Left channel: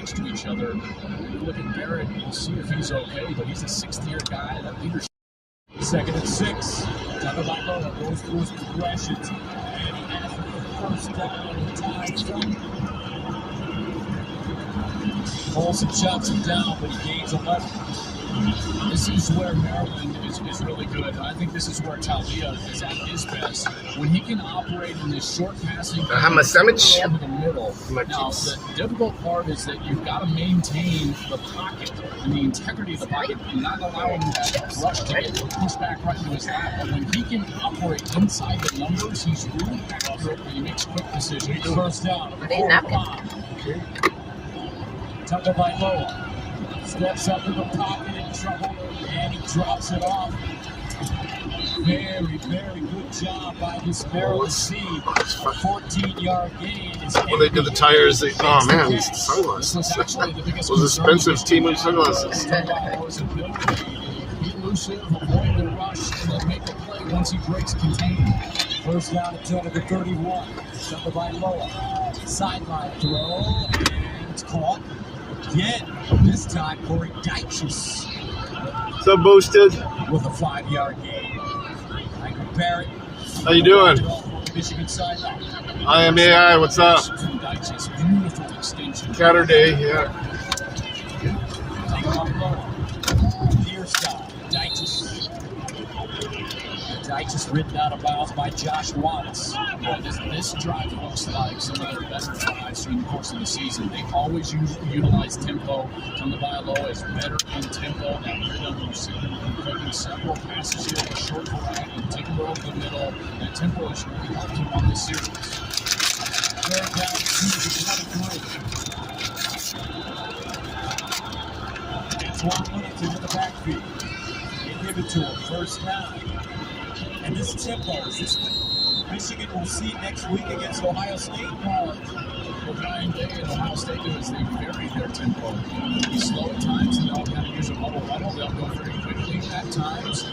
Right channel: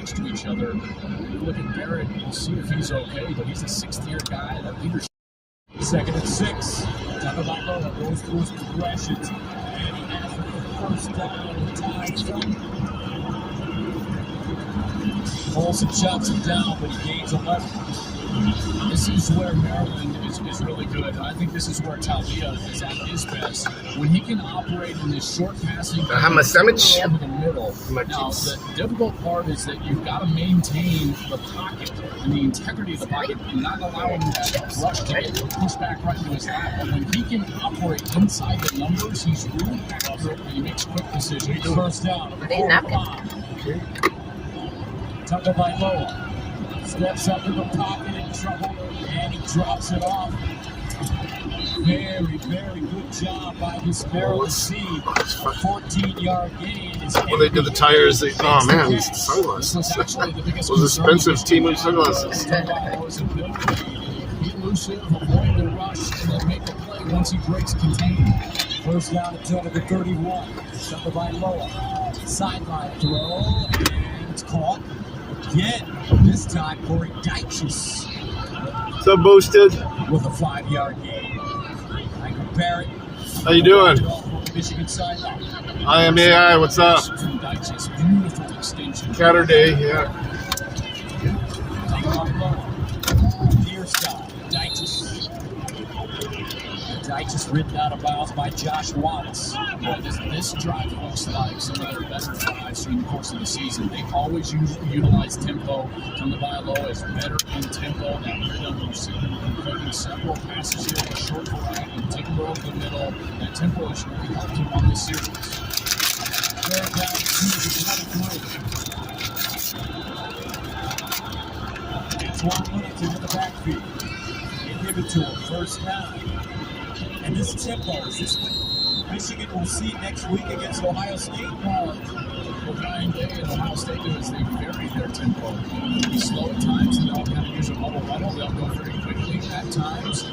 next to each other. You look at Barrett and see if he's okay, but he's a sixth-year guy. That leadership. 2nd and 6. Tagovailoa goes through his progressions, and he has the first down. Ties up. Colson chops him down, but he gains 11. This is where Maryland is really good. I think this is where Talia is at his best. When he can operate in this short passing have a sandwich over the middle. Now, the difficult part is that you've got to maintain the pocket and the integrity of the pocket and not allowing that rush to get pushed back right into his lap. And when he can operate inside the numbers, he's really accurate and he makes quick decisions. First down. Tagovailoa steps up in the pocket in trouble, and he drops it off. Very, very good job by this Maryland C. 14-yard gain. Well, they did the tires. Oh man, these sunglasses. Those expensive Temu sunglasses. Elusive, avoid the rush, and then make the play once he breaks containment. First down at 10 of the 31. Tagovailoa. Sideline throw, and it's caught. Again, this time Corey Dyches. So boosted. With a 5-yard gain. Michael Barrett. How you doing? Michigan sideline. I am AI. What's up? Dyches, beautiful extension. Saturday, yeah. Dyches ridden out of bounds by Josh Watts. This drive looks like some of their better drives during the course of the season. They always utilize tempo. Tagovailoa is better in tempo than rhythm. You see him completing several passes here with a short variety, taking it over the middle. That tempo is really helped him on this series. Antoine Littleton in the backfield. They give it to him. First down. And this tempo, is this what Michigan will see next week against Ohio State? What Ryan Day and Ohio State do is they vary their tempo. They slow at times and they'll kind of use a bubble huddle. They'll go very quickly at times.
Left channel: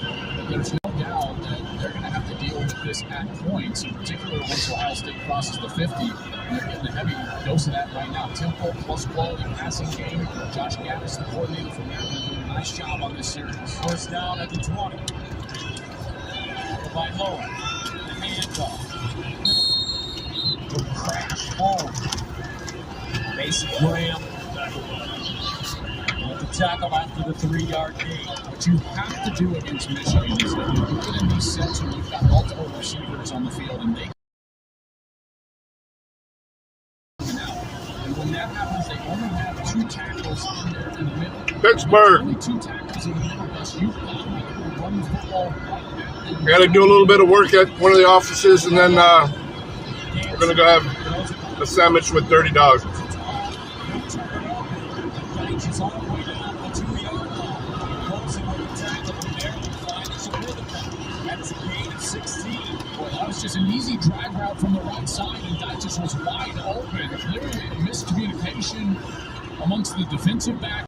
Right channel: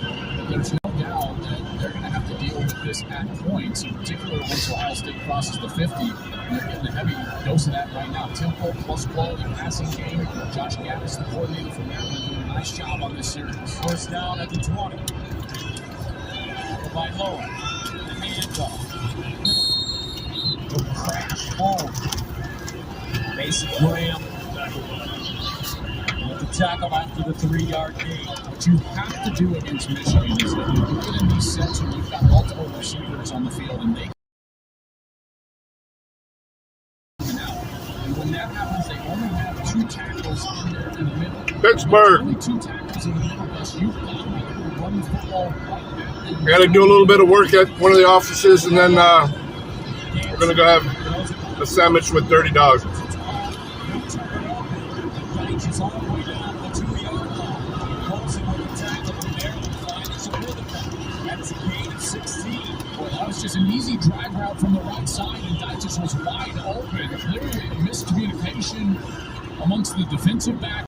There's no doubt that they're going to have to deal with this at points, in particular once Ohio State crosses the 50. And they're getting a heavy dose of that right now. Tempo plus quality passing game. Josh Gaddis, the coordinator for Maryland, doing a nice job on this series. First down at the 20. Tagovailoa, the handoff. The crash home. Mason Graham with the tackle after the 3-yard gain. What you have to do against Michigan is if you're good in these sets and you've got multiple receivers on the field and they and when that happens, they only have 2 tackles in the middle. Pittsburgh. Only 2 tackles in the middle. You've got to be able to run the football. Got to do a little bit of work at one of the offices, and then we're going to go have a sandwich with $30. That was just an easy drag route from the right side, and Dyches was wide open. Literally miscommunication amongst the defensive back.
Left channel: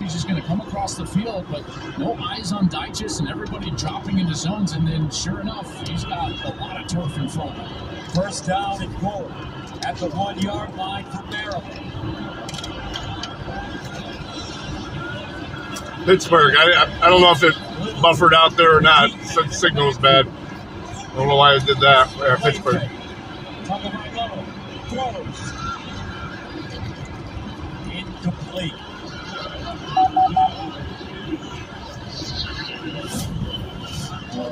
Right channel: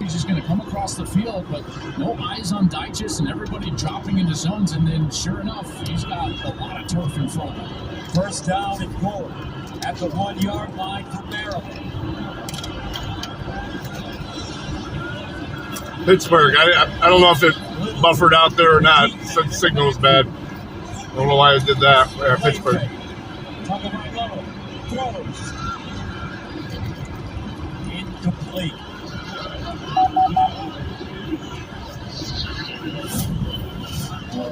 He's just going to come across the field, but no eyes on Dyches and everybody dropping into zones, and then sure enough, he's got a lot of turf in front of him. First down and goal at the 1-yard line for Maryland. Pittsburgh. I don't know if it buffered out there or not. The signal was bad. I don't know why it did that. Yeah, Pittsburgh. Tagovailoa throws. Incomplete.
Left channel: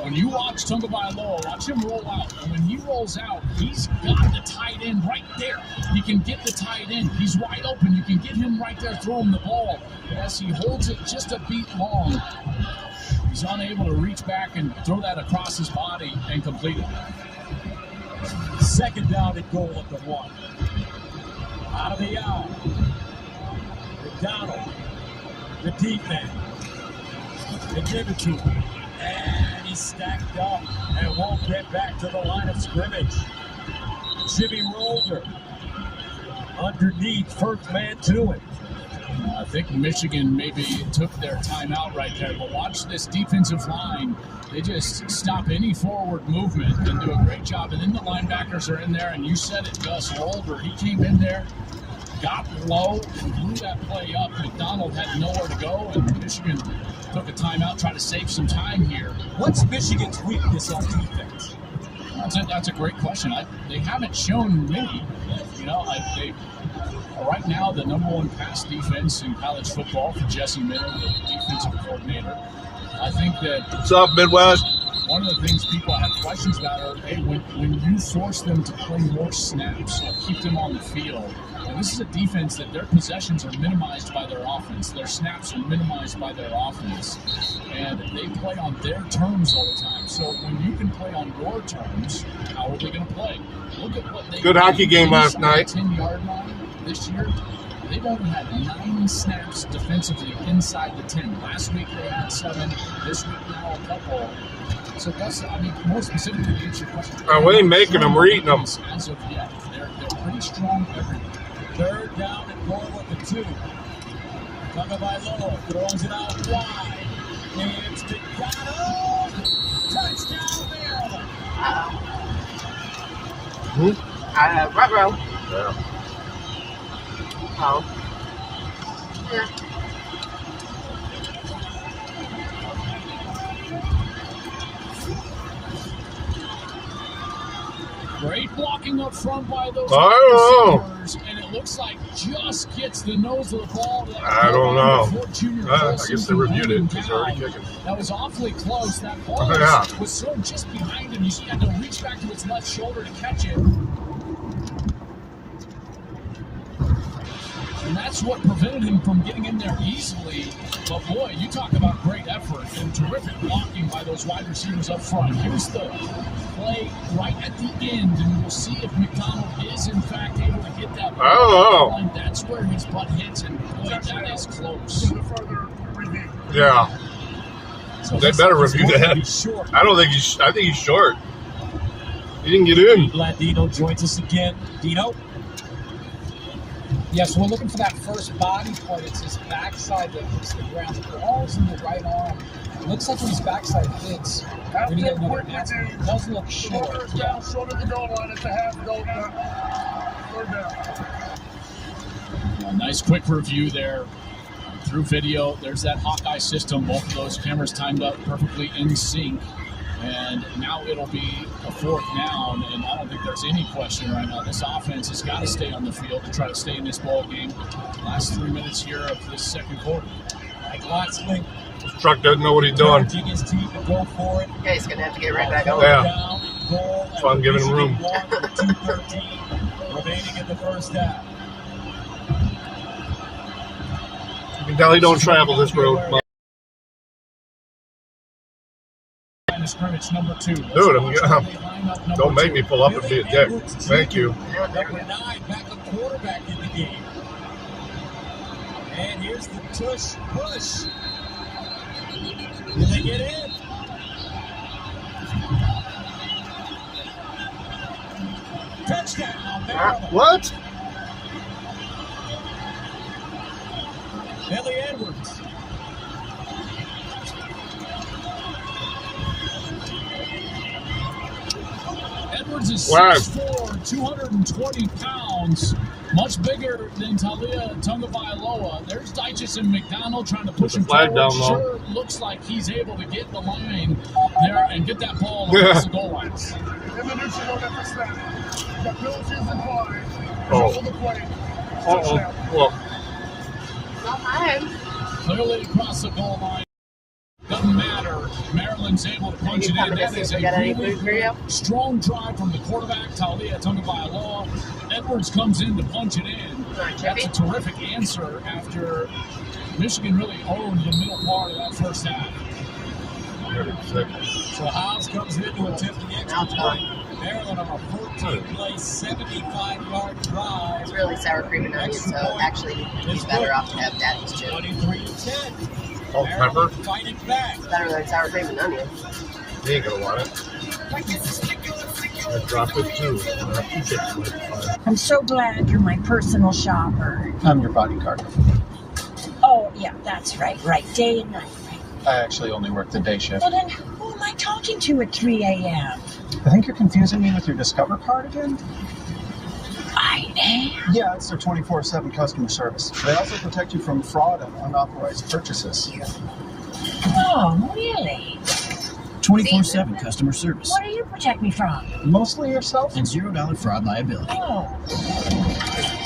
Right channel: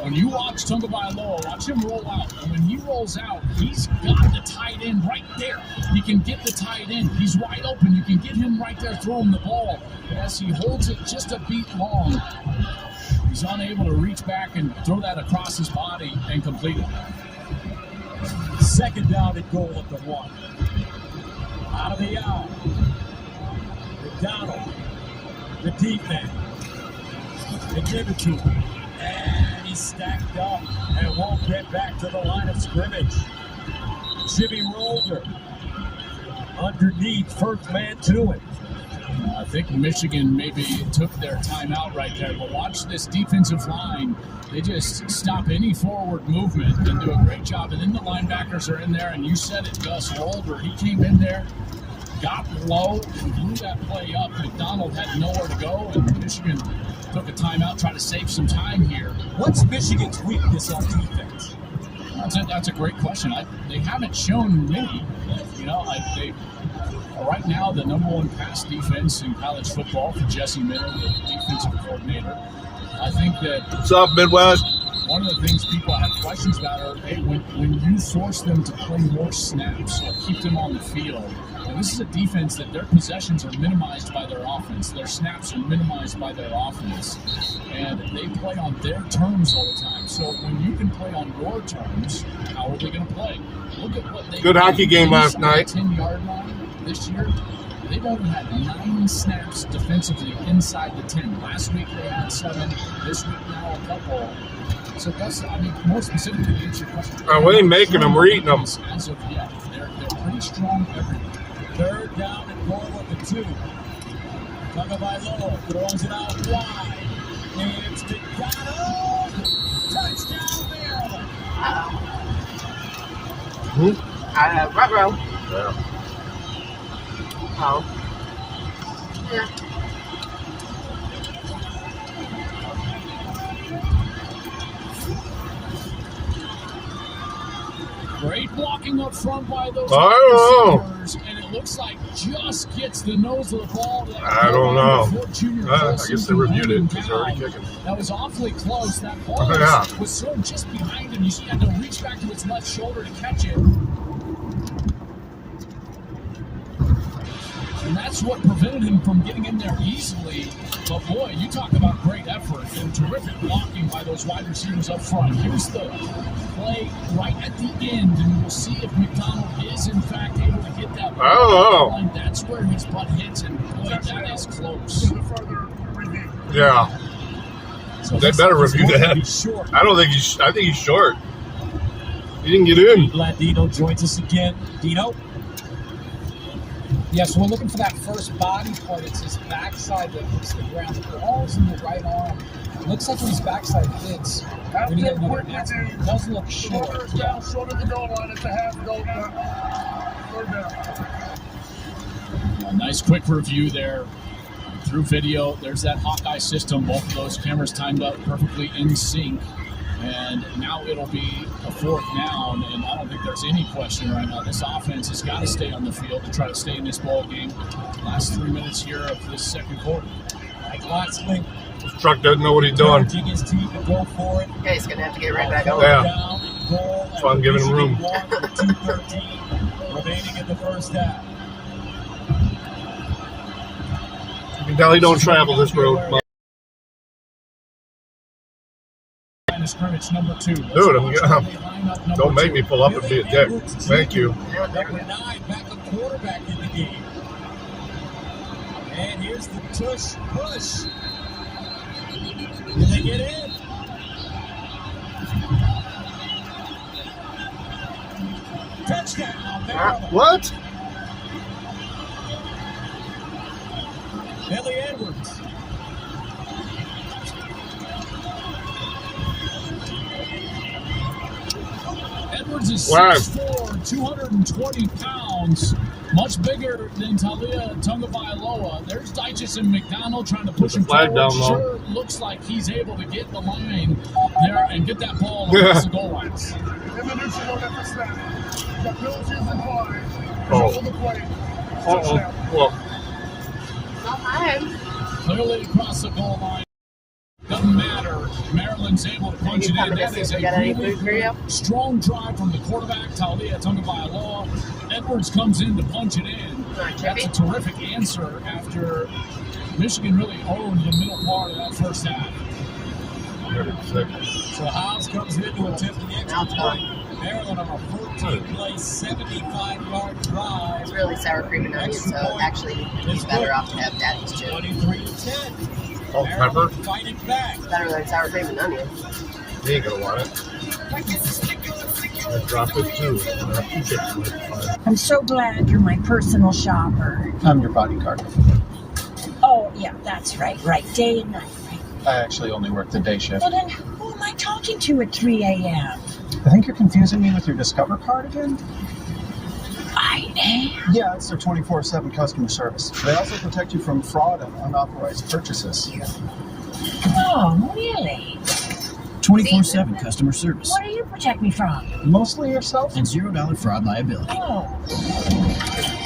When you watch Tagovailoa, watch him roll out. And when he rolls out, he's got the tight end right there. He can get the tight end. He's wide open. You can get him right there throwing the ball. As he holds it just a beat long, he's unable to reach back and throw that across his body and complete it. Second down and goal at the 1. Out of the out. McDonald, the deep man. They give it to him. And he's stacked up and won't get back to the line of scrimmage. Jimmy Rolder underneath, first man to it. I think Michigan maybe took their timeout right there. But watch this defensive line. They just stop any forward movement and do a great job. And then the linebackers are in there, and you said it, Gus Older. He came in there, got low, and blew that play up. McDonald had nowhere to go, and Michigan took a timeout, tried to save some time here. What's Michigan's weakness on defense? That's a great question. They haven't shown many. Right now, the number one pass defense in college football for Jesse Miller, the defensive coordinator. I think that What's up, Midwest? one of the things people have questions about are, hey, when you force them to play more snaps, keep them on the field. And this is a defense that their possessions are minimized by their offense. Their snaps are minimized by their offense. And they play on their terms all the time. So when you can play on your terms, how are they going to play? Look at what they Good hockey game last night. 10-yard line this year. They've only had 9 snaps defensively inside the 10. Last week they had 7. This week now a couple. So that's, more specifically to answer your question. We ain't making them, we're eating them. As of yet, they're pretty strong everywhere. Third down and goal at the 2. Tagovailoa throws it out wide. It's McDonald. Touchdown Maryland. Ruh-roh. Yeah. Oh. Yeah. Great blocking up front by those receivers, and it looks like just gets the nose of the ball. I don't know. I guess they reviewed it. It's already kicking. That was awfully close. That ball was sort of just behind him. He had to reach back to his left shoulder to catch it. And that's what prevented him from getting in there easily. But boy, you talk about great effort and terrific blocking by those wide receivers up front. Here's the play right at the end, and we'll see if McDonald is in fact able to hit that ball. Oh. That's where his butt hits, and boy, that is close. Yeah. So They better review that. Short. I think he's short. He didn't get in. Glad Dino joins us again. Dino? Yes, we're looking for that first body part. It's his backside that hits the ground. The ball's in the right arm. It looks like his backside hits. When you get another answer, it does look short. Yeah. Short of the goal line. It's a half goal line. Third down. A nice quick review there. Through video, there's that Hawkeye system. Both of those cameras timed up perfectly in sync. And now it'll be a 4th down, and I don't think there's any question right now. This offense has got to stay on the field to try to stay in this ball game. Last 3 minutes here of this second quarter. Mike Lotzling. This truck doesn't know what he's doing. Encouraging his team to go for it. Yeah, he's going to have to get right back on. Yeah. Down and goal. So I'm giving him room. 2:13 remaining in the first half. You can tell he don't travel this road. Scrimmage number 2. Dude, don't make me pull up and be a dick. Thank you. Number 9, backup quarterback in the game. And here's the tush push. Did they get in? Touchdown, Maryland. What? Billy Edwards. Edwards is Wow. 6'4", 220 pounds, much bigger than Talia Tagovailoa. There's Dyches and McDonald trying to push him flag forward. down low. Sure looks like he's able to get the line there and get that ball across the goal line. Diminution on that snap. The Bills using line. Oh. On the play. Uh-oh. Well, Clearly across the goal line. Doesn't matter. Maryland's able to punch it in. That is a really strong drive from the quarterback, Talia Tagovailoa. Edwards comes in to punch it in. That's a terrific answer after Michigan really owned the middle part of that first half. So Hobbs comes in to attempt the extra point. Maryland on a 14-play, 75-yard drive. It's really sour cream and onion, so actually he's better off to have daddy's chip. 23-10. salt, pepper. Fighting back. It's better than sour cream and onion. He ain't gonna want it. I dropped it too. I'm so glad you're my personal shopper. I'm your bodyguard. That's right. Right, day and night. I actually only work the day shift. Well, then who am I talking to at 3 a.m.? I think you're confusing me with your Discover card again? I am? Yeah, it's their 24/7 customer service. They also protect you from fraud and unauthorized purchases. Oh, really? 24/7 customer service. What do you protect me from? Mostly yourself? And $0 fraud liability. Oh.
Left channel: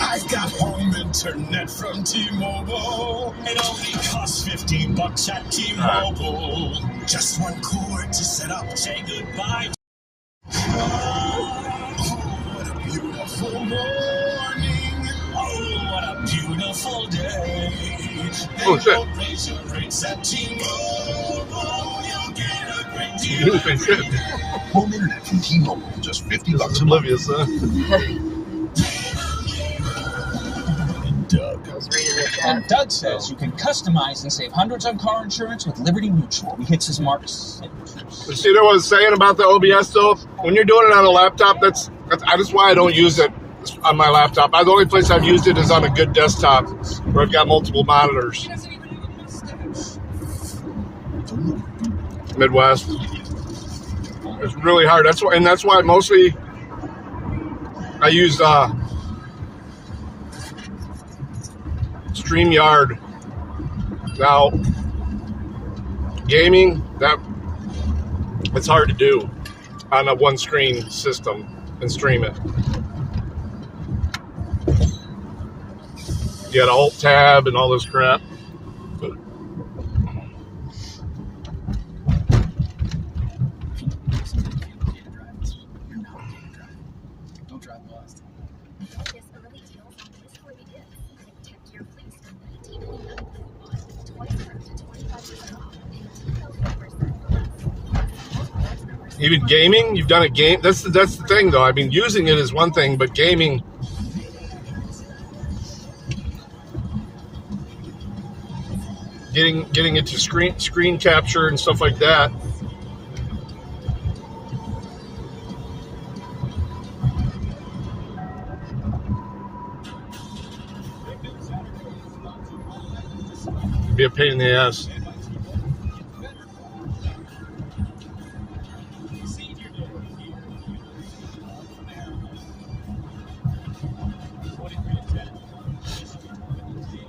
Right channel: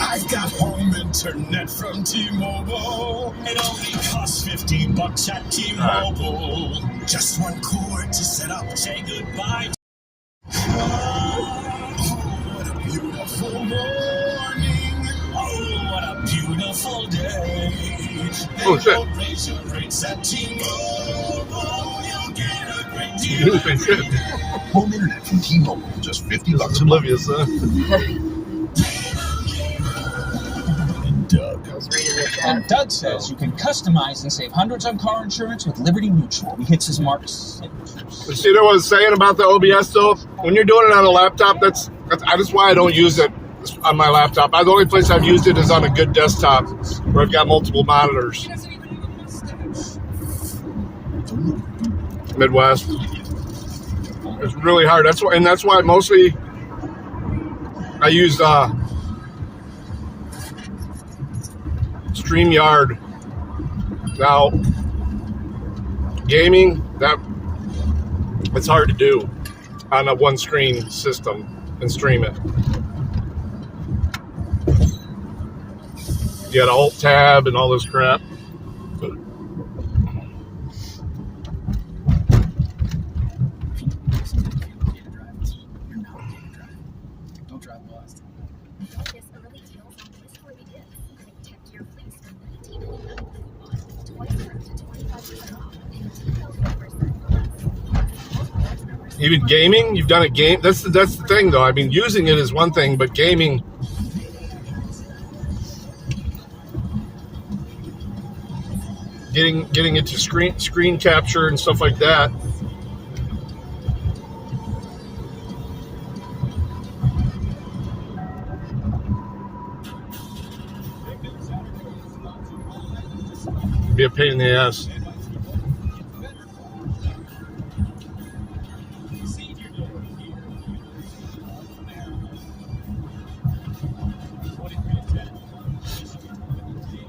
I've got home internet from T-Mobile. It only costs $50 at T-Mobile. Just one cord to set up. Say goodbye. What a beautiful morning. Oh, what a beautiful day. Oh, shit. Razor rates at T-Mobile. You'll get a great You deal. really think shit. Home internet from T-Mobile, just $50 a month. Oblivious, huh? And Doug says you can customize and save hundreds on car insurance with Liberty Mutual. He hits his marks. You see what I was saying about the OBS though? When you're doing it on a laptop, that's why I don't use it on my laptop. The only place I've used it is on a good desktop where I've got multiple monitors. Midwest. It's really hard. That's why mostly I use StreamYard. Now, gaming, it's hard to do on a one-screen system and stream it. You got Alt Tab and all this crap. Even gaming, you've done a game. That's the thing, though. I mean, using it is one thing, but gaming, getting it to screen capture and stuff like that. Be a pain in the ass.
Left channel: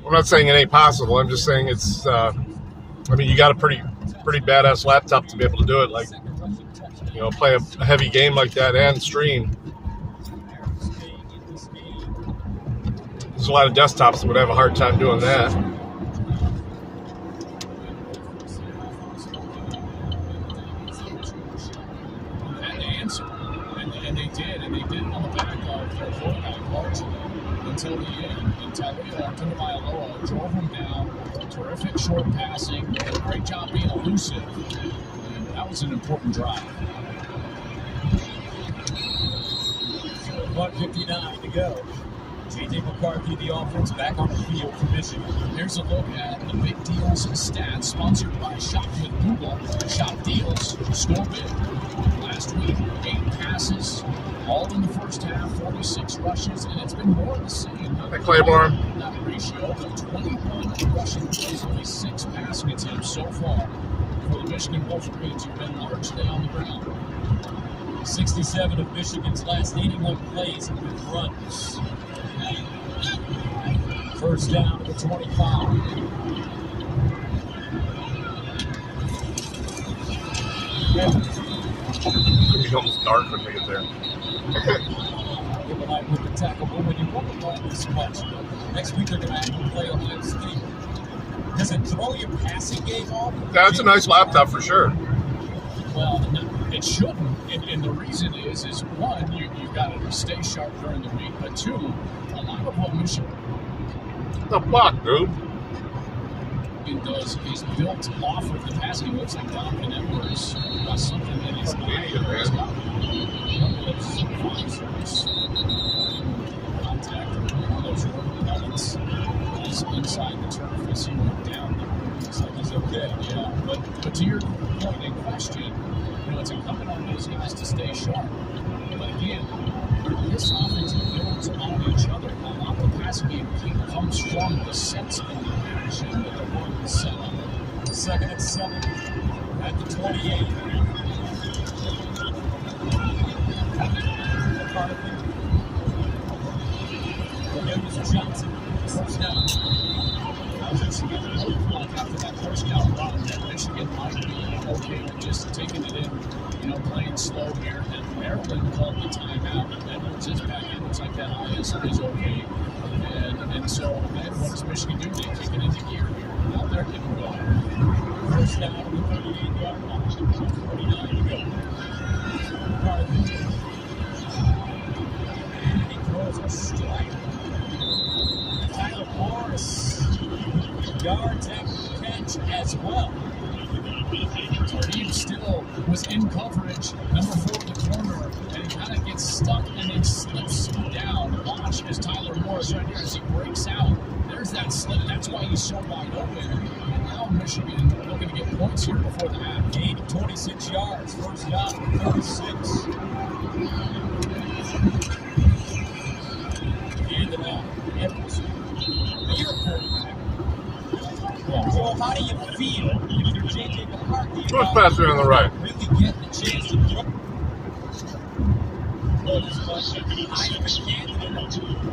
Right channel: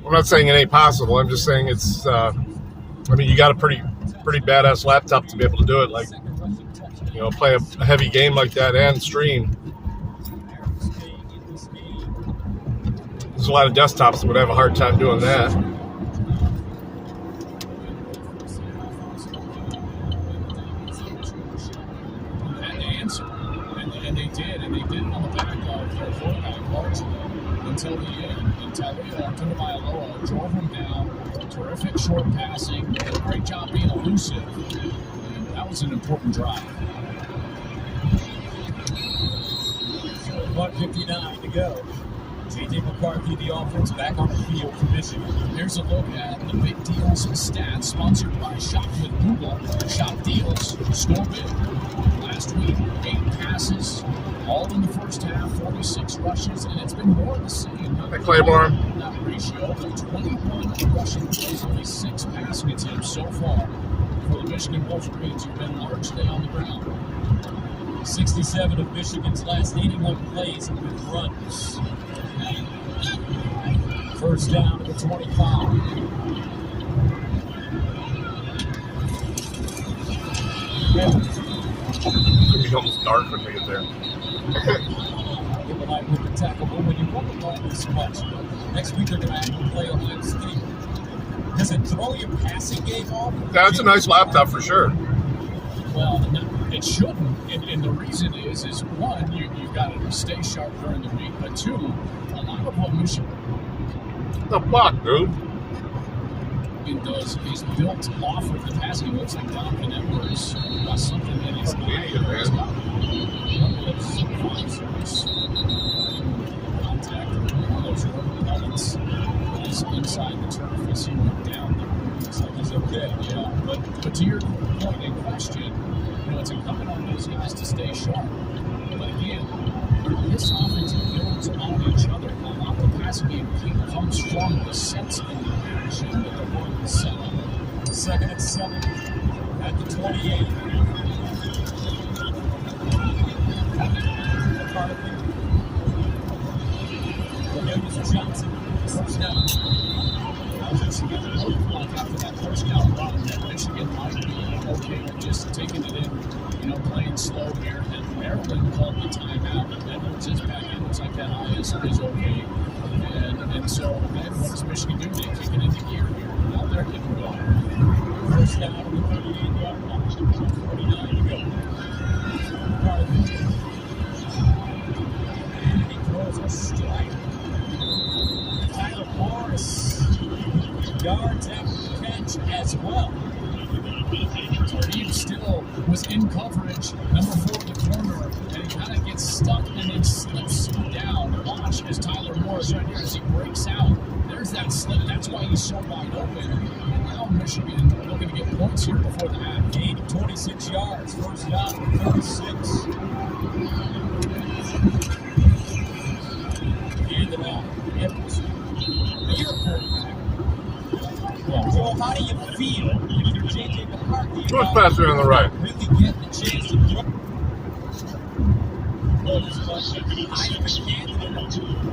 I'm not saying it ain't possible. I'm just saying it's. I mean, you got a pretty badass laptop to be able to do it. Like, you know, play a heavy game like that and stream. There's a lot of desktops that would have a hard time doing that. And they answered, and they did it on the back of their quarterback Martin until the end. Until Tagovailoa drove him down. Terrific short passing. Did a great job being elusive. And that was an important drive. 1:59 to go. J.J. McCarthy, the offense, back on the field for Michigan. Here's a look at the big deals and stats sponsored by Shopman Google. Shop Deals, store big. Last week, 8 passes, all in the first half, 46 rushes, and it's been more of the same. Hey, Claiborne. That ratio of 21 rushing plays, only 6 passing attempts so far for the Michigan Wolverines, who've been largely on the ground. 67 of Michigan's last 81 plays have been runs. First down to the 25. It's almost dark when we get there. People like with the tackle, but when you want to run this much, next week they're going to have to play on this thing. Does it throw your passing game off? That's a nice laptop for sure. Well, it shouldn't, and the reason is one, you got to stay sharp during the week, but two, a lot of what Michigan The fuck, dude? is built off of the passing. Looks like Donovan Edwards something that is not contact or those elements is inside the turf as he went down there. Looks like he's okay, yeah. But to your point and question, you know, it's incumbent on those guys to stay sharp. But again, this offense builds on each other. A lot of the passing game comes from the sense of action that the one watch as Tyler Morris right here as he breaks out. There's that slip. That's why he's so wide open. And now Michigan looking to get points here before the half. Gain of 26 yards. First down, 36. Hand it off. Edwards. Your quarterback. So how do you feel when either J.J. McCarthy Too much passer on the right. we could get the chance to throw?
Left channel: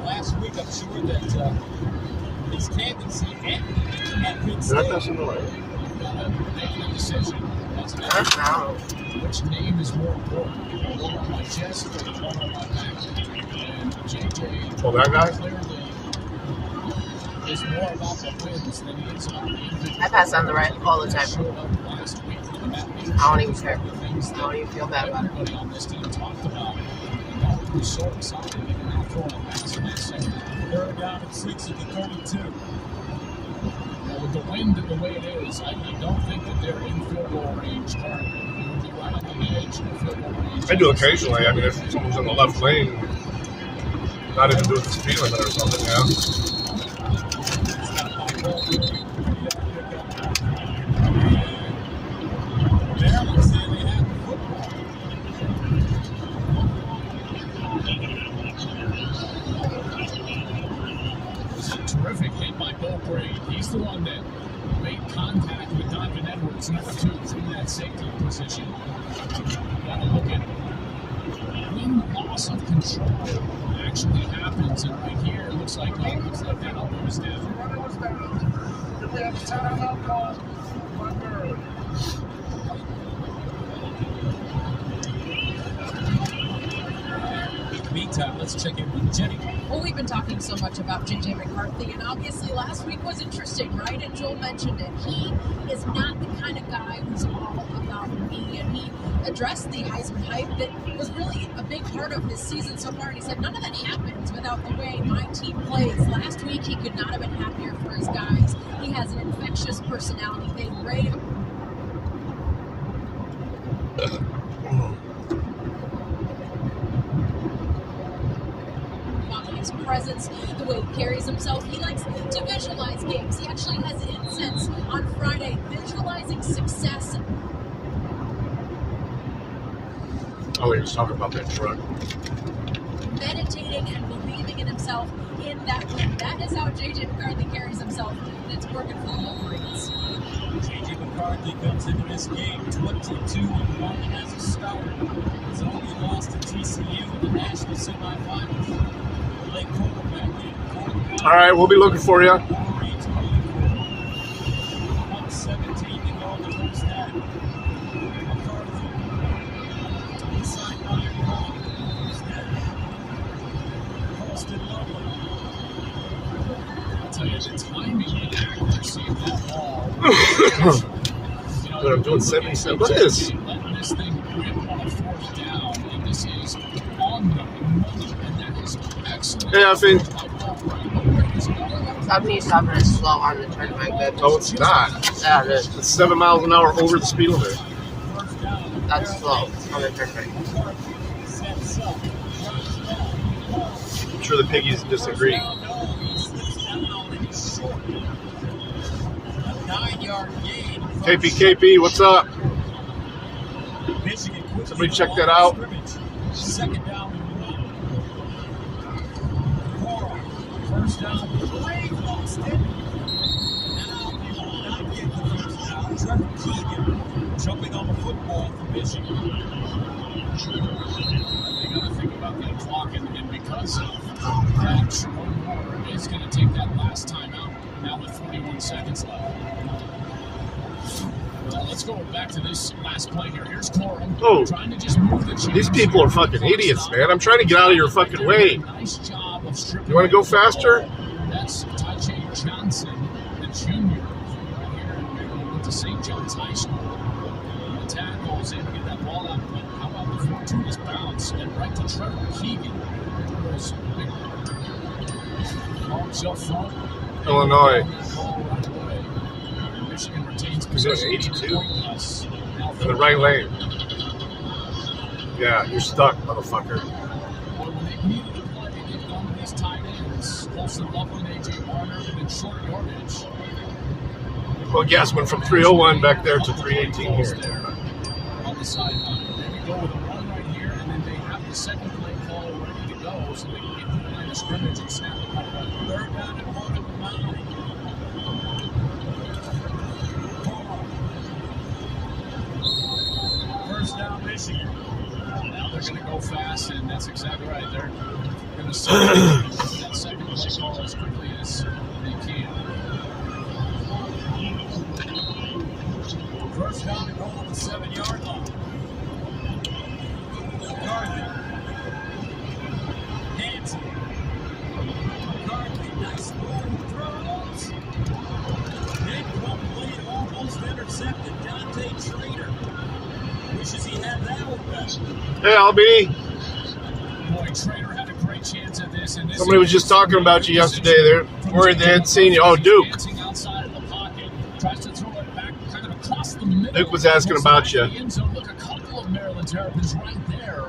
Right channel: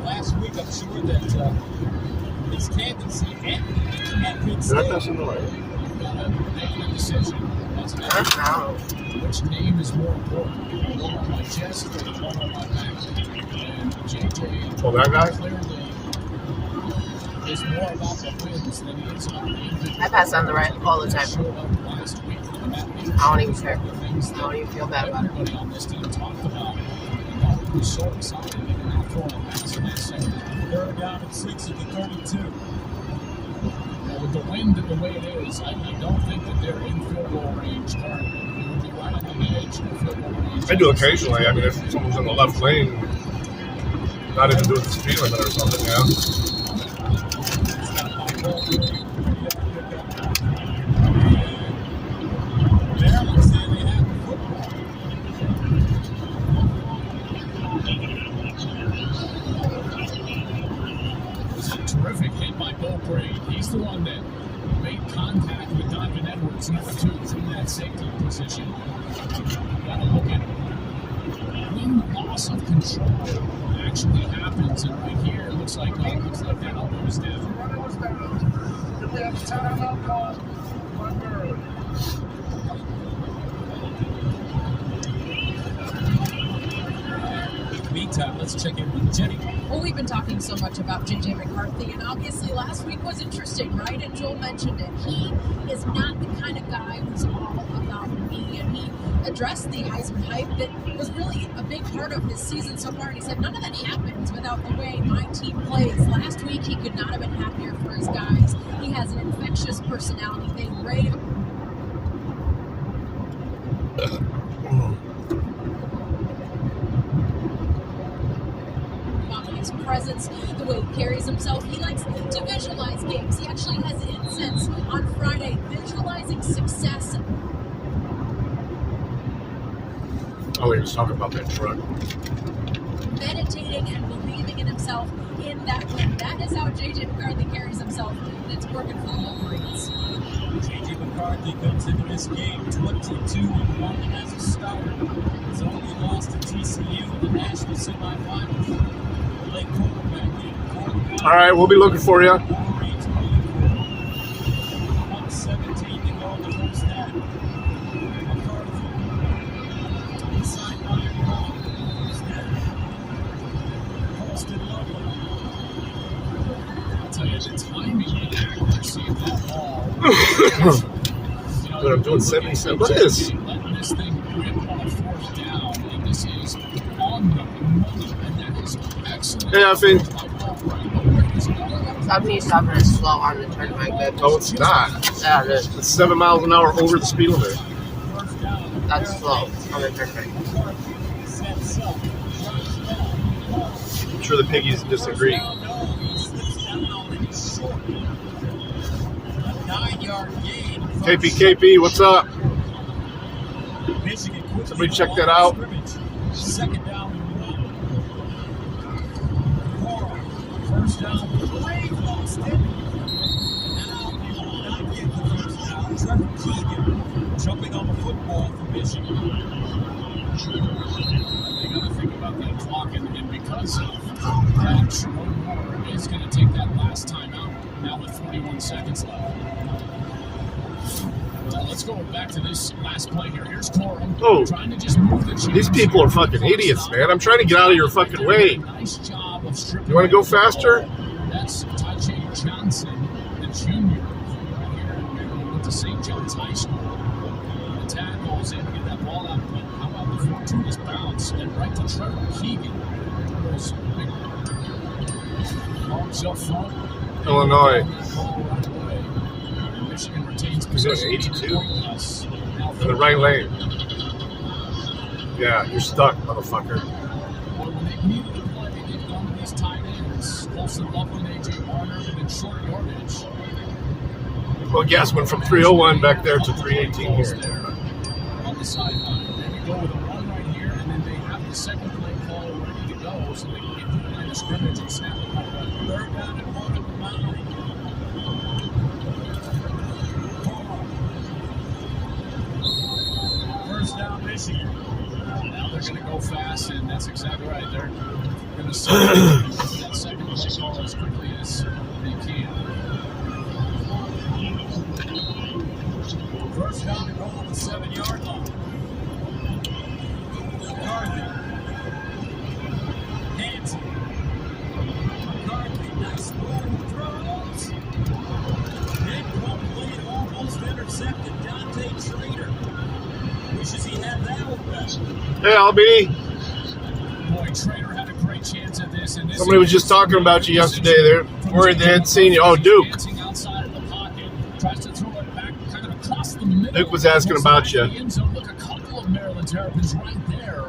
Last week, I'm sure that his candidacy and Penn Did I State. pass on the right? You've got to make a decision. Which name is more important? The one on my chest or the one on my back? And JJ Oh, that guy? clearly is more about the wins than he is on the individual. I pass on the right all the time. Showed up last week for that leadership. I don't even care. I don't even feel bad about it. Everybody on this team talked about it. And how he was so excited. Even now throwing a pass in that second. Third down and 6 at the 32. With the wind the way it is, I don't think that they're in field goal range currently. They would be right on the edge of field goal range. I do occasionally. I mean, if someone's in the left lane, not even doing the speed limit or something, yeah. Terrific hit by Bill Braid. He's the one that made contact with Donovan Edwards, number 2, in that safety position. Gotta look at when the loss of control actually happens, and right here it looks like that elbow is down. Meantime, let's check in with Jenny. Well, we've been talking so much about J.J. McCarthy, and obviously last week was interesting, right? And Joel mentioned it. He is not the kind of guy who's all about me, and he addressed the Heisman hype that was really a big part of his season so far. And he said, none of that happens without the way my team plays. Last week, he could not have been happier for his guys. He has an infectious personality. They rave his presence, the way he carries himself. He likes to visualize games. He actually has incense on Friday visualizing success. Oh, he was talking about that truck. Meditating and believing in himself in that win. That is how J.J. McCarthy carries himself, and it's working for the Wolverines. J.J. McCarthy comes into this game 22-1 as a starter. He's only lost to TCU in the national semifinals. Playing quarterback in fourth down. All right, we'll be looking for you. Wolverines only 1:17 to go in the first half. McCarthy inside 5 yard. First down. Posted low. I'll tell you, the timing and accuracy of that ball. Dude, I'm doing 77. Look at this. Letting this thing rip on a fourth down, and this is on the money, and that is excellent. Hey, Effie. Stop me stopping is slow on the turnpike. Oh, it's not. Yeah, it is. It's 7 miles an hour over the speed limit. That's slow on the turnpike. I'm sure the piggies disagree. 9-yard gain. KP, what's up? Michigan quickly Somebody check off that out. scrimmage. Second down and 1. Coral, first down, Wade lost it. Now they will not get the first down. Trevor Keegan jumping on the football for Michigan. You got to think about that clock, and because of that, Sherrone Moore is going to take that last time out now with 41 seconds left. Let's go back to this last play here. Here's Corum trying to just move the chains. These people are fucking idiots, man. I'm trying to get out of your fucking way. Nice job of stripping. You want to go faster? That's Tajay Johnson, the junior, went to St. John's High School. The tackles in, get that ball out. How about the fortuitous bounce and right to Trevor Keegan, who's arms up front. Illinois. Michigan retains Is it possession. 82? In the right lane. Yeah, you're stuck, motherfucker. When they needed to play, they've gone to these tight Boston love when AJ Warner in short yardage. Well, Gas went from 301 back there to 318 here. On the sideline, maybe go with a run right here, and then they have the second play call ready to go, so they can get to the line of scrimmage and snap the ball back. Third down and 1 at the 9. First down, Michigan. Now they're going to go fast, and that's exactly right. They're going to set that second play call as quickly as they can. First down and goal on the 7-yard line. McCarthy. Hanson. McCarthy, nice move, throws. Incomplete, almost intercepted. Dante Trader. Wishes he had that one back. Yeah, LB. Boy, Trader had a great chance at this. And this Somebody was just talking about you yesterday. They're worried they hadn't seen you. Oh, Duke. dancing outside of the pocket, tries to throw it back kind of across the middle. Duke was asking about you. The end zone. Look, a couple of Maryland Terrapins right there.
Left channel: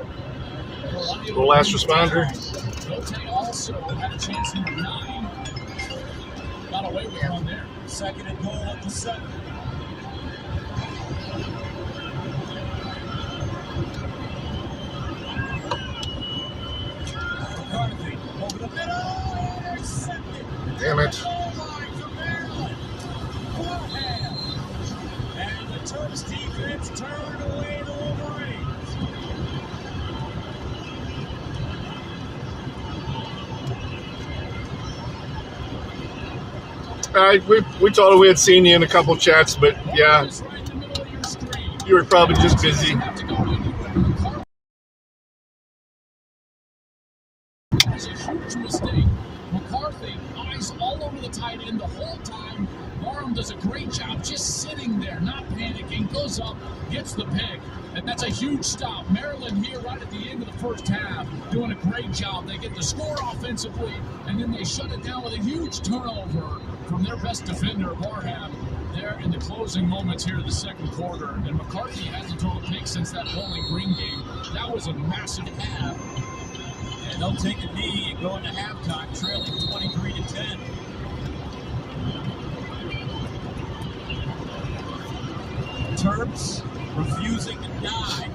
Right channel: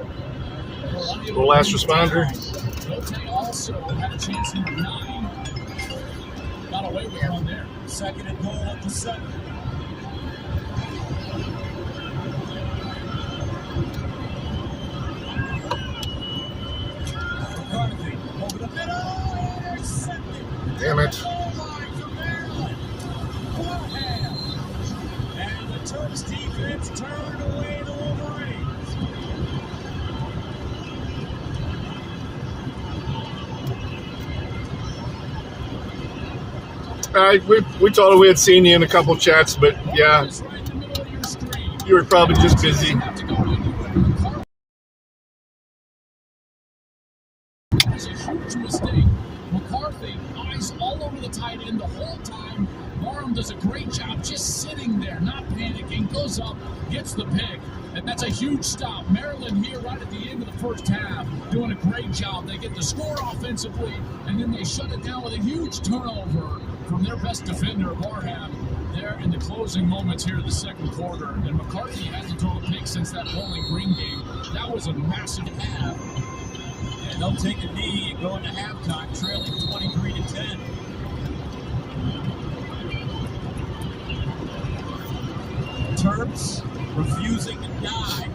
The last responder. Note also had a chance in the 9. Got away with one there. Second and goal at the 7. McCarthy over the middle. Intercepted. Damn it. And the Terps defense turned away the Wolverines. We told her we had seen you in a couple chats, but yeah, you were probably just busy. It's a huge mistake. McCarthy, eyes all over the tight end the whole time. Barham does a great job just sitting there, not panicking, goes up, gets the pick, and that's a huge stop. Maryland here right at the end of the first half, doing a great job. They get the score offensively, and then they shut it down with a huge turnover from their best defender, Barham, there in the closing moments here of the second quarter. And McCarthy hasn't thrown a pick since that Bowling Green game. That was a massive half. And they'll take a knee and go into halftime, trailing 23-10. Terps refusing to die.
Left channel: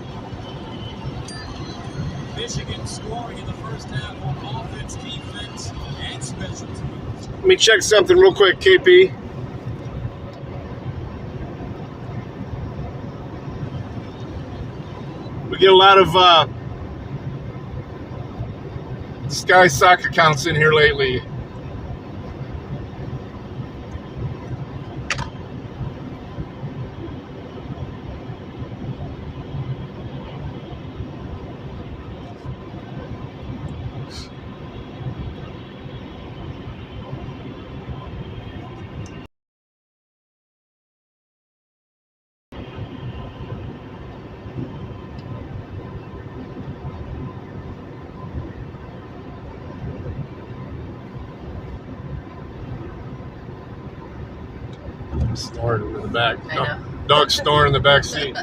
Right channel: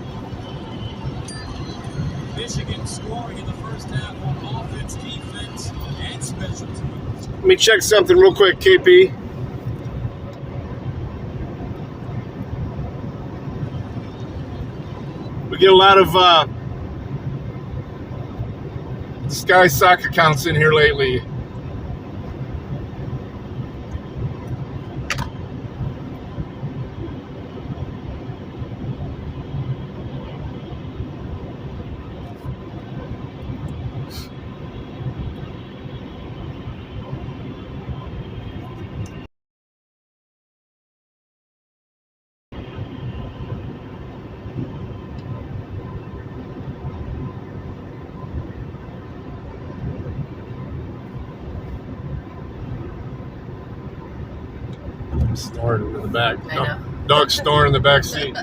Michigan scoring in the first half on offense, defense, and special teams. Let me check something real quick, KP. We get a lot of Sky Sock accounts in here lately. Snoring in the back. I know. Dog snoring in the back seat.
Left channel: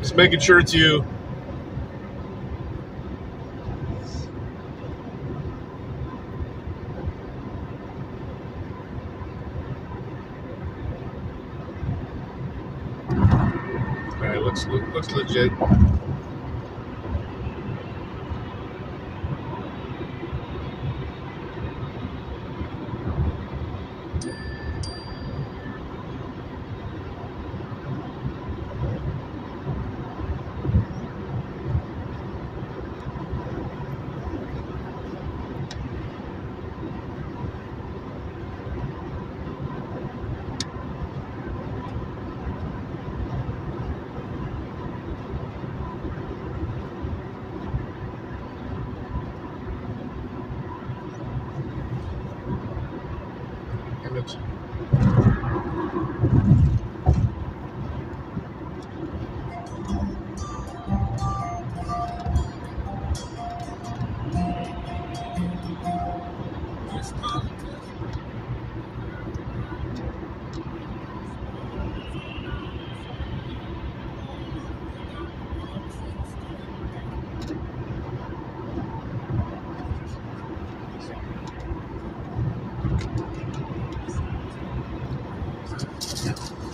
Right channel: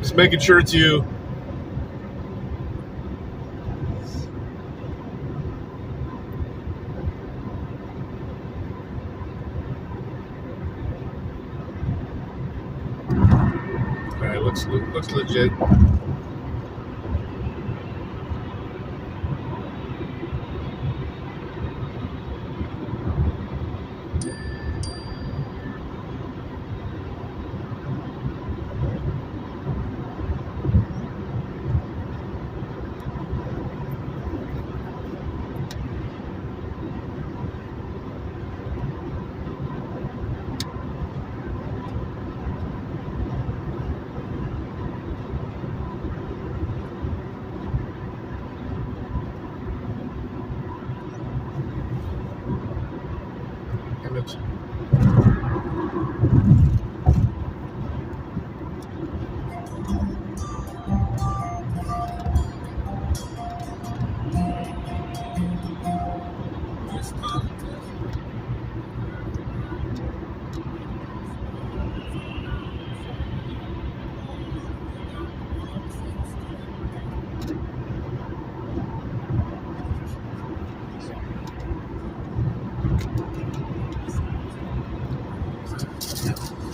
Just making sure it's you. Looks legit.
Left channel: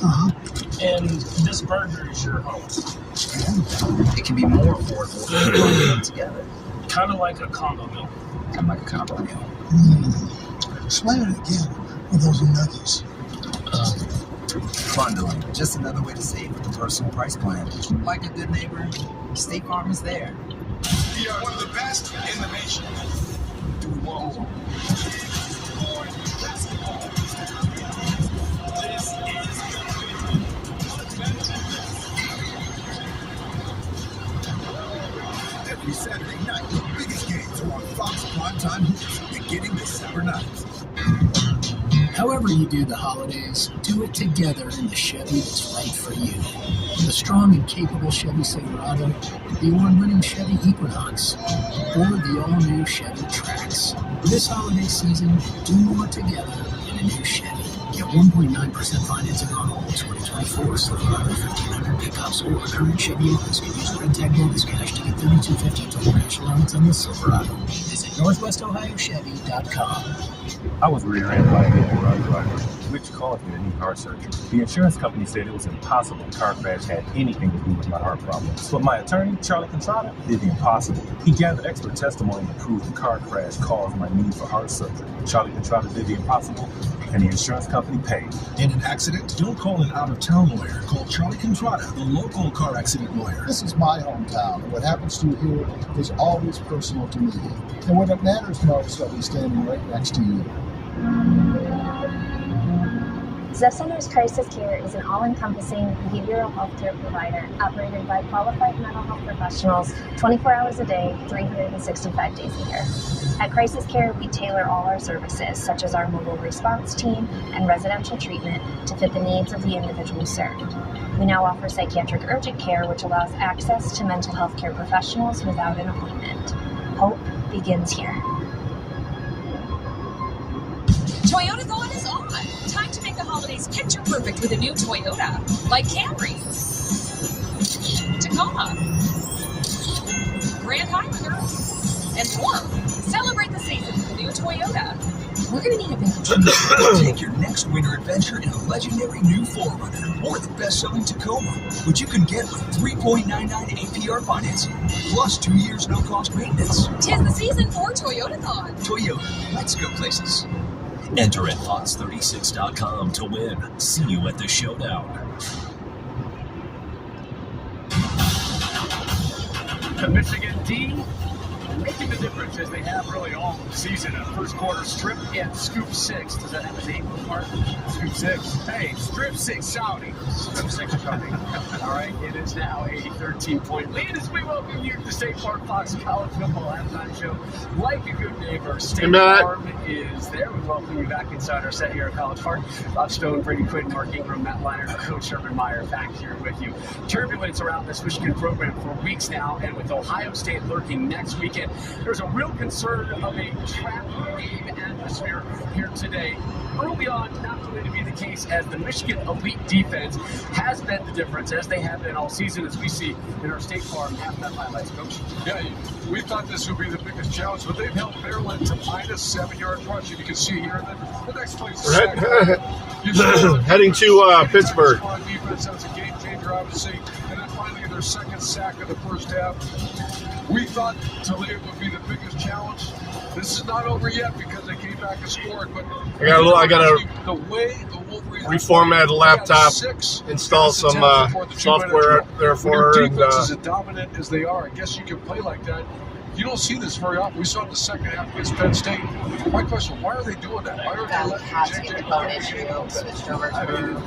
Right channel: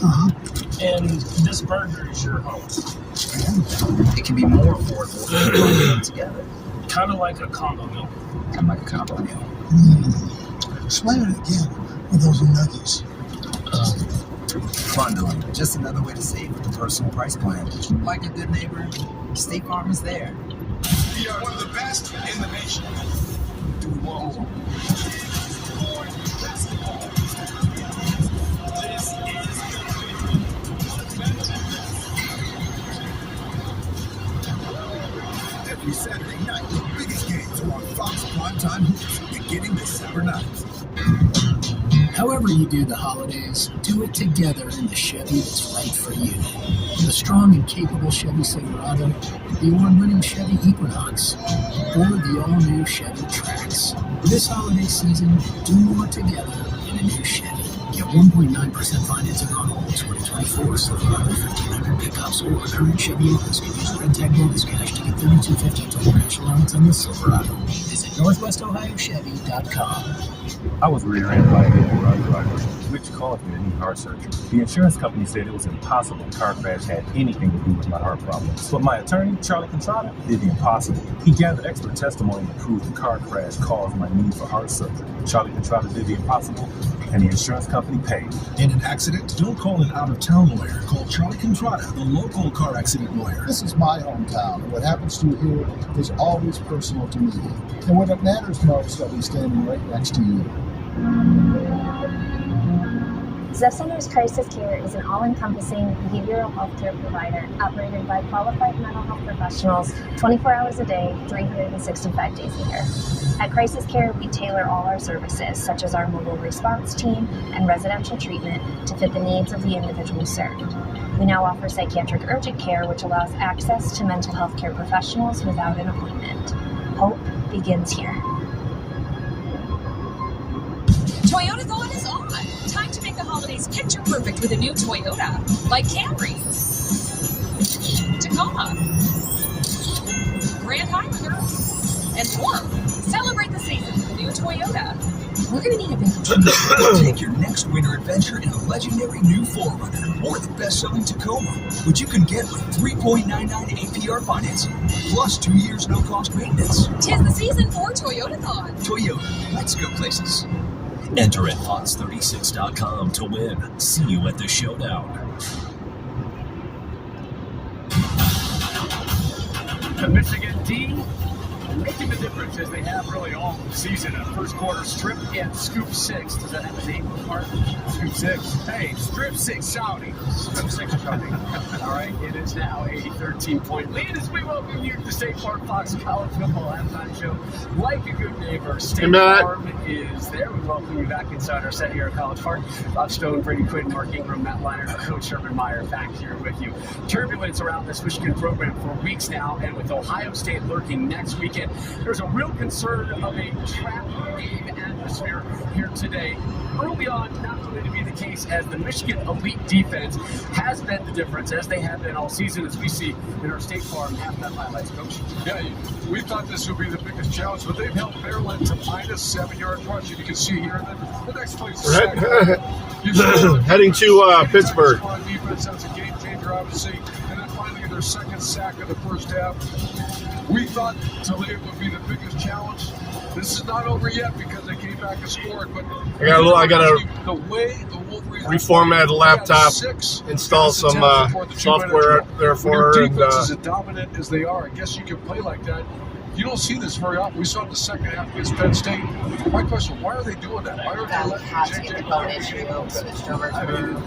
And this burger is your home. It can be more affordable when you all get together. Kind of like a combo meal. Kind of like a combo meal. Explain it again with those nuggies. Bundling, just another way to save with a personal price plan. Like a good neighbor, State Farm is there. We are one of the best in the nation. Do we want more? Every Saturday night, the biggest games are on Fox Primetime Hoops, beginning December 9th. However you do the holidays, do it together in the Chevy that's right for you. The strong and capable Chevy Silverado, the award-winning Chevy Equinox, or the all-new Chevy Trax. This holiday season, do more together in a new Chevy. Get 1.9% financing on all 2024 Silverado 1500 pickups or current Chevy loans can use Red Tag bonus cash to get $32.50 total cash allowance on the Silverado. Visit NorthwestOhioChevy.com. I was rear-ended by a vehicle underwriter, which caused me to need heart surgery. The insurance company said it was impossible the car crash had anything to do with my heart problems. But my attorney, Charlie Contrada, did the impossible. He gathered expert testimony to prove the car crash caused my need for heart surgery. Charlie Contrada did the impossible, and the insurance company paid. In an accident, don't call an out-of-town lawyer. Call Charlie Contrada, the local car accident lawyer. This is my hometown. What happens to you here is always personal to me. And when it matters most, I'll be standing right next to you. Zeff Centers Crisis Care is an all-encompassing behavioral health care provider operated by qualified mental health professionals 24 hours a day, 365 days a year. At Crisis Care, we tailor all our services, such as our mobile response team and residential treatment, to fit the needs of the individual served. We now offer psychiatric urgent care, which allows access to mental health care professionals without an appointment. Hope begins here. Toyota Thon is on. Time to make the holidays picture perfect with a new Toyota, like Camry, Tacoma, Grand Highlander, and more. Celebrate the season with the new Toyota. We're going to need a bit of Take your next winter adventure in a legendary new 4Runner or the best-selling Tacoma, which you can get with 3.99 APR financing, plus 2 years no-cost maintenance. Tis the season for Toyota Thon. Toyota, let's go places. Enter at Fox36.com to win. See you at the showdown. The Michigan D making the difference as they have really all season. A first quarter strip and scoop 6. Does that have a name, Mark? Scoop 6. Hey, strip 6 shouting. Strip 6 shouting. All right, it is now a 13-point lead as we welcome you to State Farm Fox College Football Halftime Show. Like a good neighbor, State Farm is there. We welcome you back inside our set here at College Park. Bob Stone, Brady Quinn, Mark Ingram, Matt Liner, Coach Sherman Meyer back here with you. Turbulence around this Michigan program for weeks now, and with Ohio State lurking next weekend, there's a real concern of a trap game atmosphere here today. Early on, not going to be the case, as the Michigan elite defense has been the difference, as they have been all season, as we see in our State Farm halftime highlights. Coach. Yeah, we thought this would be the biggest challenge, but they've held Maryland to minus 7-yard rushing. You can see here the next place is heading to Pittsburgh. Defense, that's a game changer, obviously. And then finally, their second sack of the first half. We thought today would be the biggest challenge. This is not over yet because they came back and scored. But I gotta reformat a laptop, install some software there for her. And defense is as dominant as they are. I guess you can play like that. You don't see this very often. We saw it the second half against Penn State. My question, why are they doing that? Why don't they let JJ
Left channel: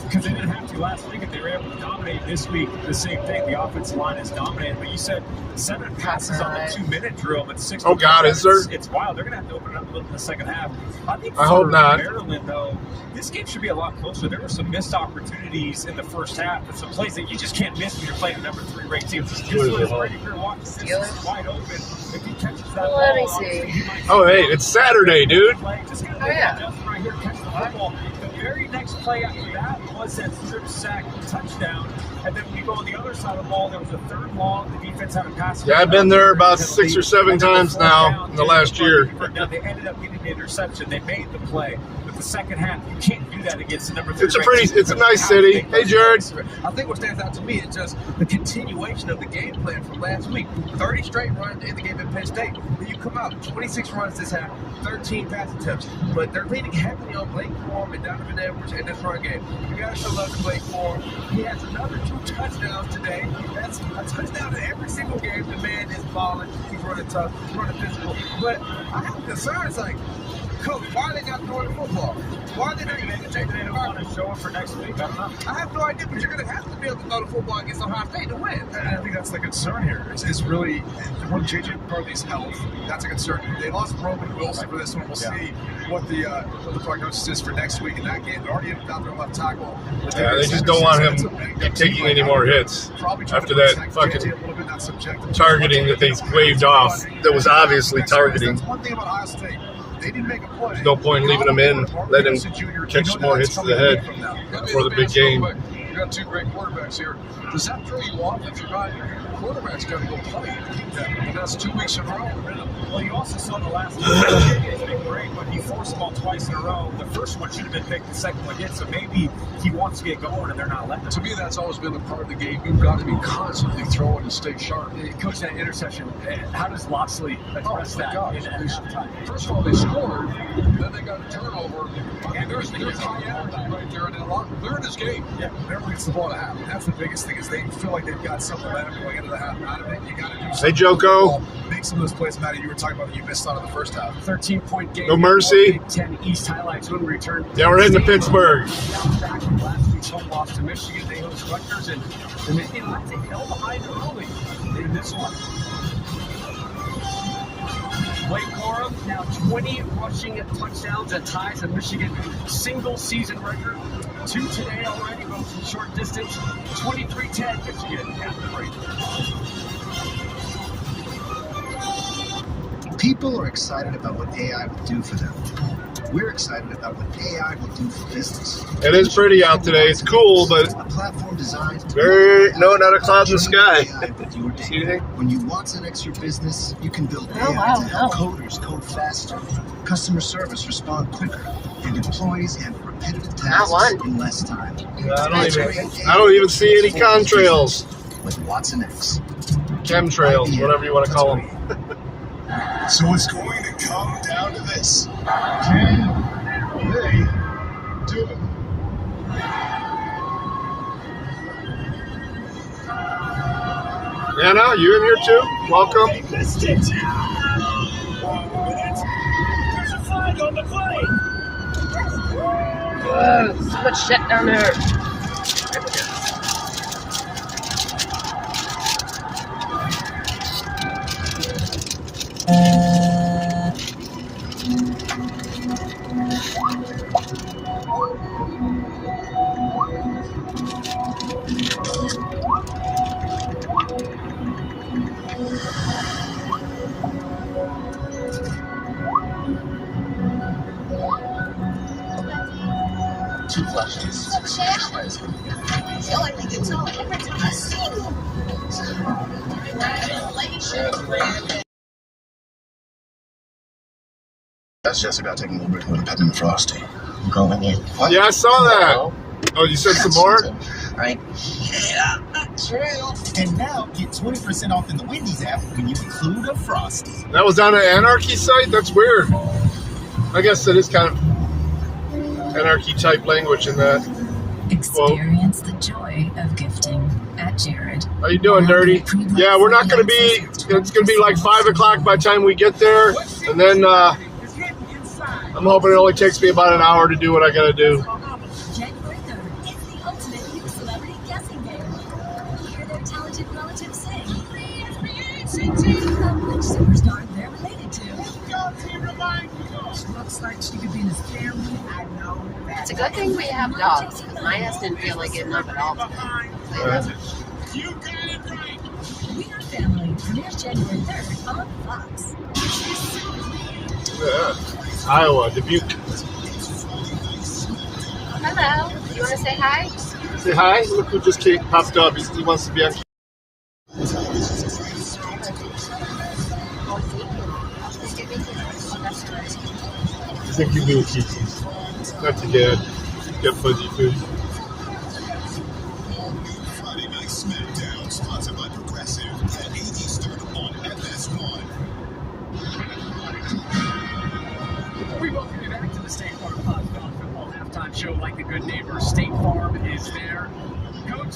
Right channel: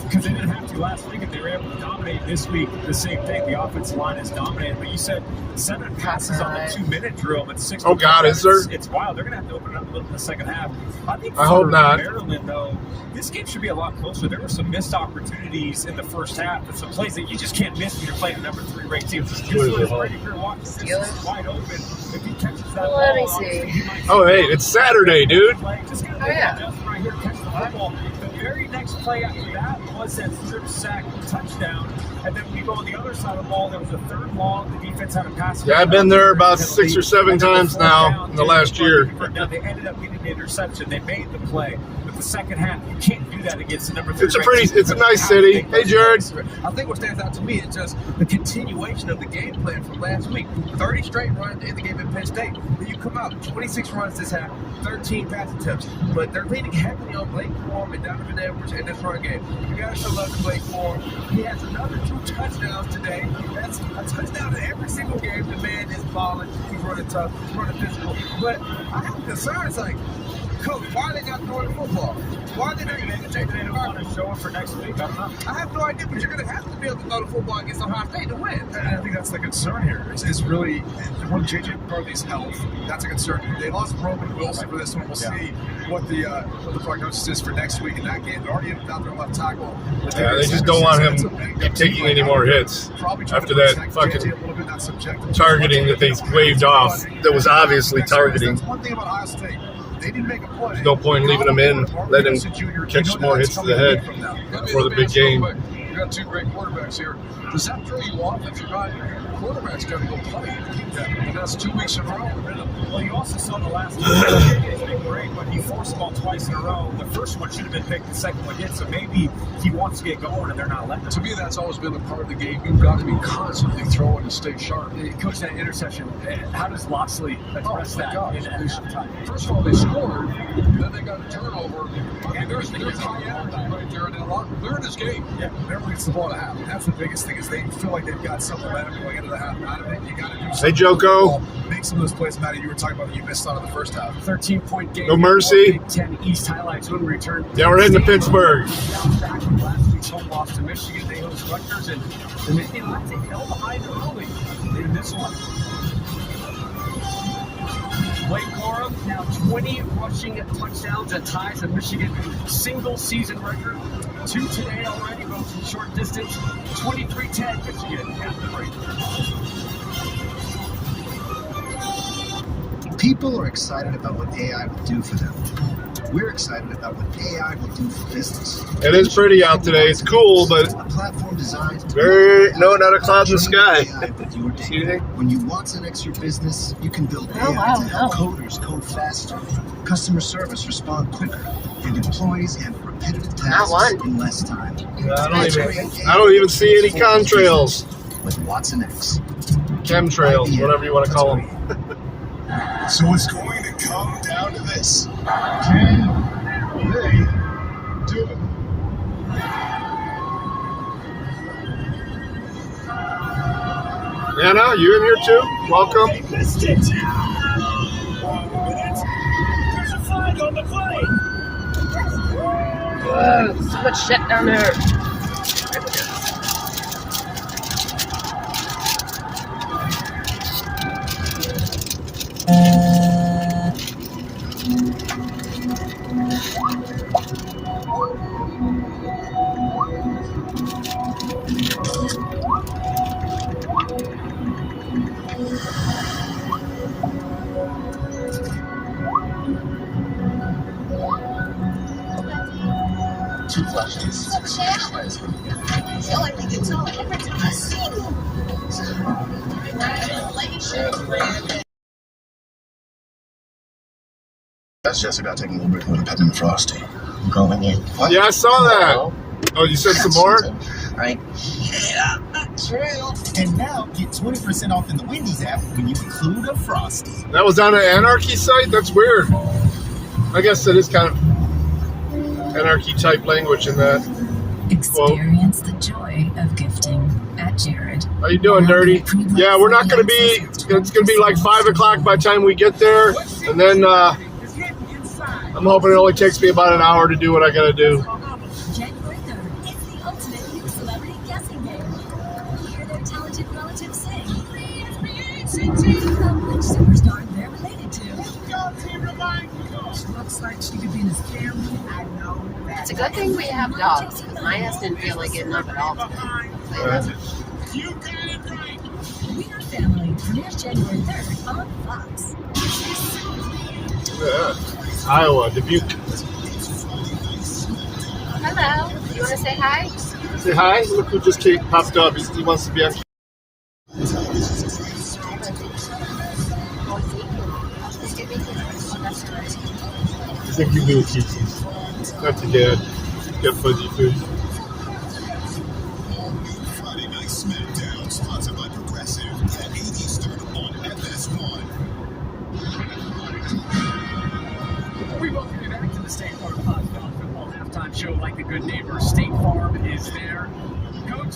because they didn't have to last week, and they were able to dominate this week. The same thing. The offensive line is dominated. But you said 7 passes on the 2-minute drill, but 6. Oh God, is there? It's wild. They're going to have to open it up a little in the second half. I hope not. Maryland, though, this game should be a lot closer. There were some missed opportunities in the first half, and some plays that you just can't miss when you're playing a number 3 ranked team. This is wide open. If he catches that ball, oh, hey, it's Saturday, dude. Just got right here, catch the ball. The very next play after that was that strip sack touchdown, and then we go on the other side of the ball. There was a third long. The defense had a pass. Yeah, I've been there about 6 or 7 times now in the last year. Now they ended up getting the interception. They made the play. The with the second half. You can't do that against the number 3. It's a nice city. Hey, Jared. I think what stands out to me is just the continuation of the game plan from last week. 30 straight runs in the game at Penn State. Then you come out, 26 runs this half, 13 pass attempts. But they're leaning heavily on Blake Corum and Donovan Edwards in this run game. You got to show love to Blake Corum. He has another 2 touchdowns today. That's a touchdown in every single game. The man is balling. He's running tough. He's running physical. But I have concerns like, Coach, why are they not throwing the football? Why are they not even taking it around and showing for next week? I don't know. I have no idea, but you're going to have to be able to throw the football against Ohio State to win. And I think that's the concern here. Is really when J.J. McCarthy's health. That's a concern. They lost Roman Wilson for this one. We'll see what the prognosis is for next week in that game. They're already without their left tackle. Yeah, they just don't want him taking any more hits after that fucking targeting that they waved off. That was obviously targeting. That's one thing about Ohio State. They didn't make a play. There's no point leaving him in, letting him catch some more hits to the head for the big game. You got 2 great quarterbacks here. Does that throw you off if you're not quarterback's going to go play? And that's 2 weeks in a row. Well, you also saw the last 2 games been great, but he forced ball twice in a row. The first one should have been picked, the second one didn't. So maybe he wants to get going and they're not letting him. To me, that's always been a part of the game. You've got to be constantly throwing to stay sharp. Coach, that interception, how does Loxley address that? First of all, they scored, then they got a turnover, and there's right there in that locker. They're in this game. Yeah, everyone gets the ball to half. That's the biggest thing is they feel like they've got something going into the half. Out of it, you got to do something. Hey, Joko. Make some of those plays, Matty. You were talking about that you missed out on the first half. 13-point game. No mercy. 10 East highlights when we return. Yeah, we're heading to Pittsburgh. Last week's home loss to Michigan. They host Rutgers, and Michigan left a hell behind early in this one. Blake Corum now 20 rushing touchdowns and ties the Michigan single season record. 2 today already, both from short distance. 23-10 Michigan at the break. People are excited about what AI will do for them. We're excited about what AI will do for business. It is pretty out today. It's cool, but a platform designed no, not a cloud in the sky. When you watsonx your business, you can build AI to help coders code faster, customer service respond quicker, and employees handle repetitive tasks in less time. I don't even see any contrails. With watsonx. Chemtrails, whatever you want to call them. So it's going to come down to this. Can they do it? Anna, you in here too? Welcome. There's a flag on the plane. So much shit down there. Two questions. That's just about taking a little bit of peppermint frosty. Going in. What? Yeah, I saw that. Oh, you said some more? Right. And now get 20% off in the Wendy's app when you include a frosty. That was on an Anarchy site? That's weird. I guess it is kind of Anarchy type language in that. Experience the joy of gifting at Jared. How you doing, Dirty? Yeah, we're not going to be, it's going to be like 5 o'clock by the time we get there. And then I'm hoping it only takes me about an hour to do what I got to do. January 3rd, it's the ultimate new celebrity guessing game. Hear their talented relatives sing. Love which superstar they're related to. Looks like she could be in his family. I know. It's a good thing we have dogs, because my ass didn't feel like getting up at all today. We Are Family premieres January 3rd on Fox. Yeah. Iowa, Dubuque. Hello. You want to say hi? Say hi. Look who just popped up. He wants to be on. I think you do it, Kiki. That's a dad. Got fuzzy food. Friday Night SmackDown, sponsored by Progressive at 8 Eastern on FS1. We welcome you back to the State Farm College Football halftime show. Like a good neighbor, State Farm is there. Coach,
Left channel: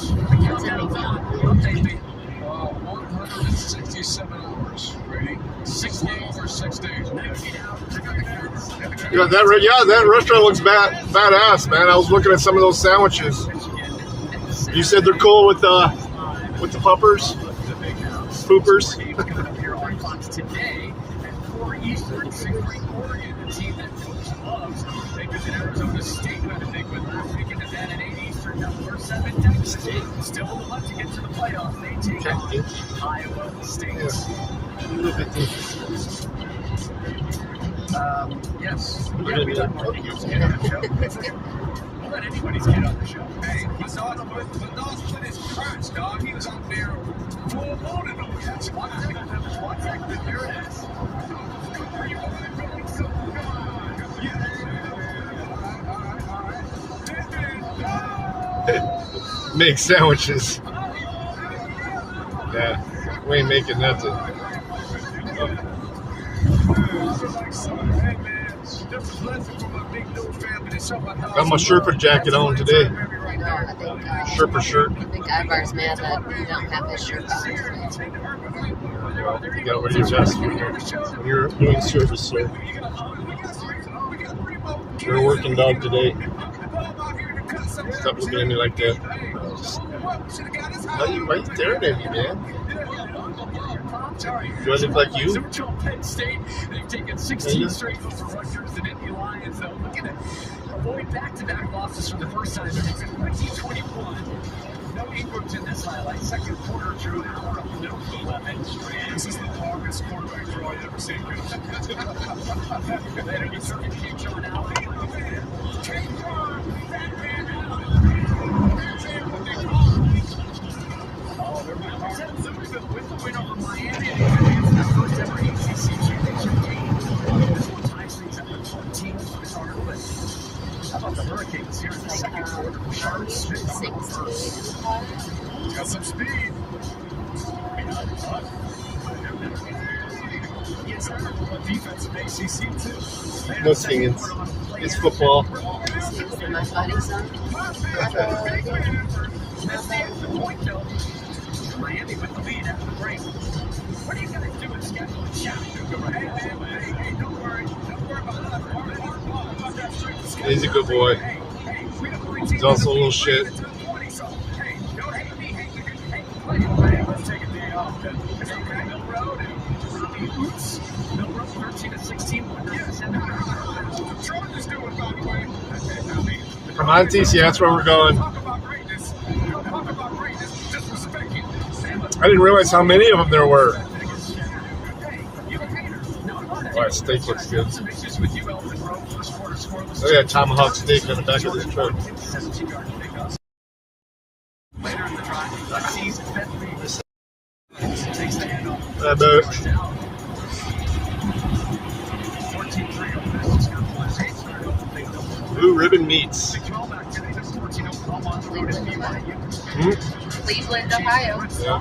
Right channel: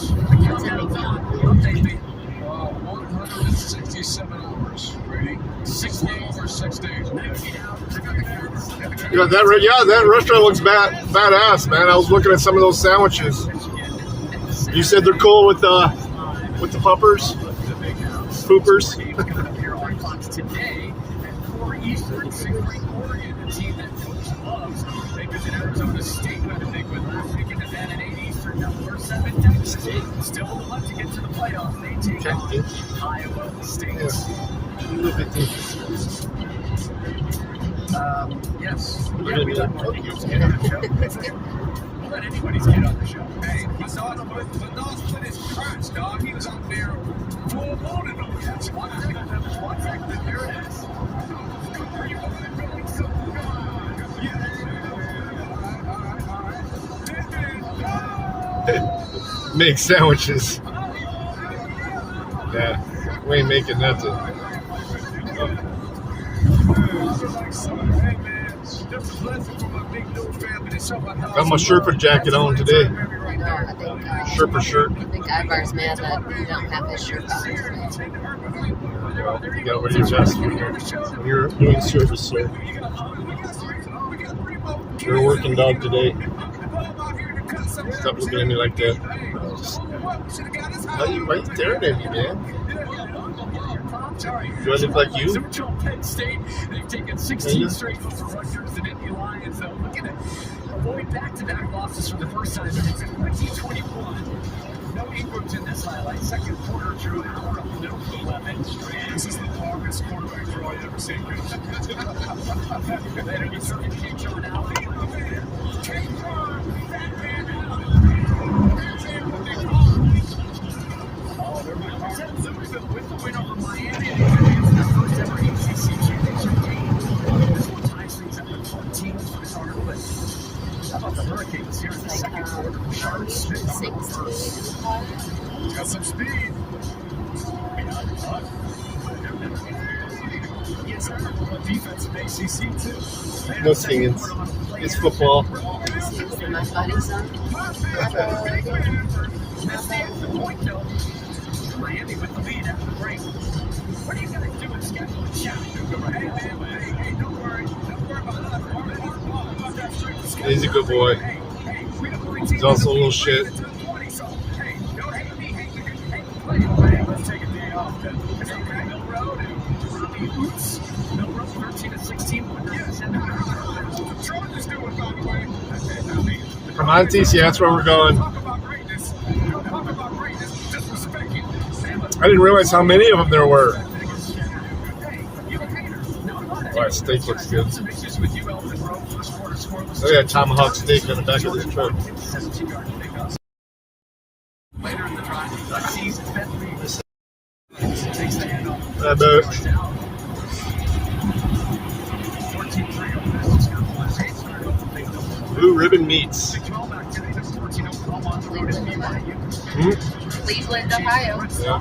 update me. 167 hours. Ready? 6 days or 6 days. That restaurant looks badass, man. I was looking at some of those sandwiches. You said they're cool with the poopers. Today at 4 Eastern, Siegfried, Oregon, the team that Coach loves. They visit Arizona State with a big win last weekend, and then at 8 Eastern, now we're 7 Texas. Still left to get to the playoffs. They take on Iowa State. Yes. Yeah, we let Marky Goose get on the show. We'll let anybody's get on the show. Hey, I saw the dog put his crotch, dog. He was out there full loaded over that spot. What's that with your ass? Make sandwiches. Yeah, we ain't making that to. Got my Sherpa jacket on today. Sherpa shirt. I think Ivar's mad that we don't have his shirt on today. You gotta wear your vest when you're doing service, so. You're a working dog today. Stop looking at me like that. Why are you staring at me, man? Do I look like you? Penn State, they've taken 16 straight over Rutgers and Indy Lions. Looking at avoid back-to-back losses for the first time since 2021. No Ingrams in this highlight. Second quarter through an hour of no 11. This is the longest quarterback draw I've ever seen. And we certainly keep John out. Got some speed. Defensive ACC too. No singing. It's football. Miami with the lead after the break. What are you going to do in schedule? He's a good boy. He's also a little shit. Come on, TC, that's where we're going. I didn't realize how many of them there were. Wow, that steak looks good. Look at that tomahawk steak on the back of this truck. Blue Ribbon Meats. Cleveland, Ohio. Yeah.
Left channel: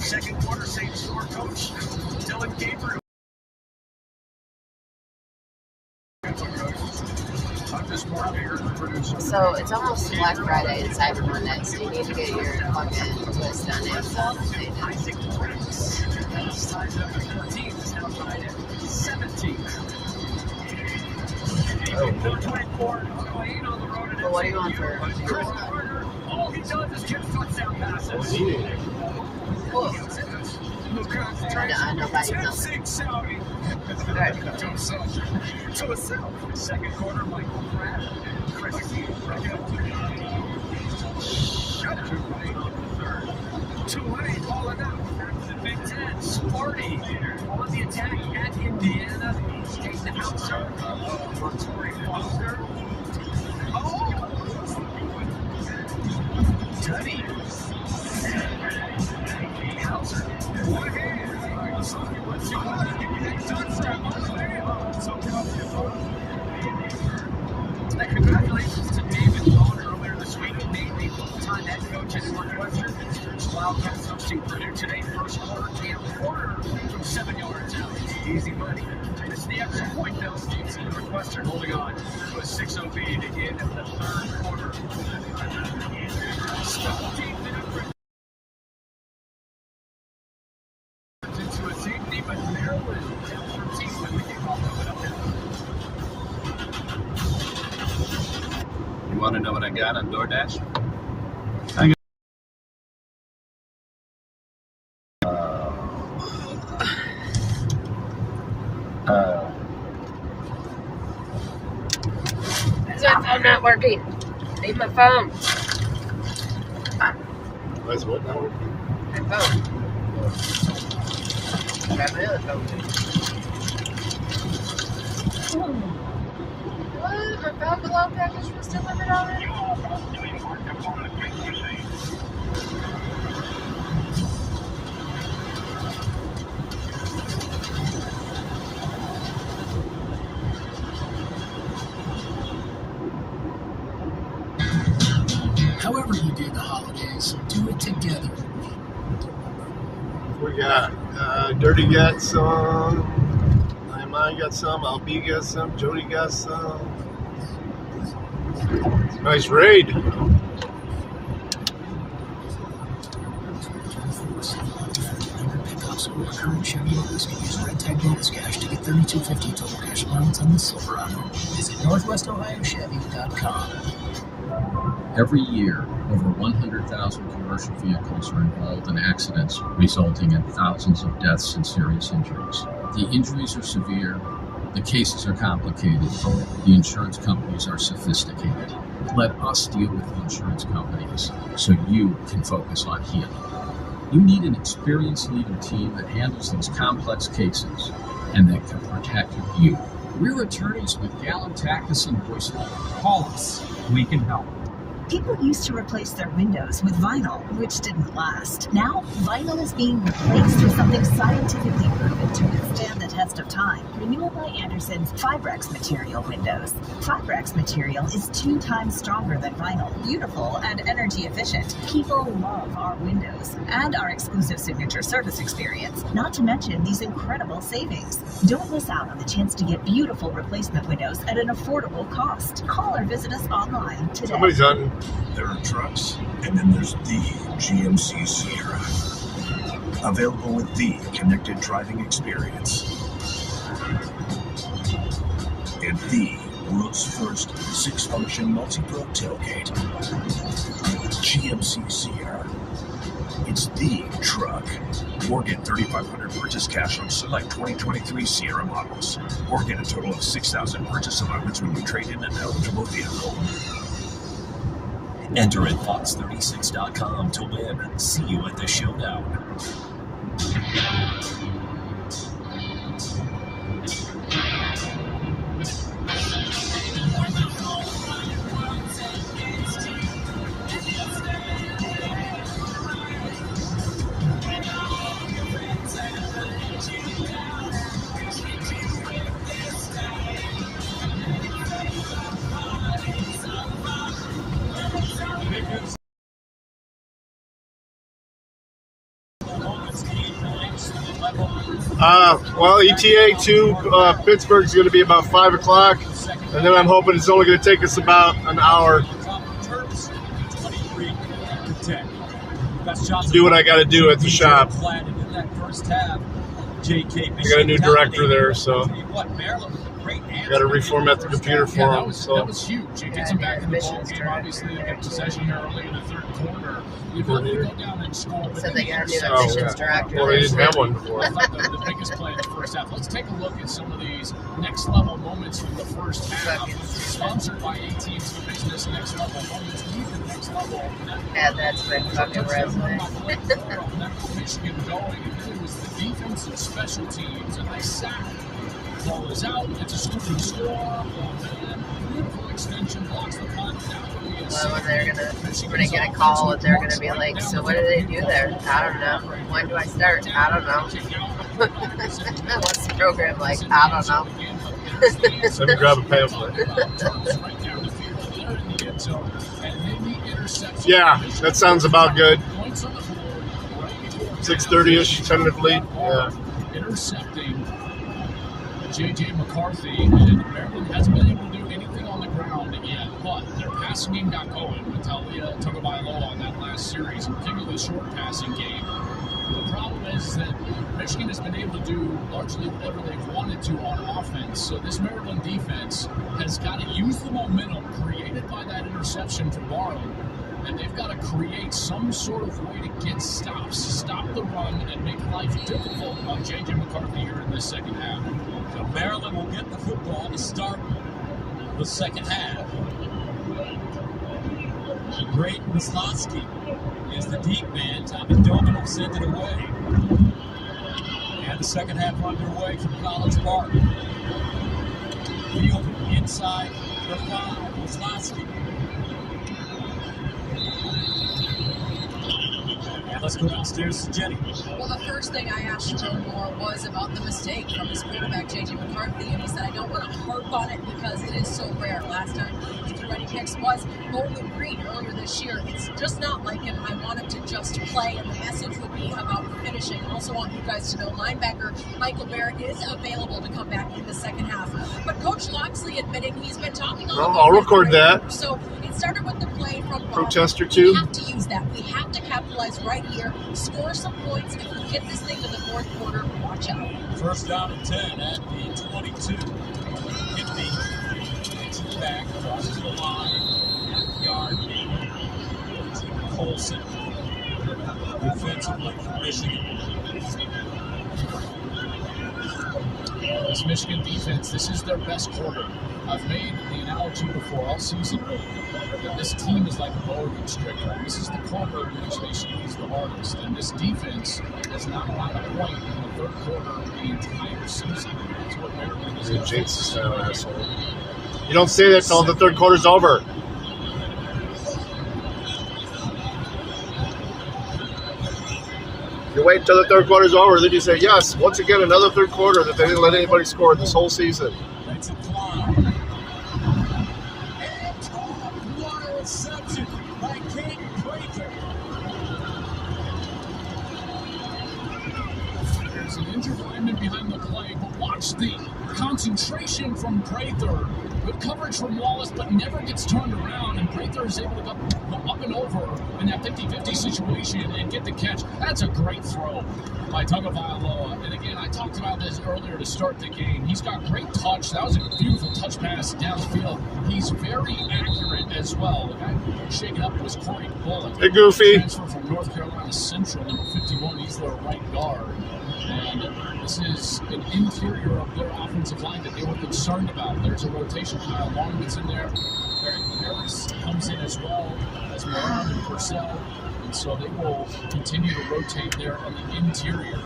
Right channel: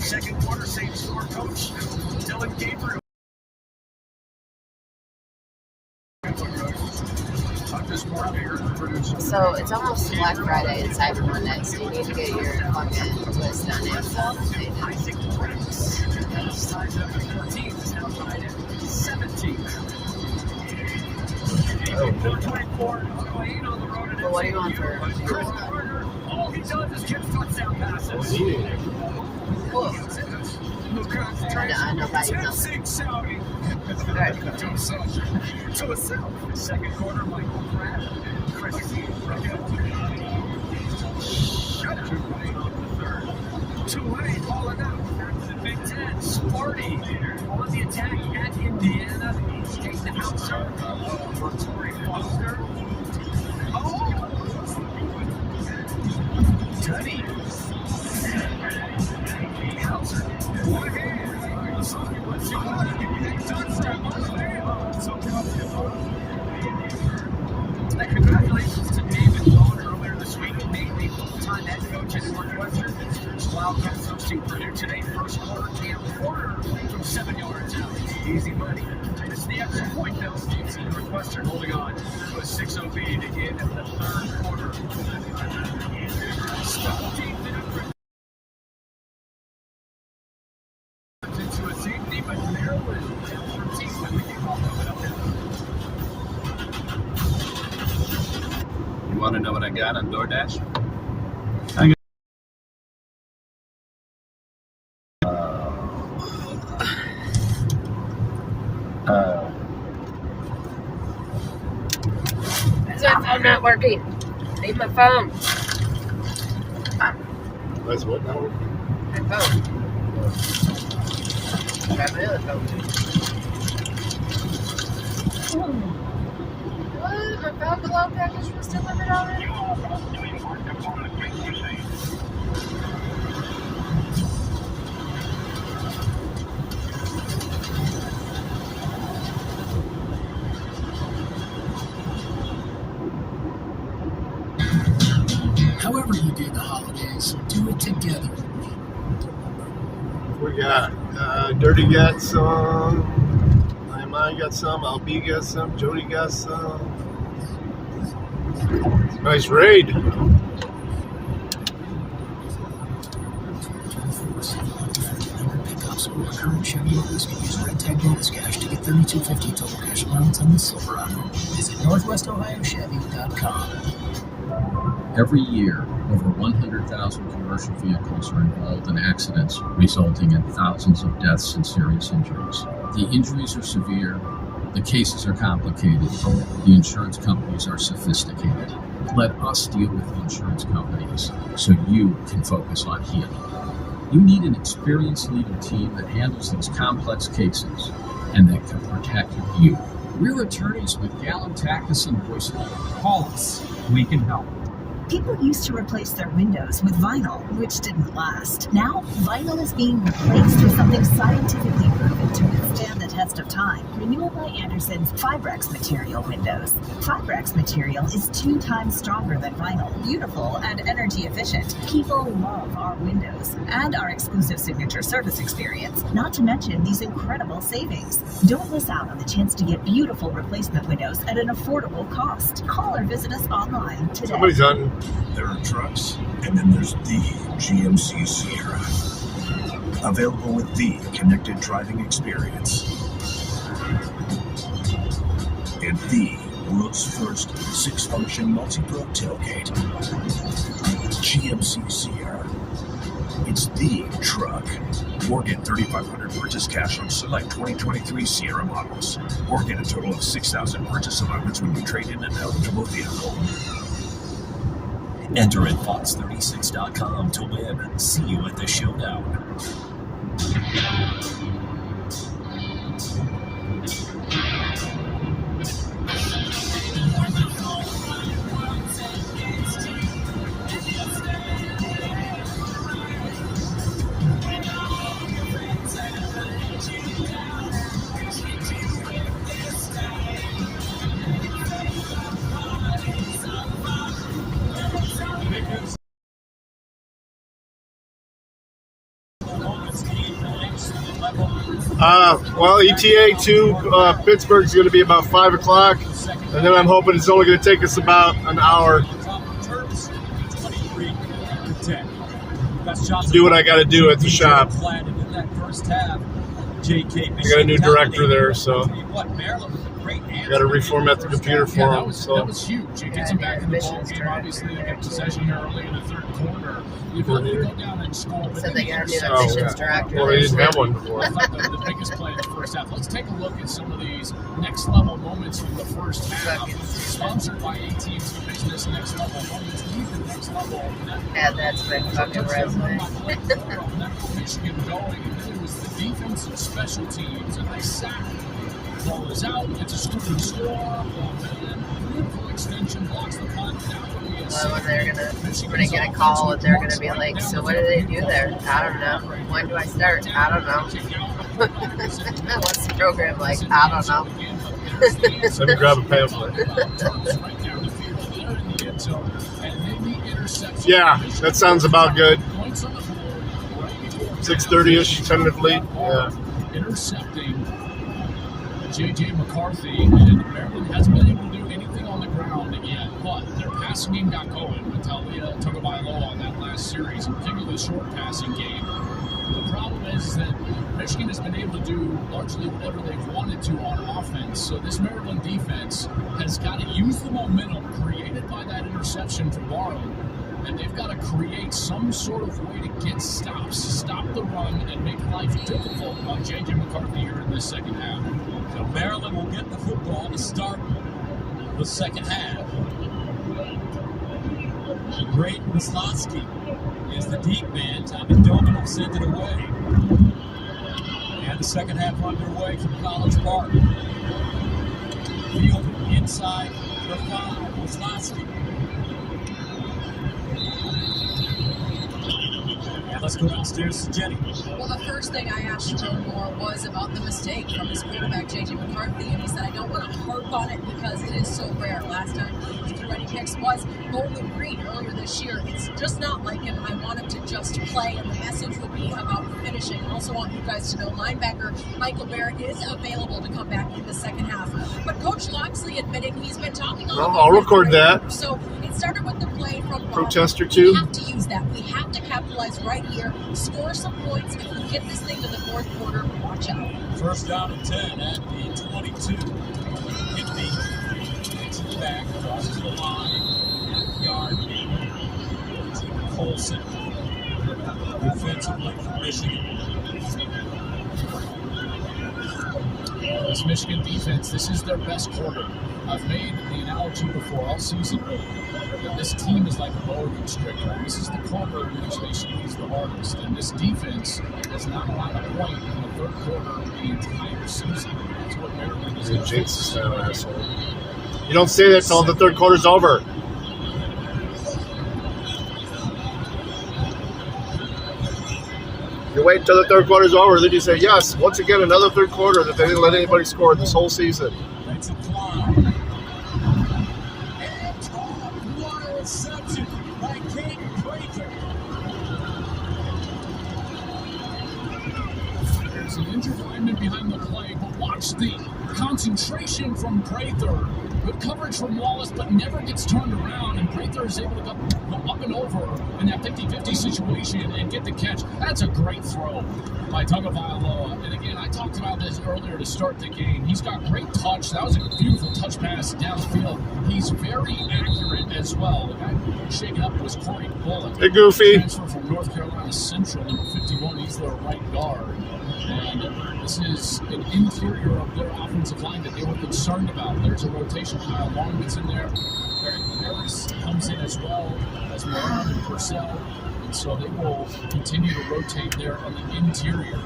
Second quarter, same score, coach Dylan Gabriel. So it's almost Black Friday and Cyber Monday, so you need to get your fucking list on Amazon. What do you want for nobody knows. Second quarter, Michael Pratt, Chris Tulane falling out. The Big Ten, Sparty on the attack at Indiana. Take the outside for Torrey Foster. Teddy. Hauser. One hand. easy money. It's the extra point Bill States and Northwestern holding on to a 6-0 lead in the third quarter. Special teams into a safety, but Maryland down 13 with the kickoff coming up now. You want to know what I got on DoorDash? I'm not working. Leave my phone. That's what now? My phone. Got my other phone. What? My Five Below package was delivered already? However you do the holidays, do it together. We got Dirty got some, Nehemiah got some, LB got some, Jody got some. Nice raid. Pickups or current Chevy owners can use Red Tag bonus cash to get $32.50 total cash allowance on the Silverado. Visit NorthwestOhioChevy.com. Every year, over 100,000 commercial vehicles are involved in accidents, resulting in thousands of deaths and serious injuries. The injuries are severe, the cases are complicated, the insurance companies are sophisticated. Let us deal with the insurance companies so you can focus on healing. You need an experienced legal team that handles these complex cases and that can protect you. We're attorneys with Gallen, Tackus, and Boyce-Leonard. Call us. We can help. People used to replace their windows with vinyl, which didn't last. Now, vinyl is being replaced with something scientifically proven to withstand the test of time. Renewal by Anderson's Fibrex material windows. Fibrex material is 2 times stronger than vinyl, beautiful and energy efficient. People love our windows and our exclusive signature service experience, not to mention these incredible savings. Don't miss out on the chance to get beautiful replacement windows at an affordable cost. Call or visit us online today. Somebody's on. There are trucks, and then there's the GMC Sierra. Available with the connected driving experience. And the world's first 6-function multi-broke tailgate. GMC Sierra. It's the truck. Or get $3,500 purchase cash on select 2023 Sierra models. Or get a total of $6,000 purchase allowance when you trade in an eligible vehicle. Enter at Fox36.com to win. See you at the showdown. Well, ETA to Pittsburgh is going to be about 5 o'clock, and then I'm hoping it's only going to take us about an hour to do what I got to do at the shop. I got a new director there, so I got to reformat the computer for him. That was huge. It gets them back in the ball game. Obviously, they get possession here early in the third quarter. You go down and score. So they got a new admissions director. Well, they didn't have one before. I thought the biggest play in the first half. Let's take a look at some of these next level moments from the first half. Sponsored by AT&T Business. Next level moments. Next level. Yeah, that's been fucking resume. Michigan going, and then it was the defense and special teams, and they sack. Ball is out. It's a scoring score. Beautiful extension blocks the punt. Well, when they're gonna get a call and they're gonna be like, so what do they do there? I don't know. When do I start? I don't know. What's the program like? I don't know. Let me grab a pamphlet. Yeah, that sounds about good. 6:30-ish, tentatively. Yeah. Intercepting J.J. McCarthy, and Maryland hasn't been able to do anything on the ground yet, but their passing game got going with Talia Tagovailoa on that last series, and particularly the short passing game. The problem is that Michigan has been able to do largely whatever they've wanted to on offense, so this Maryland defense has got to use the momentum created by that interception from Barlow, and they've got to create some sort of way to get stops, stop the run, and make life difficult on J.J. McCarthy here in the second half. So Maryland will get the football to start the second half. The great Wisloski is the deep man. Tommy Doman will send it away. And the second half underway from College Park. Field inside the 5. Wisloski. Let's go downstairs to Jenny. Well, the first thing I asked Jerome Moore was about the mistake from his quarterback, J.J. McCarthy, and he said, I don't want to harp on it because it is so rare. Last time Mickey Ready Hicks was Bowling Green earlier this year. It's just not like him. I want him to just play, and the message would be about finishing. I also want you guys to know linebacker Michael Barrett is available to come back in the second half. But Coach Loxley admitted he's been talking a lot about I'll record that. So it started with the play from Protester We 2. have to use that. We have to capitalize right here, score some points. If we get this thing to the fourth quarter, watch out. First down and 10 at the 22. Whitney takes it back, crosses the line. Yard. Colson. Defensive play for Michigan. This Michigan defense, this is their best quarter. I've made the analogy before all season. This team is like a Oregon striker. This is the quarter in which they squeeze the hardest. And this defense is not allowed a point in the third quarter of the entire season. That's what Maryland is going to Jinx is an asshole. You don't say that until the third quarter's over. You wait until the third quarter's over, then you say, yes, once again, another third quarter that they didn't let anybody score this whole season. That's a climb. There's an injured lineman behind the play, but watch the concentration from Prather. Good coverage from Wallace, but never gets turned around, and Prather is able to go up and over in that 50-50 situation and get the catch. That's a great throw by Tagovailoa. And again, I talked about this earlier to start the game. He's got great touch. That was a beautiful touch pass downfield. He's very accurate as well. The guy who shaken up was Corey Bullock. Hey, Goofy. Transfer from North Carolina Central, number 51. He's their right guard. And this is an interior of their offensive line that they were concerned about. There's a rotation. Kyle Long gets in there. Eric Harris comes in as well as Moran and Purcell. And so they will continue to rotate there on the interior.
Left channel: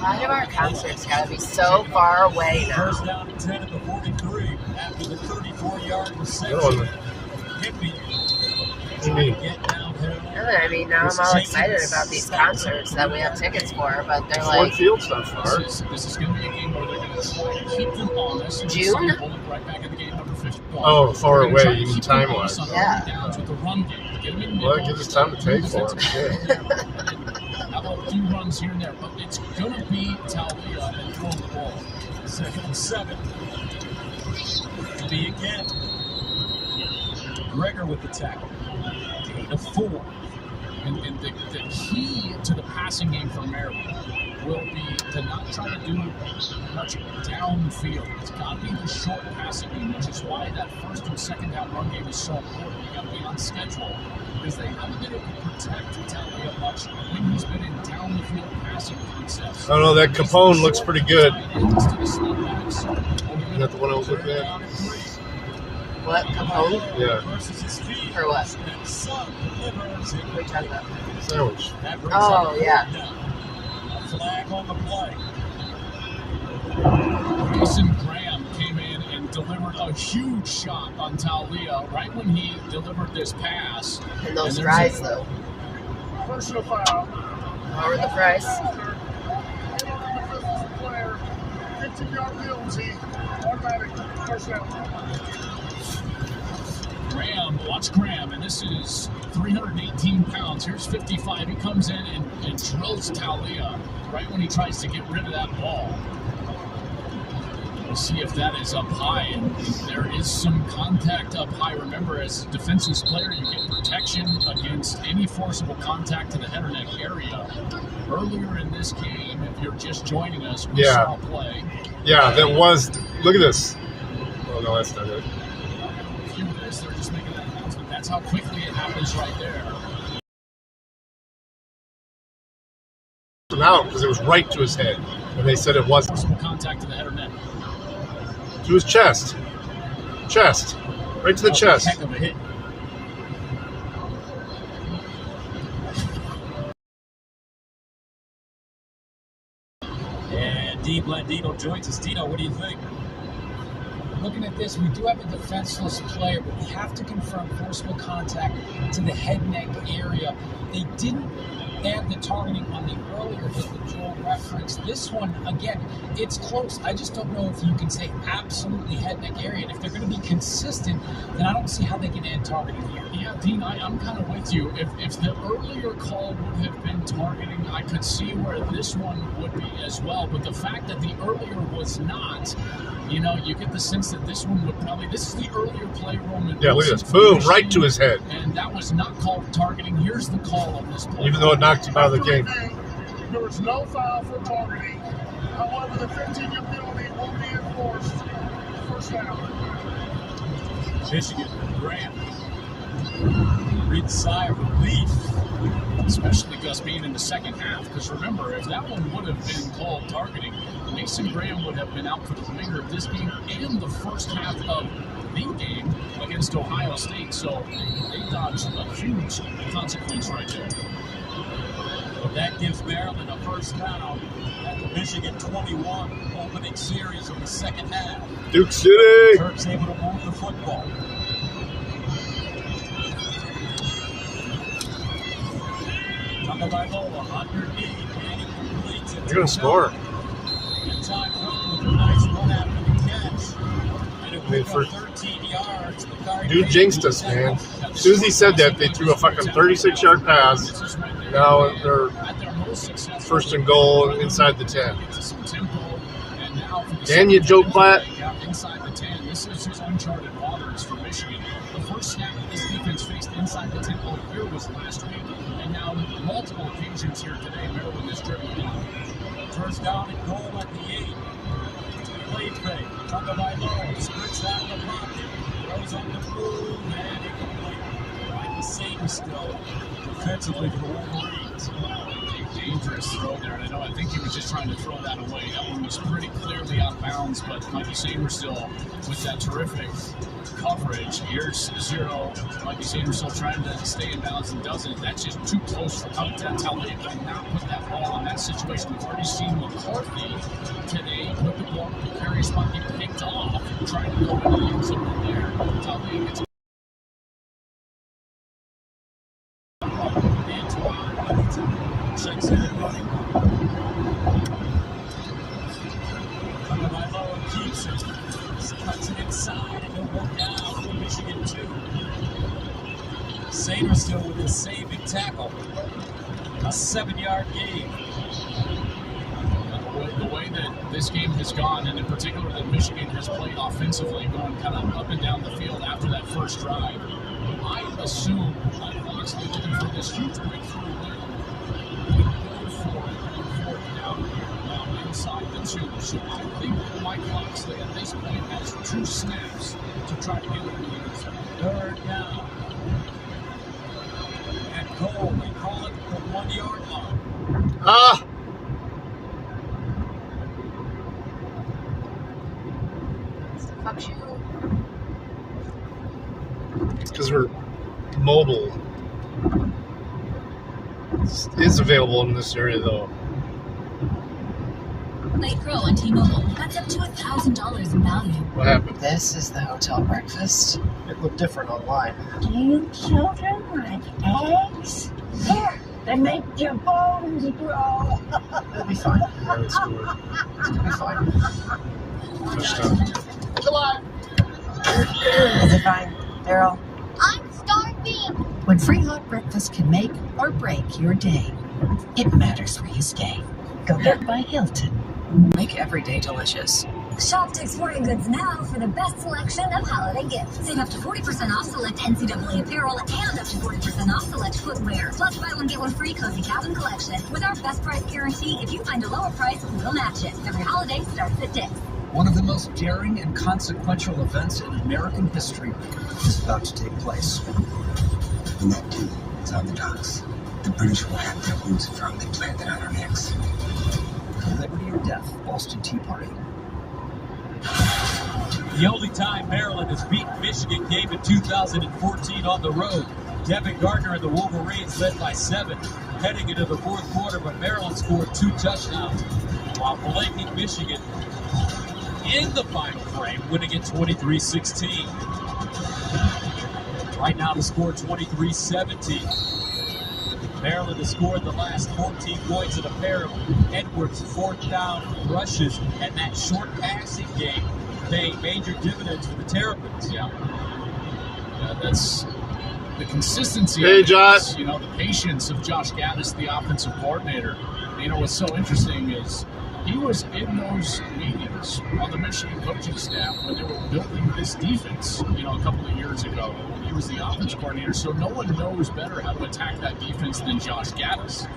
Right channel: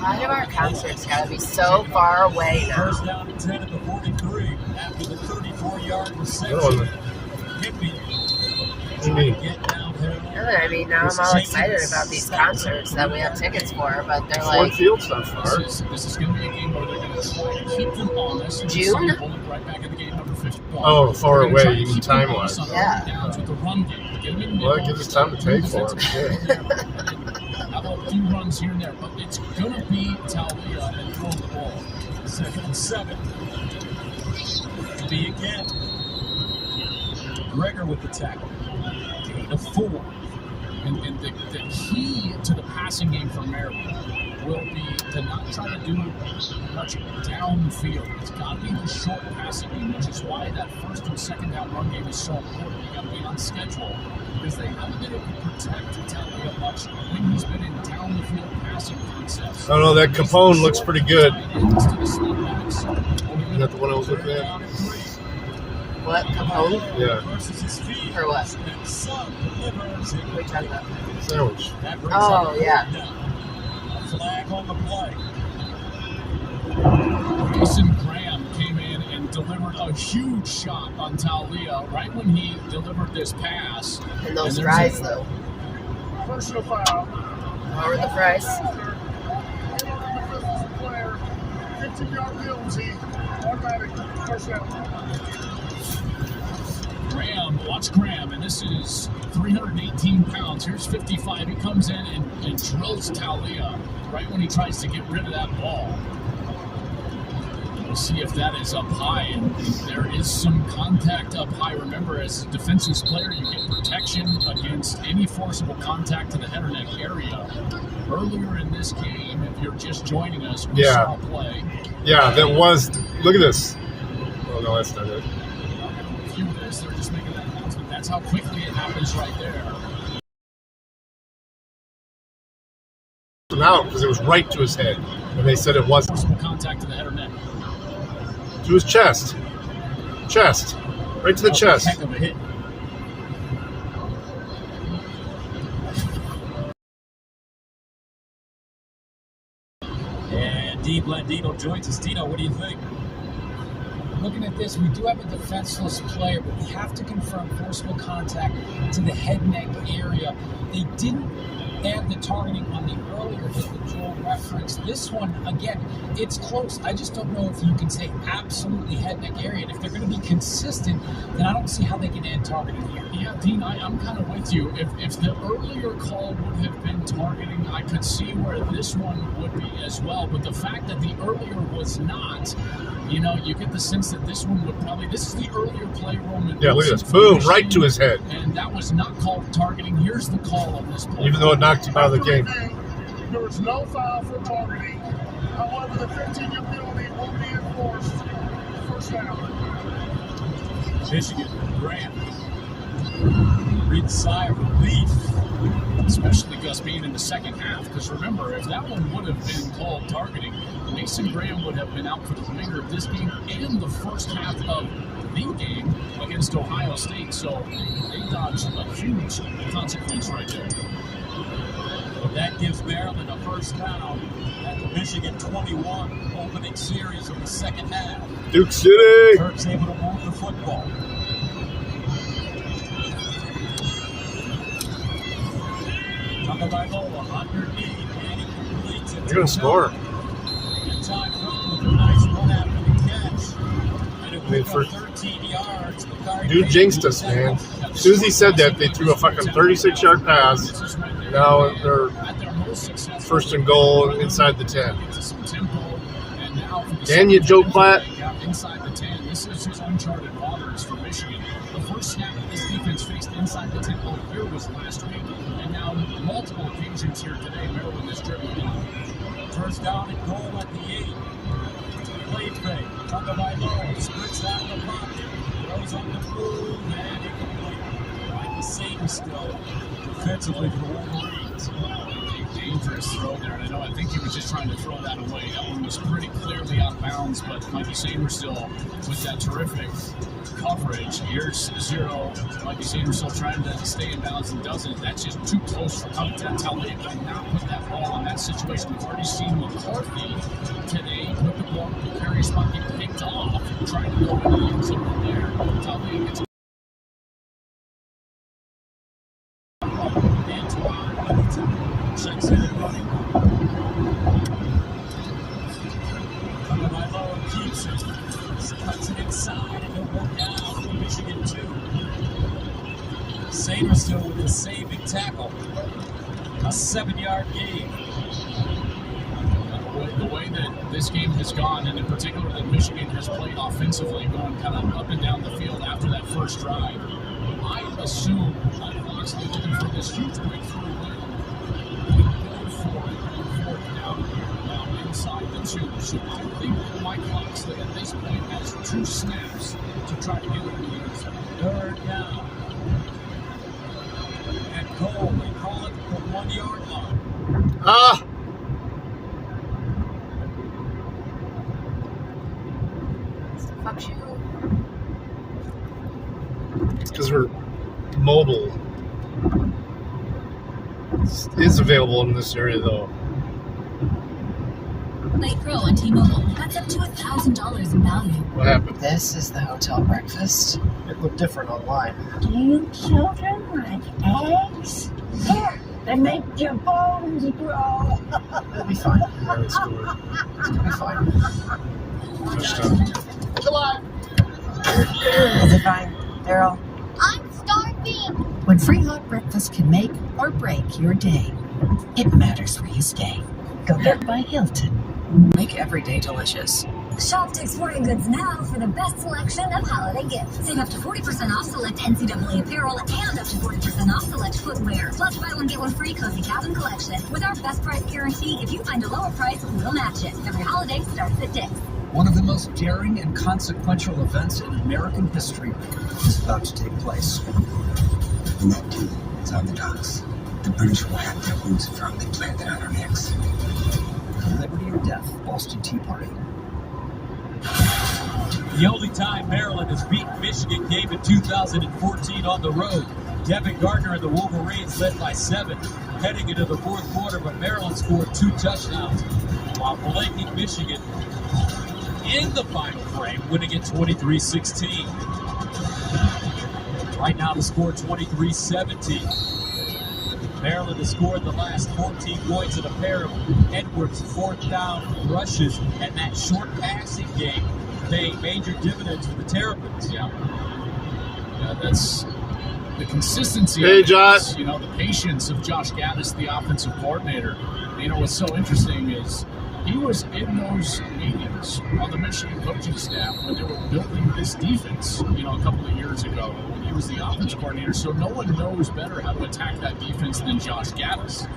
Why do our concerts gotta be so far away now? First down and 10 at the 43 after the 34-yard reception. I mean, now I'm all excited about these concerts that we have tickets for, but they're like... Field's not far. This is going to be a game where they're going to try to keep them honest. And June? Right back in the game, number 51. Oh, far away, Try to you mean keep them time-wise. honest on Yeah. early downs with the run game. Get them in Well, there. it gives us time to pay for it. How about a few runs here and there? But it's going to be Talia and throwing the ball. Second and 7. B again. Gregor with the tackle. Gain of 4. And the key to the passing game for Maryland will be to not try to do much downfield. It's got to be the short passing game, which is why that first and second down run game is so important. You got to be on schedule because they haven't been able to protect Talia much when he's been in down the field passing concepts. I don't know, that Capone looks pretty good. Is that the one I was looking at? What? Capone? Yeah. For what? What are you talking about? Sandwich. Oh, yeah. Flag on the play. Mason Graham came in and delivered a huge shot on Talia right when he delivered this pass. And those fries, though. Personal foul. Over the fries. 15-yard penalty. Automatic. First down. Graham, watch Graham, and this is 318 pounds. Here's 55. He comes in and drills Talia right when he tries to get rid of that ball. to see if that is up high, and there is some contact up high. Remember, as a defenseless player, you get protection against any forcible contact to the head or neck area. Earlier in this game, if you're just joining us, we saw play. Yeah, that was. Look at this. Oh no, that's not it. They're just making that announcement. That's how quickly it happens right there. Out because it was right to his head, and they said it wasn't. Contact to the head or neck. To his chest, right to the chest. Heck of a hit. And D. Blandino joins us. Dino, what do you think? Looking at this, we do have a defenseless player, but we have to confirm forcible contact to the head-neck area. They didn't add the targeting on the earlier hit that Joel referenced. This one, again, it's close. I just don't know if you can say absolutely head-neck area. And if they're going to be consistent, then I don't see how they can add targeting here. Yeah, Dean, I'm kind of with you. If the earlier call would have been targeting, I could see where this one would be as well. But the fact that the earlier was not, you know, you get the sense that this one would probably, this is the earlier play room. Yeah, look at this. Boom, right to his head. And that was not called targeting. Here's the call on this play. Even though it knocked him out of the game. There was no foul for targeting. However, the 15-yard penalty will be enforced. First down. Michigan, Graham. Breathe a sigh of relief. Especially Gus being in the second half. Because remember, if that one would have been called targeting, Mason Graham would have been out for the remainder of this game and the first half of the game against Ohio State. So they dodged a huge consequence right there. That gives Maryland a first down at the Michigan 21 opening series of the second half. Duke City! Turks able to move the football. Tagovailoa underneath, and he completes it. They're going to score. In time for a nice run after the catch. And it went 13 yards. Dude jinxed us, man. As soon as he said that, they threw a fucking 36-yard pass. Now they're first and goal inside the 10. Can you, Joe Platt? Inside the 10. This is just uncharted waters for Michigan. The first snap that this defense faced inside the 10 all year was last week. And now multiple occasions here today, Maryland is dribbling out. First down and goal at the 8. Play fake. Tagovailoa splits that in the pocket. Goes on the move and incomplete. Like the same still defensively for the Wolverines. Dangerous throw there. And I think he was just trying to throw that away. That one was pretty clearly out of bounds, but Mikey Samerstill with that terrific coverage. Here's 0. Mikey Samerstill trying to stay in bounds and doesn't. That's just too close for comfort. That's how they cannot put that ball in that situation. We've already seen McCarthy today put the ball, the carry spot get picked off, trying to go into the end zone there. Totally gets checks in running. Tagovailoa keeps it. Cuts it inside and it'll work out for Michigan 2. Samerstill with the saving tackle. A 7-yard gain. The way that this game has gone, and in particular that Michigan has played offensively, going kind of up and down the field after that first drive, I assume Locksley looking for this huge breakthrough win. Now inside the 2. So I think that Mike Locksley at this point has 2 snaps to try to get it in the end zone. Third down. And goal, they call it the 1-yard line. Ah! Because we're mobile. It's available in this area, though. Late Pro on T-Mobile. That's up to $1,000 in value. What happened? This is the hotel breakfast. It looked different online. Do you children like eggs? Here, they make your bones grow. It'll be fine. It'll be fine. Hello. Is it fine, Daryl? I'm starving. When free hot breakfast can make or break your day, it matters where you stay. Go get by Hilton. Make every day delicious. Shop Dick's Sporting Goods now for the best selection of holiday gifts. Save up to 40% off select NCAA apparel and up to 40% off select footwear. Plus, buy one, get one free Cozy Cabin collection. With our best price guarantee, if you find a lower price, we'll match it. Every holiday starts at Dick's. One of the most daring and consequential events in American history is about to take place. The Met is on the docks. The British will have their boots firmly planted on our necks. Liberty or death, Boston Tea Party. The only time Maryland has beaten Michigan came in 2014 on the road. Devin Gardner and the Wolverines led by 7 heading into the fourth quarter, but Maryland scored 2 touchdowns while blanking Michigan in the final frame, winning it 23-16. Right now the score 23-17. Maryland has scored the last 14 points in a pair of Edwards' 4th down rushes, and that short passing game paying major dividends for the Terrapins. Yeah, that's the consistency. Hey, Josh. You know, the patience of Josh Gattis, the offensive coordinator. You know, what's so interesting is he was in those meetings on the Michigan coaching staff when they were building this defense, you know, a couple of years ago. He was the offensive coordinator, so no one knows better how to attack that defense than Josh Gattis.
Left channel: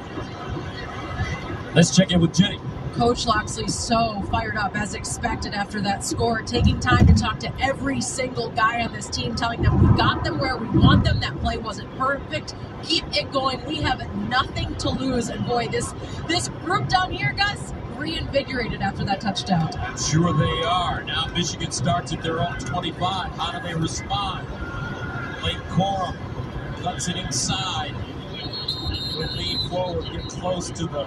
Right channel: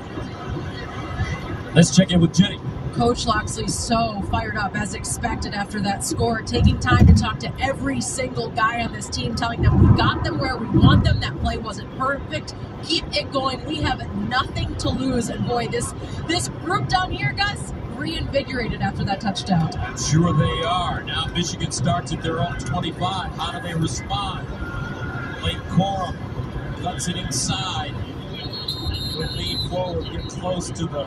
Let's check in with Jenny. Coach Loxley so fired up as expected after that score, taking time to talk to every single guy on this team, telling them we got them where we want them. That play wasn't perfect. Keep it going. We have nothing to lose. And boy, this group down here, guys, reinvigorated after that touchdown. I'm sure they are. Now Michigan starts at their own 25. How do they respond? Blake Corum cuts it inside. Good lead forward, get close to the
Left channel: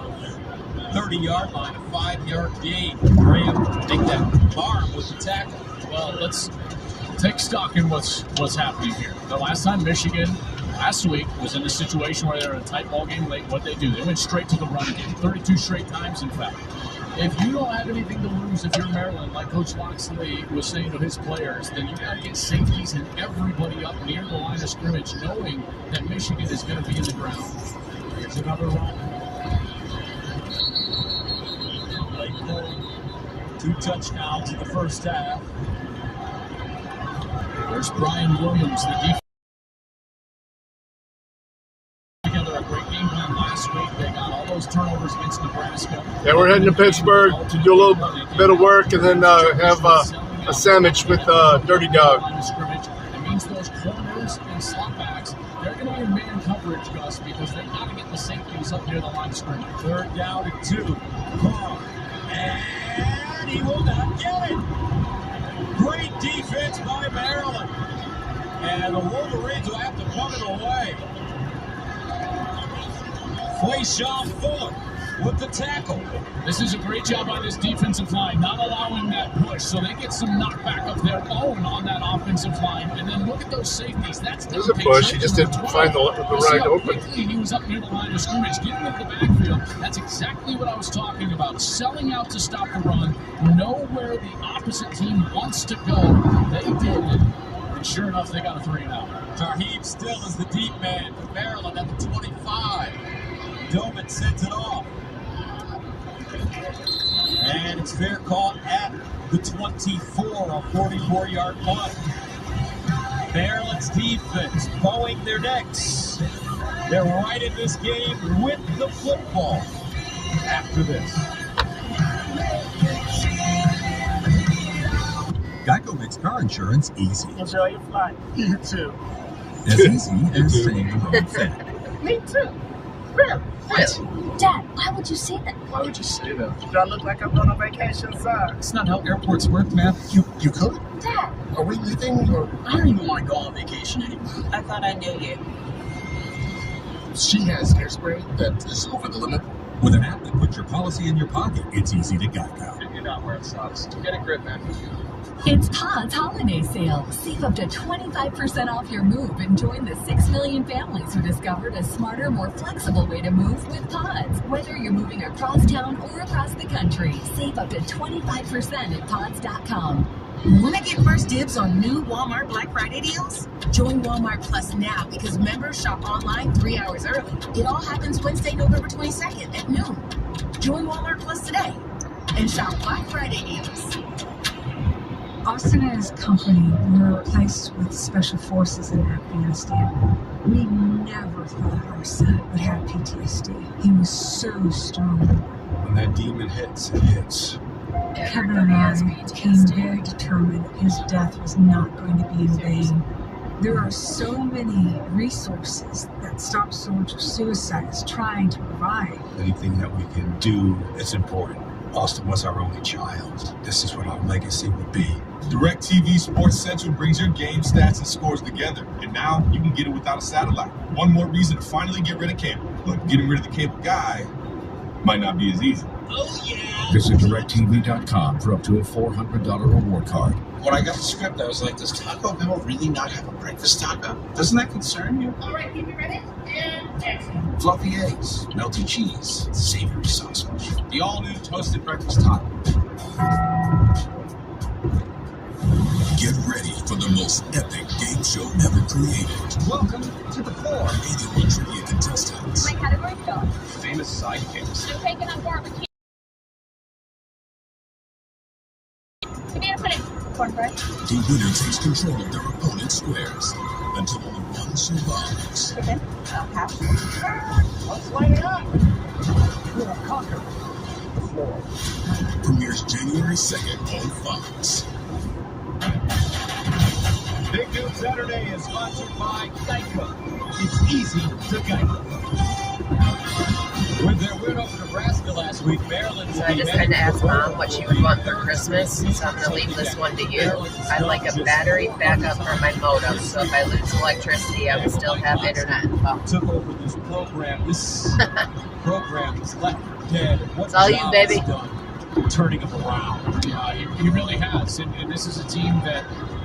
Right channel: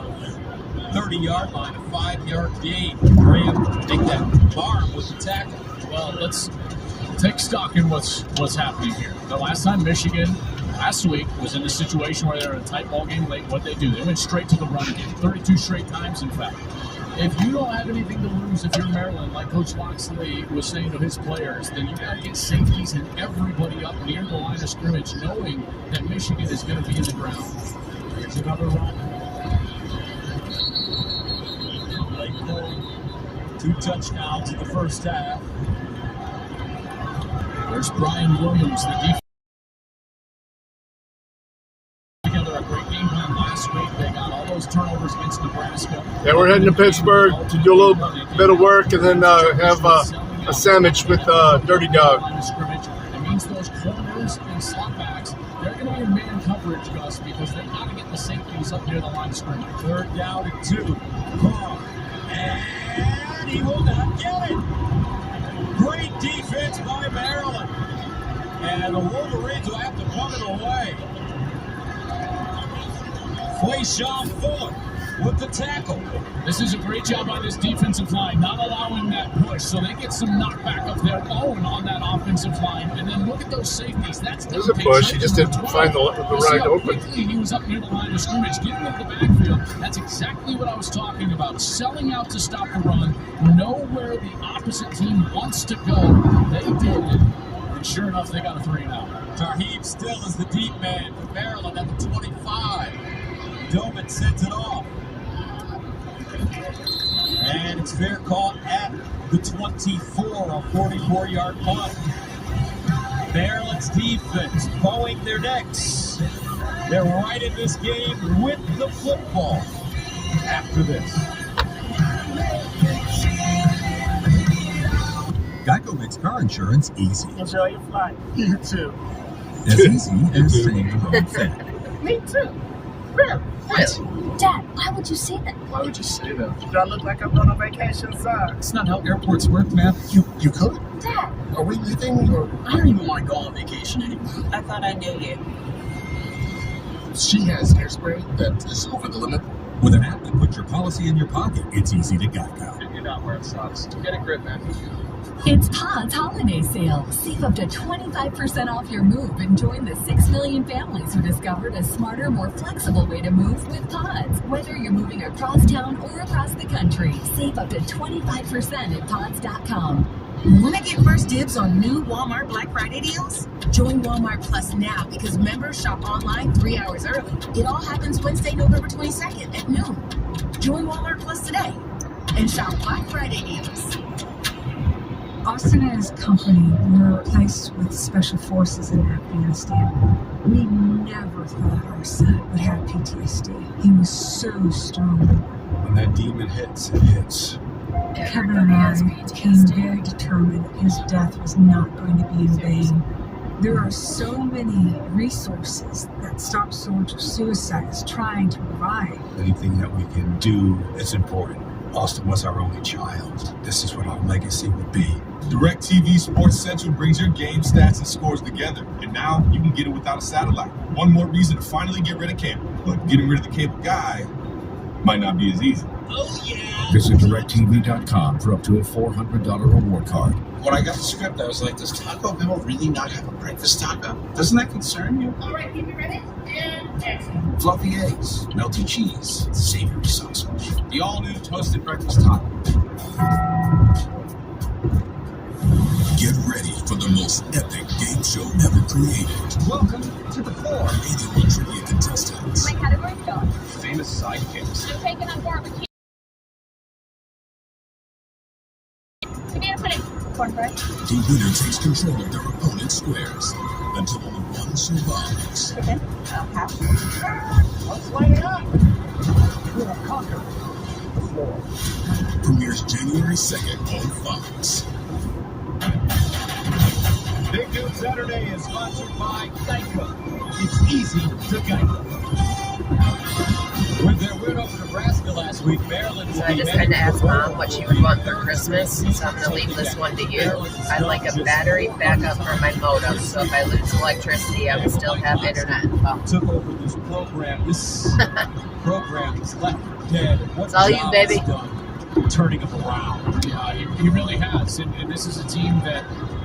30-yard line, a 5-yard gain. They're able to take that arm with the tackle. Well, let's take stock in what's happening here. The last time Michigan, last week, was in a situation where they were in a tight ball game late, what they do? They went straight to the run game, 32 straight times, in fact. If you don't have anything to lose, if you're Maryland, like Coach Loxley was saying to his players, then you got to get safeties and everybody up near the line of scrimmage, knowing that Michigan is going to be in the ground. Here's another run. 2 touchdowns in the first half. There's Brian Williams, the defense. Together a great game plan last week. They got all those turnovers against Nebraska. Yeah, we're heading to Pittsburgh to do a little bit of work and then have a sandwich with Dirty Dog. It means those corners and slotbacks, they're going to be in man coverage, Gus, because they got to get the safeties up near the line of scrimmage. 3rd down and 2. And he will not get it. Great defense by Maryland. And the Wolverines will have to put it away. Quayshawn Fuller with the tackle. This is a great job on this defensive line, not allowing that push, so they get some knockback of their own on that offensive line. And then look at those safeties. That's There's a push. He just didn't find the right open. He was up near the line of scrimmage, getting up the backfield. That's exactly what I was talking about. Selling out to stop the run, know where the opposite team wants to go. They did, and sure enough, they got a 3 now. Tarheeb still is the deep man for Maryland at the 25. Doman sends it off. And it's fair call at the 24, a 44-yard punt. Maryland's defense bowing their necks. They're right in this game with the football after this. Geico makes car insurance easy. Enjoy your flight. You too. As easy as saying hello, Sam. Me too. Really? What? Dad, why would you say that? Why would you say that? Do I look like I'm on a vacation, sir? It's not how airports work, man. You could. Dad. Are we leaving or? I don't even want to go on vacation anymore. I thought I knew you. She has hairspray that is over the limit. With an app that puts your policy in your pocket, it's easy to Geico. You're not wearing socks. Get a grip, man. It's Pods Holiday Sale. Save up to 25% off your move and join the 6 million families who discovered a smarter, more flexible way to move with Pods. Whether you're moving across town or across the country, save up to 25% at Pods.com. Want to get first dibs on new Walmart Black Friday deals? Join Walmart Plus now because members shop online 3 hours early. It all happens Wednesday, November 22nd at noon. Join Walmart Plus today and shop Black Friday deals. Austin and his company were placed with special forces in Afghanistan. We never thought our son would have PTSD. He was so strong. When that demon hits, it hits. Kevin and I became very determined his death was not going to be in vain. There are so many resources that Stop Soldier Suicide is trying to provide. Anything that we can do is important. Austin was our only child. This is what our legacy will be. DirecTV Sports Central brings your game stats and scores together, and now you can get it without a satellite. One more reason to finally get rid of cable. But getting rid of the cable guy might not be as easy. Visit DirecTV.com for up to a $400 reward card. When I got the script, I was like, does Taco Bell really not have a breakfast taco? Doesn't that concern you? All right, keep it ready. And action. Fluffy eggs, melted cheese, savory sausage. The all-new toasted breakfast taco. Get ready for the most epic game show ever created. Welcome to the floor. 81 trivia contestants. My category dog. Famous sidekicks. I'm taking on barbecue. Give me a minute. Cornbread. The winner takes control of their opponent's squares until only one survives. Okay. Let's light it up. We're gonna conquer the floor. Premieres January 2nd on Fox. Big News Saturday is sponsored by Geico. It's easy to Geico. With their win over Nebraska last week, Maryland will So I be just had to heading ask Mom what she would want for Christmas, so I'm going to leave this one to you. I'd like a battery backup for my modem, so if I lose electricity, I would still have internet and phone. took over this program. This program is left for dead. It's all you, baby. Turning them around. Yeah, he really has. And this is a team that,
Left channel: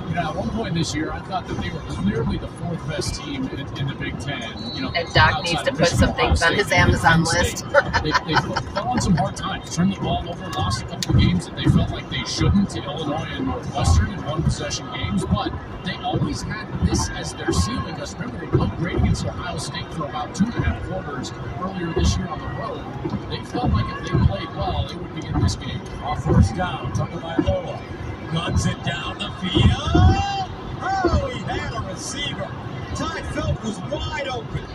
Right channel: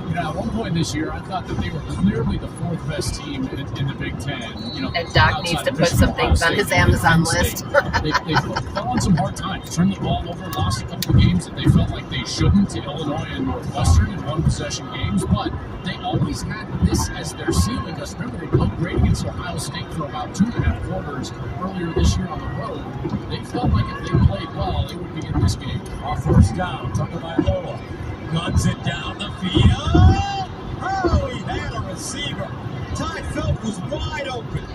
you know, at one point this year, I thought that they were clearly the fourth best team in the Big Ten. You know, And Doc needs to put some things on his Amazon list. they fell on some hard times. Turned the ball over, lost a couple of games that they felt like they shouldn't to Illinois and Northwestern in one-possession games, but they always had this as their ceiling. Because remember, they played great against Ohio State for about 2.5 quarters earlier this year on the road. They felt like if they played well, they would be in this game. Our first down, Tagovailoa guns it down the field. Oh, he had a receiver. Ty Felt was wide open.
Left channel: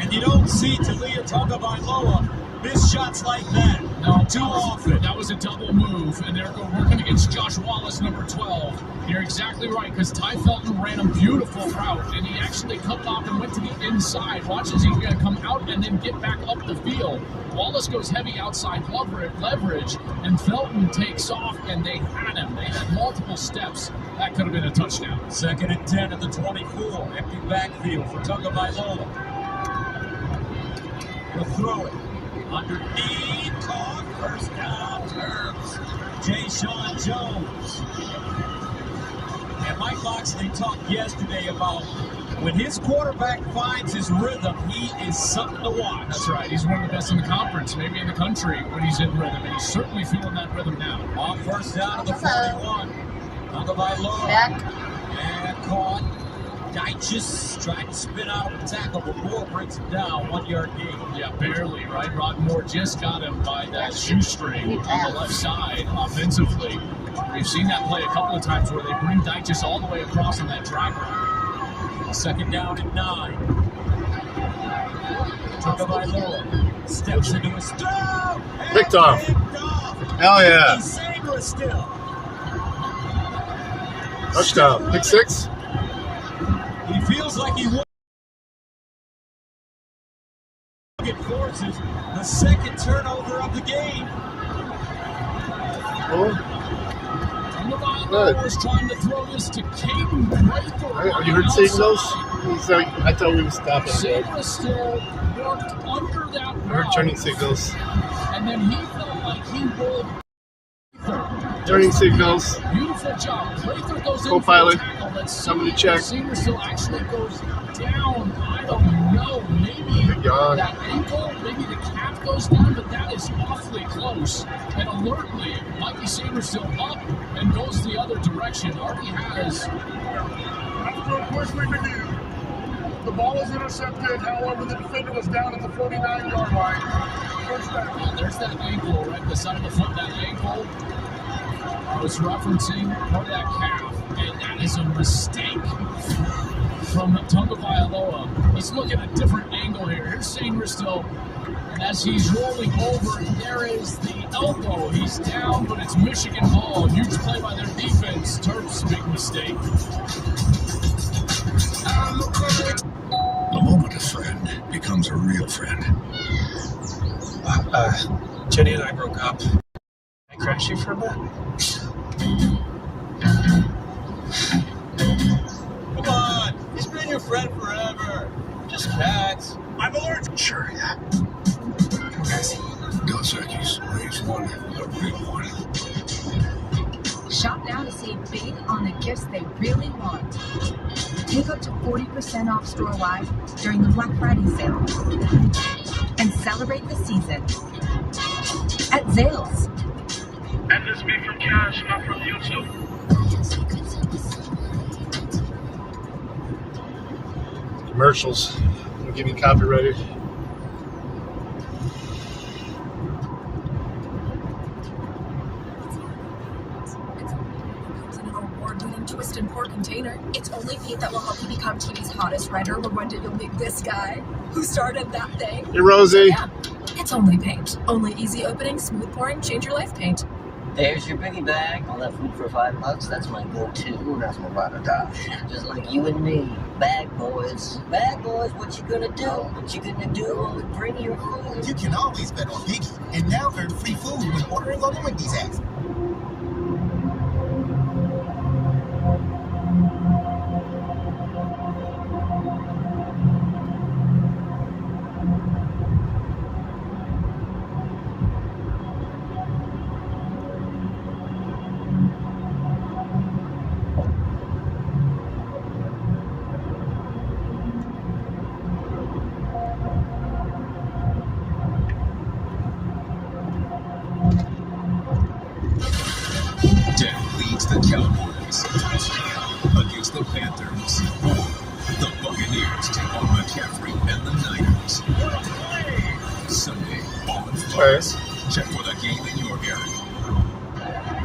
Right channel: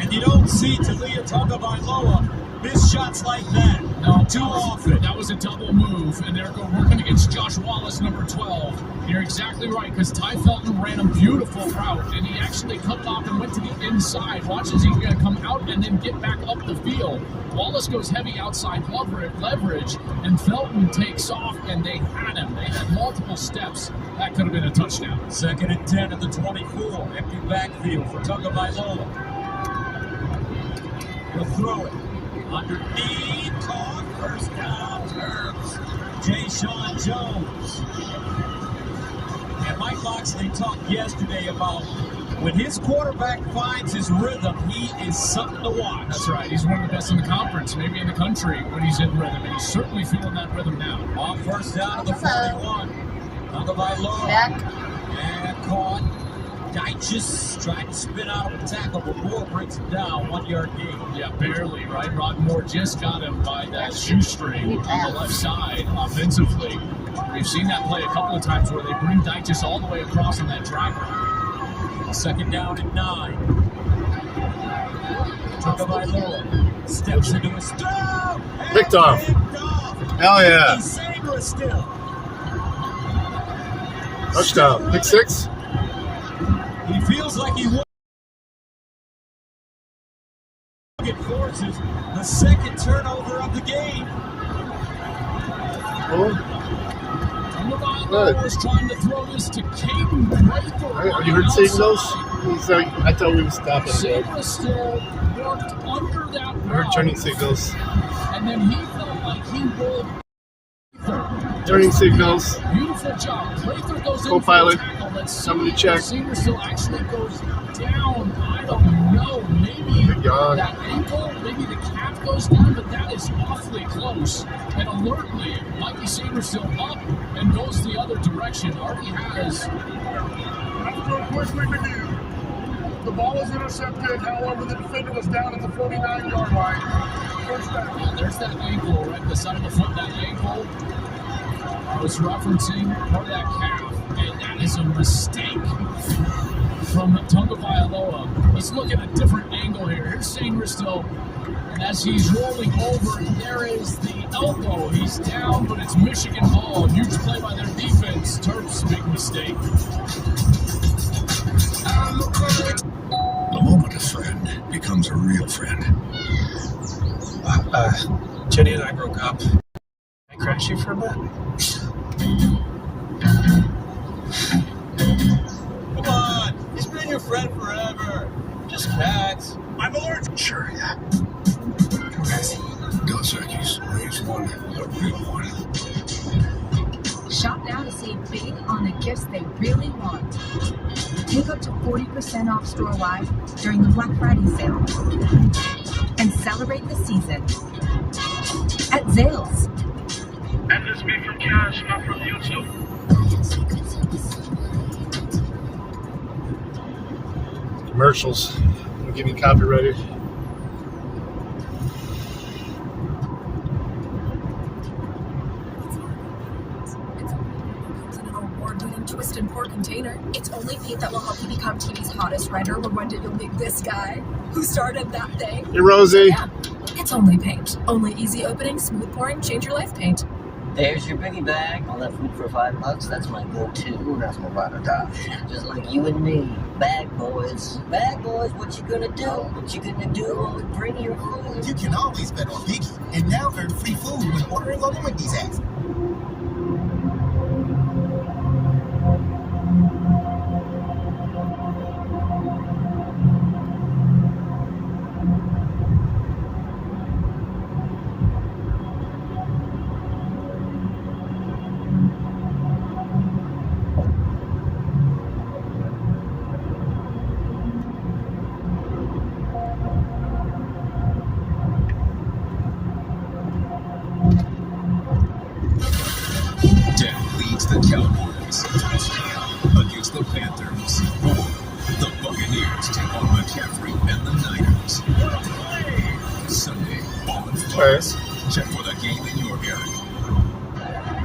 And you don't see Talia Tagovailoa miss shots like that. No, too often. That was a double move, and they're working against Josh Wallace, number 12. You're exactly right, because Ty Felton ran a beautiful route, and he actually cut off and went to the inside. Watch as he's going to come out and then get back up the field. Wallace goes heavy outside leverage, and Felton takes off, and they had him. They had multiple steps. That could have been a touchdown. 2nd and 10 at the 24. Empty backfield for Tagovailoa. Gonna throw it. Underneath, caught, first down, Terps. Jay-Sean Jones. And Mike Locksley talked yesterday about when his quarterback finds his rhythm, he is something to watch. That's right. He's one of the best in the conference, maybe in the country, when he's in rhythm. And he's certainly feeling that rhythm now. On first down to the 41. Tagovailoa. Back. And caught. Deitchus tried to spin out of a tackle, but Moore breaks it down. 1 yard gain. Yeah, barely, right? Rod Moore just got him by that shoestring on the left side offensively. We've seen that play a couple of times where they bring Deitchus all the way across on that drag route. 2nd down and 9. Tagovailoa steps into a stop. Picked off. Hell yeah. He's saving it still. Touchdown. Pick 6. He feels like he would. It forces the 2nd turnover of the game. Good. Was trying to throw this to Caden Prather. Have you heard signals? I thought we were stopping. Saber still worked under that I heard route. turning signals. And then he felt like he rolled. Turning signals. Beautiful job. Prather goes in Co-pilot. for a tackle. Let's see Somebody if check. Saber still actually goes down. I don't know. Maybe God. that ankle, maybe the calf goes goes one, but that is awfully close. And alertly, Mikey Sanders still up and goes the other direction. Already has. After a quick review, the ball was intercepted. However, the defender was down at the 49-yard line. First down. Yeah, there's that ankle right at the side of the foot. That ankle I was referencing cardiac calf, and that is a mistake from Tunga Vailoa. He's looking at a different angle here. Here's Sanders still. And as he's rolling over, there is the elbow. He's down, but it's Michigan ball. Huge play by their defense. Terps big mistake. The moment a friend becomes a real friend. Jenny and I broke up. I crash you for a bit. Come on, he's been your friend forever. Just cats. I'm allergic. Sure, yeah. Dos Equis. Raise one, the real one. Shop now to save big on the gifts they really want. Take up to 40% off store-wide during the Black Friday sale. And celebrate the season at Zales. And this be from Cash, not from YouTube. Commercials. Give me copyrighted. Award-winning Twisted Pork Container. It's only meat that will help you become TV's hottest writer. But when did you meet this guy who started that thing? Hey, Rosie. Yeah, it's only paint. Only easy opening, smooth pouring, change your life paint. There's your biggie bag. All that food for $5. That's my go-to. That's my bottom top. Just like you and me. Bag boys. Bag boys, what you gonna do? What you gonna do? Only bring your food. You can always bet on Biggie, and now earn free food when ordering on the Wendy's app.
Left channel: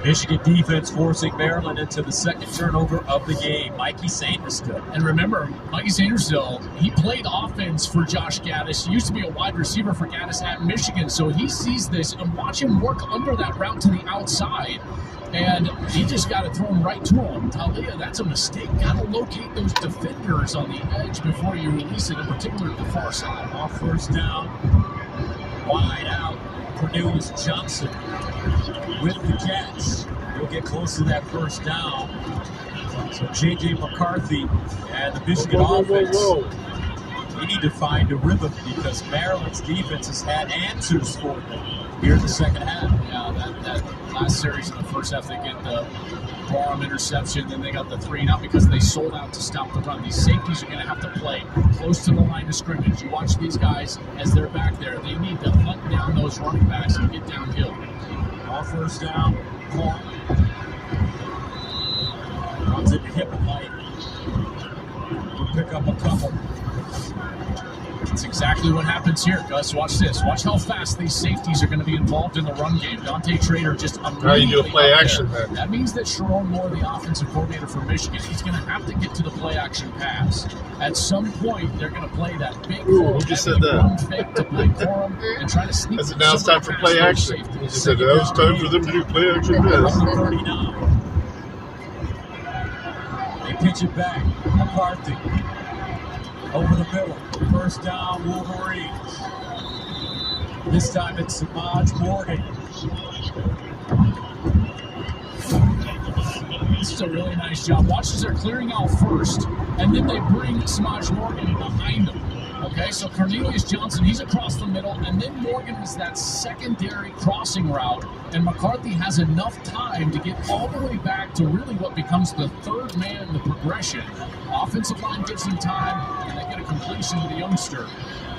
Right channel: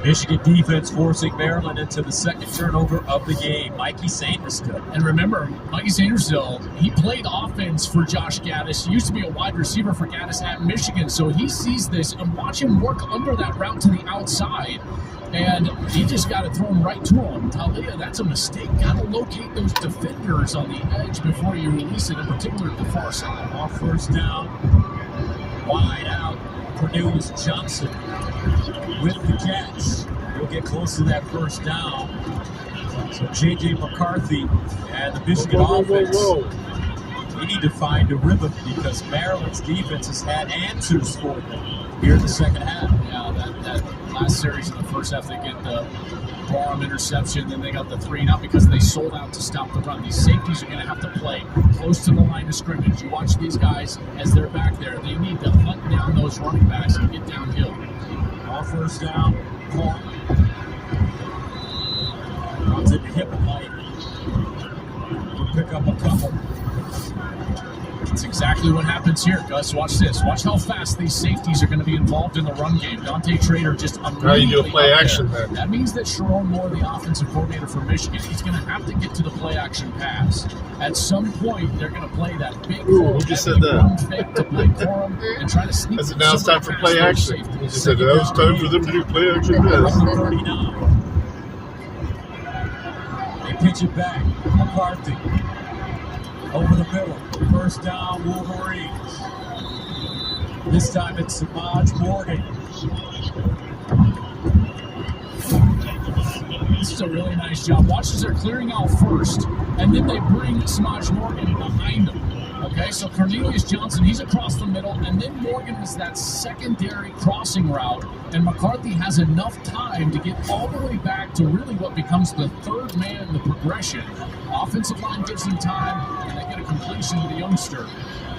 Michigan defense forcing Maryland into the second turnover of the game. Mikey Sanders still. And remember, Mikey Sanders still, he played offense for Josh Gaddis. He used to be a wide receiver for Gaddis at Michigan, so he sees this, and watch him work under that route to the outside. And he just got it thrown right to him. Talia, that's a mistake. Got to locate those defenders on the edge before you release it, in particular at the far side. Off first down, wide out, Cornelius Johnson with the catch. He'll get close to that first down. So J.J. McCarthy and the Michigan offense, we need to find a rhythm because Maryland's defense has had answers for them here in the second half. Yeah, that last series in the first half, they get the Barham interception, then they got the 3-and-out because they sold out to stop the run. These safeties are going to have to play close to the line of scrimmage. You watch these guys as they're back there. They need to hunt down those running backs and get downhill. Off first down, Paul. Runs into hip and light. He'll pick up a couple. That's exactly what happens here, Gus. Watch this. Watch how fast these safeties are going to be involved in the run game. Dante Trader just how you do a play action then? That means that Sharon Moore, the offensive coordinator for Michigan, he's going to have to get to the play action pass. At some point, they're going to play that big who just said that? Run fake to play Corum and try to sneak. Now it's time for play action. He just said now it's time for them to do play action pass. They pitch it back. McCarthy over the middle. First down, Wolverines. This time it's Samaj Morgan. This is a really nice job. Watch as they're clearing out first, and then they bring Samaj Morgan behind them. Okay, so Cornelius Johnson, he's across the middle, and then Morgan is that secondary crossing route, and McCarthy has enough time to get all the way back to really what becomes the third man in the progression. Offensive line gives him time, and they get a completion to the youngster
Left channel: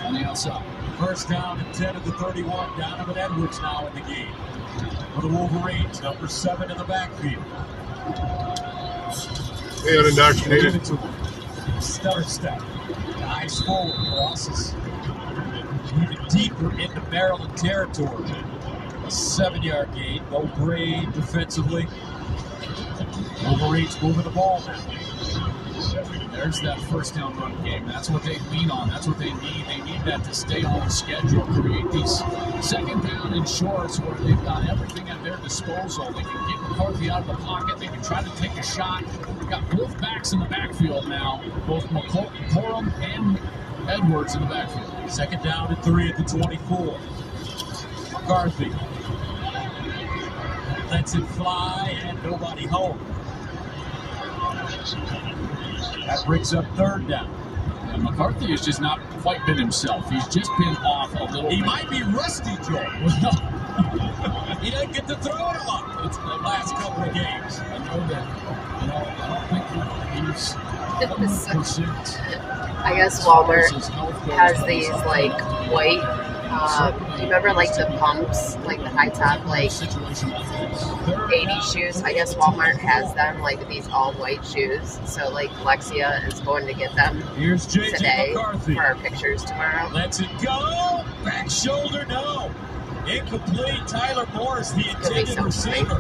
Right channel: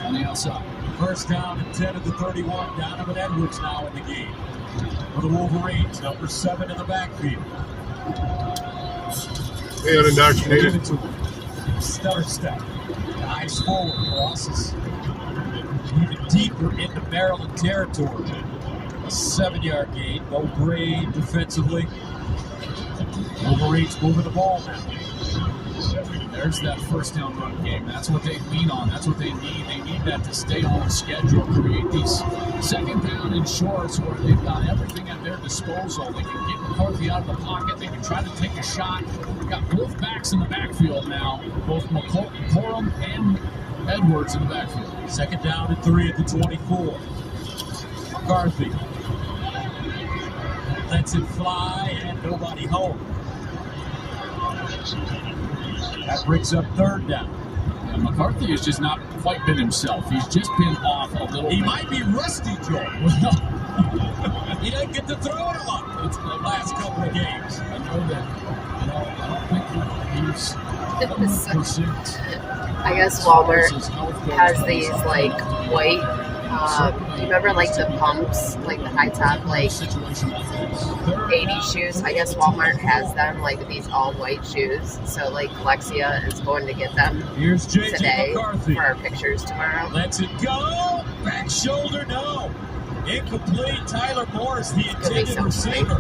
on the outside. First down and 10 at the 31. Donovan Edwards now in the game. For the Wolverines, number 7 in the backfield. They got indoctrinated. Stutter step. Eyes forward. Crosses even deeper into Maryland territory. A 7-yard gain. No grade defensively. Wolverines moving the ball now. There's that first down run game. That's what they lean on. That's what they need. They need that to stay on schedule. Create these second down and shorts where they've got everything at their disposal. They can get McCarthy out of the pocket. They can try to take a shot. We've got both backs in the backfield now. Both McCorum and Edwards in the backfield. Second down and 3 at the 24. McCarthy lets it fly and nobody home. That brings up third down. And McCarthy has just not quite been himself. He's just been off a little. He might be rusty, Joe. He didn't get to throw it a lot. It's the last couple of games. I know that. I don't think he's 100%. I guess Walmart has these like white, you remember like the pumps, like the high top, like 80s shoes? I guess Walmart has them, like these all white shoes. So like Alexia is going to get them today for our pictures tomorrow. Let's it go. Back shoulder, no. Incomplete. Tyler Morris, the intended receiver.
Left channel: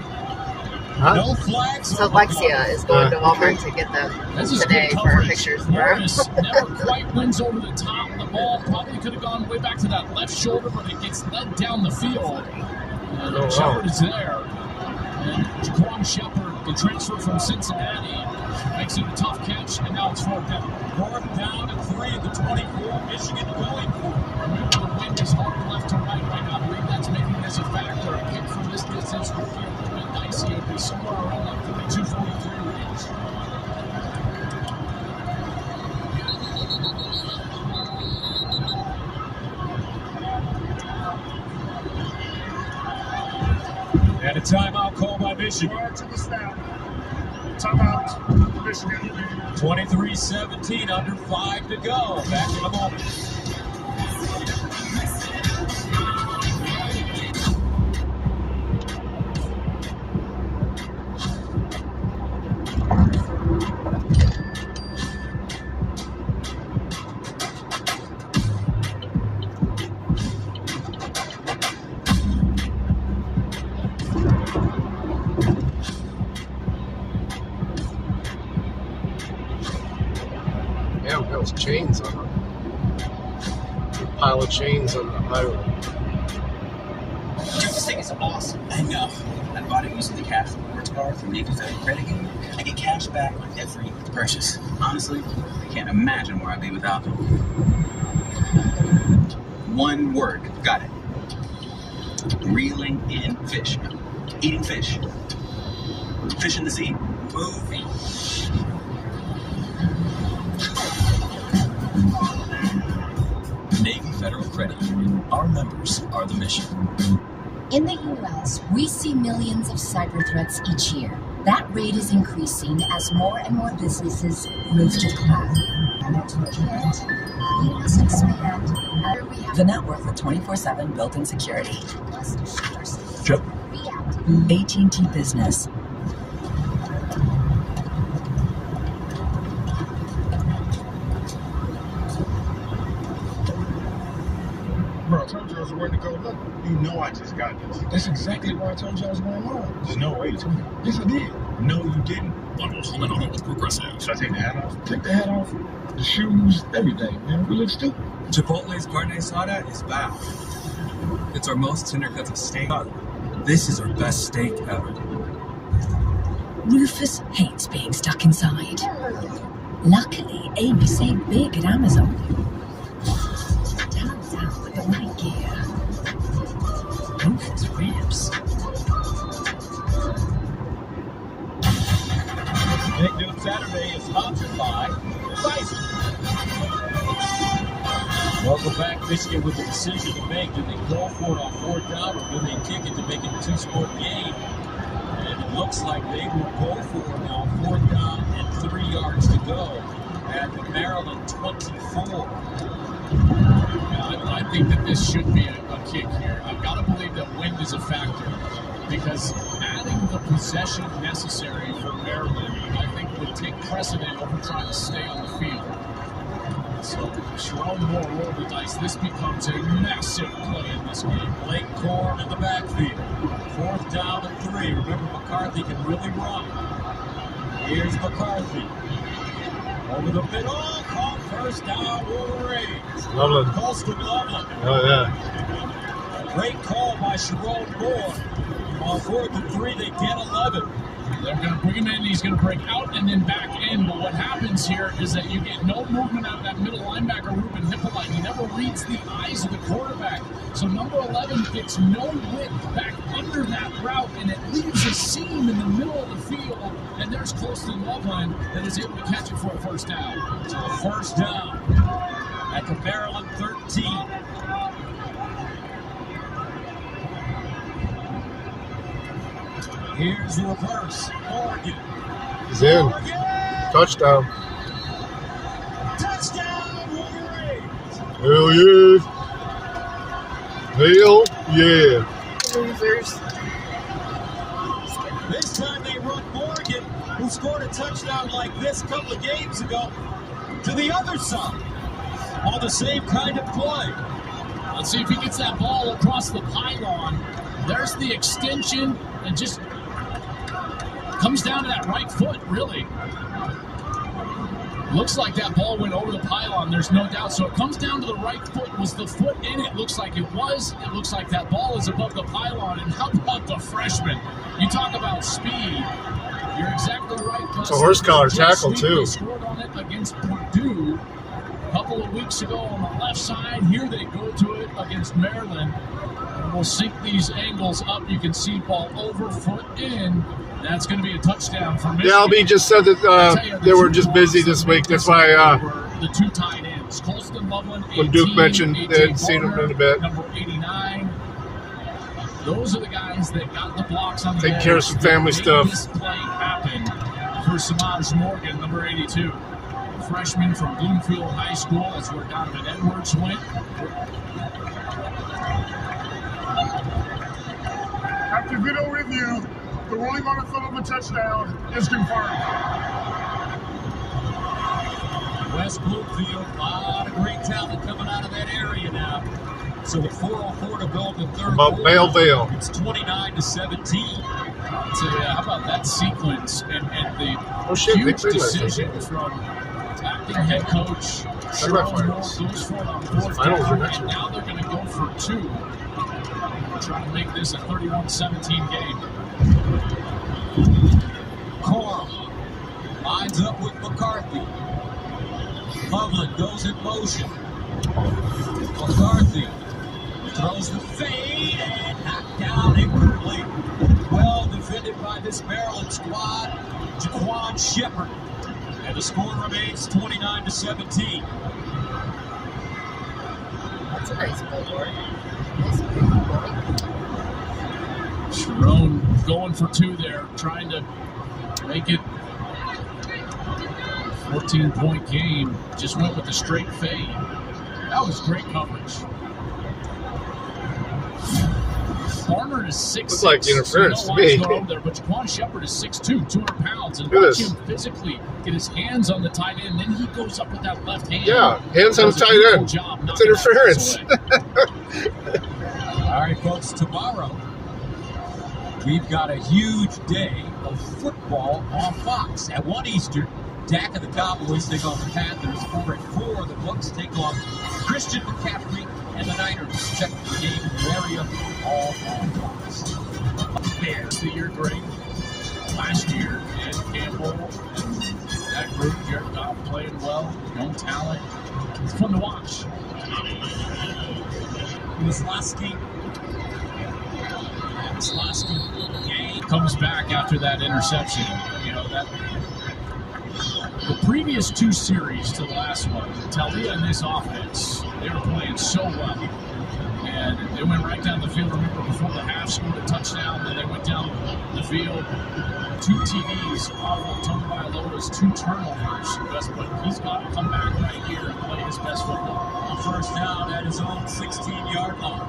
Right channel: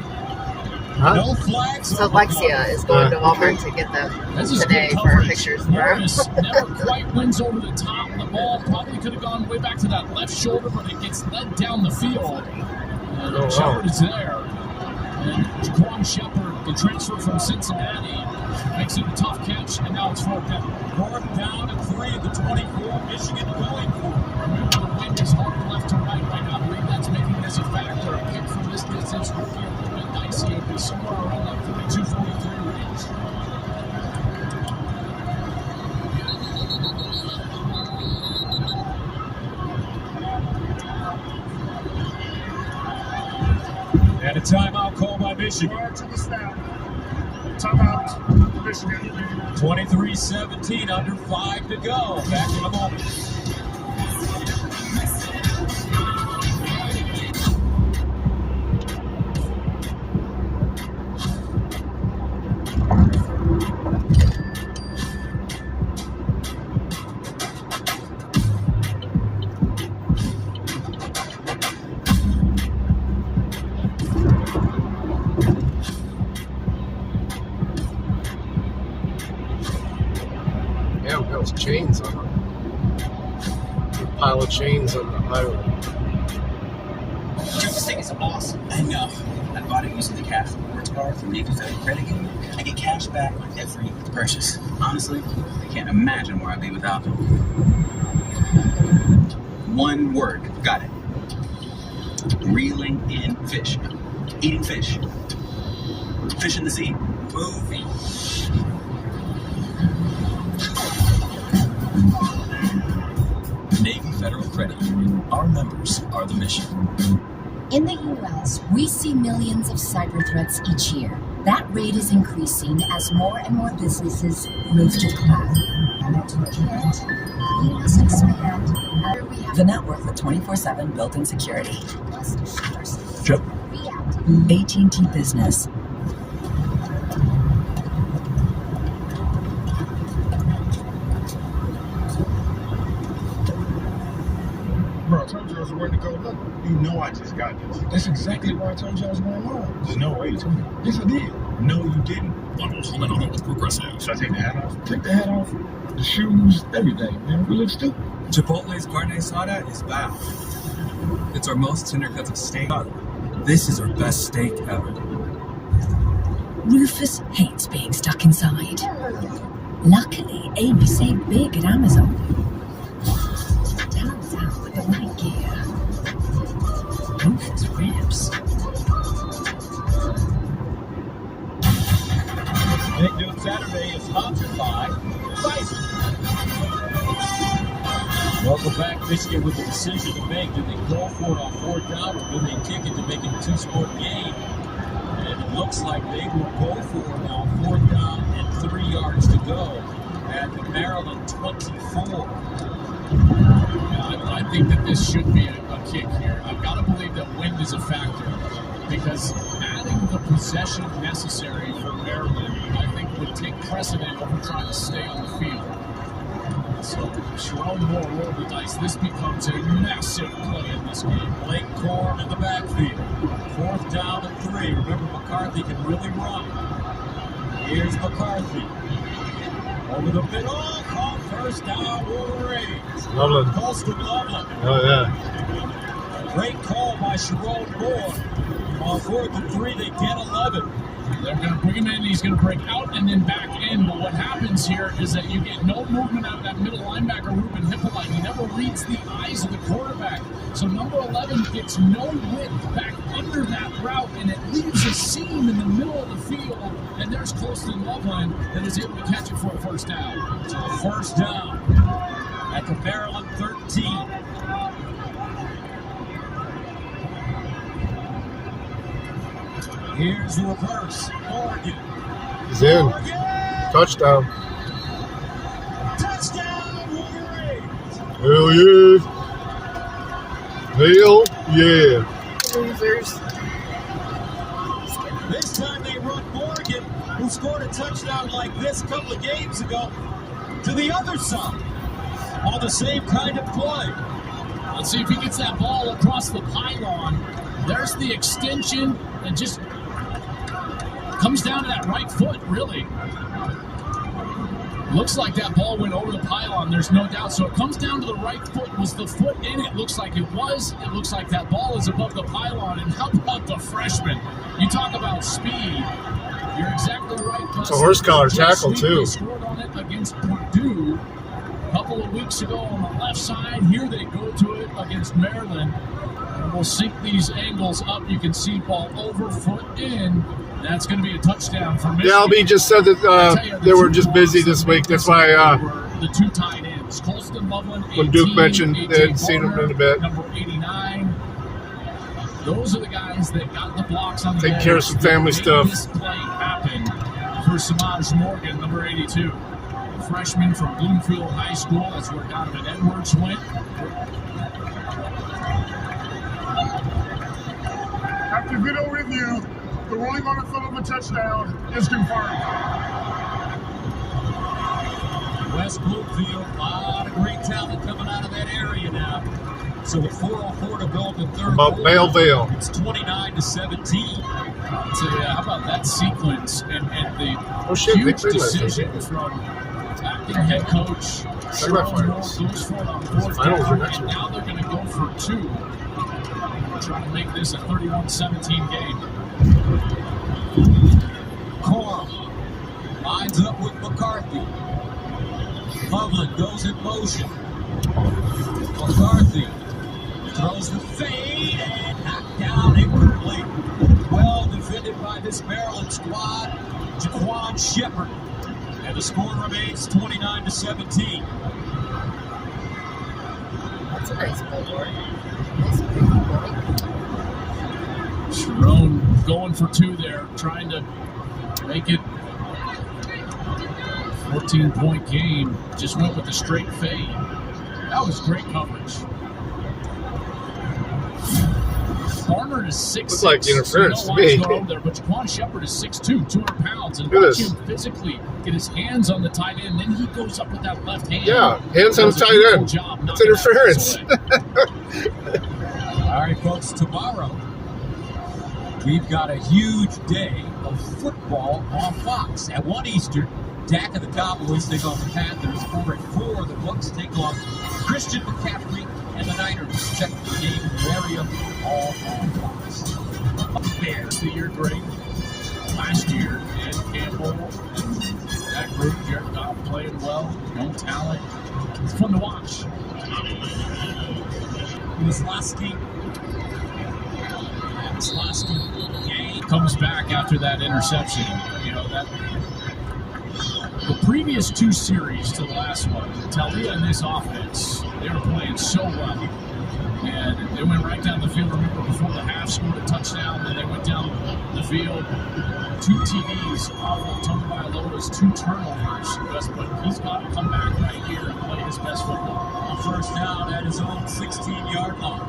No flags. So Alexia is going to Walmart to get them today for our pictures tomorrow. Never quite wins over the top. The ball probably could have gone way back to that left shoulder, but it gets led down the field. Shepard is there. And Jaquan Shepard, the transfer from Cincinnati, makes it a tough catch, and now it's 4th down. 4th down and 3 at the 24. Michigan going for it. Remember, the wind is hard left to right right now. I believe that's making this a factor. A kick from this distance would be dicey. It would be somewhere around that 42-43 range. And a timeout called by Michigan. To the snap. Timeout, Michigan. 23-17, under 5 to go. Back in a moment. Chains on them. A pile of chains on the highway. Dude, this thing is awesome. I know. I bought it using the cash rewards card from Navy Federal Credit Union. I get cash back on every purchase. Honestly, I can't imagine where I'd be without them. One word. Got it. Reeling in fish. Eating fish. Fish in the sea. Movie. Navy Federal Credit Union. Our members are the mission. In the U.S., we see millions of cyber threats each year. That rate is increasing as more and more businesses move to the cloud. We must expand. The network with 24/7 built-in security. Sure. AT&T Business. Bro, I told you I was ready to go. Look, you know I just got this. That's exactly why I told you I was going on. There's no way you told me. Yes, I did. No, you didn't. Bundles limited with Progressive. Should I take the hat off? Take the hat off, the shoes, everything, man. We look stupid. Chipotle's carne asada is back. It's our most tender cuts of steak. This is our best steak ever. Rufus hates being stuck inside. Luckily, Amy's saved big at Amazon. Turns out with the right gear. Rufus ribs. Big Noon Saturday is sponsored by Pfizer. Welcome back. Michigan with a decision to make. Did they go for it on 4th down or did they kick it to make it a 2-score game? And it looks like they will go for it now. 4th down and 3 yards to go at the Maryland 24. I think that this should be a kick here. I've got to believe that wind is a factor because adding the possession necessary for Maryland, I think, would take precedent over trying to stay on the field. So Sharon Moore rolled the dice. This becomes a massive play in this game. Blake Corum in the backfield. 4th down and 3. Remember, McCarthy can really run. Here's McCarthy. Over the middle. Caught first down, Wolverines. Loveland. Colston Loveland. Oh, yeah. Great call by Sharon Moore. On 4th and 3, they get 11. They're going to bring him in. He's going to break out and then back in. But what happens here is that you get no movement out of that middle linebacker, Ruben Hippolyte. He never reads the eyes of the quarterback. So number 11 gets no width back under that route, and it leaves a seam in the middle of the field. And there's Colston Loveland that is able to catch it for a first down. So a first down at the Maryland 13. Here's the reverse. Oregon. He's in. Touchdown. Touchdown, Wolverines. Hell yeah. Hell yeah. This time they run Morgan, who scored a touchdown like this a couple of games ago, to the other side on the same kind of play. Let's see if he gets that ball across the pylon. There's the extension and just comes down to that right foot, really. Looks like that ball went over the pylon, there's no doubt. So it comes down to the right foot. Was the foot in it? Looks like it was. It looks like that ball is above the pylon. And how about the freshman? You talk about speed. You're exactly right. It's a horse collar tackle, too. They scored on it against Purdue a couple of weeks ago on the left side. Here they go to it against Maryland. And we'll sync these angles up. You can see ball over, foot in. That's going to be a touchdown for Michigan. Yeah, LB just said that they were just busy this week. That's why the two tight ends, Colston Loveland, when Duke mentioned they hadn't seen him in a bit. Number 89. Those are the guys that got the blocks on the take care of some family stuff. This play happened for Samaj Morgan, number 82. A freshman from Bloomfield High School. That's where Donovan Edwards went. After video review, the ruling on the field of a touchdown is confirmed. West Bloomfield, a lot of great talent coming out of that area now. So with 4:04 to go in the third about quarter, Belleville. It's 29-17. So yeah, how about that sequence and the huge decision from acting head coach Sharon Moore goes for it on 4th down, and now they're going to go for 2. Trying to make this a 31-17 game. Corum lines up with McCarthy. Loveland goes in motion. McCarthy throws the fade and knocked down inwardly. Well defended by this Maryland squad. Jaquan Shepard. And the score remains 29-17. That's a nice ball. Sharon going for 2 there, trying to make it 14-point game. Just went with the straight fade. That was great coverage. Barnard is 6'6". Looks like interference to me. There, but Jaquan Shepard is 6'2", 200 pounds, and watch him physically get his hands on the tight end. Then he goes up with that left hand. Yeah, hands on the tight end. It's interference. All right, folks, tomorrow we've got a huge day of football on Fox. At 1 Eastern, Dak and the Cowboys take on the Panthers. Over at 4, the Bucs take on Christian McCaffrey and the Niners. Check the game in the area, all on Fox. Bears, the year great. Last year, Dan Campbell, that group, Jared Goff playing well, young talent. It's fun to watch. Wisloski comes back after that interception. You know, that the previous 2 series to the last one, Talia and this offense, they were playing so well. And they went right down the field. Remember, before the half, scored a touchdown, then they went down the field. 2 TDs off of Tagovailoa's 2 turnovers, but he's got to come back right here and play his best football. A first down at his own 16-yard line.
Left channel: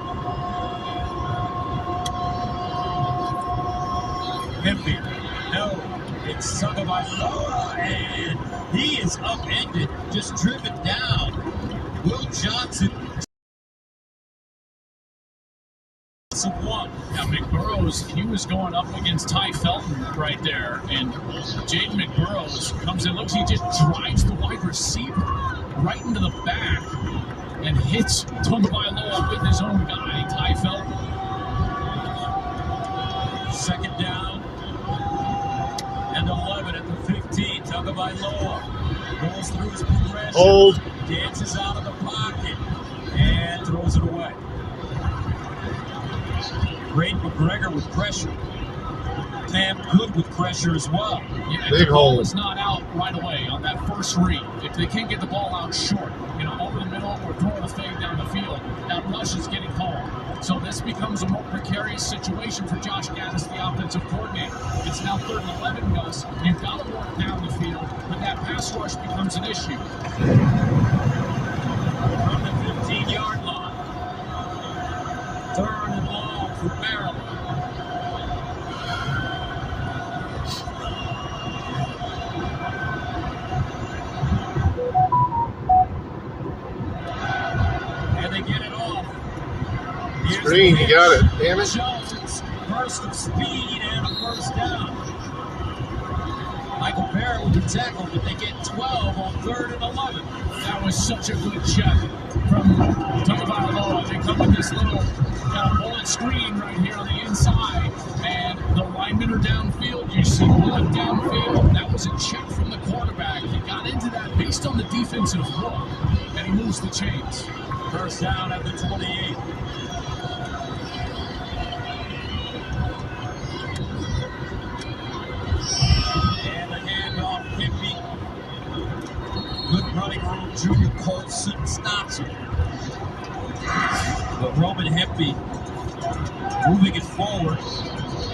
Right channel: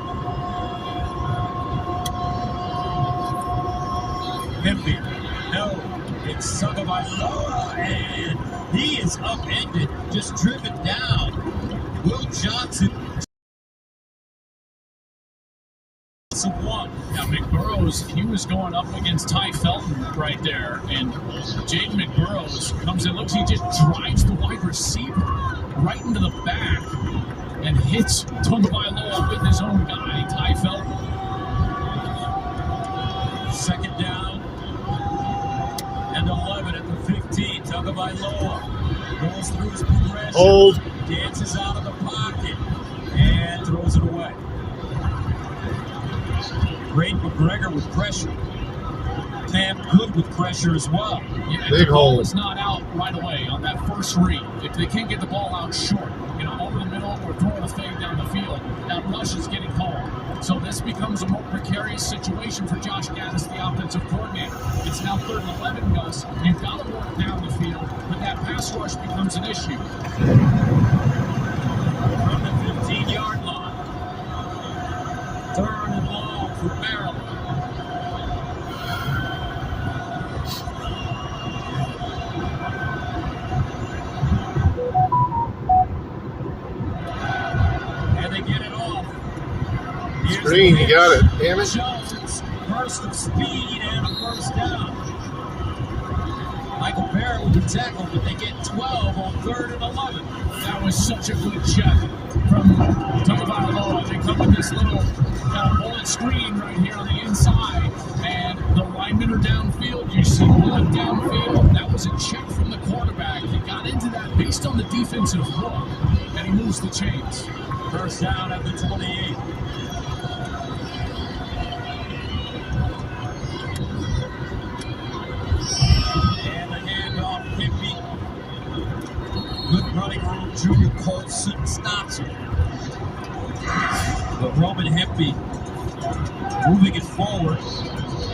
Hempy, no, it's Tagovailoa, and he is upended, just driven down. Will Johnson. Now, McBurrows, he was going up against Ty Felton right there, and Jaden McBurrows comes in, looks, he just drives the wide receiver right into the back and hits Tagovailoa with his own guy, Ty Felton. Second down and 11 at the 15. Tagovailoa goes through his progression, dances out of the pocket, and throws it away. Great McGregor with pressure. Cam Good with pressure as well. Yeah, if the ball is not out right away on that first read, if they can't get the ball out short, over the middle or throwing a fade down the field, that rush is getting called. So this becomes a more precarious situation for Josh Gattis, the offensive coordinator. It's now 3rd and 11, Gus. You've got to work down the field, but that pass rush becomes an issue. From the 15-yard line. 3rd and long for Maryland. And they get it off. Green, you got it. Damn it. Johnson's burst of speed and a first down. Michael Barrett with the tackle, but they get 12 on 3rd and 11. That was such a good check from Tagovailoa. They come with this little bullet screen right here on the inside, and the linemen are downfield. You see one downfield. That was a check from the quarterback. He got into that based on the defensive look, and he moves the chains. First down at the 28. And the handoff, 50. Good running room, Junior Colson stops it. But Roman Hempy moving it forward,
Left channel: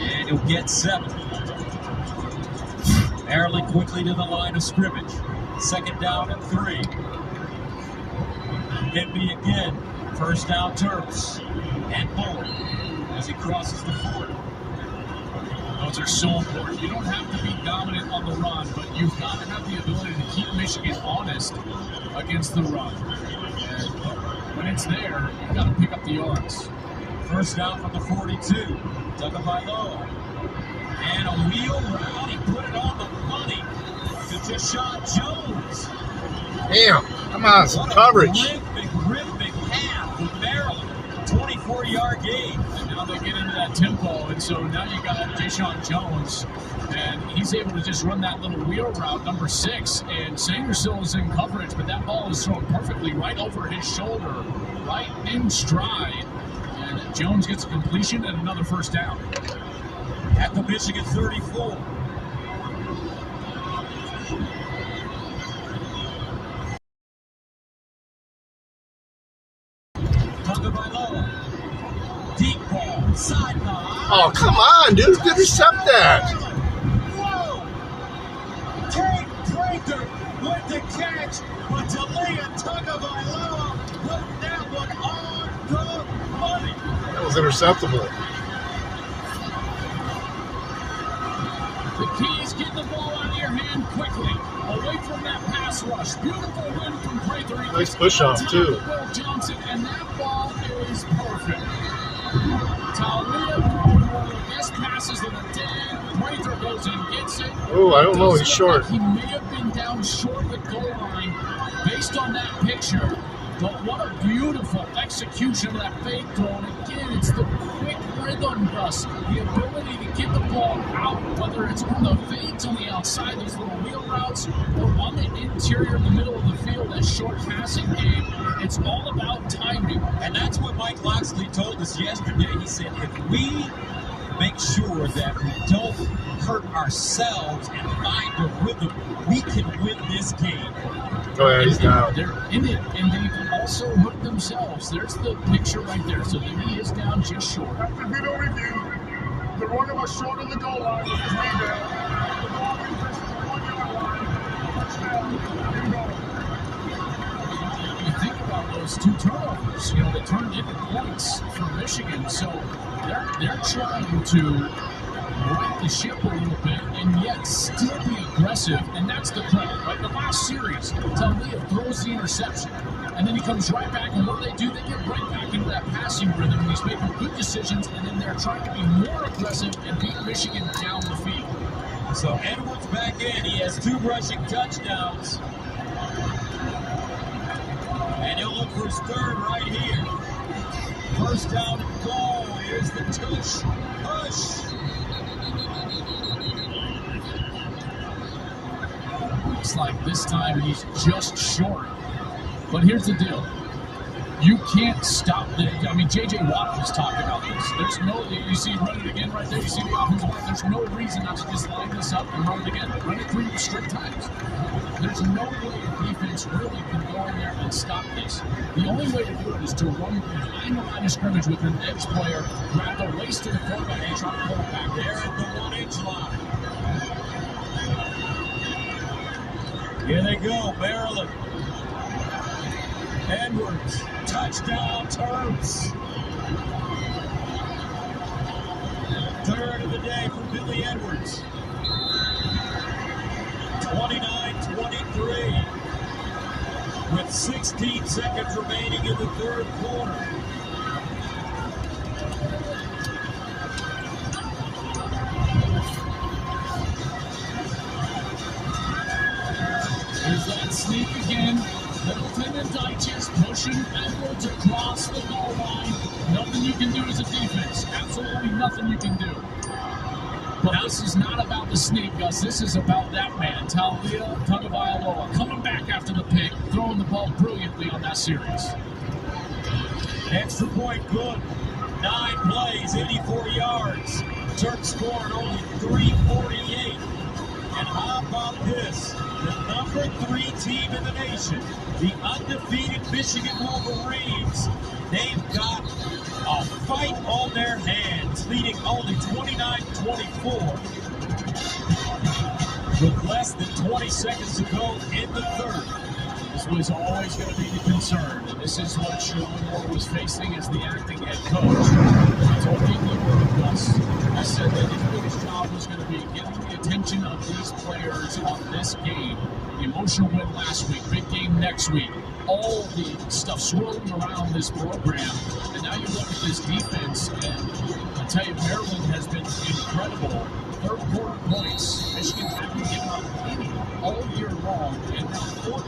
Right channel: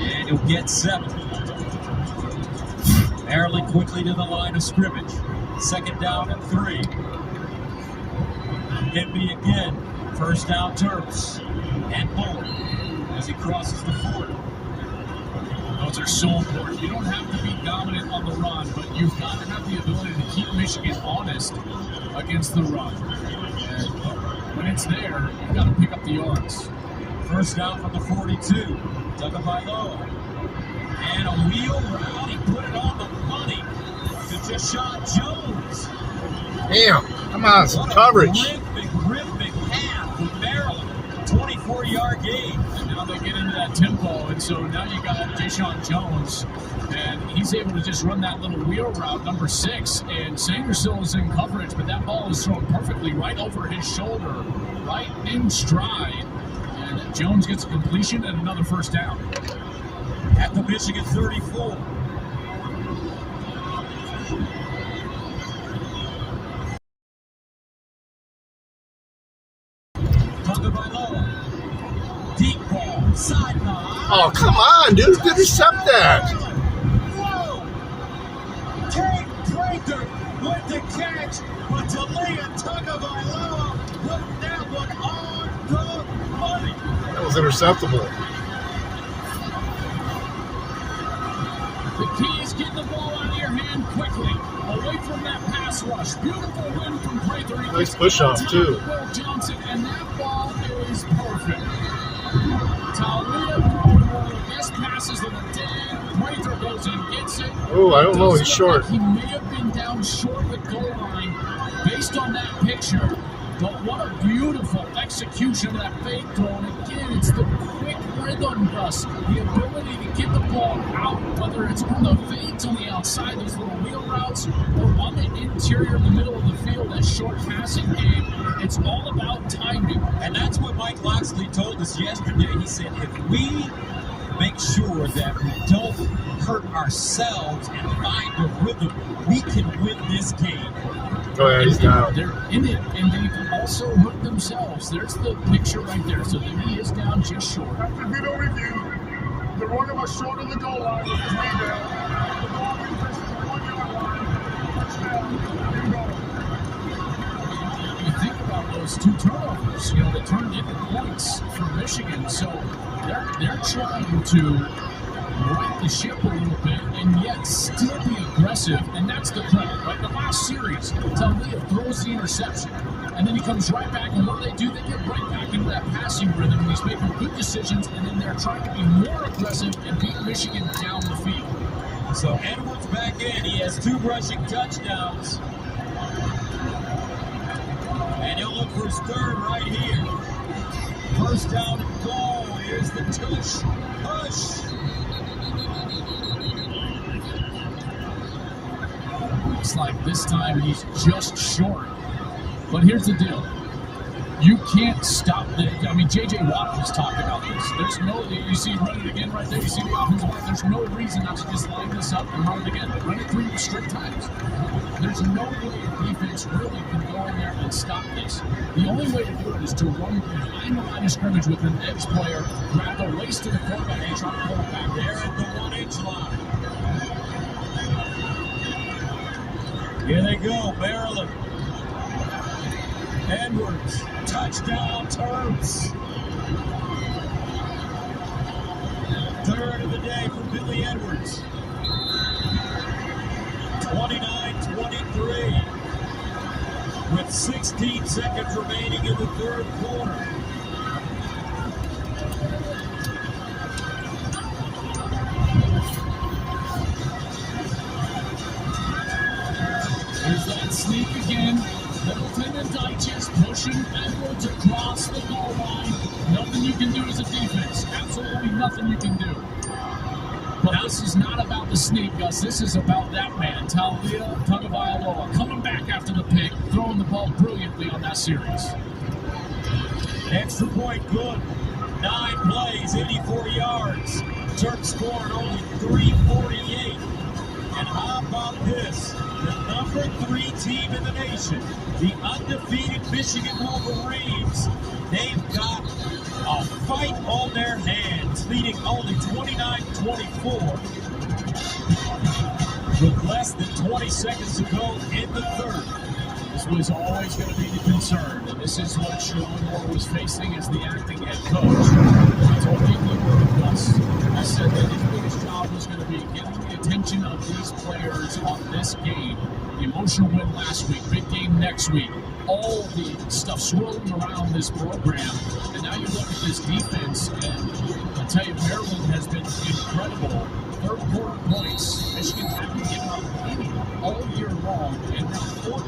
and he'll get 7. Maryland quickly to the line of scrimmage. 2nd down and 3. Hempy again. First down Terps. And forward as he crosses the 40. Those are so important. You don't have to be dominant on the run, but you've got to have the ability to keep Michigan honest against the run. And when it's there, you've got to pick up the yards. First down from the 42. Tagovailoa. And a wheel route. He put it on the money to Deshaun Jones. Damn. Come on, some coverage. Terrific half with Maryland. 24-yard gain. And now they get into that tempo, and so now you got Deshaun Jones, and he's able to just run that little wheel route, number 6, and Sangersill is in coverage, but that ball is thrown perfectly right over his shoulder, right in stride. And Jones gets a completion and another first down. At the Michigan 34. Tagovailoa. Deep ball, sideline. Oh, come on, dude. Intercept that. Whoa! Kate Prather with the catch, but Talia Tagovailoa put that one on the money. That was interceptable. The key is get the ball out of your hand quickly, away from that pass rush. Beautiful run from Prather. Nice push off, too. Johnson, and that ball is perfect. Talia, best passes in the day. Prather goes and gets it. Oh, I don't know. He's short. He may have been down short the goal line based on that picture, but what a beautiful execution of that fake throw. And again, it's the quick rhythm, Gus. The ability to get the ball out, whether it's on the fades on the outside, those little wheel routes, or on the interior in the middle of the field, that short passing game. It's all about timing. And that's what Mike Locksley told us yesterday. He said, if we make sure that we don't hurt ourselves and find the rhythm, we can win this game. Oh, yeah, he's down. They're in it, and they can also hurt themselves. There's the picture right there. So he is down just short. After video review, the runner was short of the goal line with 3 down. Michigan. So they're trying to right the ship a little bit and yet still be aggressive, and that's the credit, right? The last series, Talia throws the interception, and then he comes right back, and what do? They get right back into that passing rhythm, and he's making good decisions, and then they're trying to be more aggressive and beat Michigan down the field. So Edwards back in. He has 2 rushing touchdowns. And he'll look for his 3rd right here. First down and goal. Here's the tush. Push. Looks like this time he's just short. But here's the deal. You can't stop this. I mean, J.J. Watt just talked about this. There's no, you see him run it again right there. You see the offensive line. There's no reason not to just line this up and run it again. Run it 3 straight times. There's no way defense really can go in there and stop this. The only way to do it is to run behind the line of scrimmage with an edge player, grab the race to the quarterback and try to pull it back there at the 1-inch line. Here they go, Maryland. Edwards, touchdown, Terps. 3rd of the day for Billy Edwards. 29-23. With 16 seconds remaining in the 3rd quarter. Here's that sneak again. Middleton and Dyches pushing Edwards across the goal line. Nothing you can do as a defense. Absolutely nothing you can do. But this is not about the sneak, Gus. This is about that man, Talia Tagovailoa, coming back after the pick, throwing the ball brilliantly on that series. Extra point good. 9 plays, 84 yards. Terps scored only 348. And how about this? The number 3 team in the nation, the undefeated Michigan Wolverines. They've got a fight on their hands, leading only 29-24. With less than 20 seconds to go in the 3rd. This was always going to be the concern. And this is what Sherrone Moore was facing as the acting head coach. I told you in the Gus, I said that his biggest job was going to be getting the attention of these players on this game. The emotional win last week, big game next week. All the stuff swirling around this program. And now you look at this defense, and I'll tell you, Maryland has been incredible. 3rd quarter points. Michigan hasn't given up any all year long, and now 14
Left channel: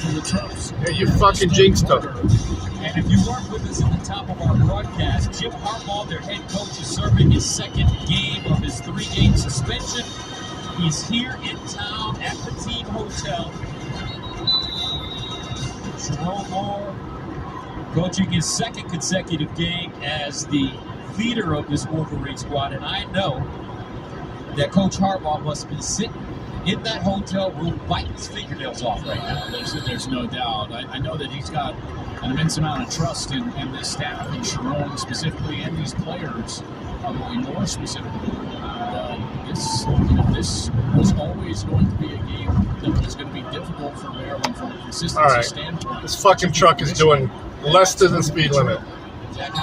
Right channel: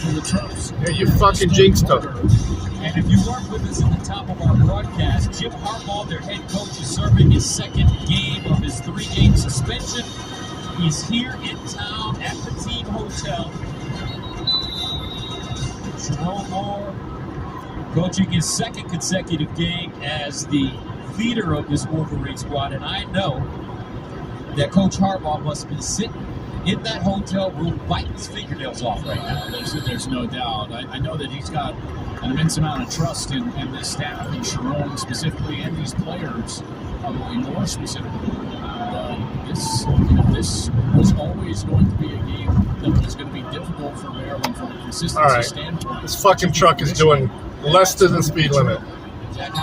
for the Terps. Yeah, you fucking jinxed them. And if you weren't with us at the top of our broadcast, Jim Harbaugh, their head coach, is serving his 2nd game of his 3-game suspension. He's here in town at the team hotel. Sherrone Moore coaching his 2nd consecutive game as the leader of this Wolverine squad. And I know that Coach Harbaugh must have been sitting in that hotel room biting his fingernails off right now. There's no doubt. I know that he's got an immense amount of trust in this staff, and Sherrone specifically, and these players, probably more specifically. This was always going to be a game that was going to be difficult for Maryland from a consistency standpoint. This fucking truck is doing less than the speed limit.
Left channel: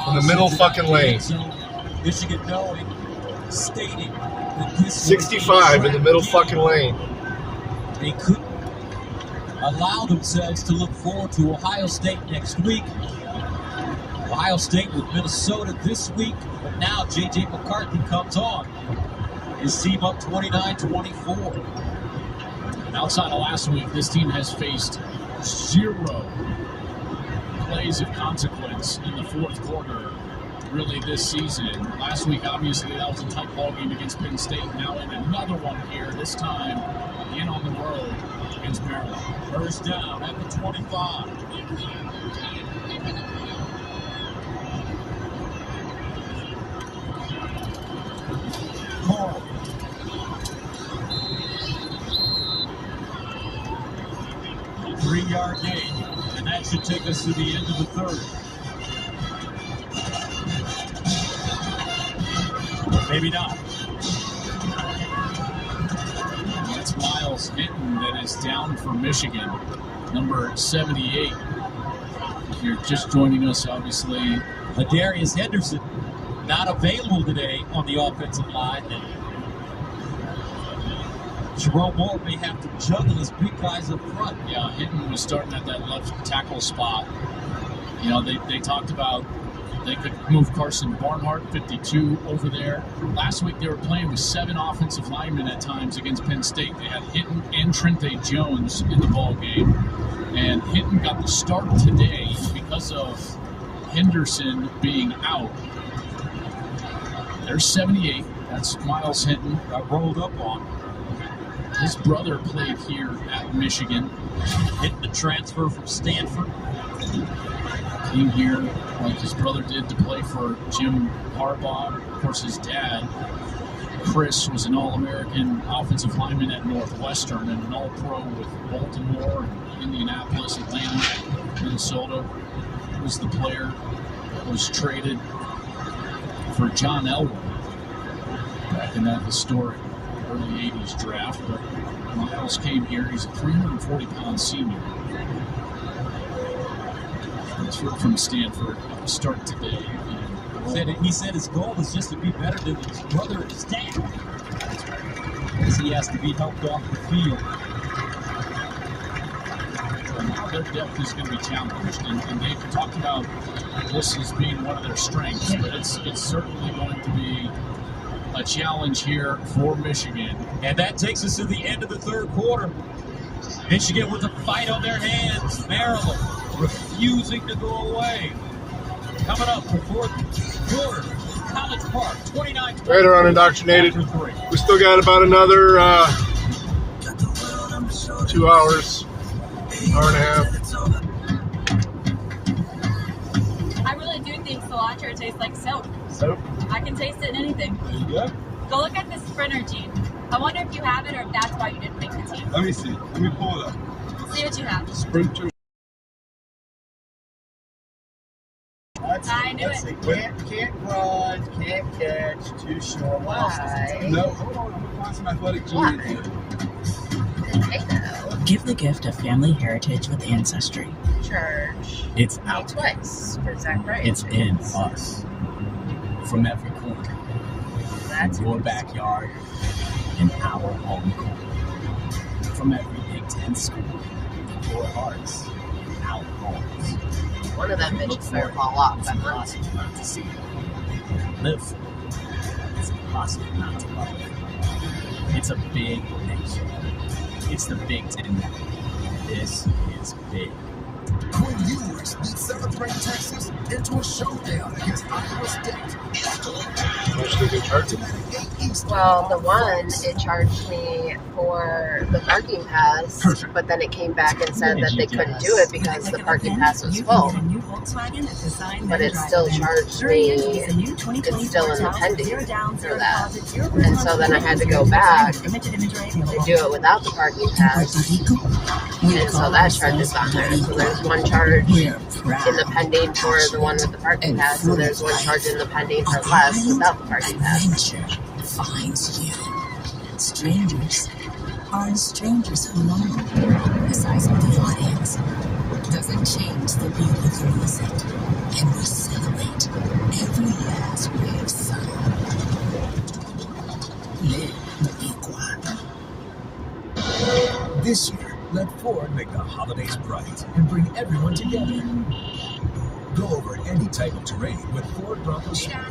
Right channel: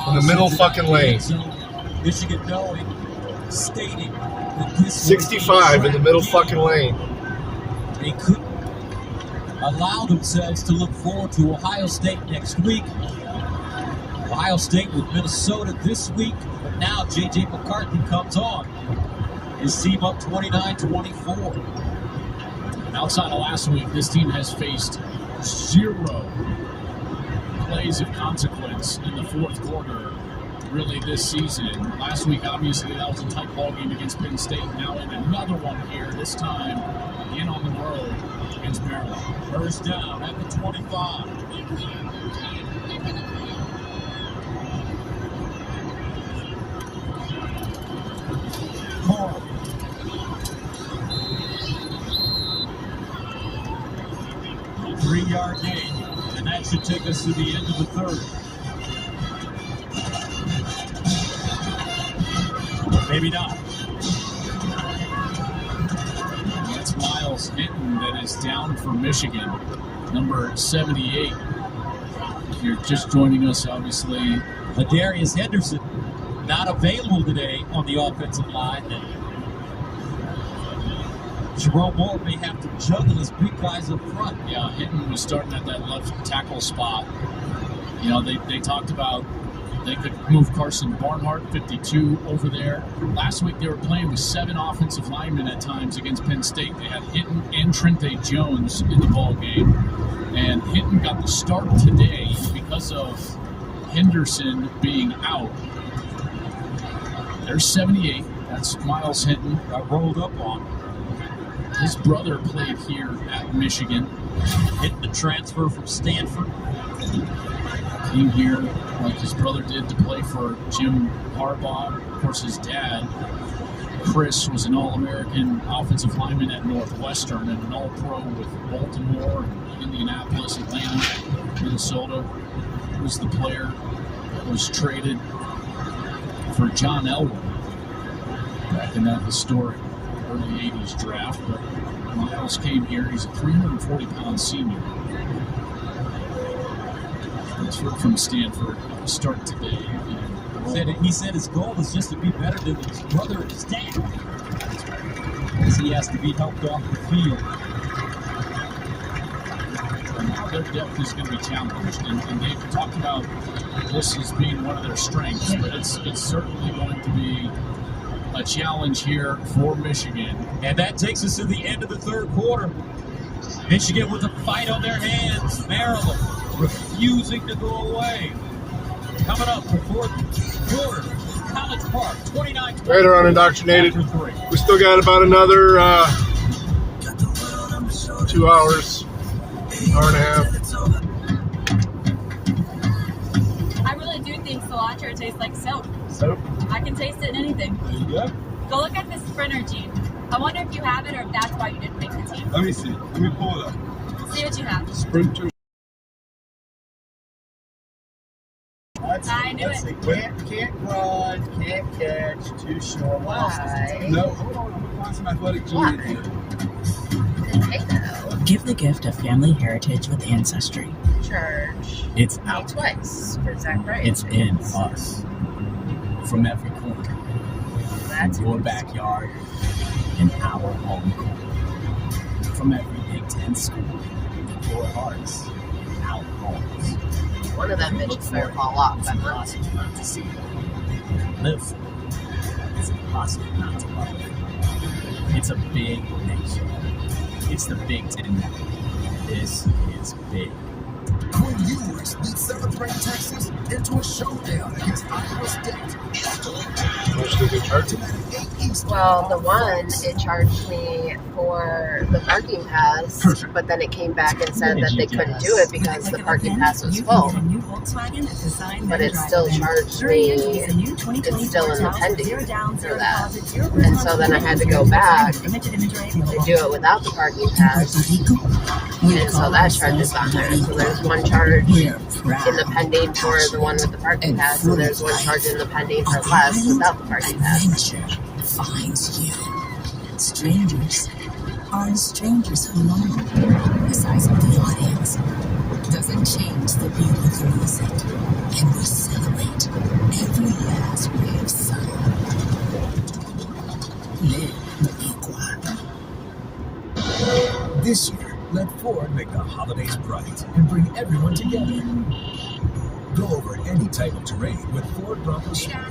In the middle fucking lane. Michigan knowing, stating that this 65 in the middle fucking lane. They couldn't allow themselves to look forward to Ohio State next week. Ohio State with Minnesota this week, but now J.J. McCarthy comes on. His team up 29-24. And outside of last week, this team has faced 0 plays of consequence in the 4th quarter, really, this season. Last week, obviously, that was a tight ball game against Penn State. Now in another one here, this time in on the road against Maryland. First down at the 25. Corum. 3-yard gain, and that should take us to the end of the 3rd. Maybe not. It's Miles Hinton that is down for Michigan, number 78. If you're just joining us, obviously, Ladarius Henderson not available today on the offensive line. Jerome Moore may have to juggle his big guys up front. Yeah, Hinton was starting at that left tackle spot. You know, they talked about they could move Carson Barnhart, 52, over there. Last week they were playing with 7 offensive linemen at times against Penn State. They had Hinton and Trente Jones in the ball game. And Hinton got the start today because of Henderson being out. There's 78. That's Miles Hinton. Got rolled up on. His brother played here at Michigan. Hitting the transfer from Stanford. Came here like his brother did to play for Jim Harbaugh. Of course, his dad, Chris, was an All-American offensive lineman at Northwestern and an All-Pro with Baltimore, Indianapolis, Atlanta, Minnesota. He was the player who was traded for John Elway back in that historic early 80s draft. But Miles came here. He's a 340-pound senior. Transferred from Stanford. Start today. He said his goal was just to be better than his brother and his dad. Because he has to be helped off the field. And now their depth is going to be challenged. And they've talked about this as being one of their strengths, but it's certainly going to be a challenge here for Michigan. And that takes us to the end of the third quarter. Michigan with a fight on their hands. Maryland refusing to go away. Coming up for fourth quarter, College Park, 29-20. Right around indoctrinated. We still got about another 2 hours, hour and a half. I really do think cilantro tastes like soap. Soap? I can taste it in anything. There you go. Go look at this Sprinter gene. I wonder if you have it or if that's why you didn't make the team. Let me see. Let me pull it up. See what you have. Sprinter. I knew it. Can't run, can't catch, too short. No, hold on. I'm going to find some athletic giants here. Give the gift of family heritage with Ancestry. Church. It's out. Twice for Zach Wright. It's in us. From every corner. That's your backyard and our home court. From every Big Ten school. Your hearts and our homes. One of them bitches better fall off. It's impossible not to see. Live. It's impossible not to love. It's a big nation. It's the Big Ten Network. This is big. Quinn Ewers leads 7th ranked Texas into a showdown against Iowa State. Well, the one, it charged me for the parking pass, but then it came back and said that they couldn't do it because the parking pass was full. But it still charged me, it's still in the pending for that. And so then I had to go back to do it without the parking pass. And so that charge is on there. So there's one charge in the pending for the one with the parking pass, and there's one charge in the pending for less without the parking pass. Finds you. Strangers are strangers for long. The size of the audience doesn't change the beat of the music, and we celebrate every last ray of sun. This year, let Ford make the holidays bright and bring everyone together. Go over any type of terrain with Ford Bronco Sport.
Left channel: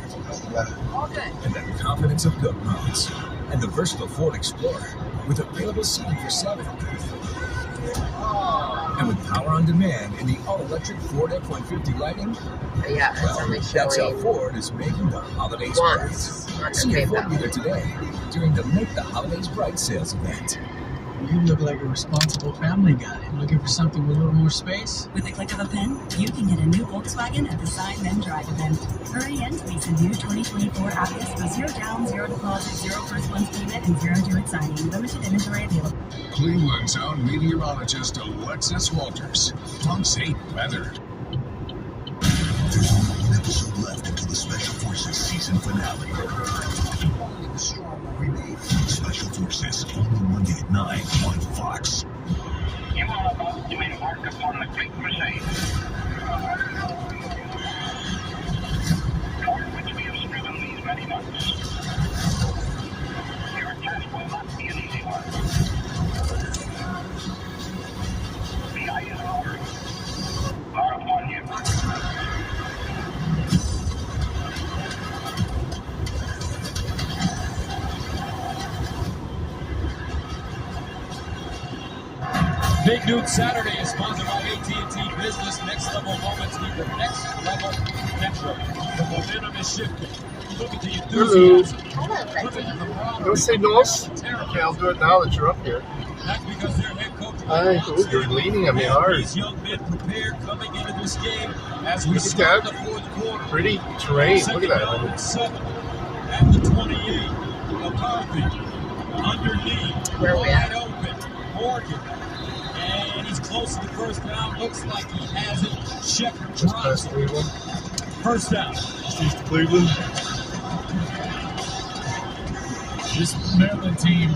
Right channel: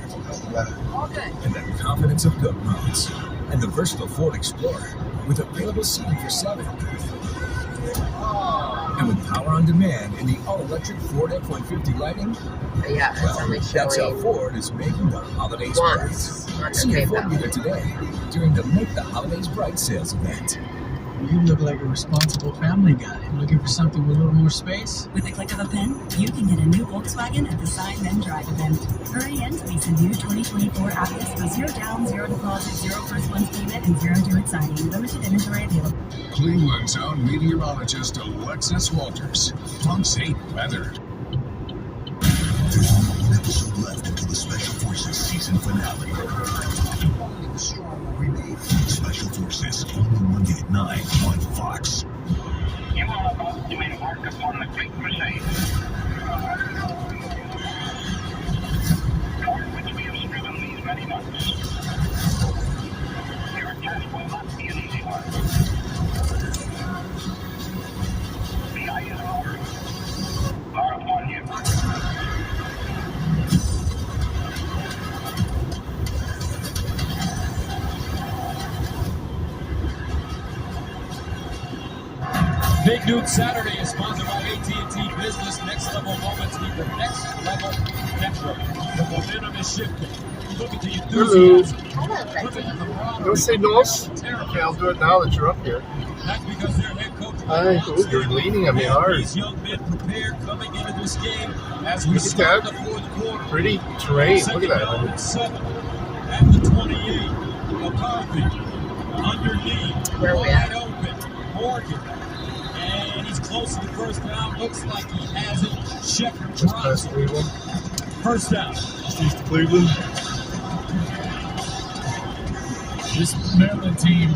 And the confidence of GOAT modes. And the versatile Ford Explorer with available seating for 7. And with power on demand in the all-electric Ford F-150 Lightning. Yeah, that's how Ford is making the holidays bright. See a Ford dealer today during the Make the Holidays Bright sales event. You look like a responsible family guy. Looking for something with a little more space? With the click of a pen, you can get a new Volkswagen at the Sign Then Drive event. Hurry in to lease a new 2024 Atlas with 0 down, 0 deposit, 0 first month's payment, and 0 due at signing. Limited inventory available. Cleveland's own meteorologist Alexis Walters. Punks hate weather. There's only one episode left until the Special Forces season finale. Special Forces, only Monday at 9 on Fox. You are about to embark upon a great crusade. Big Noon Saturday is sponsored by AT&T Business. Next level moments with your next level network. The momentum is shifting. Look at the enthusiasm. Look at the camaraderie. Don't say no. Okay, I'll do it now that you're up here. That's because their head coach. You're leaning on me hard. These young men prepared coming into this game as we start the fourth quarter. Pretty terrain. Look at that. At the 28, McCarthy underneath, wide open, Morgan, and he's close to the first down. Looks like he has it. Shepard drops it. First down. East Cleveland. This Maryland team,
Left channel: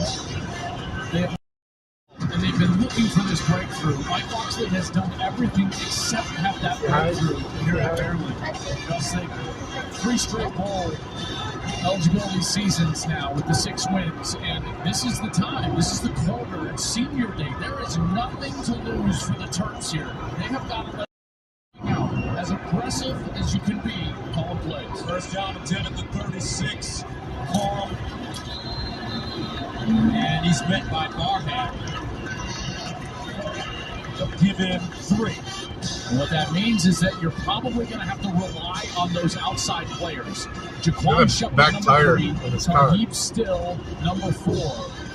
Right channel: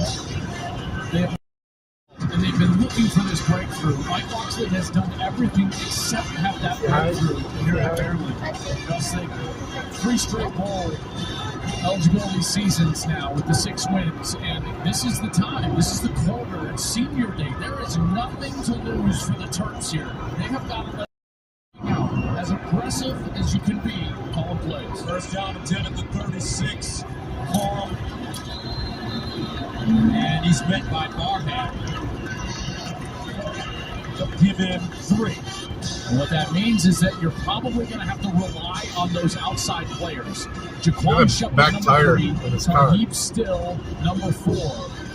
they've been looking for this breakthrough. Mike Locksley has done everything except have that breakthrough here at Maryland. Just like 3 straight bowl eligibility seasons now with the 6 wins, and this is the time. This is the quarter. It's senior day. There is nothing to lose for the Terps here. They have got to let out as aggressive as you can be calling plays. First down and 10 at the 36. Corum. And he's met by Barnett. Give him 3. And what that means is that you're probably going to have to rely on those outside players. Jaquan Shepard, number 3, Tarheeb Still, number 4.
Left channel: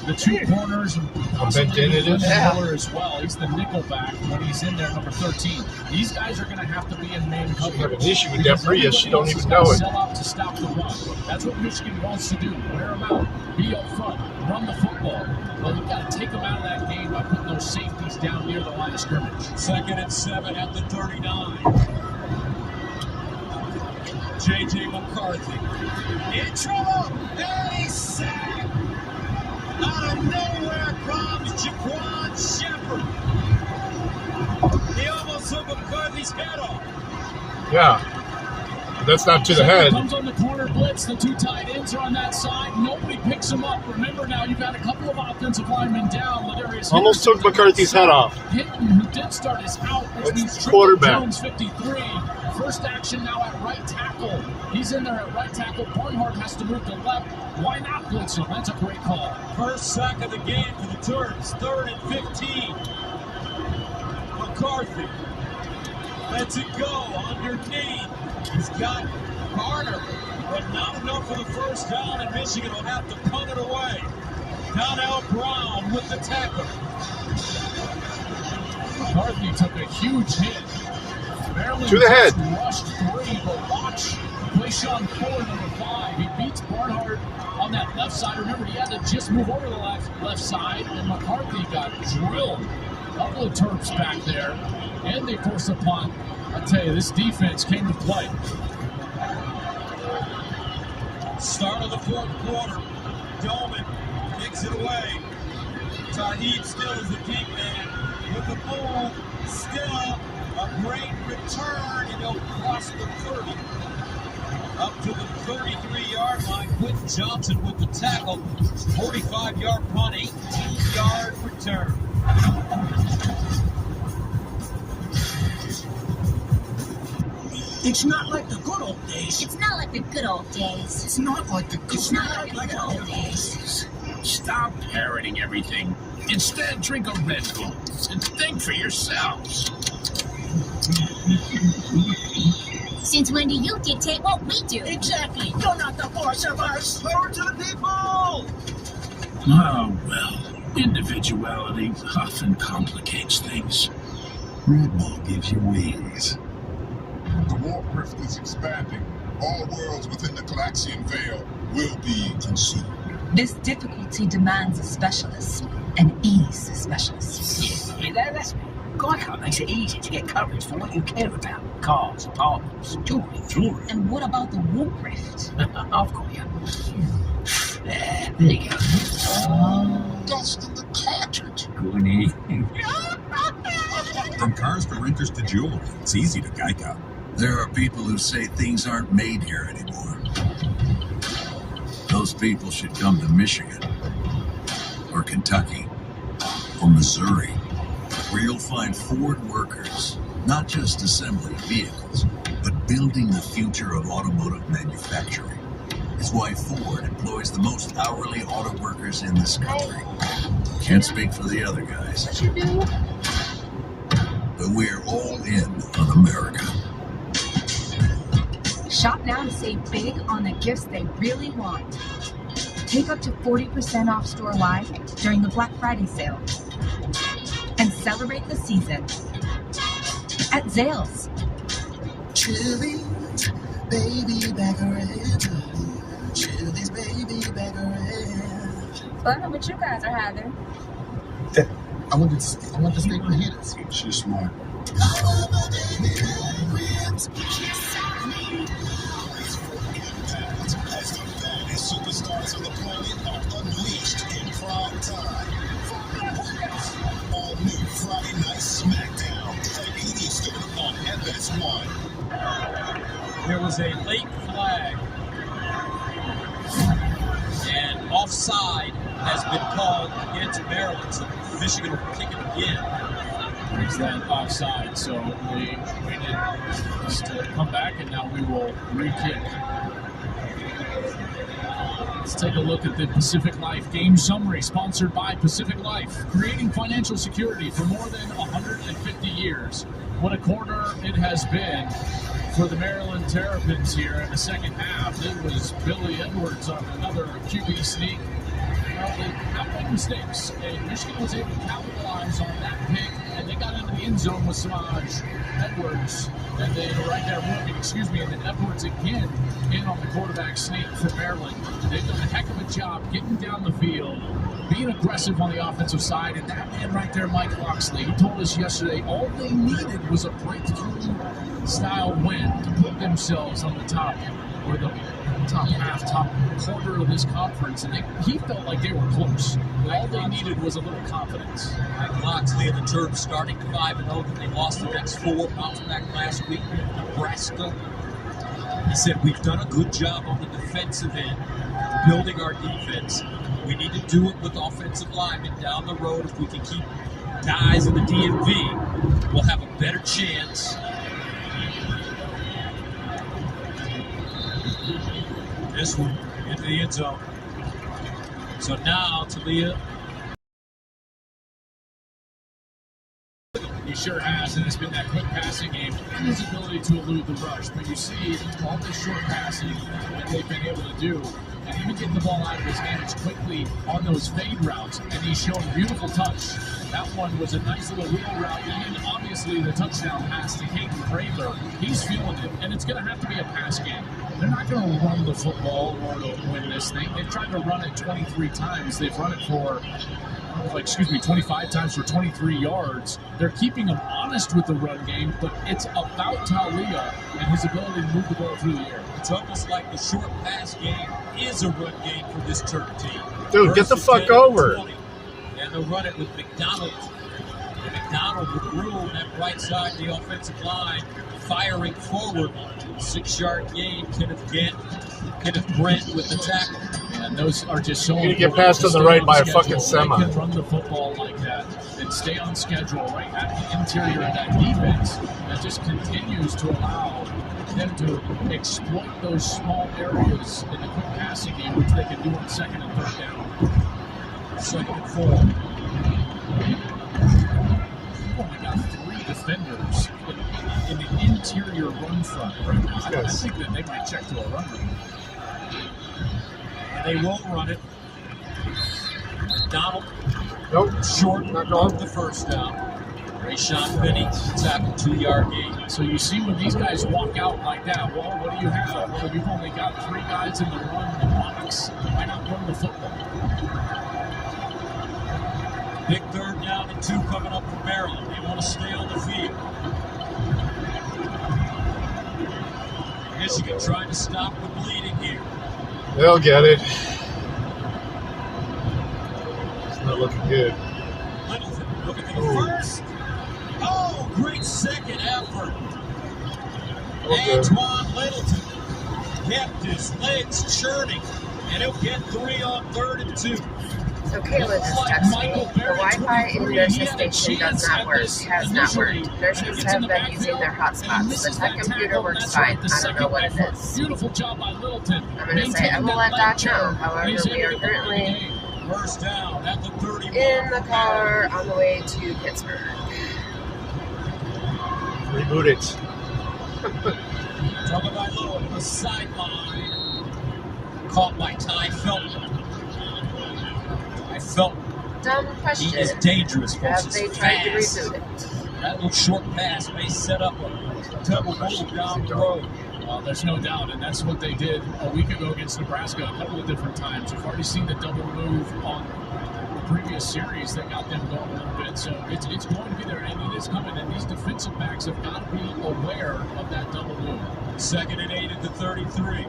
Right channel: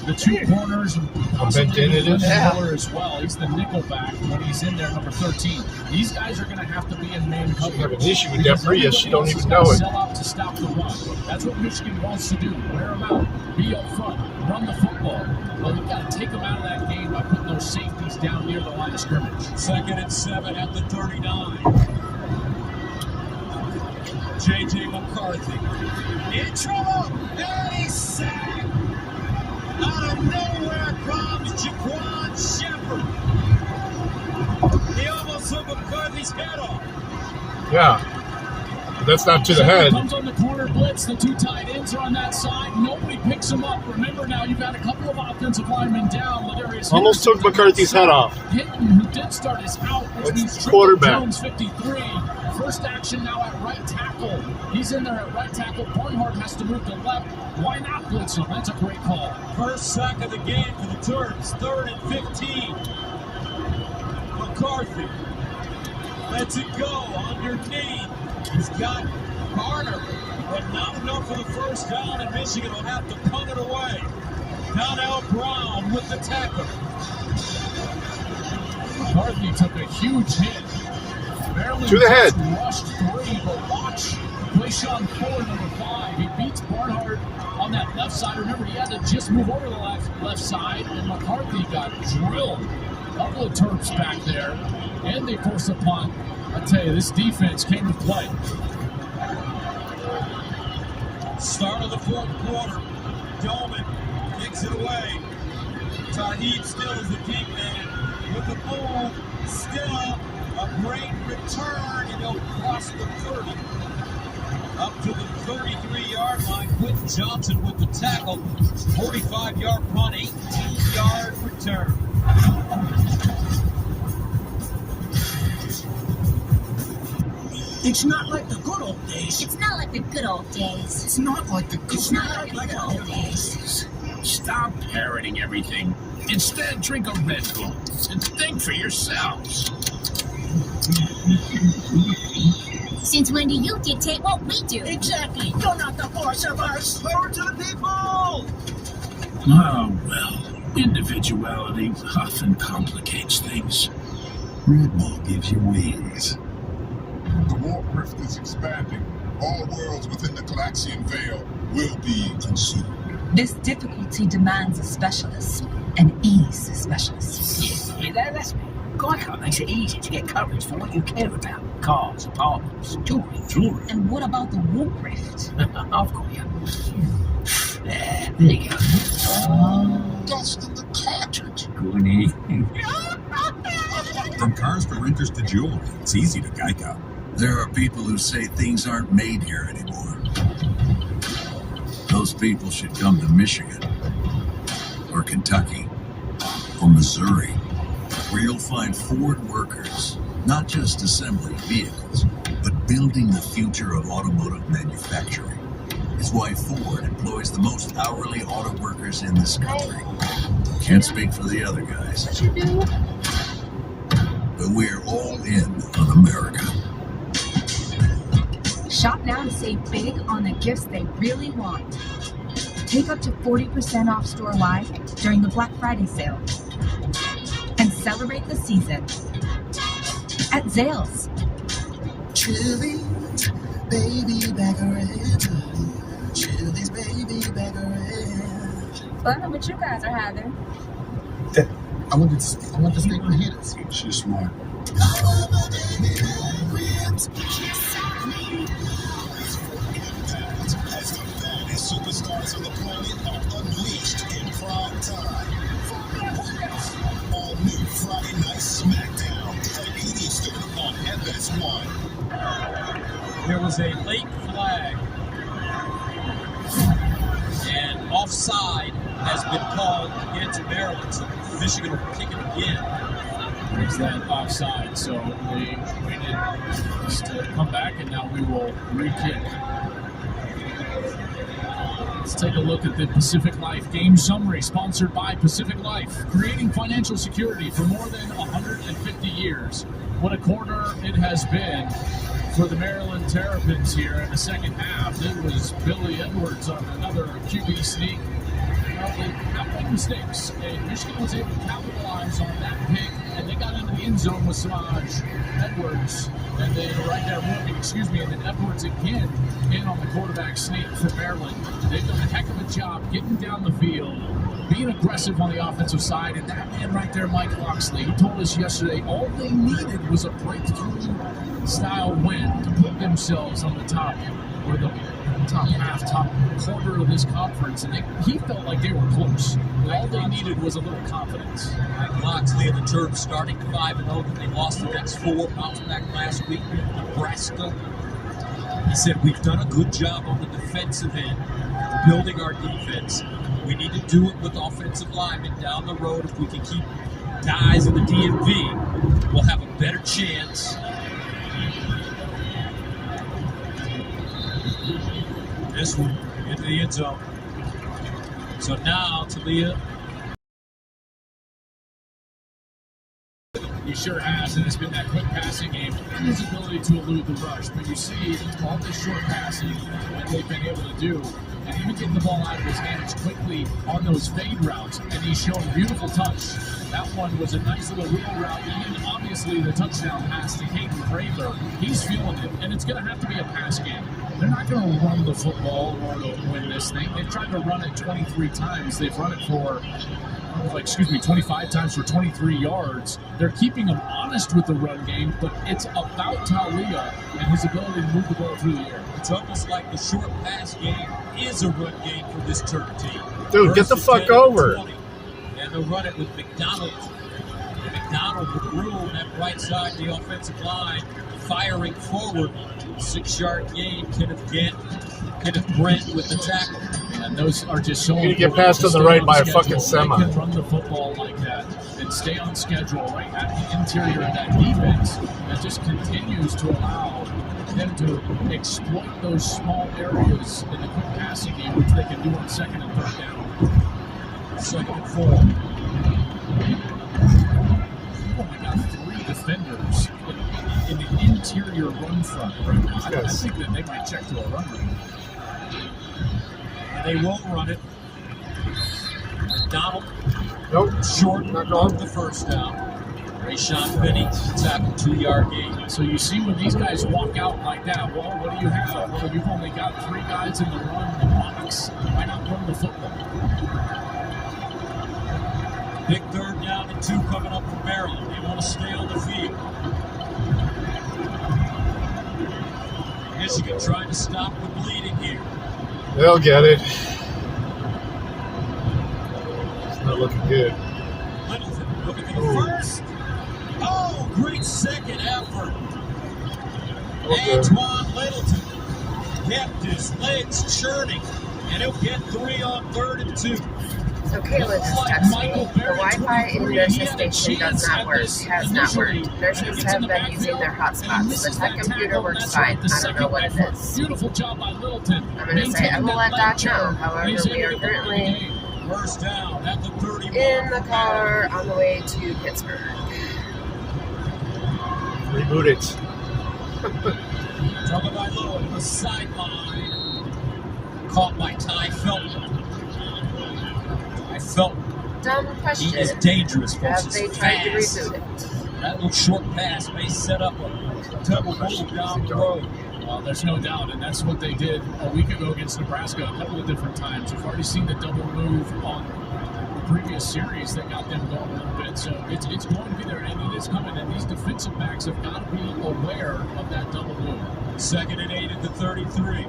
The 2 corners, and possibly Miller as well. He's the nickel back when he's in there, number 13. These guys are going to have to be in man coverage. Have an issue with Deprius. She don't even know it. Sell out to stop the run. That's what Michigan wants to do. Wear them out. Be up front. Run the football. Well, you've got to take them out of that game by putting those safeties down near the line of scrimmage. 2nd and 7 at the 39. J.J. McCarthy in trouble. And he's sacked. Out of nowhere comes Jaquan Shepard. He almost took McCarthy's head off. Yeah. But that's not to the head. Comes on the corner blitz. The 2 tight ends are on that side. Nobody picks him up. Remember now, you've got a couple of offensive linemen down. Almost took McCarthy's head off. Hinton, who did start, is out, which means quarterback. Jones 53. First action now at right tackle. He's in there at right tackle. Barnhart has to move to left. Why not blitz him? That's a great call. First sack of the game for the Terps. 3rd and 15. McCarthy lets it go underneath. He's got Carter, but not enough for the first down, and Michigan will have to punt it away. Now Brown with the tackle. McCarthy took a huge hit. Maryland to the head. Rushed 3, but watch Quayshawn Fuller, number 5. He beats Barnhart on that left side. Remember, he had to just move over to the left side, and McCarthy got drilled. A couple of Terps back there, and they forced a punt. I tell you, this defense came to play. Start of the 4th quarter. Dolman kicks it away. Tarheeb Still is the deep man with the ball. Still a great return, and he'll cross the 30. Up to the 33-yard line. Quentin Johnson with the tackle. 45-yard punt, 18-yard return. It's not like the good old days. It's not like the good old days. It's not like the good It's not like the good old days. Stop parroting everything. Instead, drink a Red Bull and think for yourselves. Since when do you dictate what we do? Exactly. You're not the boss of us. Power to the people. Oh, well, individuality often complicates things. Red Bull gives you wings. The warp rift is expanding. All worlds within the Galaxian Veil will be consumed. This difficulty demands a specialist, an ease specialist. Yeah, that's me. Geico makes it easy to get coverage for what you care about. Cars, apartments, jewelry. And what about the warp rift? Of course. Nigga. Dust in the cartridge. Good evening. From cars to renters to jewelry, it's easy to Geico. There are people who say things aren't made here anymore. Those people should come to Michigan, or Kentucky, or Missouri, where you'll find Ford workers, not just assembling vehicles, but building the future of automotive manufacturing. It's why Ford employs the most hourly auto workers in this country. Can't speak for the other guys. we're all in on America. Shop now to save big on the gifts they really want. Take up to 40% off store-wide during the Black Friday sale. And celebrate the season at Zales. Chili's baby back red. Chili's baby back red. Fun what you guys are having. I want the steak fajitas. She's smart. Superstars on the planet are unleashed in prime time. All new Friday Night SmackDown. Eastern on FS1. There was a late flag, and offside has been called against Maryland, so Michigan will kick it again. There's that offside, so we waited just to come back, and now we will re-kick. Let's take a look at the Pacific Life Game Summary, sponsored by Pacific Life, creating financial security for more than 150 years. What a quarter it has been for the Maryland Terrapins here in the second half. It was Billy Edwards on another QB sneak. They have made mistakes, and Michigan was able to capitalize on that pick, and they got into the end zone with Samaj Edwards, and they right there, Morgan, and then Edwards again in on the quarterback sneak for Maryland. They've done a heck of a job getting down the field, being aggressive on the offensive side, and that man right there, Mike Loxley, he told us yesterday all they needed was a breakthrough-style win to put themselves on the top, or the top half, top quarter of this conference, and he felt like they were close. All they needed was a little confidence. Mike Loxley and the Terps starting 5-0, but they lost the next 4, bounced back last week in Nebraska. He said, we've done a good job on the defensive end, building our defense. We need to do it with offensive linemen down the road. If we can keep guys in the DMV, we'll have a better chance. This one into the end zone. So now Talia. He sure has, and it's been that quick passing game and his ability to elude the rush. But you see all the short passing that they've been able to do, and even getting the ball out of his hands quickly on those fade routes, and he's showing beautiful touch. That one was a nice little wheel route, and obviously the touchdown pass to Hayden Kramer. He's feeling it, and it's going to have to be a pass game. They're not going to run the football in order to win this thing. They've tried to run it 23 times. They've run it for 25 times for 23 yards. They're keeping them honest with the run game, but it's about Talia and his ability to move the ball through the air. It's almost like the short pass game is a run game for this Terp team. Dude, get the fuck over. And they'll run it with McDonald. McDonald with room at right side of the offensive line, firing forward. 6-yard gain. Kenneth Brent with the tackle. And those are just so you get passed on the right by a fucking semi. They can run the football like that and stay on schedule right at the interior of that defense that just continues to allow them to exploit those small areas in the quick passing game, which they can do on second and third down. Second and 4. Oh my God, 3 defenders in the interior run front right now. I think that they might check to a run route. They won't run it. Donald. Nope. Short of the first down. Rayshawn Benny tackle 2-yard gain. So you see when these guys walk out like that, well, what do you have? Well, you've only got 3 guys in the run box. Why not run the football? Big 3rd down and 2 coming up for Maryland. They want to stay on the field. Michigan trying to stop the bleeding here. They'll get it. It's not looking good. Littleton looking for the first. Oh, great second effort. Antoine Littleton kept his legs churning, and he'll get 3 on 3rd and 2. So Kayla just texted me. The Wi-Fi in nurses station does not work. Has not worked. Nurses have been using their hotspots. The tech computer works fine. I don't know what it is. Beautiful job by Littleton. I'm going to say I will let Doc know. However, we are currently First down at the 31. in the car on the way to Pittsburgh. Reboot it. Tagovailoa to the sideline. Caught by Ty Felton. Ty Felton. Dumb question. He is dangerous Have versus they tried to fast. reboot it? That little short pass may set up a double move down the road. Well, there's no doubt, and that's what they did a week ago against Nebraska a couple of different times. We've already seen the double move on the previous series that got them going a little bit. So it's going to be there, and it is coming. And these defensive backs have got to be aware of that double move. 2nd and 8 at the 33.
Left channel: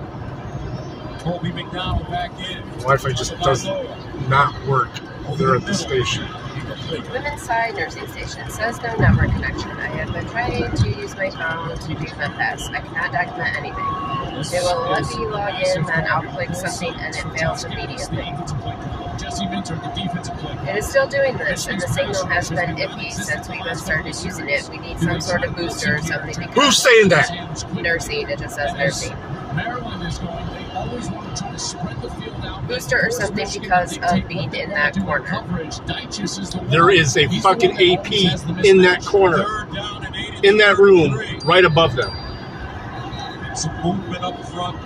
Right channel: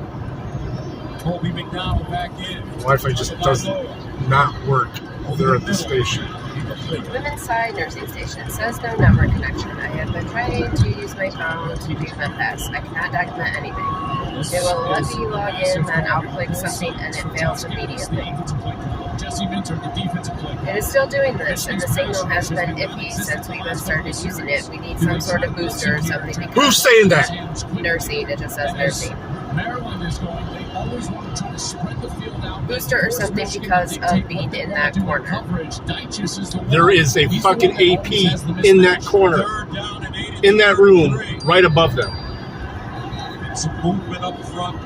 Colby McDonald back in. Wi-Fi just doesn't not work there at the station. Women's side nursing station says no network connection. I have been trying to use my phone to do the test. I cannot document anything. It will let me log in, then I'll click something and it fails immediately. It is still doing this, and the signal has been iffy since we have started using it. We need some sort of booster or something. To Who's saying that? Nursing, it just says nursing. Maryland is going, they always want to try to spread the field out. Booster or something because of being in that corner. There is a fucking AP in that corner, in that room, right above them. Some movement up front.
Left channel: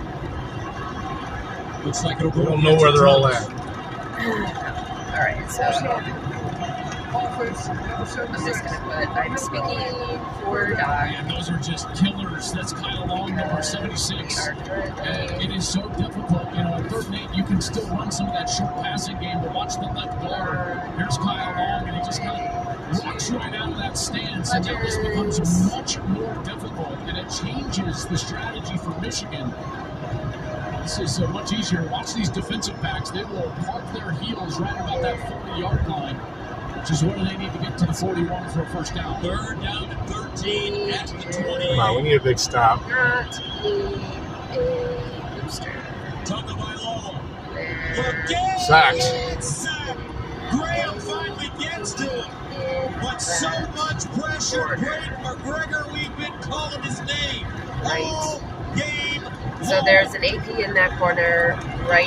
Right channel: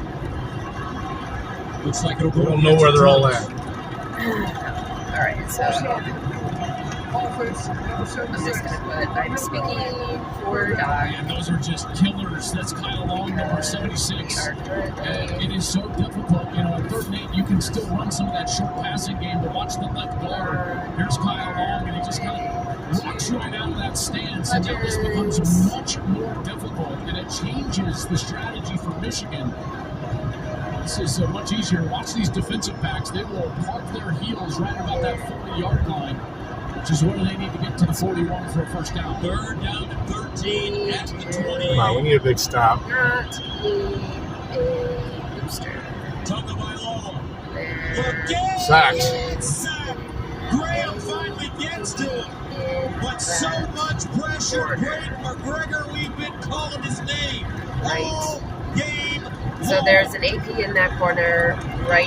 Looks like it'll We go. don't know where they're all at. Alright, so I'm just gonna put I'm speaking for Doc. And those are just killers. That's Kyle Long, number 76. And it is so difficult. You know, at 3rd and 8, you can still run some of that short passing game, but watch the left guard. Here's Kyle Long, and he just kind of walks right out of that stance, and that just becomes much more difficult, and it changes the strategy for Michigan. This is much easier to watch these defensive backs. They will park their heels right about that 40-yard line, which is where they need to get to the 41 for a first down. 3rd down to 13 at the 20. Wow, we need a big stop. Not a booster. Sacks. Graham finally gets to him, but so much pressure. Greg McGregor, we've been calling his name all game. So there's an AP in that corner, right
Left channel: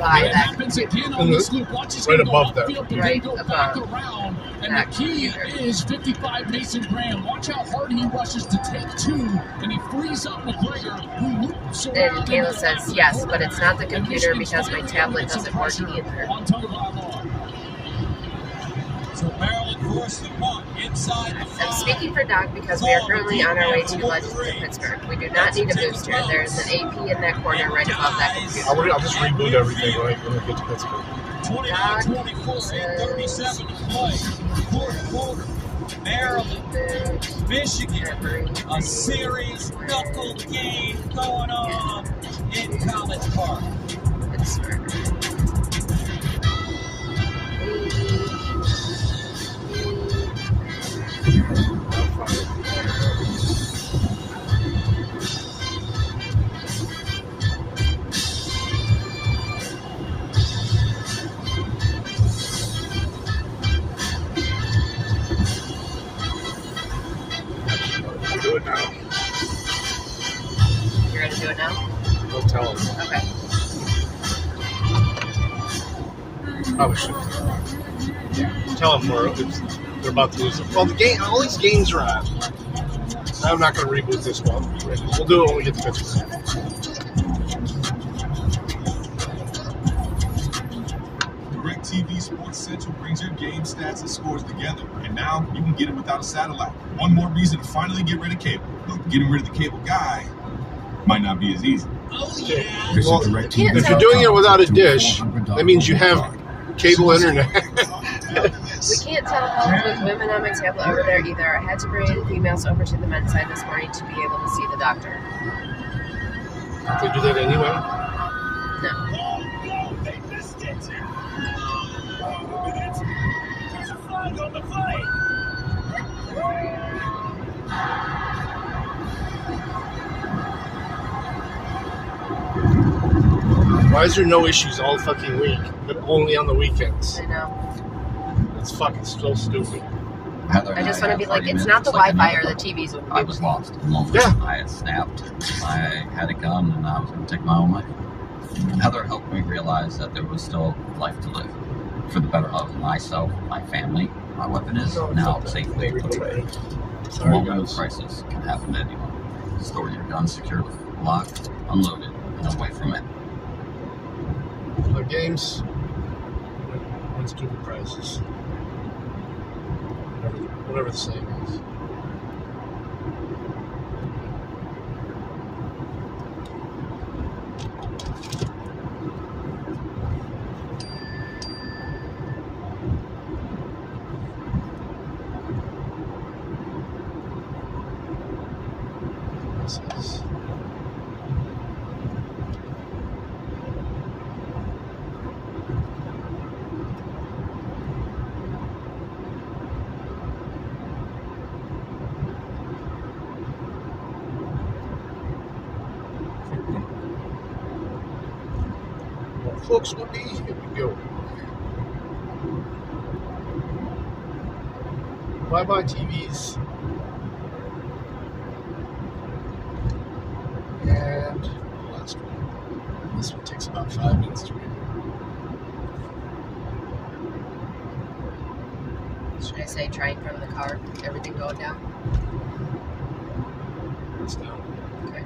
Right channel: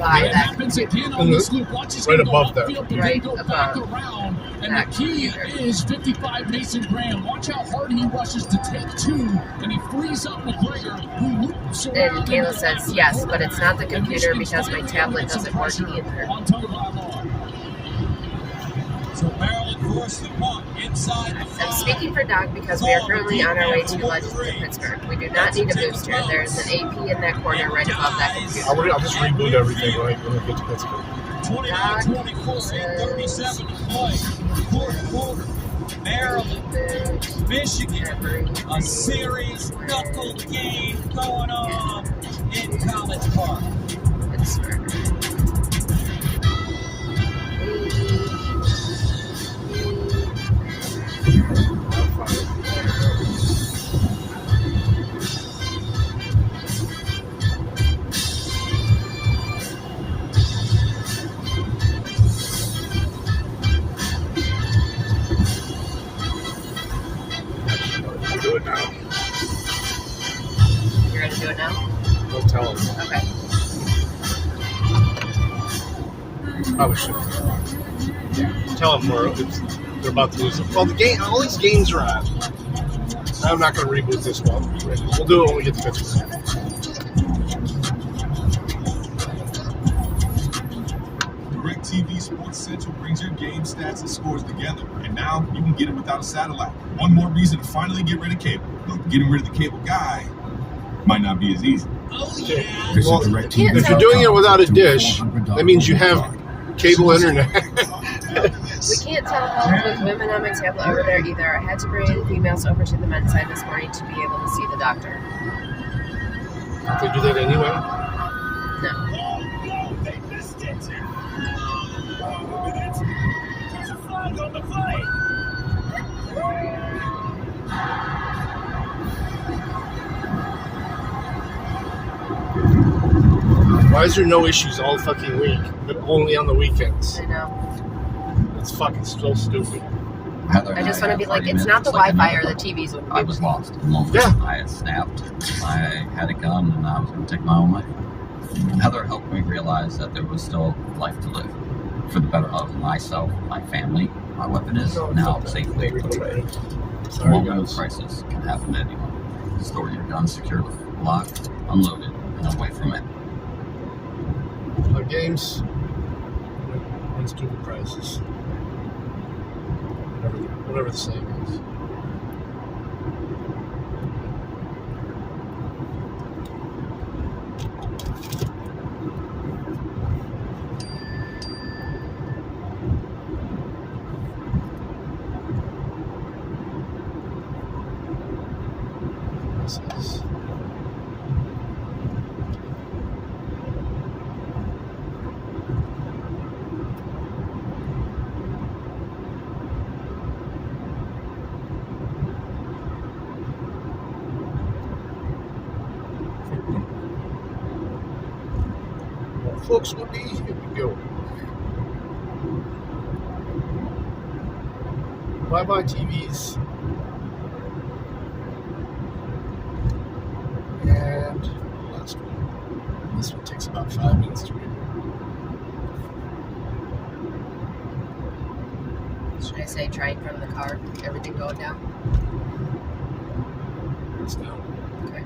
by that computer. Right above that. Right above And the key is 55 Mason Graham. Watch how hard he rushes to take 2, and he frees up McGregor, who loops around. And Kayla says yes, but it's not the computer because my tablet doesn't work either. So Maryland forced the punt inside the 5. I'm speaking for Doug because we are currently on our way to Legends in Pittsburgh. We do not need a booster. There is an AP in that corner right above that computer. I'll just reboot everything when we get to Pittsburgh. 29-24, 8:37 to play. 4th quarter. Maryland, Michigan, a series knuckle game going on in College Park. Do it now. You're going to do it now? Don't tell them. Okay. Probably shouldn't. Tell them they're about to lose. Well, all these games are on. I'm not going to reboot this one. We'll do it when we get to Pittsburgh. DirecTV Sports Central brings your game stats and scores together, and now you can get it without a satellite. One more reason to finally get rid of cable. But getting rid of the cable guy might not be as easy. Well, if you're doing it without a dish, that means you have cable internet. We can't telephone with women on my tablet over there either. I had to bring females over to the men's side this morning to be able to see the doctor. They do that anyway? Why is there no issues all fucking week, but only on the weekends? I know. It's fucking so stupid. I just want to be like, it's not the Wi-Fi or the TVs. I was lost. Yeah. I had snapped. I had a gun and I was going to take my own life. Heather helped me realize that there was still life to live. for the better of myself, my family, my weapon is now safely put away. Small gun prices can happen to anyone. Store your gun secured, locked, unloaded, and away from it. Other games, and stupid prices. Whatever the saying is. Folks with me, here we go. Bye-bye TVs. And last one. This one takes about 5 minutes to read. Should I say trying from the car? Everything going down? It's down. Okay.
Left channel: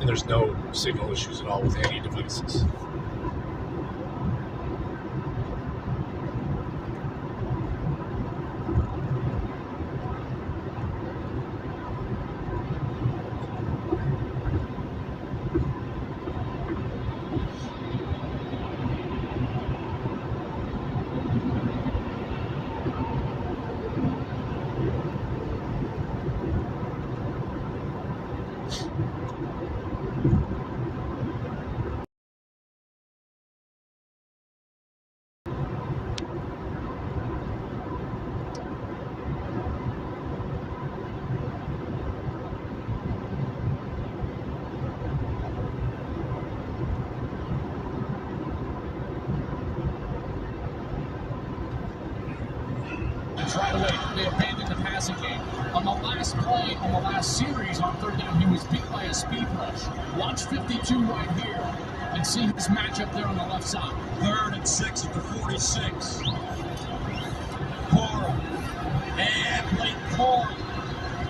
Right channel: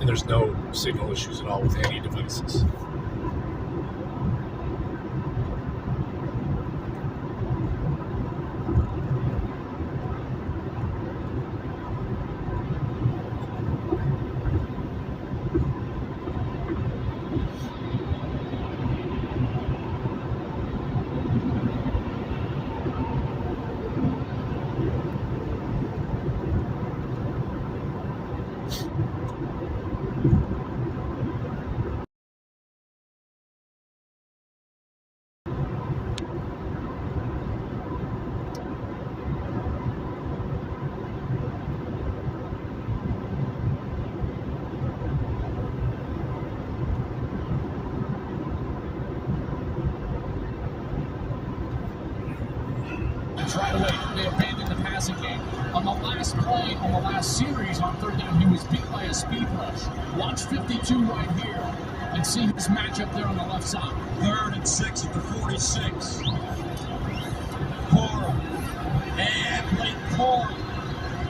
And there's no signal issues at all with any devices. Right away, they abandoned the passing game. On the last play, on the last series on third down, he was beat by a speed rush. Watch 52 right here and see his matchup there on the left side. 3rd and 6 at the 46. Cora. And Blake Cora.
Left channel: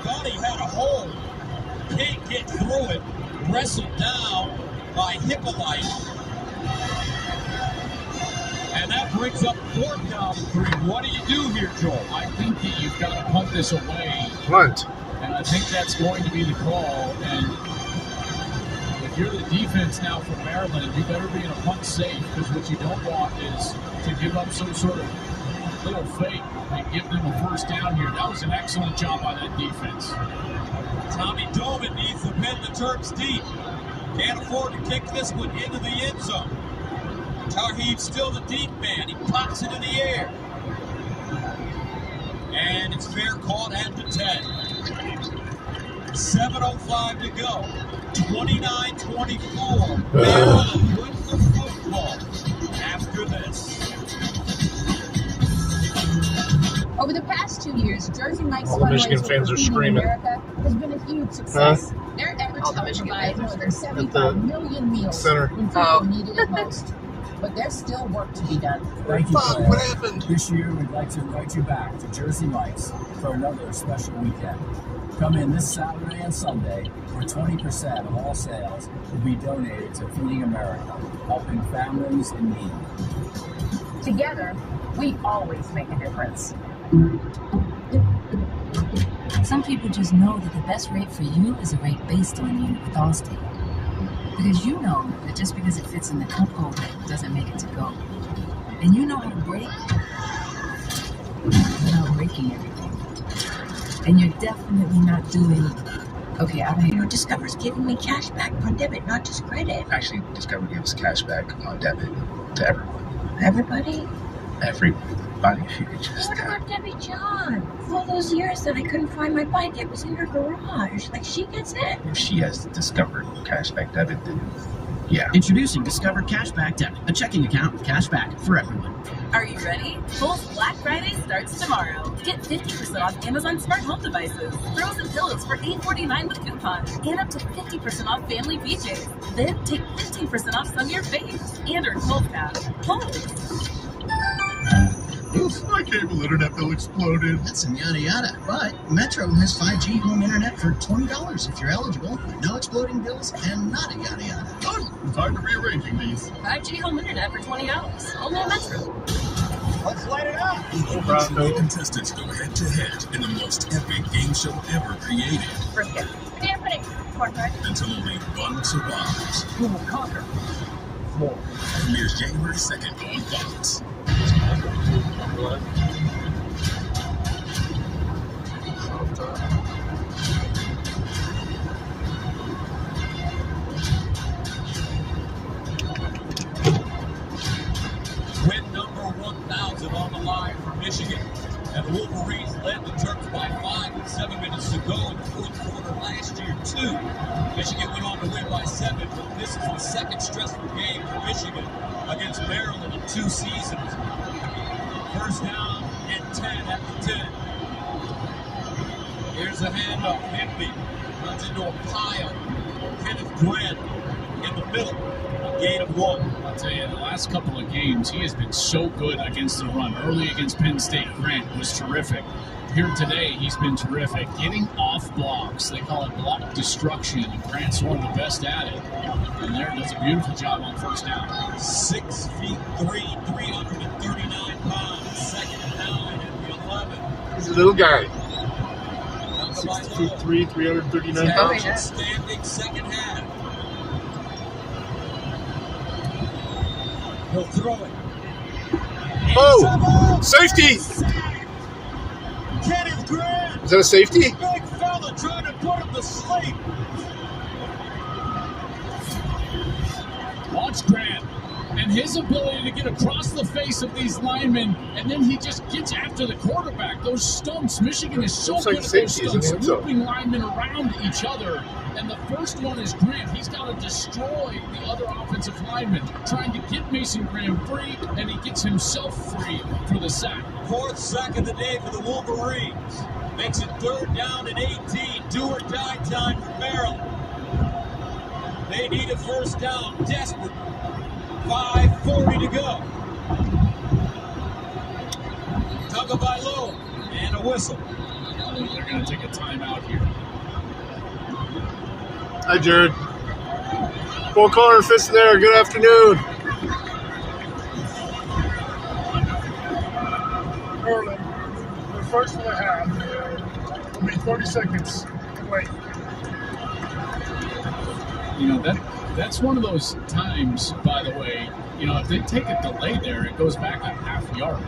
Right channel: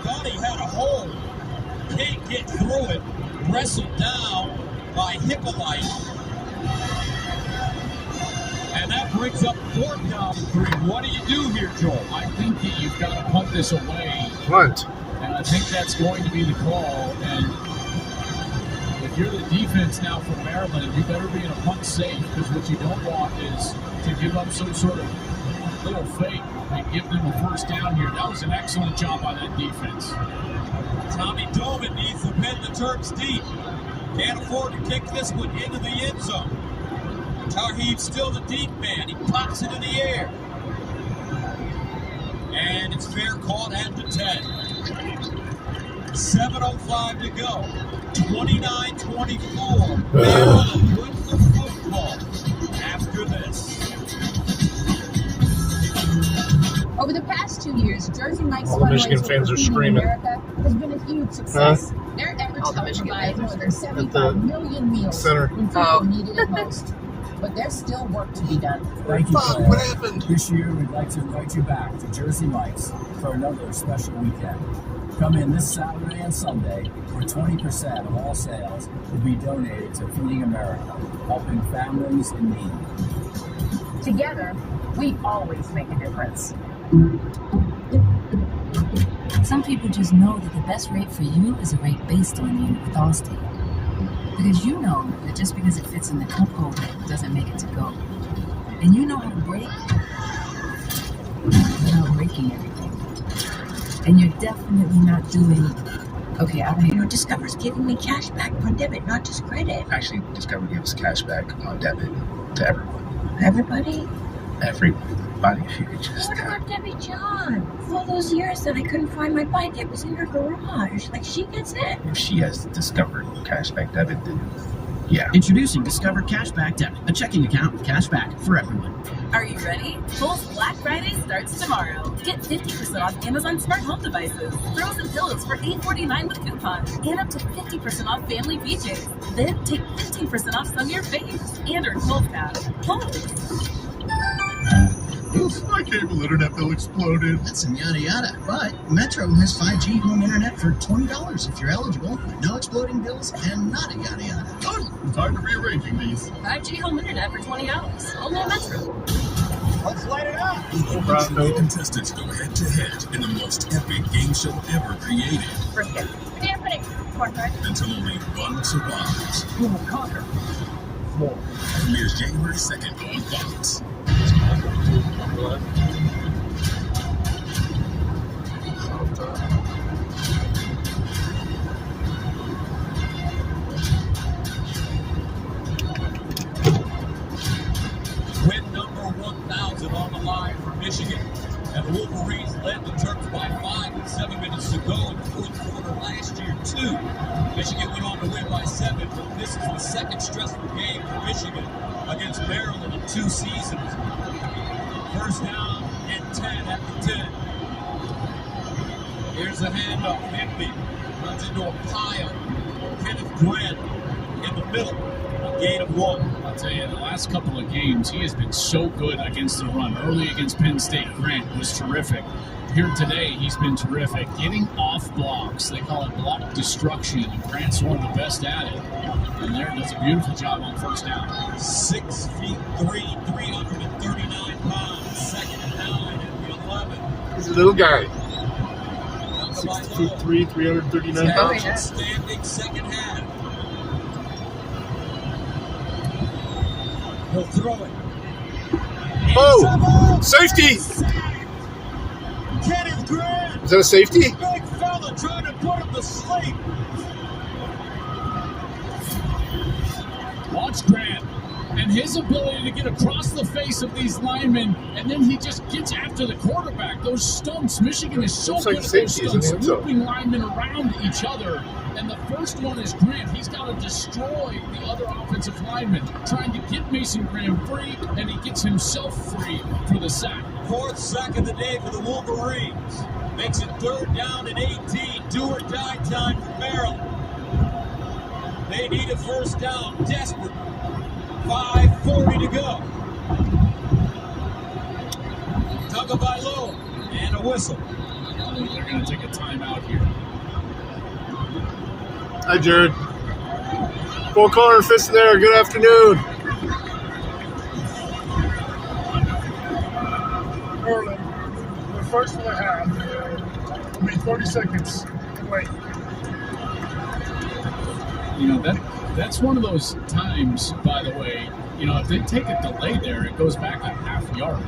Thought he had a hole. Can't get through it. Wrestled down by Hippolyte. And that brings up 4th down 3. What do you do here, Joel? I think that you've got to punt this away. Punt. And I think that's going to be the call. And if you're the defense now for Maryland, you better be in a punt safe, because what you don't want is to give up some sort of little fake and give them a first down here. That was an excellent job by that defense. Tommy Doman needs to bend the Terps deep. Can't afford to kick this one into the end zone. Tarheed's still the deep man. He pops it in the air. And it's fair caught at the 10. 7:05 to go. 29-24. Maryland wins the football after this. Over the past 2 years, Jersey Mike's All the Michigan fundraiser fans for are Feeding screaming. America has been a huge success. Their efforts helped provide more than 75 million meals center. when people needed it most. But there's still work to be done. Thank you. Bob, what happened? This year, we'd like to invite you back to Jersey Mike's for another special weekend. Come in this Saturday and Sunday, where 20% of all sales will be donated to Feeding America, helping families in need. Together, we always make a difference. Some people just know that the best rate for you is a rate based on you with Allstate. Because you know that just because it fits in the cup holder doesn't make it to go. And you know how to brake without breaking everything. And you're definitely not doing, okay, I don't know. Discover's giving me cash back on debit, not just credit. Actually, Discover gives cash back on debit to everyone. Everybody? Everybody. Just What about Debbie John? All those years that I couldn't find my bike, it was in her garage. Like, she gets it. if she has Discover cashback debit, then yeah. Introducing Discover Cashback Debit, a checking account with cashback for everyone. Are you ready? Kohl's Black Friday starts tomorrow. Get 50% off Amazon smart home devices, throws and pillows for $8.49 with coupon, and up to 50% off family PJs. Then take 15% off some of your faves and earn HomePad. Oof, my cable internet bill exploded. That's some yada yada. But Metro has 5G home internet for $20 if you're eligible. No exploding bills and not a yada yada. Good. Time to rearranging these. 5G home internet for $20. Only at Metro. Let's light it up. Each contestants go head to head in the most epic game show ever created. Until only one survives. Who will conquer? Premieres January 2nd on Fox. Win number 1,000 on the line for Michigan. And the Wolverines led the Terps by 5 with 7 minutes to go in the fourth quarter last year, too. Michigan went on to win by 7, but this is the second stressful game for Michigan against Maryland in 2 seasons. First down and 10 at the 10. Here's a handoff. Higby runs into a pile. Kenneth Grant in the middle. A gain of 1. I'll tell you, the last couple of games, he has been so good against the run. Early against Penn State, Grant was terrific. Here today, he's been terrific. Getting off blocks, they call it block destruction, and Grant's one of the best at it. And there does a beautiful job on first down. 6 feet 3, 339 pounds. Second down and 11. He's a little guy. 6 foot 3, 339 pounds. Outstanding second half. He'll throw it. Oh! Safety! Kenneth Grant! Is that a safety? Big fella trying to put him to sleep. Watch Grant and his ability to get across the face of these linemen, and then he just gets after the quarterback. Those stumps, Michigan is so good at those stumps, looping linemen around each other. And the first one is Grant. He's got to destroy the other offensive lineman, trying to get Mason Graham free, and he gets himself free for the sack. 4th sack of the day for the Wolverines. Makes it 3rd down and 18. Do or die time for Maryland. They need a first down. Desperate. 5:40 to go. Tagovailoa and a whistle. They're going to take a timeout here. Hi, Jared. Four corner fist there. Good afternoon. Maryland, the first one I have, will be 30 seconds. Wait. You know, that's one of those times, by the way, you know, if they take a delay there, it goes back a half yard.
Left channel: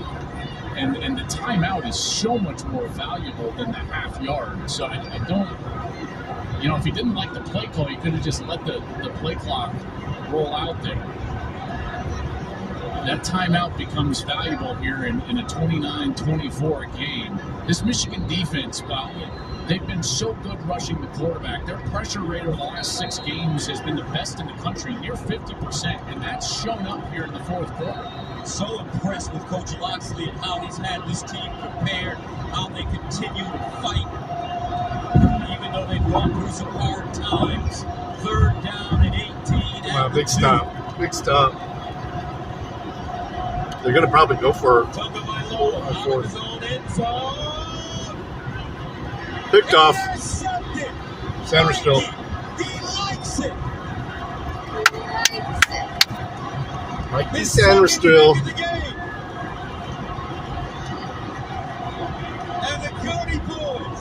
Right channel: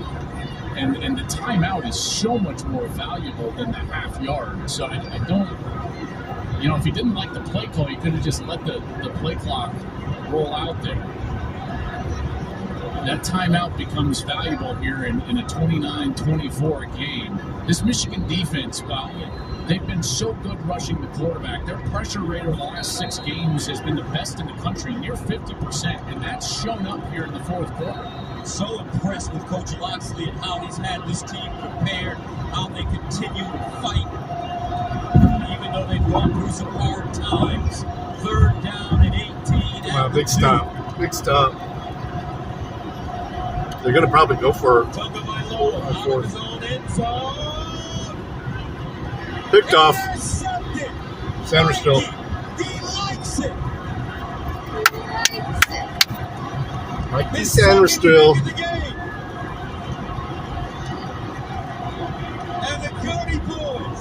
And the timeout is so much more valuable than the half yard. So I don't, you know, if he didn't like the play call, he could have just let the play clock roll out there. That timeout becomes valuable here in a 29-24 game. This Michigan defense, well, they've been so good rushing the quarterback. Their pressure rate over the last 6 games has been the best in the country, near 50%, and that's shown up here in the fourth quarter. So impressed with Coach Locksley and how he's had this team prepared, how they continue to fight, even though they've gone through some hard times. 3rd down and 18. Wow, big stop. Big stop. They're going to probably go for picked off. Sandersville. Mikey Sandersville. And the Cody boys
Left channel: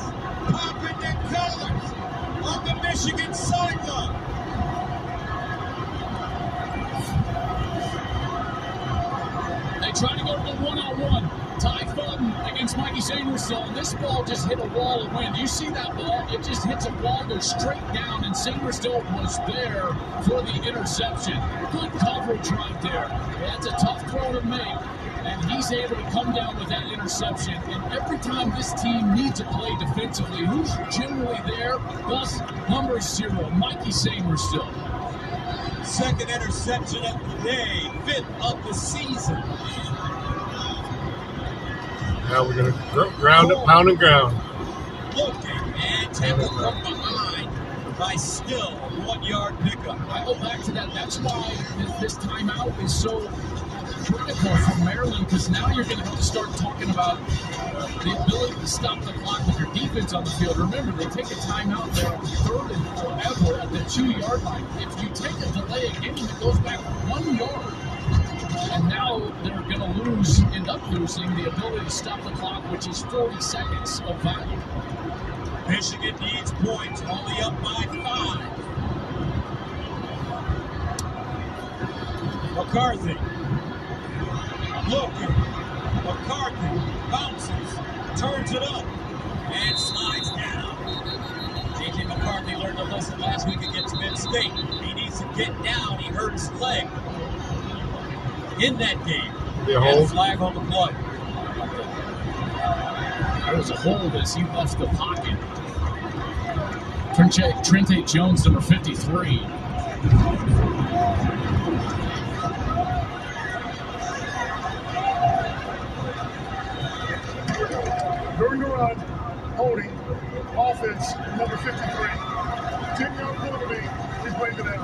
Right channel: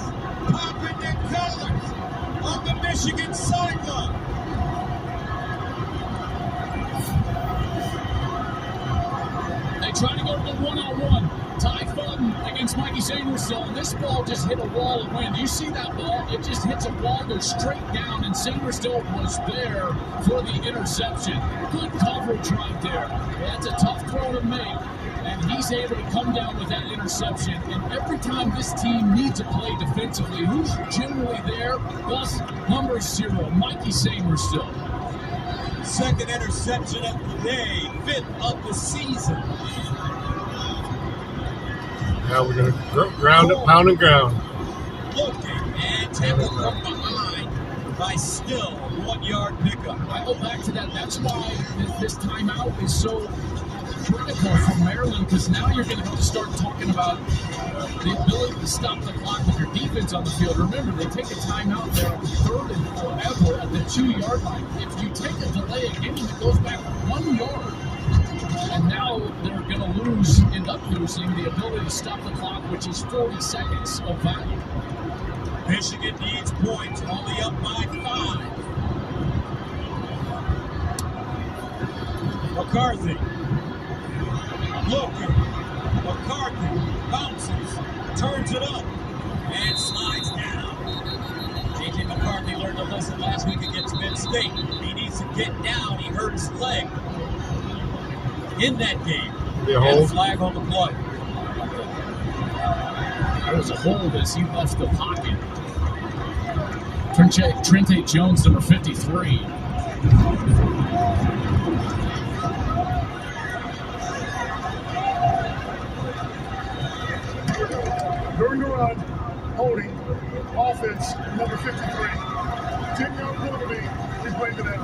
popping their colors on the Michigan sideline. They try to go to the one-on-one. Ty Fulton against Mikey Sandersville. And this ball just hit a wall of wind. You see that ball? It just hits a wall, goes straight down, and Sandersville was there for the interception. Good coverage right there. That's a tough throw to make. And he's able to come down with that interception. And every time this team needs a play defensively, who's generally there? Thus, number 0, Mikey Sandersville. Second interception of the day, 5th of the season. Now we're going to ground it, pound and ground. Looking and tackled from behind by still 1 yard pickup. I go back to that. That's why this timeout is so critical for Maryland, because now you're going to have to start talking about the ability to stop the clock with your defense on the field. Remember, they take a timeout there on 3rd and forever at the 2-yard line. If you take a delay again, it goes back 1 yard. And now they're going to end up losing the ability to stop the clock, which is 40 seconds of value. Michigan needs points, only up by 5. McCarthy. Looking. McCarthy bounces, turns it up, and slides down. J.J. McCarthy learned a lesson last week against Penn State. He needs to get down. He hurt his leg in that game. Yeah, hold. Flag on the play. That was a hold as he left the pocket. Trente Jones, number 53. During the run, holding, offense, number 53. 10-yard penalty, he's breaking it.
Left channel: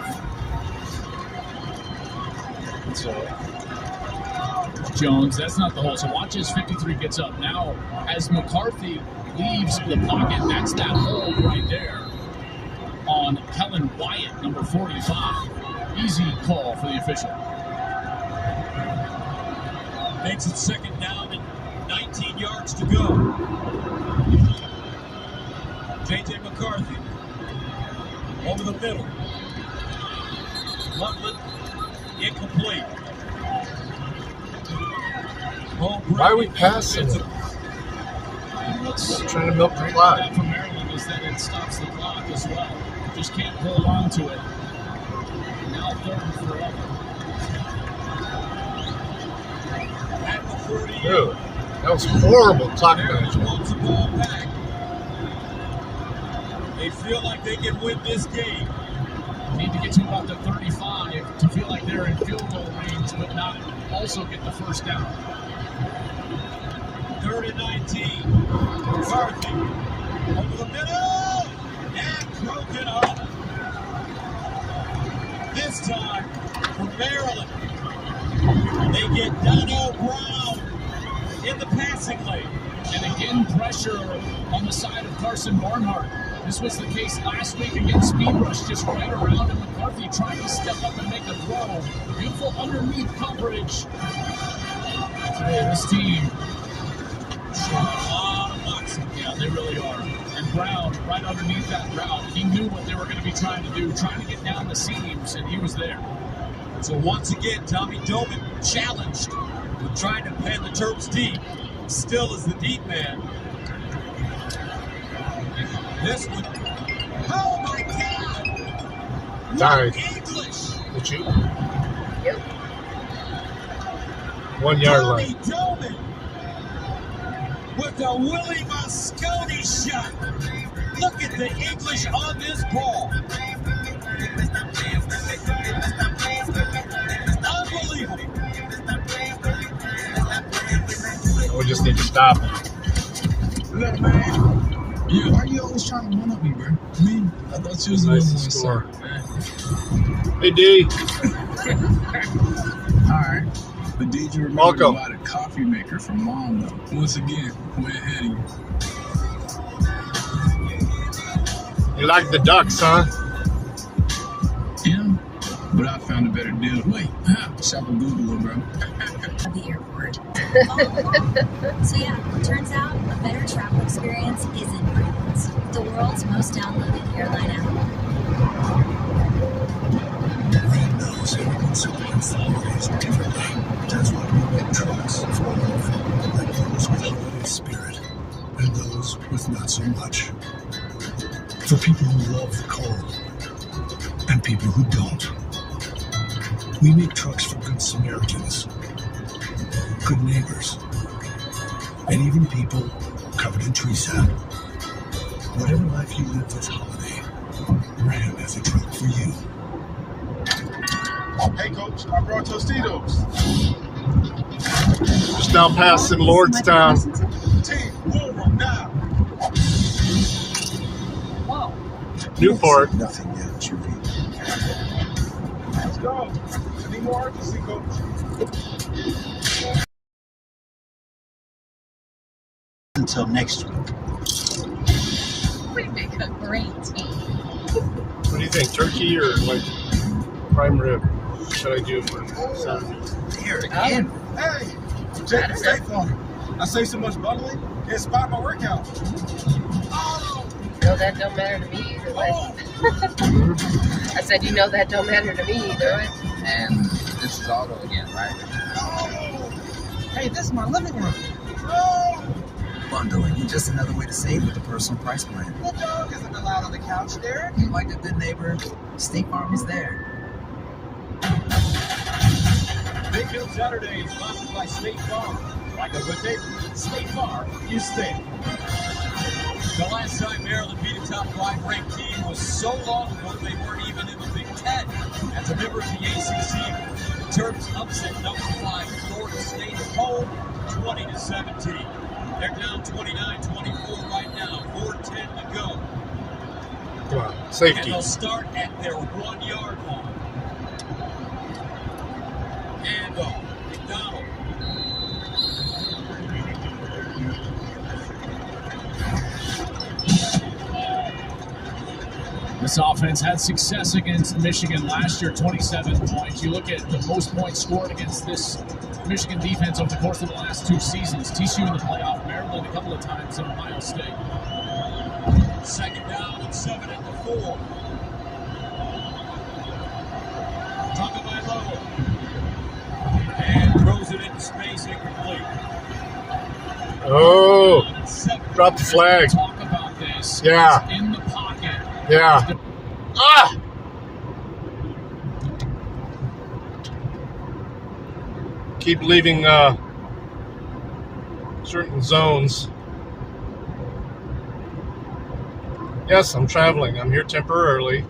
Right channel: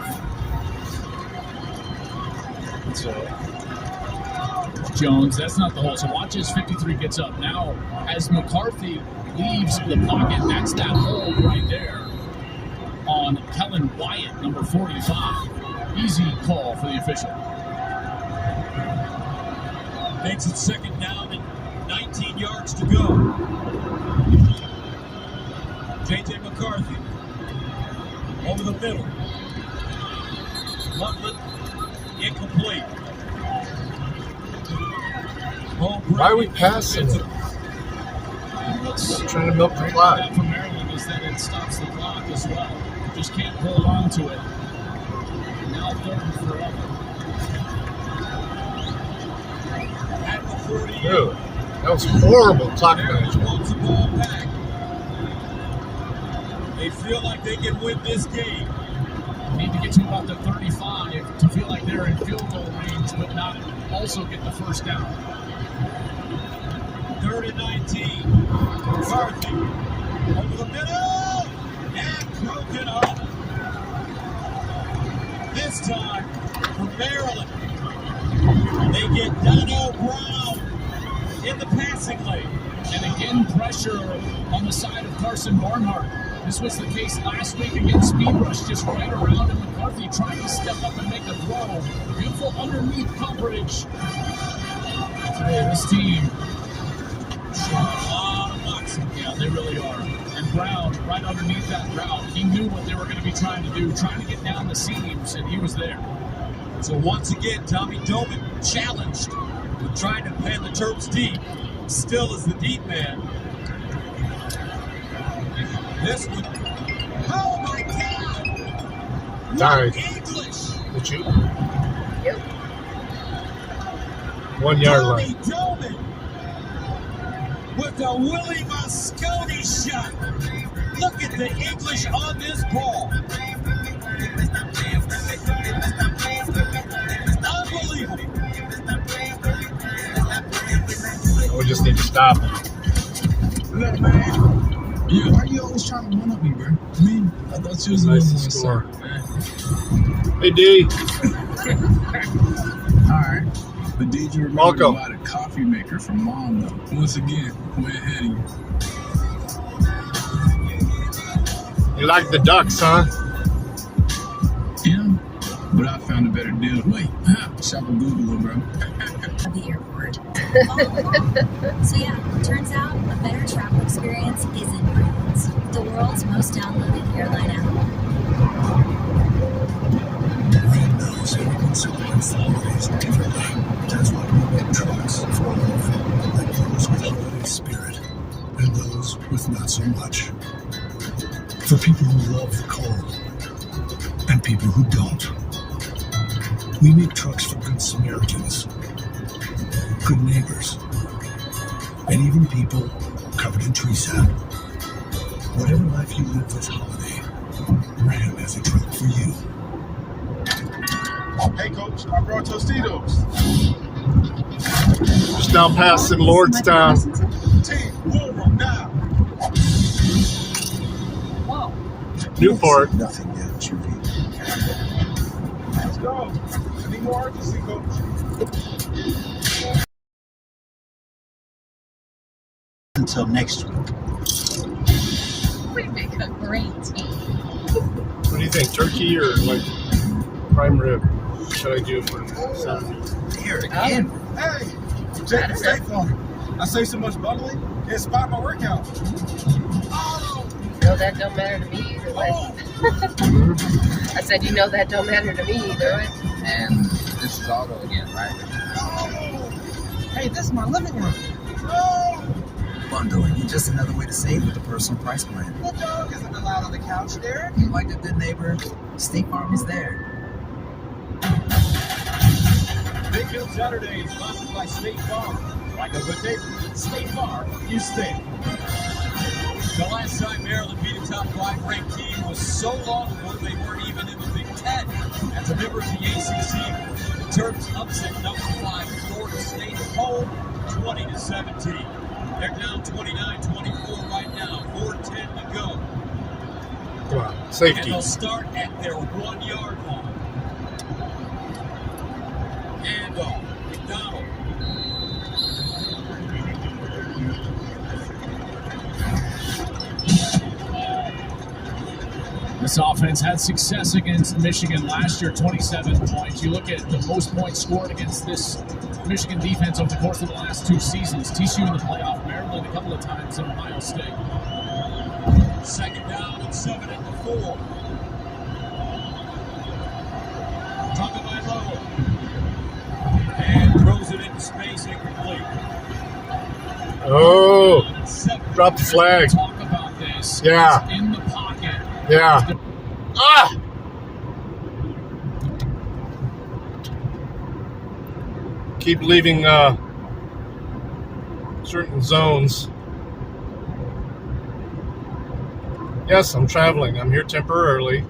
So Jones, that's not the hold. So watch as 53 gets up. Now, as McCarthy leaves the pocket, that's that hold right there on Kellen Wyatt, number 45. Easy call for the official. Makes it second down and 19 yards to go. J.J. McCarthy over the middle. Loveland incomplete. Why are we passing? Trying to milk the clock. For Maryland is that it stops the clock as well. Just can't hold on to it. Now 3rd and forever. At the 30. Dude, that was horrible clock management. Wants the ball back. They feel like they can win this game. Need to get to about the 35 to feel like they're in field goal range, but not also get the first down. 3rd and 19. McCarthy over the middle and broken up. This time for Maryland. They get Donnell Brown in the passing lane. And again, pressure on the side of Carson Barnhart. This was the case last week against Speed Rush, just right around and McCarthy trying to step up and make a throw. Beautiful underneath coverage. Today, this team yeah, they really are. And Brown, right underneath that route, he knew what they were going to be trying to do, trying to get down the seams, and he was there. So once again, Tommy Doman challenged with trying to pan the Terps deep. Still is the deep man. This one. Oh my God! Nice. English. Did you? 1 yard Tommy line. Doman with a Willie Mosconi shot. Look at the English on this ball. Unbelievable. We just need to stop. Look, man. Yeah, why are you always trying to one up me, bro? I mean, I thought you was Nice a to little score. more Hey, D. Alright. But did you remember Welcome. about a coffee maker from Mom, though? Once again, way ahead of you. You like the Ducks, huh? Yeah, but I found a better deal. Wait, shop on Google, bro. Of the airport. So yeah, turns out a better travel experience is in France, the world's most downloaded airline app. Everyone knows every consumer wants the holidays differently. That's why we make trucks for all of them, like those with holiday spirit, and those with not so much. For people who love the cold, and people who don't. We make trucks for good Samaritans, good neighbors, and even people covered in tree sap. Whatever life you live this holiday, Ram has a truck for you. Hey, Coach, I brought Tostitos. Just down past in Lordstown. Newport. Nothing that you be. Let's go. Any more urgency, coach? Until next week. We make a great team. What do you think? Turkey or like prime rib? What should I do for Saturday? Here again. Hey, check the State Farm. I say so much bungling, can't spot my workout. No, that don't matter to me either. I said, you know that don't matter to me either. And this is auto again, right? Hey, this is my living room. Bundling, just another way to save with the personal price plan. The dog isn't allowed on the couch there. Like a good neighbor, State Farm is there. Big Hill Saturday is sponsored by State Farm. Like a good neighbor, State Farm, you stay. The last time Maryland beat a top 5 ranked team was so long ago they weren't even in the Big Ten. At the River of the ACC, the Terps upset number 5 Florida State at home, 20-17. They're down 29-24 right now, 4:10 to go. Come on, safety. And they'll start at their 1-yard line. Handoff, McDonald. This offense had success against Michigan last year, 27 points. You look at the most points scored against this Michigan defense over the course of the last 2 seasons. TCU in the playoff, Maryland a couple of times, and Ohio State. Second down and 7 at the 4. Tagovailoa. And throws it into space, incomplete. Oh, drop the flag. Talk about this. Yeah. He's in the pocket. Yeah. Ah! Keep leaving certain zones. Yes, I'm traveling. I'm here temporarily.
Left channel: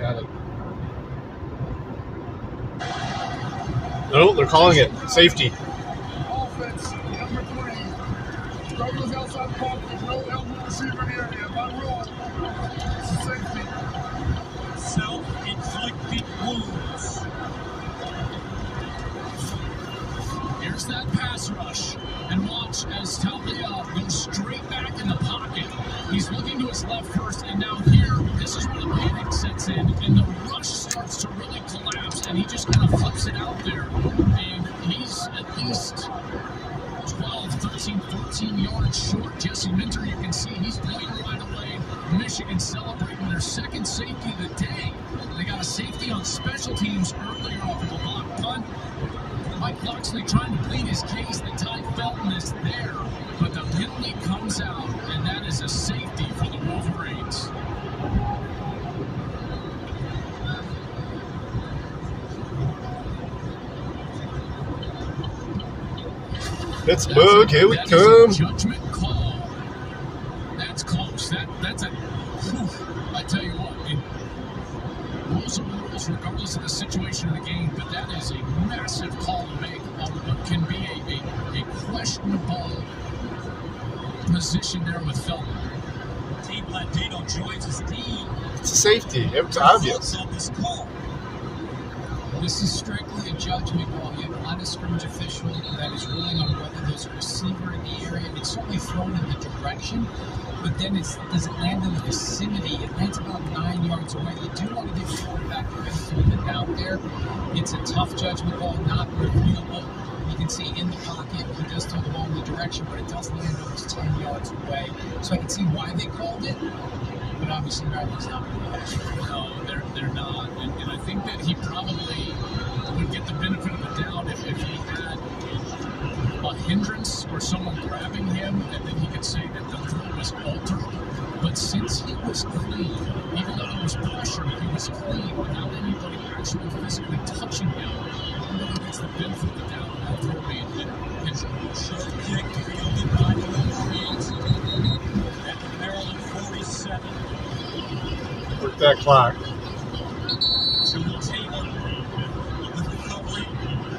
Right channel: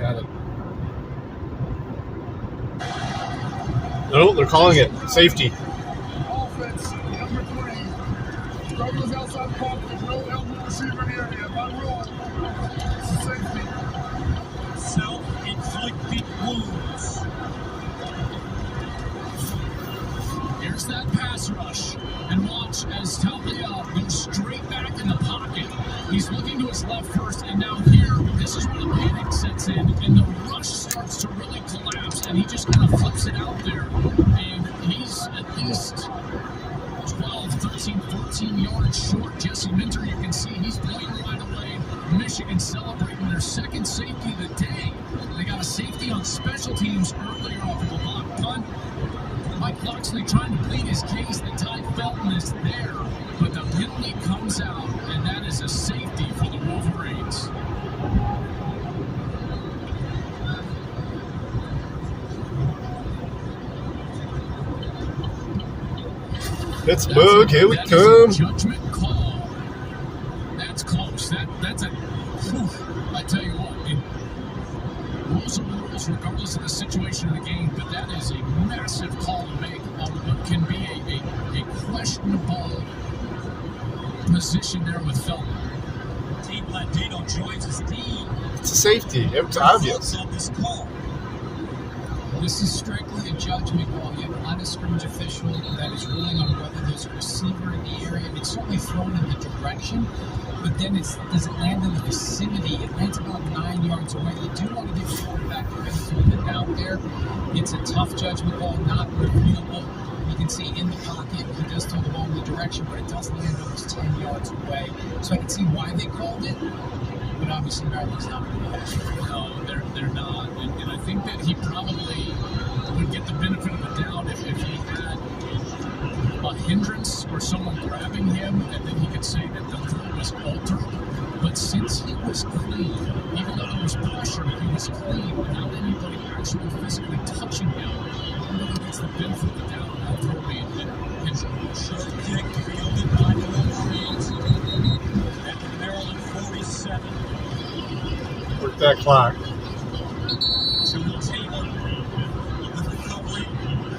Got it. No, they're calling it safety. Self-inflicted wounds. Here's that pass rush. And watch as Talia goes straight back in the pocket. He's looking to his left first, and now here, this is where the panic sets in, and the rush starts to really collapse, and he just kind of flips it out there. And he's at least 12, 13, 14 yards short. Jesse Minter, you can see he's playing right away. Michigan celebrating their second safety of the day. They got a safety on special teams earlier off of a block punt. Mike Loxley trying to plead his case that Ty Felton is there, but the penalty comes out, and that is a safety for the Wolverines. Pittsburgh, here we come. Judgment call. That's close. That's a. Whew, I tell you what, rules are rules regardless of the situation of the game, but that is a massive call to make on what can be a questionable position there with Felton. Team Latino joins his team. It's a safety. It's obvious. On this call. This is strictly a judgment call. You have a line of scrimmage official that is ruling on whether there's a receiver in the area. It's certainly thrown in the direction, but then does it land in the vicinity? It lands about 9 yards away. You do want to give the quarterback the benefit of the doubt there. It's a tough judgment call, not reviewable. You can see in the pocket, he does throw the ball in the direction, but it does land almost 10 yards away. So I can see why they called it, but obviously Maryland's not going to do that. No, they're not. And I think that he probably would get the benefit of the doubt if he had a hindrance or someone grabbing him, and then he could say that the throw was altered. But since he was clean, even though there was pressure, he was clean without anybody actually physically touching him. I'm going to get the benefit of the doubt on that throw being hindered. Short kick fielded by the Wolverines at the Maryland 47. Work that clock. Julie Taylor with the recovery.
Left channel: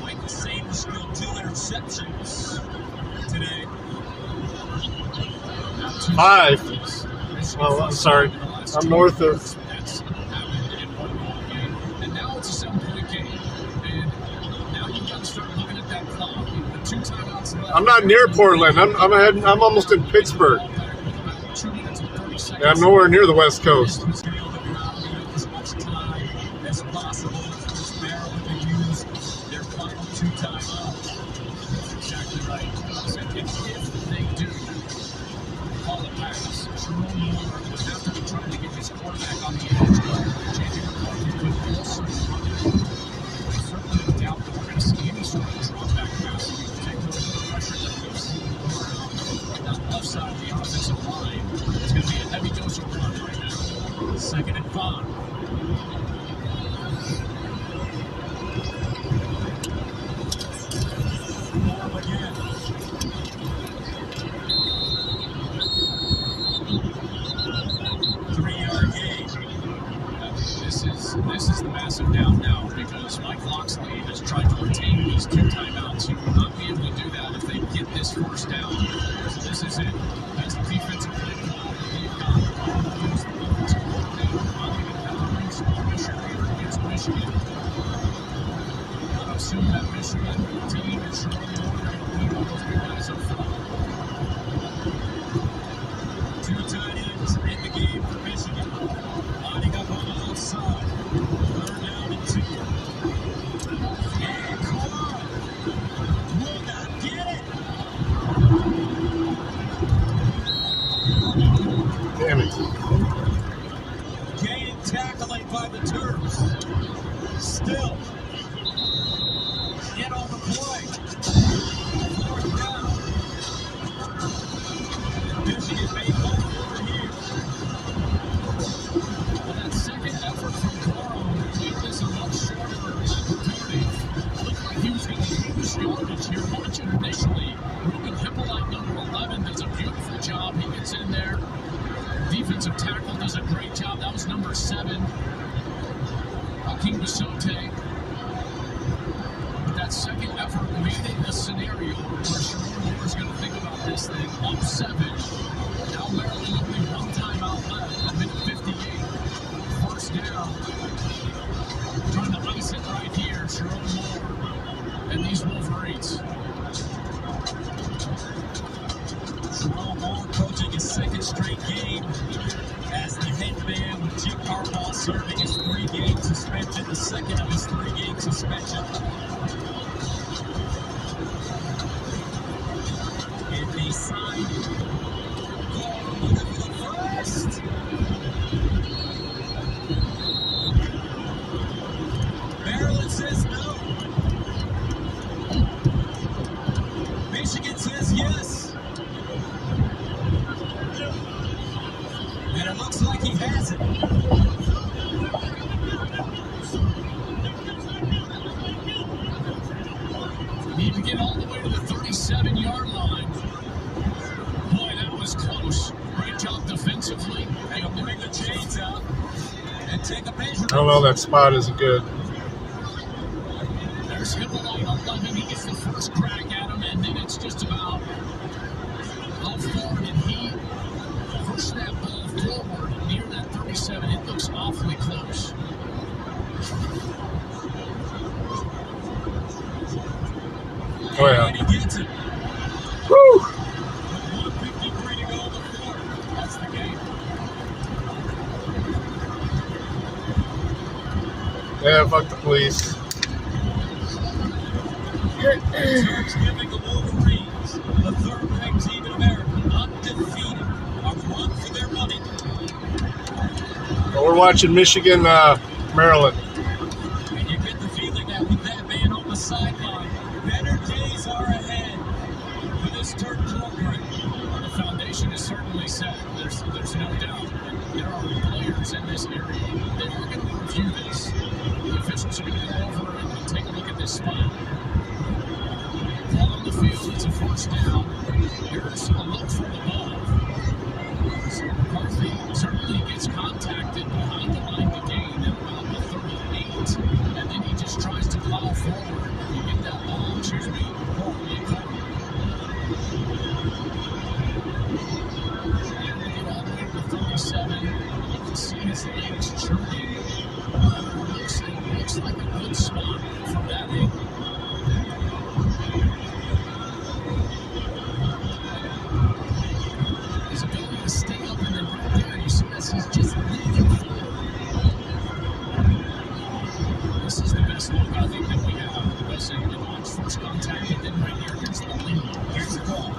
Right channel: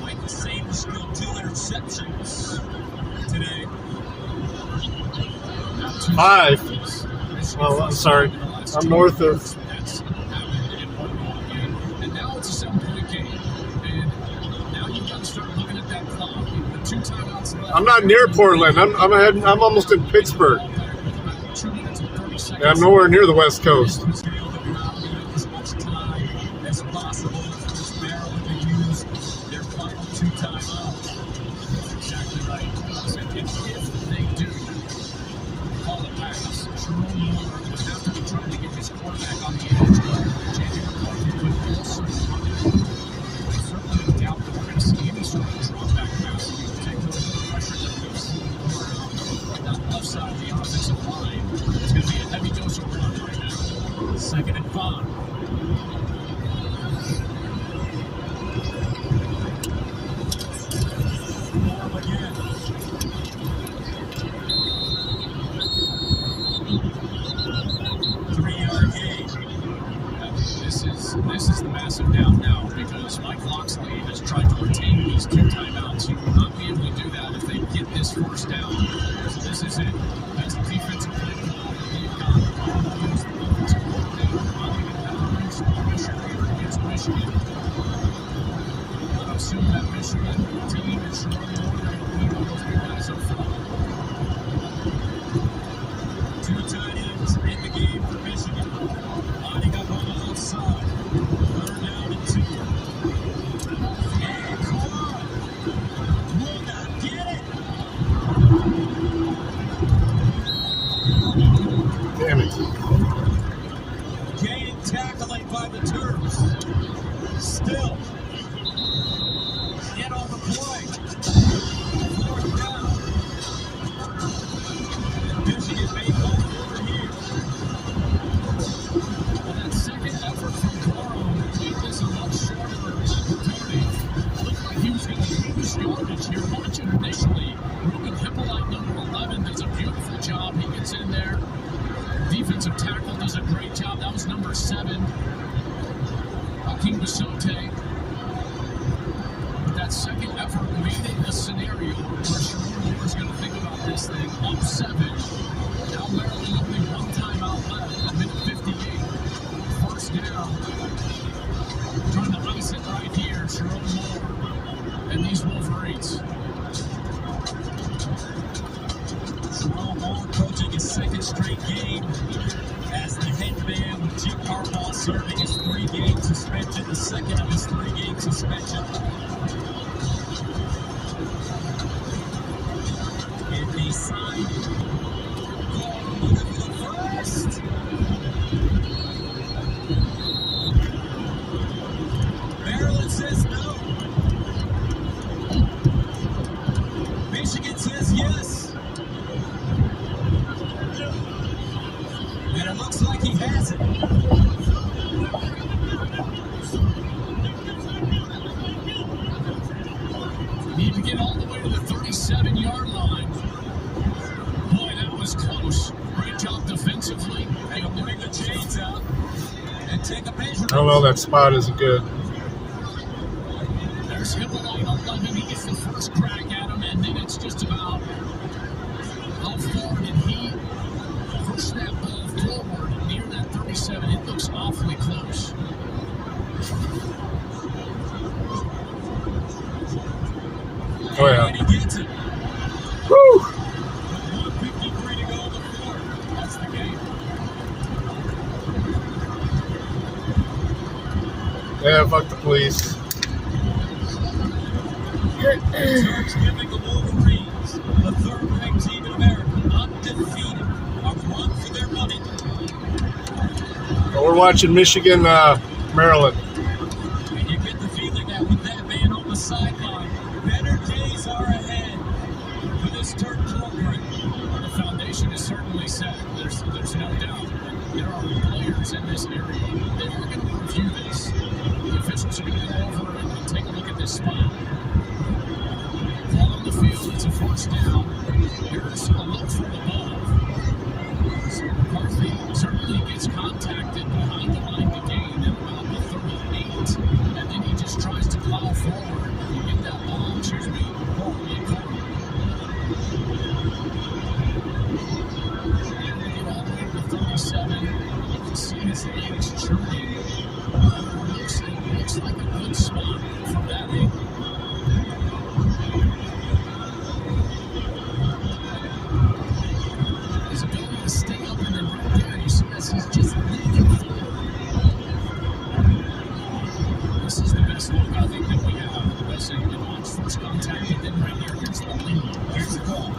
Mike Saban still 2 interceptions today. 5. Well, I'm sorry. I'm north of. And now it's a 7-point game. And now you've got to start looking at that clock. With 2 timeouts left. I'm not near Portland. I'm almost in Pittsburgh. Yeah, I'm nowhere near the West Coast. Second and 5. This is the massive down now because Mike Locksley has tried to retain these 2 timeouts. He will not be able to do that if they get this first down. So this is it. That's the defensive play call. Michigan. I assume that Michigan team is showing more than those guys up front. 2 tight ends in the game for Michigan. Lining up on the left side. 3rd down and 2. And Cora will not get it. Damn it. Game tackling by the Terps. Still. Get on the play. 4th down. Michigan may go over here. That second effort from Cora made this a much shorter opportunity. He was going to lose yardage here. Watch it initially. Ruben Hippolyte, number 11, does a beautiful job. He gets in there. Defensive tackle does a great job. That was number 7. Hakeem Basote. But that second effort made it a scenario where Sherman Moore is going to think about this thing. Up 7. Now Maryland only 1 timeout left. A minute 58. First down. Trying to ice it right here. Sherman Moore and these Wolverines. Jerome Moore coaching his 2nd straight game as the head man with Jim Harbaugh serving his 3-game suspension, the 2nd of his 3-game suspension. And they signed Cora for the first. Maryland says no. Michigan says yes. And it looks like he has it. Need to get all the way to the 37-yard line. Boy, that was close. Great job defensively. They'll bring the chains out and take a measure. Oh well, that spot isn't good. There's Hippolyte on 11. He gets the first crack at him, and then it's just about how far did he push that ball forward near that 37? It looks awfully close. Oh yeah. And he gets it. Woo! 1:53 to go in the 4th. That's the game. Yeah, fuck the police. Terps giving the Wolverines, the 3rd-ranked team in America, undefeated, a run for their money. We're watching Michigan, Maryland. And you get the feeling that with that man on the sideline, better days are ahead for this Terp program. The foundation is certainly set. There's no doubt. There are players in this area. They are going to review this. The officials are going to go over and take a look at this spot. Ball on the field. It's a first down. Here's a look from above. So McCarthy certainly gets contacted behind the line to gain at about the 38. And then he just tries to plow forward. You get that ball, excuse me, all the way to the 37. as the game's churning. Looks like a good spot from that angle. His ability to stay up and then right there, you see this, he's just leaning forward. This is the best look I think that we have. The best you can watch first contact, and then right here, here's the lead. Here's the goal.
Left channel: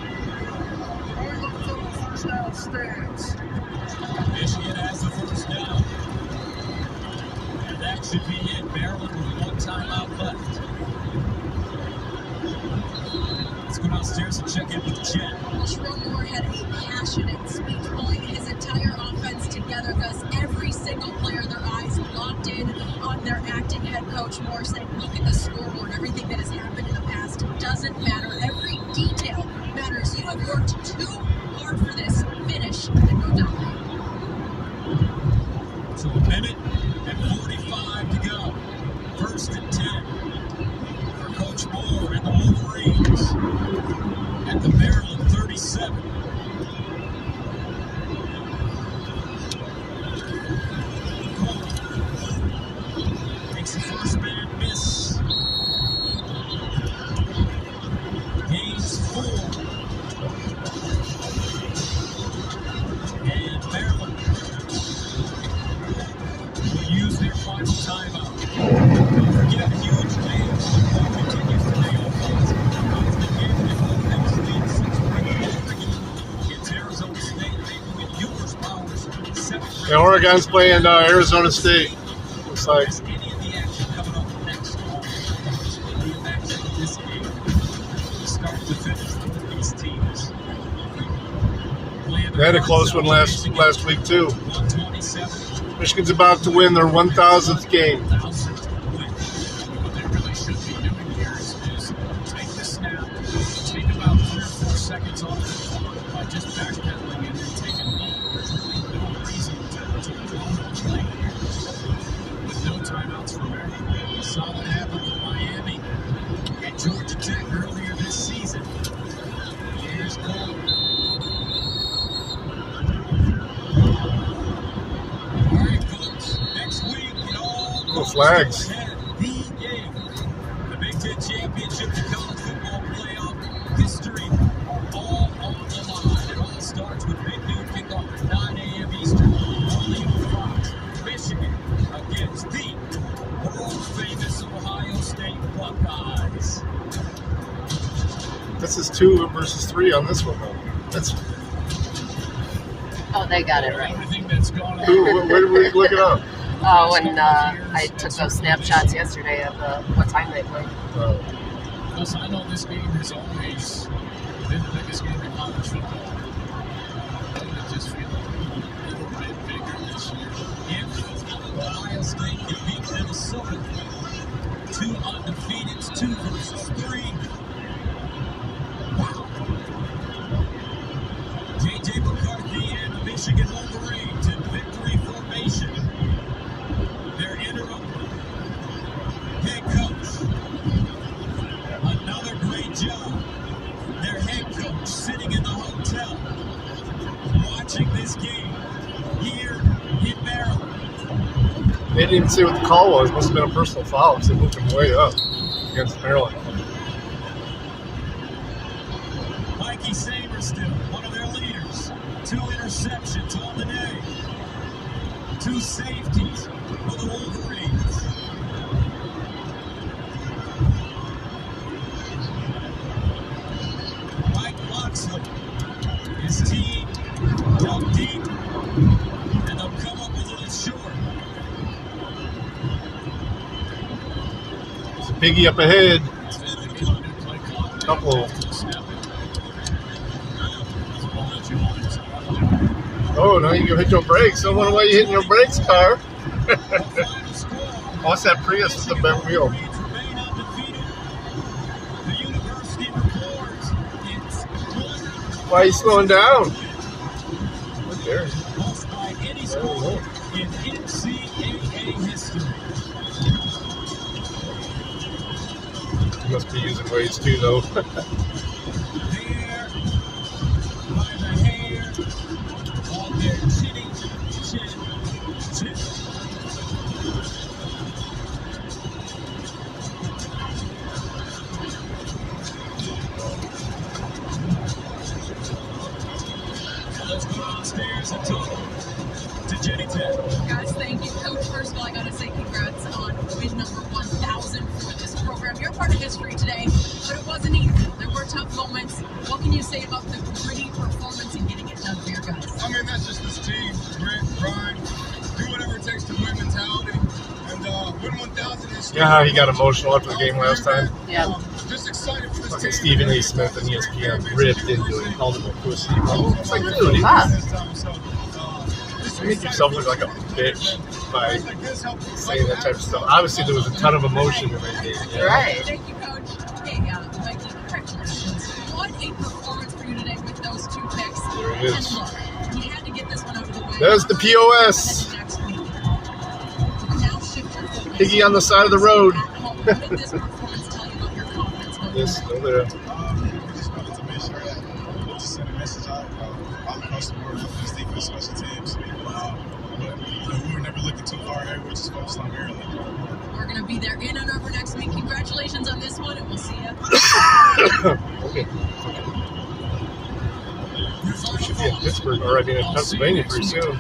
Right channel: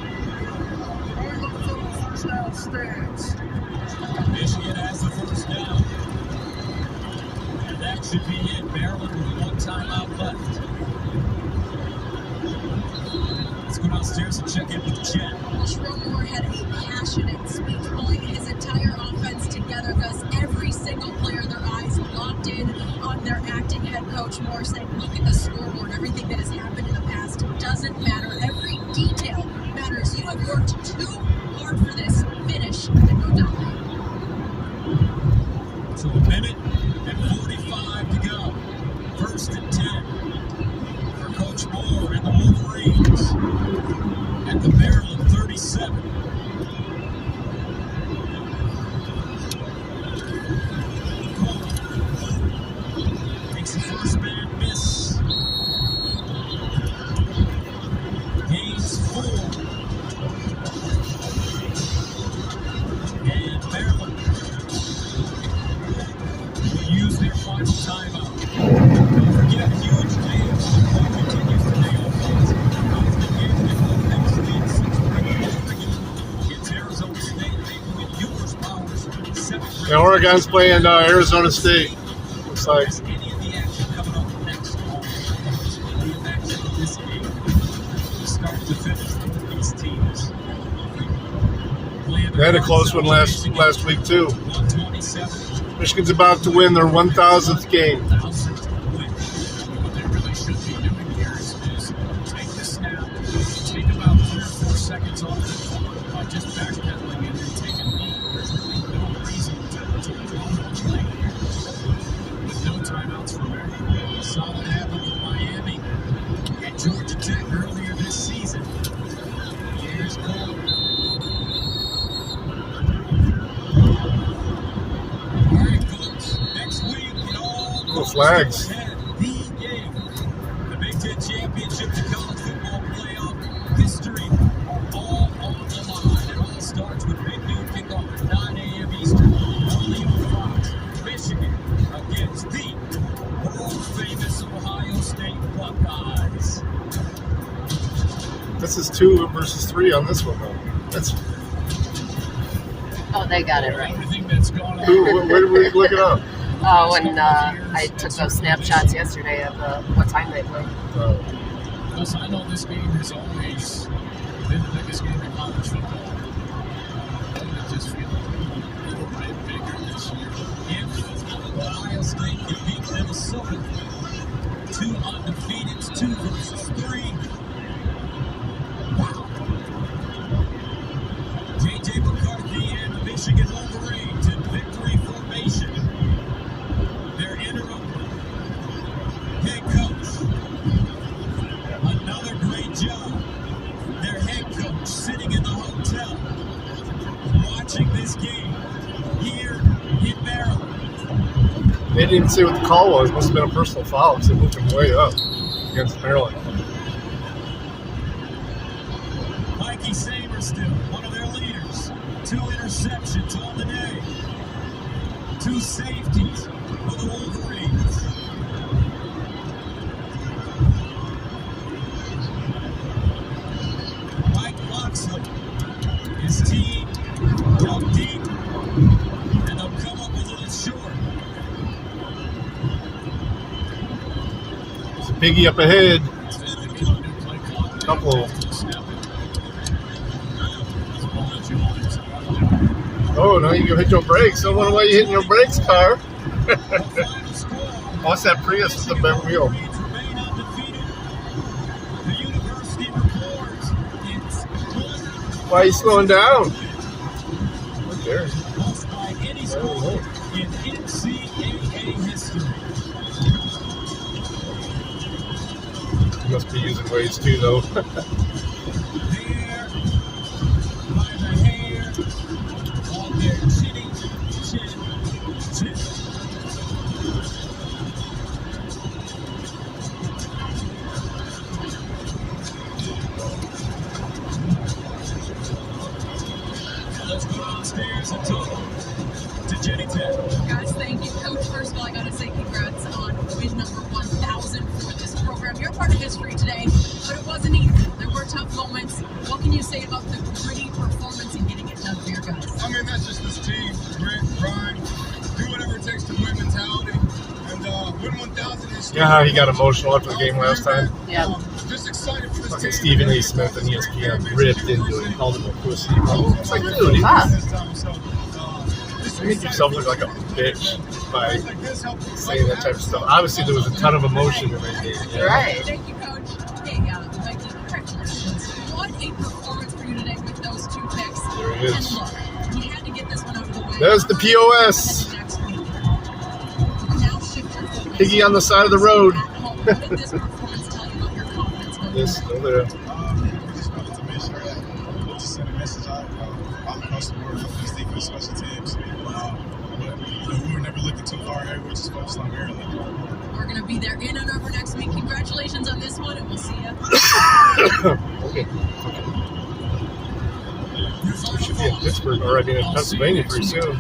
Michigan has the first down. And that should be it. Maryland with one timeout left. Let's go downstairs and check in with Jen. Moore had a passionate speech, pulling his entire offense together, Gus. Every single player, their eyes locked in on their acting head coach Moore, saying, look at the scoreboard. Everything that has happened in the past doesn't matter. Every detail matters. You have worked too hard for this. Finish and go down. So a minute and 45 to go. First and 10 for Coach Moore and the Wolverines at the Maryland 37. Takes the first man miss. Gains 4. And Maryland use their final timeout. Don't forget, huge games continue for the offense. It's Arizona State making it Ewers Powers. Yeah, Oregon's playing Arizona State. Looks like. They had a close one last week too. Michigan's about to win their 1,000th game. What they really should be doing here is take the snap, take about 3 or 4 seconds off the clock by just backpedaling and then take a knee. There's really no reason to blow the play here with no timeouts for Maryland. Saw that happen with Miami and Georgia Tech earlier this season. Here's Cole. No flags. The Big Ten Championship, the college football playoff history, all on the line. It all starts with big noon kickoff at 9 a.m. Eastern. Only on Fox. Michigan against the world-famous Ohio State Buckeyes. This is 2 versus 3 on this one. That's Oh, they got it right. where did we look it up? Oh, and I took those snapshots yesterday of what time they played. Because I know this game has always been the biggest game in college football. I just feel like a little bit bigger this year. Ohio State can beat Minnesota. 2 undefeated, 2 versus 3. Wow. J.J. McCarthy and the Michigan Wolverines in victory formation. Their interim head coach. Another great job. Their head coach sitting in the hotel watching this game here in Maryland. They didn't even say what the call was. Must have been a personal foul because they moved him way up against Maryland. Mikey Saberstill, one of their leaders. 2 interceptions on the day. 2 safeties for the Wolverines. Mike Loxley, his team dug deep, and they'll come up a little short. Piggy up ahead. Couple. Oh, now you can hit your brakes. I wonder why you hitting your brakes, car. What's that Prius with the bent wheel? Why are you slowing down? There. You must be using weights too, though. Chin Yeah, he got emotional after the game last time. Yeah. Fucking Stephen A. Smith and ESPN ripped into it, called him a pussy. It's like, dude, you make yourself look like a bitch by saying that type of stuff. Obviously, there was a ton of emotion in that game. You know? Right. There it is. There's the POS. Piggy on the side of the road. Yes, still there. We're going to be there in and over next week. Congratulations on this one, and we'll see you. Okay. Should be in Pittsburgh already in Pennsylvania pretty soon.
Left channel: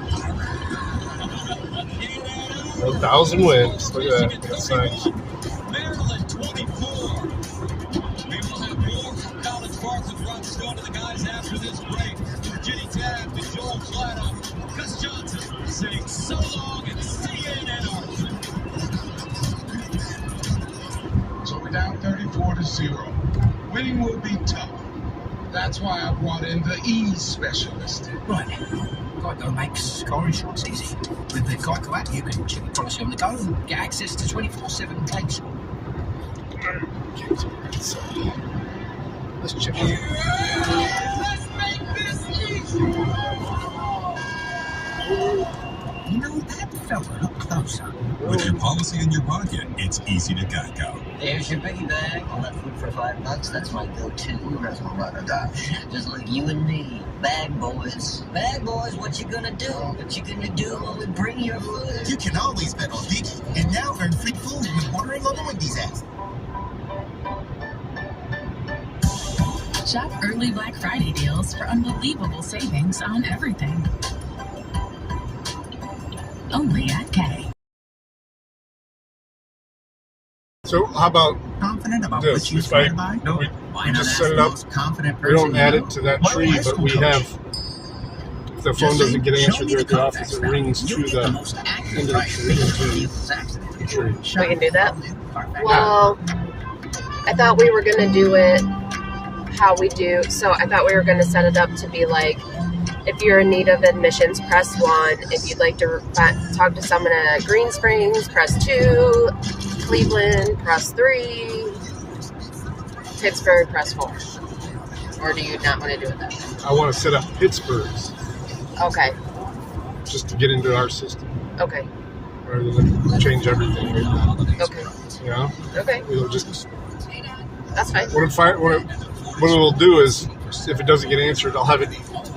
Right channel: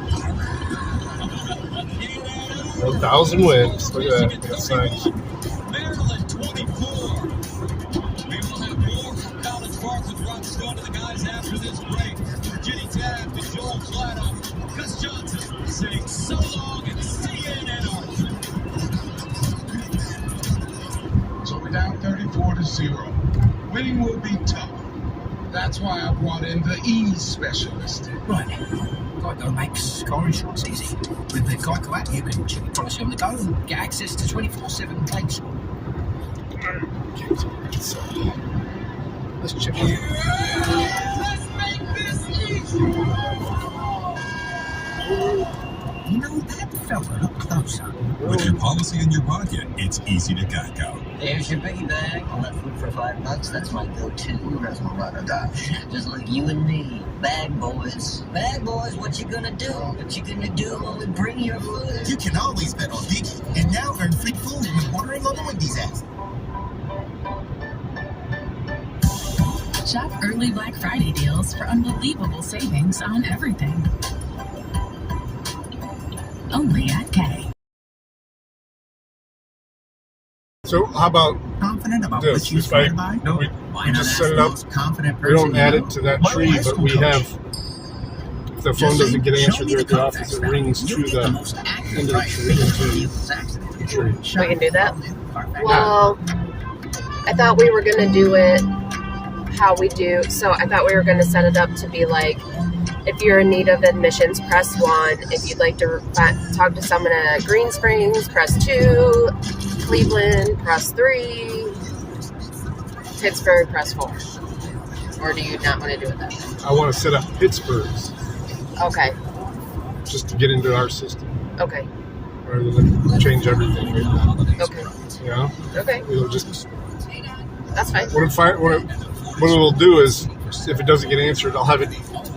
1,000 wins. Look at that. That's nice. So we're down 34-0. Winning will be tough. That's why I brought in the ease specialist. Right. Geico makes scoring shots easy. With the Geico app, you can check price on the go and get access to 24/7 claims. Let's check it. You know, that felt a lot closer. With your policy in your pocket, it's easy to Geico. Here's your biggie bag. All that food for $5. That's my go-to. That's my ride or die. Just like you and me. Bag boys. Bag boys, what you gonna do? What you gonna do when we bring your food? You can always bet on Dickie, and now earn free food when ordering on the Wendy's app. Shop early Black Friday deals for unbelievable savings on everything. Only at K. So how about confident about this? what you Right? No, We just set it up. confident We don't add it to that tree, but we have. If the phone doesn't get answered there at the office, it rings to the end of the tree. We can do that? Well, I thought we were going to do it how we do. So I thought we were going to set it up to be like, if you're in need of admissions, press 1. If you'd like to talk to someone at Green Springs, press 2. Cleveland, press 3. Pittsburgh, press 4. Or do you not want to do it that way? I want to set up Pittsburgh's Okay. just to get into our system. Okay. Rather than change everything. Okay. You know? Okay. It'll just. That's fine. What it'll do is, if it doesn't get answered, I'll have it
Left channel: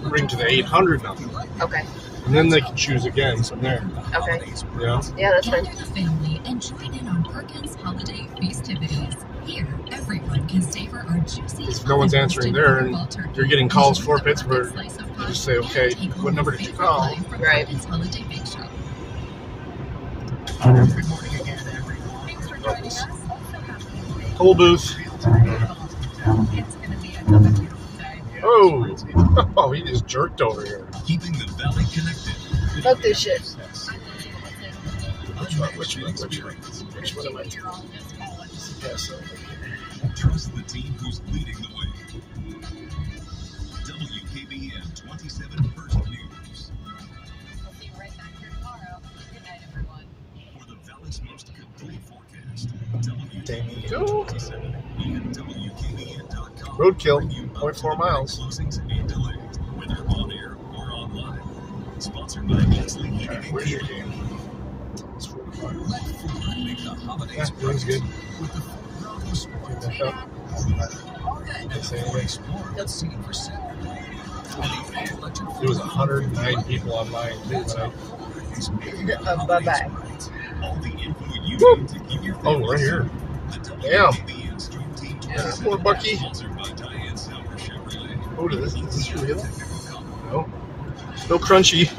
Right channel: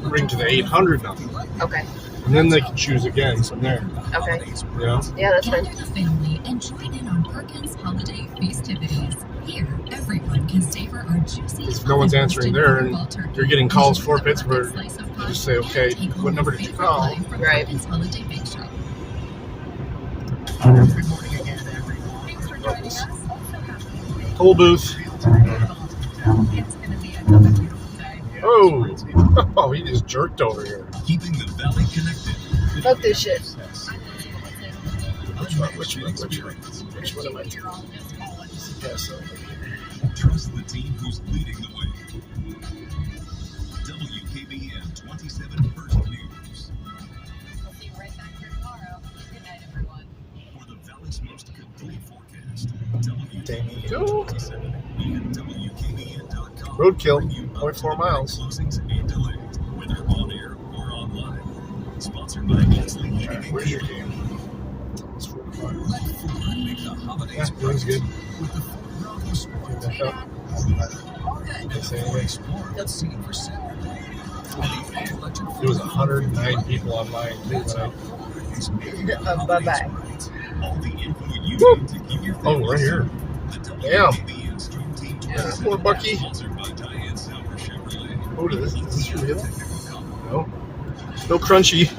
ring to the 800 number. Okay. And then they can choose again from there. Okay. You know? Yeah, that's fine. Gather the family and join in on Perkins holiday festivities. Here, everyone can savor our juicy. If no one's answering there and you're getting calls for Pittsburgh, you just say, okay, what number did you call? Right. Holiday Bake Shop. Toll booth. Oh! Oh, he just jerked over here. Keeping the valley connected. Fuck this shit. Which one am I doing? Trust the team who's leading the way. WKBN 27 First News. For the valley's most complete forecast, WKBN 27 and WKBN.com. Roadkill, 0.4 miles. Closings and delays, whether on air or online. Sponsored by Ainsley Heating and Cooling. Let Ford make the holidays Yeah, feels good. with the Ford Bronco Sport. Let's see for sale. There was 109 people online too tonight. Bye-bye. Oh, right here. Yeah. Poor Bucky. Oh, is this real? No. Still crunchy.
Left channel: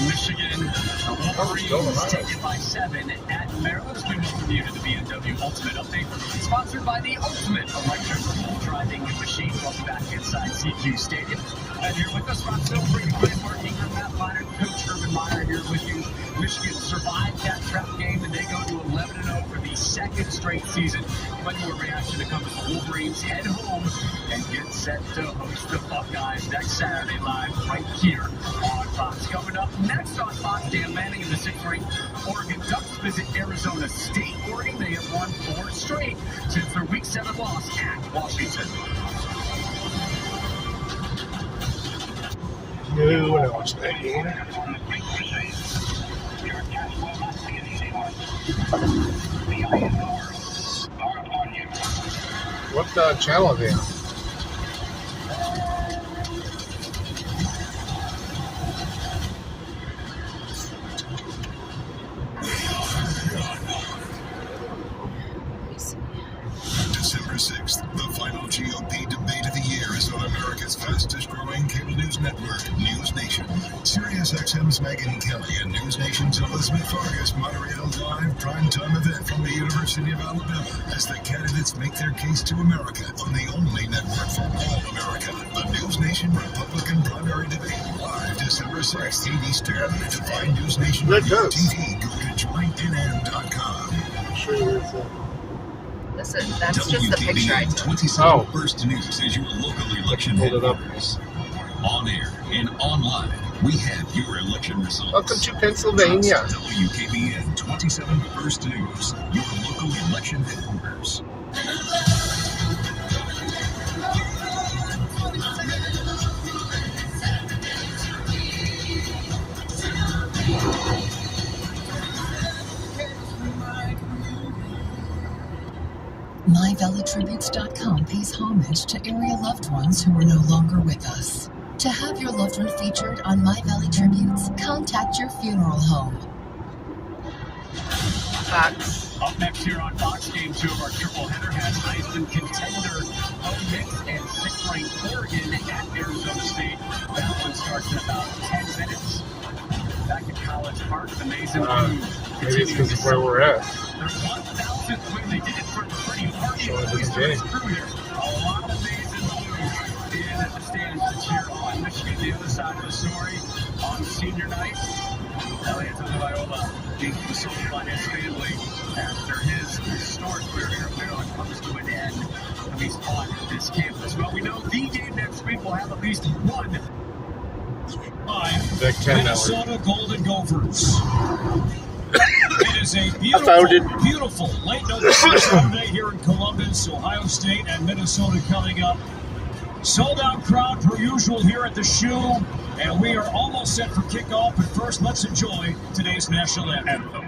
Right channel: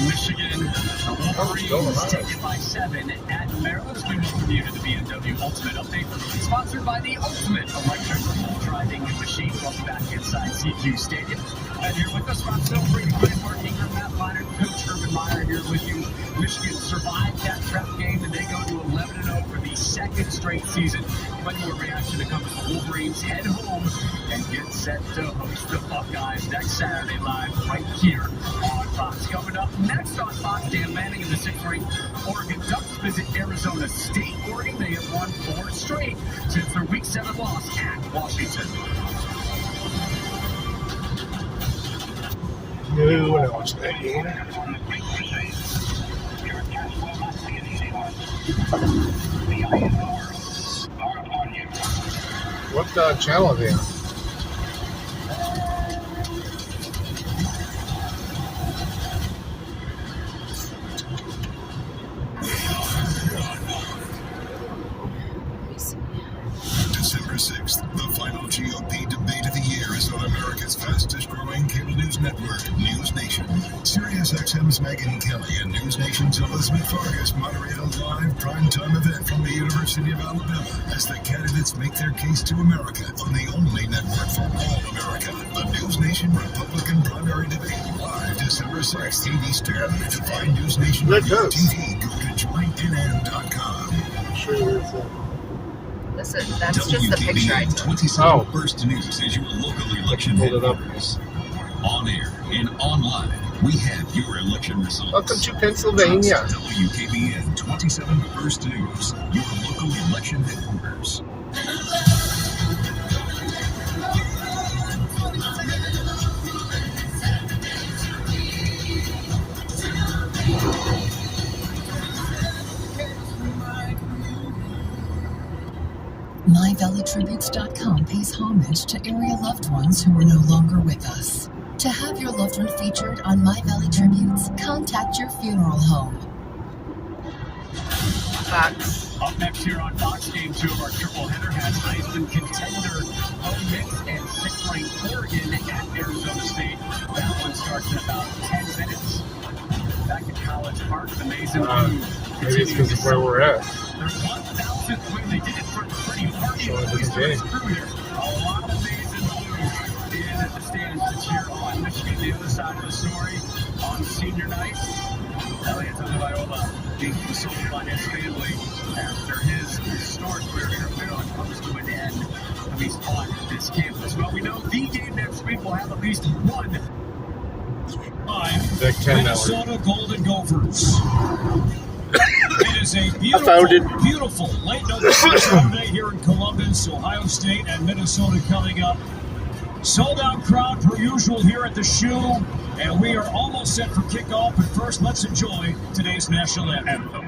Michigan, the Wolverines take it by 7 at Maryland. We welcome you to the BMW Ultimate Update, sponsored by the Ultimate Electric Driving Machine. Welcome back inside CQ Stadium. And here with us, Rob Silver, working on that line. Coach Urban Meyer here with you. Michigan survived that prep game, and they go to 11-0 for the second straight season. Much more reaction to come as the Wolverines head home and get set to host the Buckeyes next Saturday live right here on Fox. Coming up next on Fox, Dan Lanning in the 6th-ranked Oregon Ducks visit Arizona State. Oregon, they have won 4 straight since their Week 7 loss at Washington. Ooh, I watched that game. What channel are they on? December 6th, the final GOP debate of the year is on America's fastest-growing cable news network, News Nation. SiriusXM's Megyn Kelly and News Nation's Elizabeth Vargas moderate a live primetime event from the University of Alabama as the candidates make their case to America on the only network for all America. The News Nation Republican primary debate live December 6th, 8 Eastern. To find News Nation on TV, go to joinnn.com. Listen, that's just the picture I took. 27 First News is your local election headquarters. On air and online, we have your election results. Welcome to Pennsylvania. WKBN 27 First News, your local election headquarters. MyValleyTributes.com pays homage to area loved ones who are no longer with us. To have your loved one featured on My Valley Tributes, contact your funeral home. Fox. Up next here on Fox, Game 2 of our triple header has Heisman contender Bo Nix and 6th-ranked Oregon at Arizona State. That one starts in about 10 minutes. Back at College Park, the Mason crew Maybe it's because of where we're at. Their 1,000th win. They did it for pretty hard. A lot of Mason crew in at the stands to cheer on Michigan. The other side of the story on senior night. Elliot Tagovailoa being consoled by his family after his historic career here at Maryland comes to an end. At least on this campus. Well, we know the game next week will have at least one. Minnesota Golden Gophers. It is a beautiful late November Saturday here in Columbus, Ohio State and Minnesota coming up. Sold out crowd per usual here at the Shoe, and we are almost set for kickoff. But first, let's enjoy today's national anthem.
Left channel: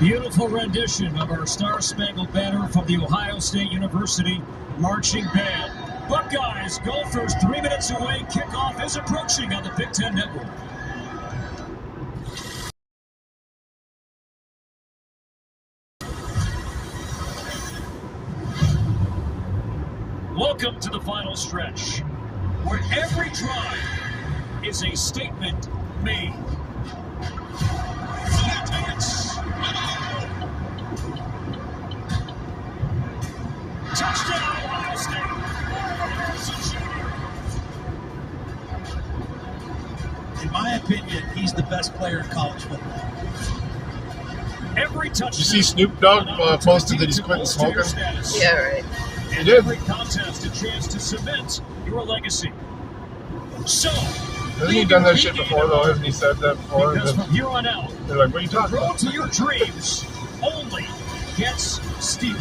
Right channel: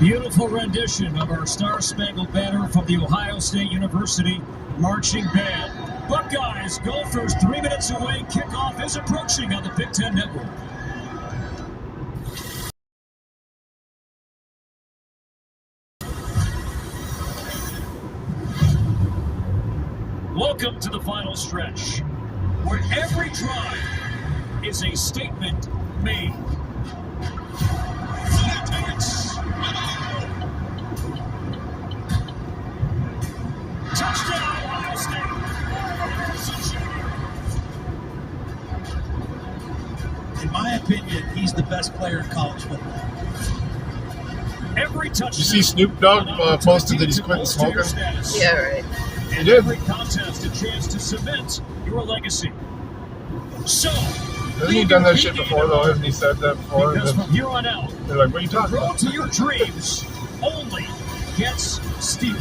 Beautiful rendition of our Star-Spangled Banner from the Ohio State University Marching Band. Buckeyes, Gophers, 3 minutes away. Kickoff is approaching on the Big Ten Network. Welcome to the final stretch, where every drive is a statement made. player in college football. Every touch. You see Snoop Dogg posted that he's quitting smoking? Yeah, right. He did. Every contest a chance to cement your legacy. So, hasn't he done that shit before, though? Hasn't he said that before? Because from here on out, they're like, what are you talking the road about? to your dreams only gets steeper.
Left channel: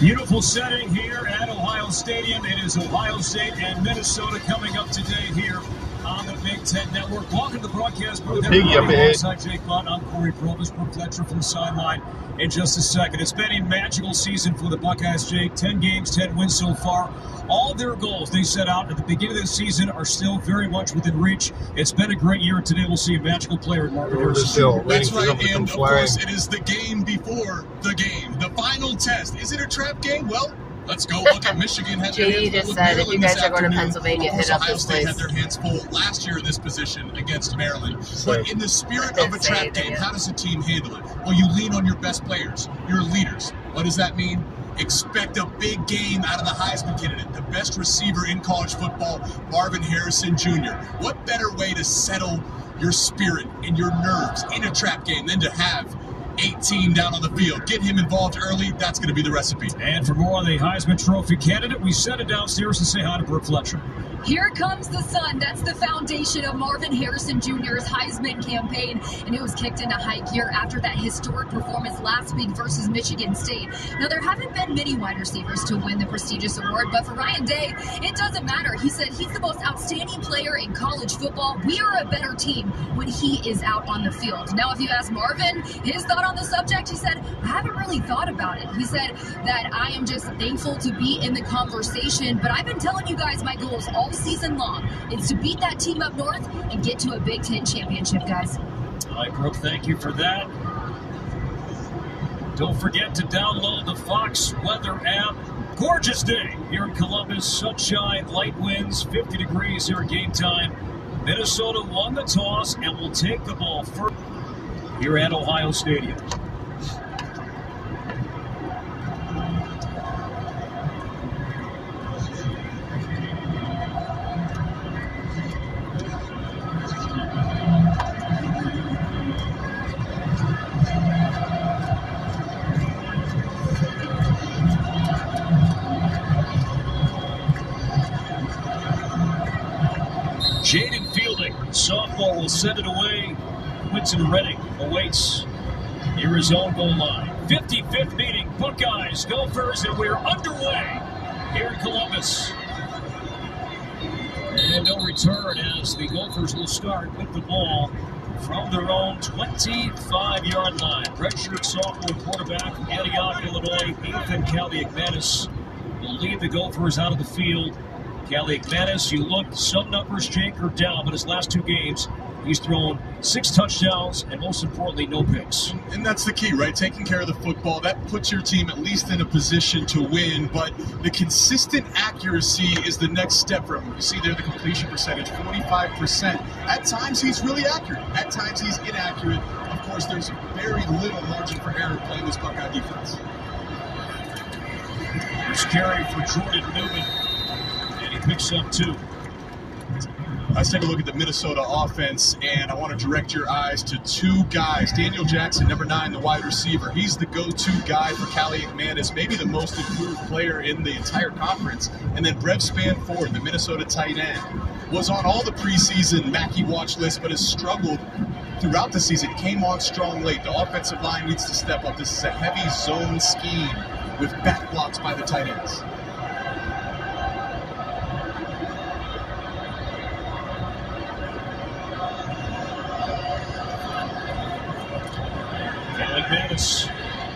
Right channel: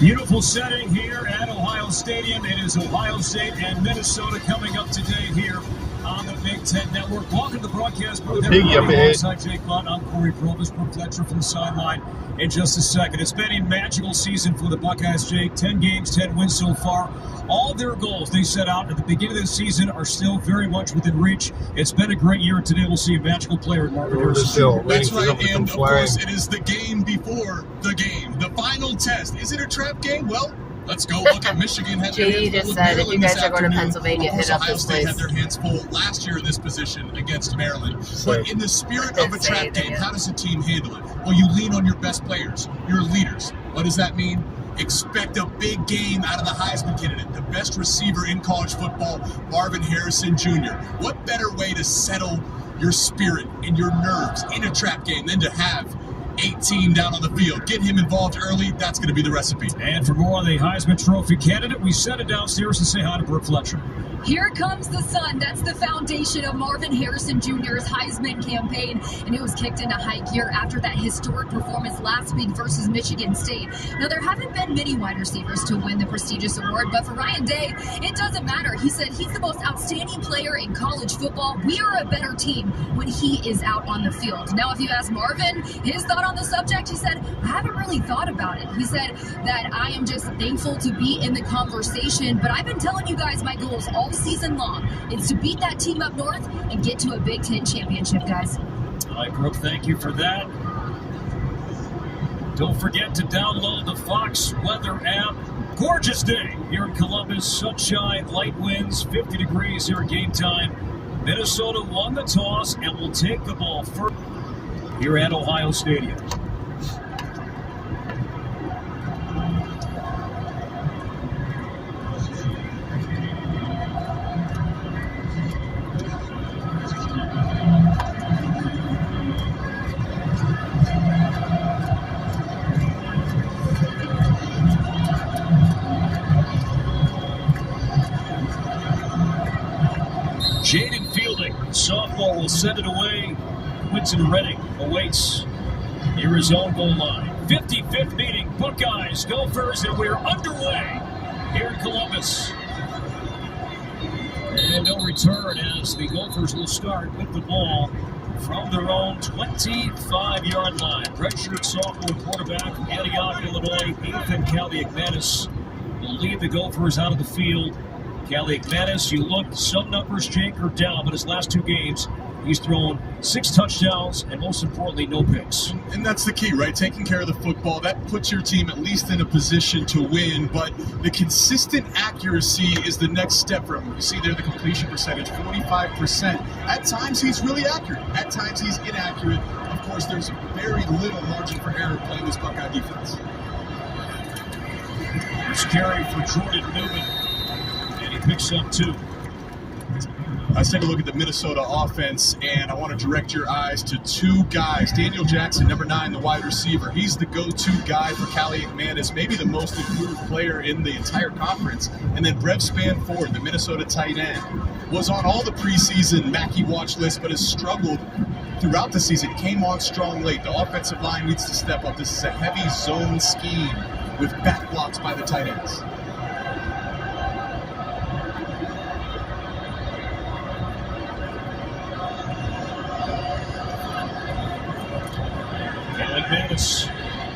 Beautiful setting here at Ohio Stadium. It is Ohio State and Minnesota coming up today here on the Big Ten Network. Welcome to the broadcast booth. Alongside Jake Butt, I'm Corey Provis, Brooke Fletcher from the sideline in just a second. It's been a magical season for the Buckeyes, Jake. 10 games, 10 wins so far. All their goals they set out at the beginning of the season are still very much within reach. It's been a great year. Today we'll see a magical player in Marvin Harrison. That's right, and of course it is the game before the game. The final test. Is it a trap game? Well, let's go look at Michigan. JD just said if you guys are going to Pennsylvania, hit up Ohio this State place. had their hands full last year in this position against Maryland. But in the spirit of a trap game, how does a team handle it? Well, you lean on your best players, your leaders. What does that mean? Expect a big game out of the Heisman candidate, the best receiver in college football, Marvin Harrison Jr. What better way to settle your spirit and your nerves in a trap game than to have 18 down on the field? Get him involved early. That's going to be the recipe. And for more on the Heisman Trophy candidate, we send it downstairs to say hi to Brooke Fletcher. Here comes the sun. That's the foundation of Marvin Harrison Jr.'s Heisman campaign, and it was kicked into high gear after that historic performance last week versus Michigan State. Now, there haven't been many wide receivers to win the prestigious award, but for Ryan Day, it doesn't matter. He said he's the most outstanding player in college football. We are a better team when he is out on the field. Now, if you ask Marvin his thought on the subject, he said, I haven't really thought about it. He said that I am just thankful to be in the conversation, but I've been telling you guys my goals all season long is to beat that team up north and get to a Big Ten championship, guys. All right, Brooke, thank you for that. Don't forget to download the Fox Weather app. Gorgeous day here in Columbus. Sunshine, light winds, 50 degrees here at game time. Minnesota won the toss and will take the ball first here at Ohio Stadium. Jaden Fielding, sophomore, will send it away. Quinton Redding awaits near his own goal line. 55th meeting, Buckeyes, Gophers, and we're underway here in Columbus. And no return as the Gophers will start with the ball from their own 25-yard line. Redshirt sophomore quarterback from Antioch, Illinois, Ethan Kaliakmanis will lead the Gophers out of the field. Kaliakmanis, you look, some numbers, Jake, are down, but his last two games, he's thrown 6 touchdowns and, most importantly, no picks. And that's the key, right? Taking care of the football, that puts your team at least in a position to win, but the consistent accuracy is the next step for him. You see there the completion percentage, 45%. At times, he's really accurate. At times, he's inaccurate. Of course, there's very little margin for error playing this Buckeye defense. First carry for Jordan Newman. Picks up 2. Let's take a look at the Minnesota offense, and I want to direct your eyes to 2 guys. Daniel Jackson, number 9, the wide receiver. He's the go-to guy for Kaliakmanis, maybe the most improved player in the entire conference. And then Brev Spanford, the Minnesota tight end, was on all the preseason Mackey watch list, but has struggled throughout the season. Came on strong late. The offensive line needs to step up. This is a heavy zone scheme with back blocks by the tight ends.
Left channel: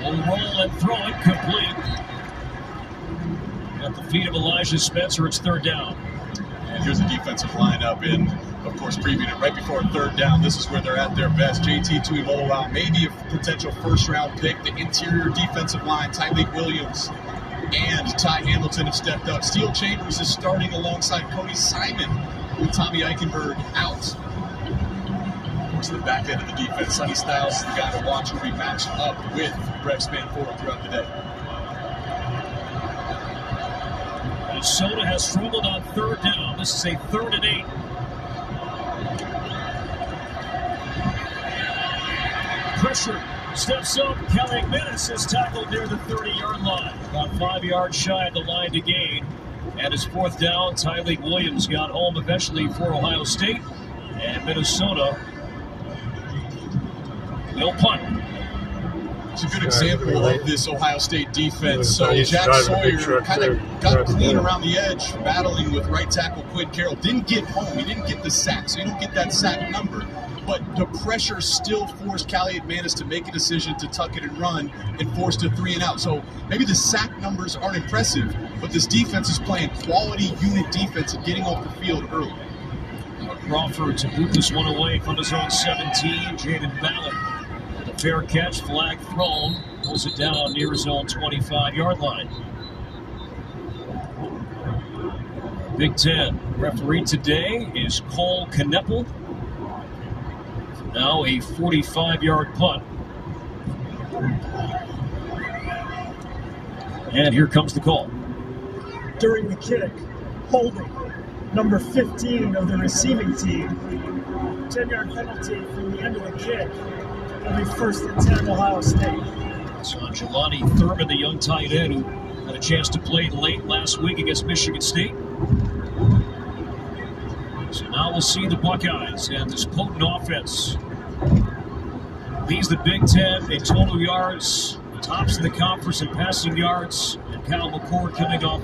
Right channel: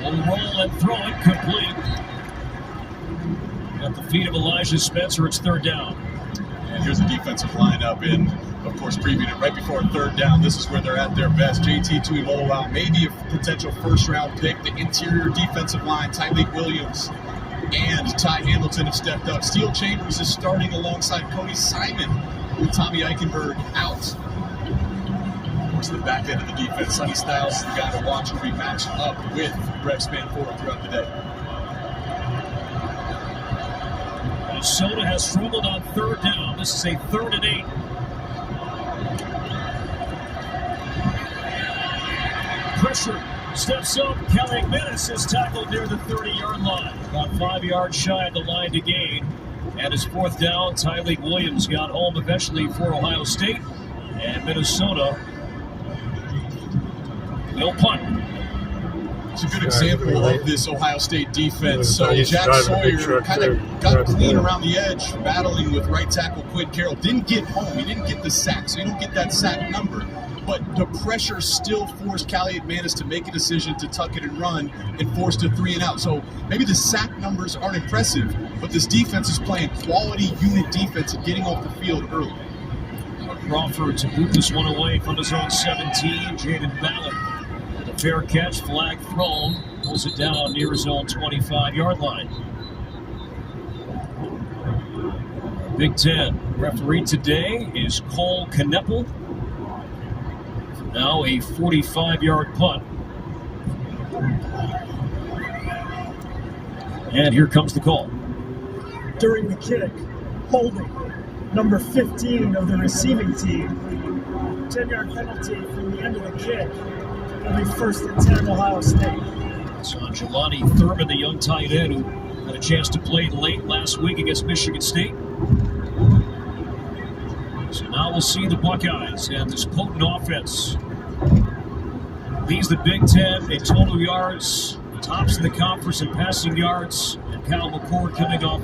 Will roll and throw it complete. At the feet of Elijah Spencer, it's 3rd down. And here's the defensive lineup, and of course, previewed it right before 3rd down. This is where they're at their best. JT Tuimoloau, maybe a potential first-round pick. The interior defensive line, Tyleik Williams and Ty Hamilton have stepped up. Steel Chambers is starting alongside Cody Simon with Tommy Eichenberg out. To the back end of the defense. Sonny Styles is the guy to watch who will be matched up with Brev Spanford throughout the day. Minnesota has struggled on third down. This is a 3rd and 8. Pressure. Steps up. Kelly McManus is tackled near the 30-yard line. About 5 yards shy of the line to gain. And his 4th down, Tyleik Williams got home eventually for Ohio State. And Minnesota will punt. It's a good example of this Ohio State defense. So Jack Sawyer kind of got clean around the edge, battling with right tackle Quinn Carroll. Didn't get home. He didn't get the sack, so you don't get that sack number. But the pressure still forced Kelly McManus to make a decision to tuck it and run and forced a 3 and out. So maybe the sack numbers aren't impressive, but this defense is playing quality unit defense and getting off the field early. Crawford to boot this one away from his own 17. Jaden Ballard. Fair catch, flag thrown, pulls it down near his own 25-yard line. Big Ten referee today is Cole Kneppel. Now a 45-yard punt. And here comes the call. During the kick, holding number 15 of the receiving team. 10-yard penalty from the end of the kick. It'll be 1st and 10 Ohio State. So Jelani Thurman, the young tight end who had a chance to play late last week against Michigan State. So now we'll see the Buckeyes and this potent offense leads the Big Ten in total yards, tops in the conference in passing yards, and Kyle McCord coming off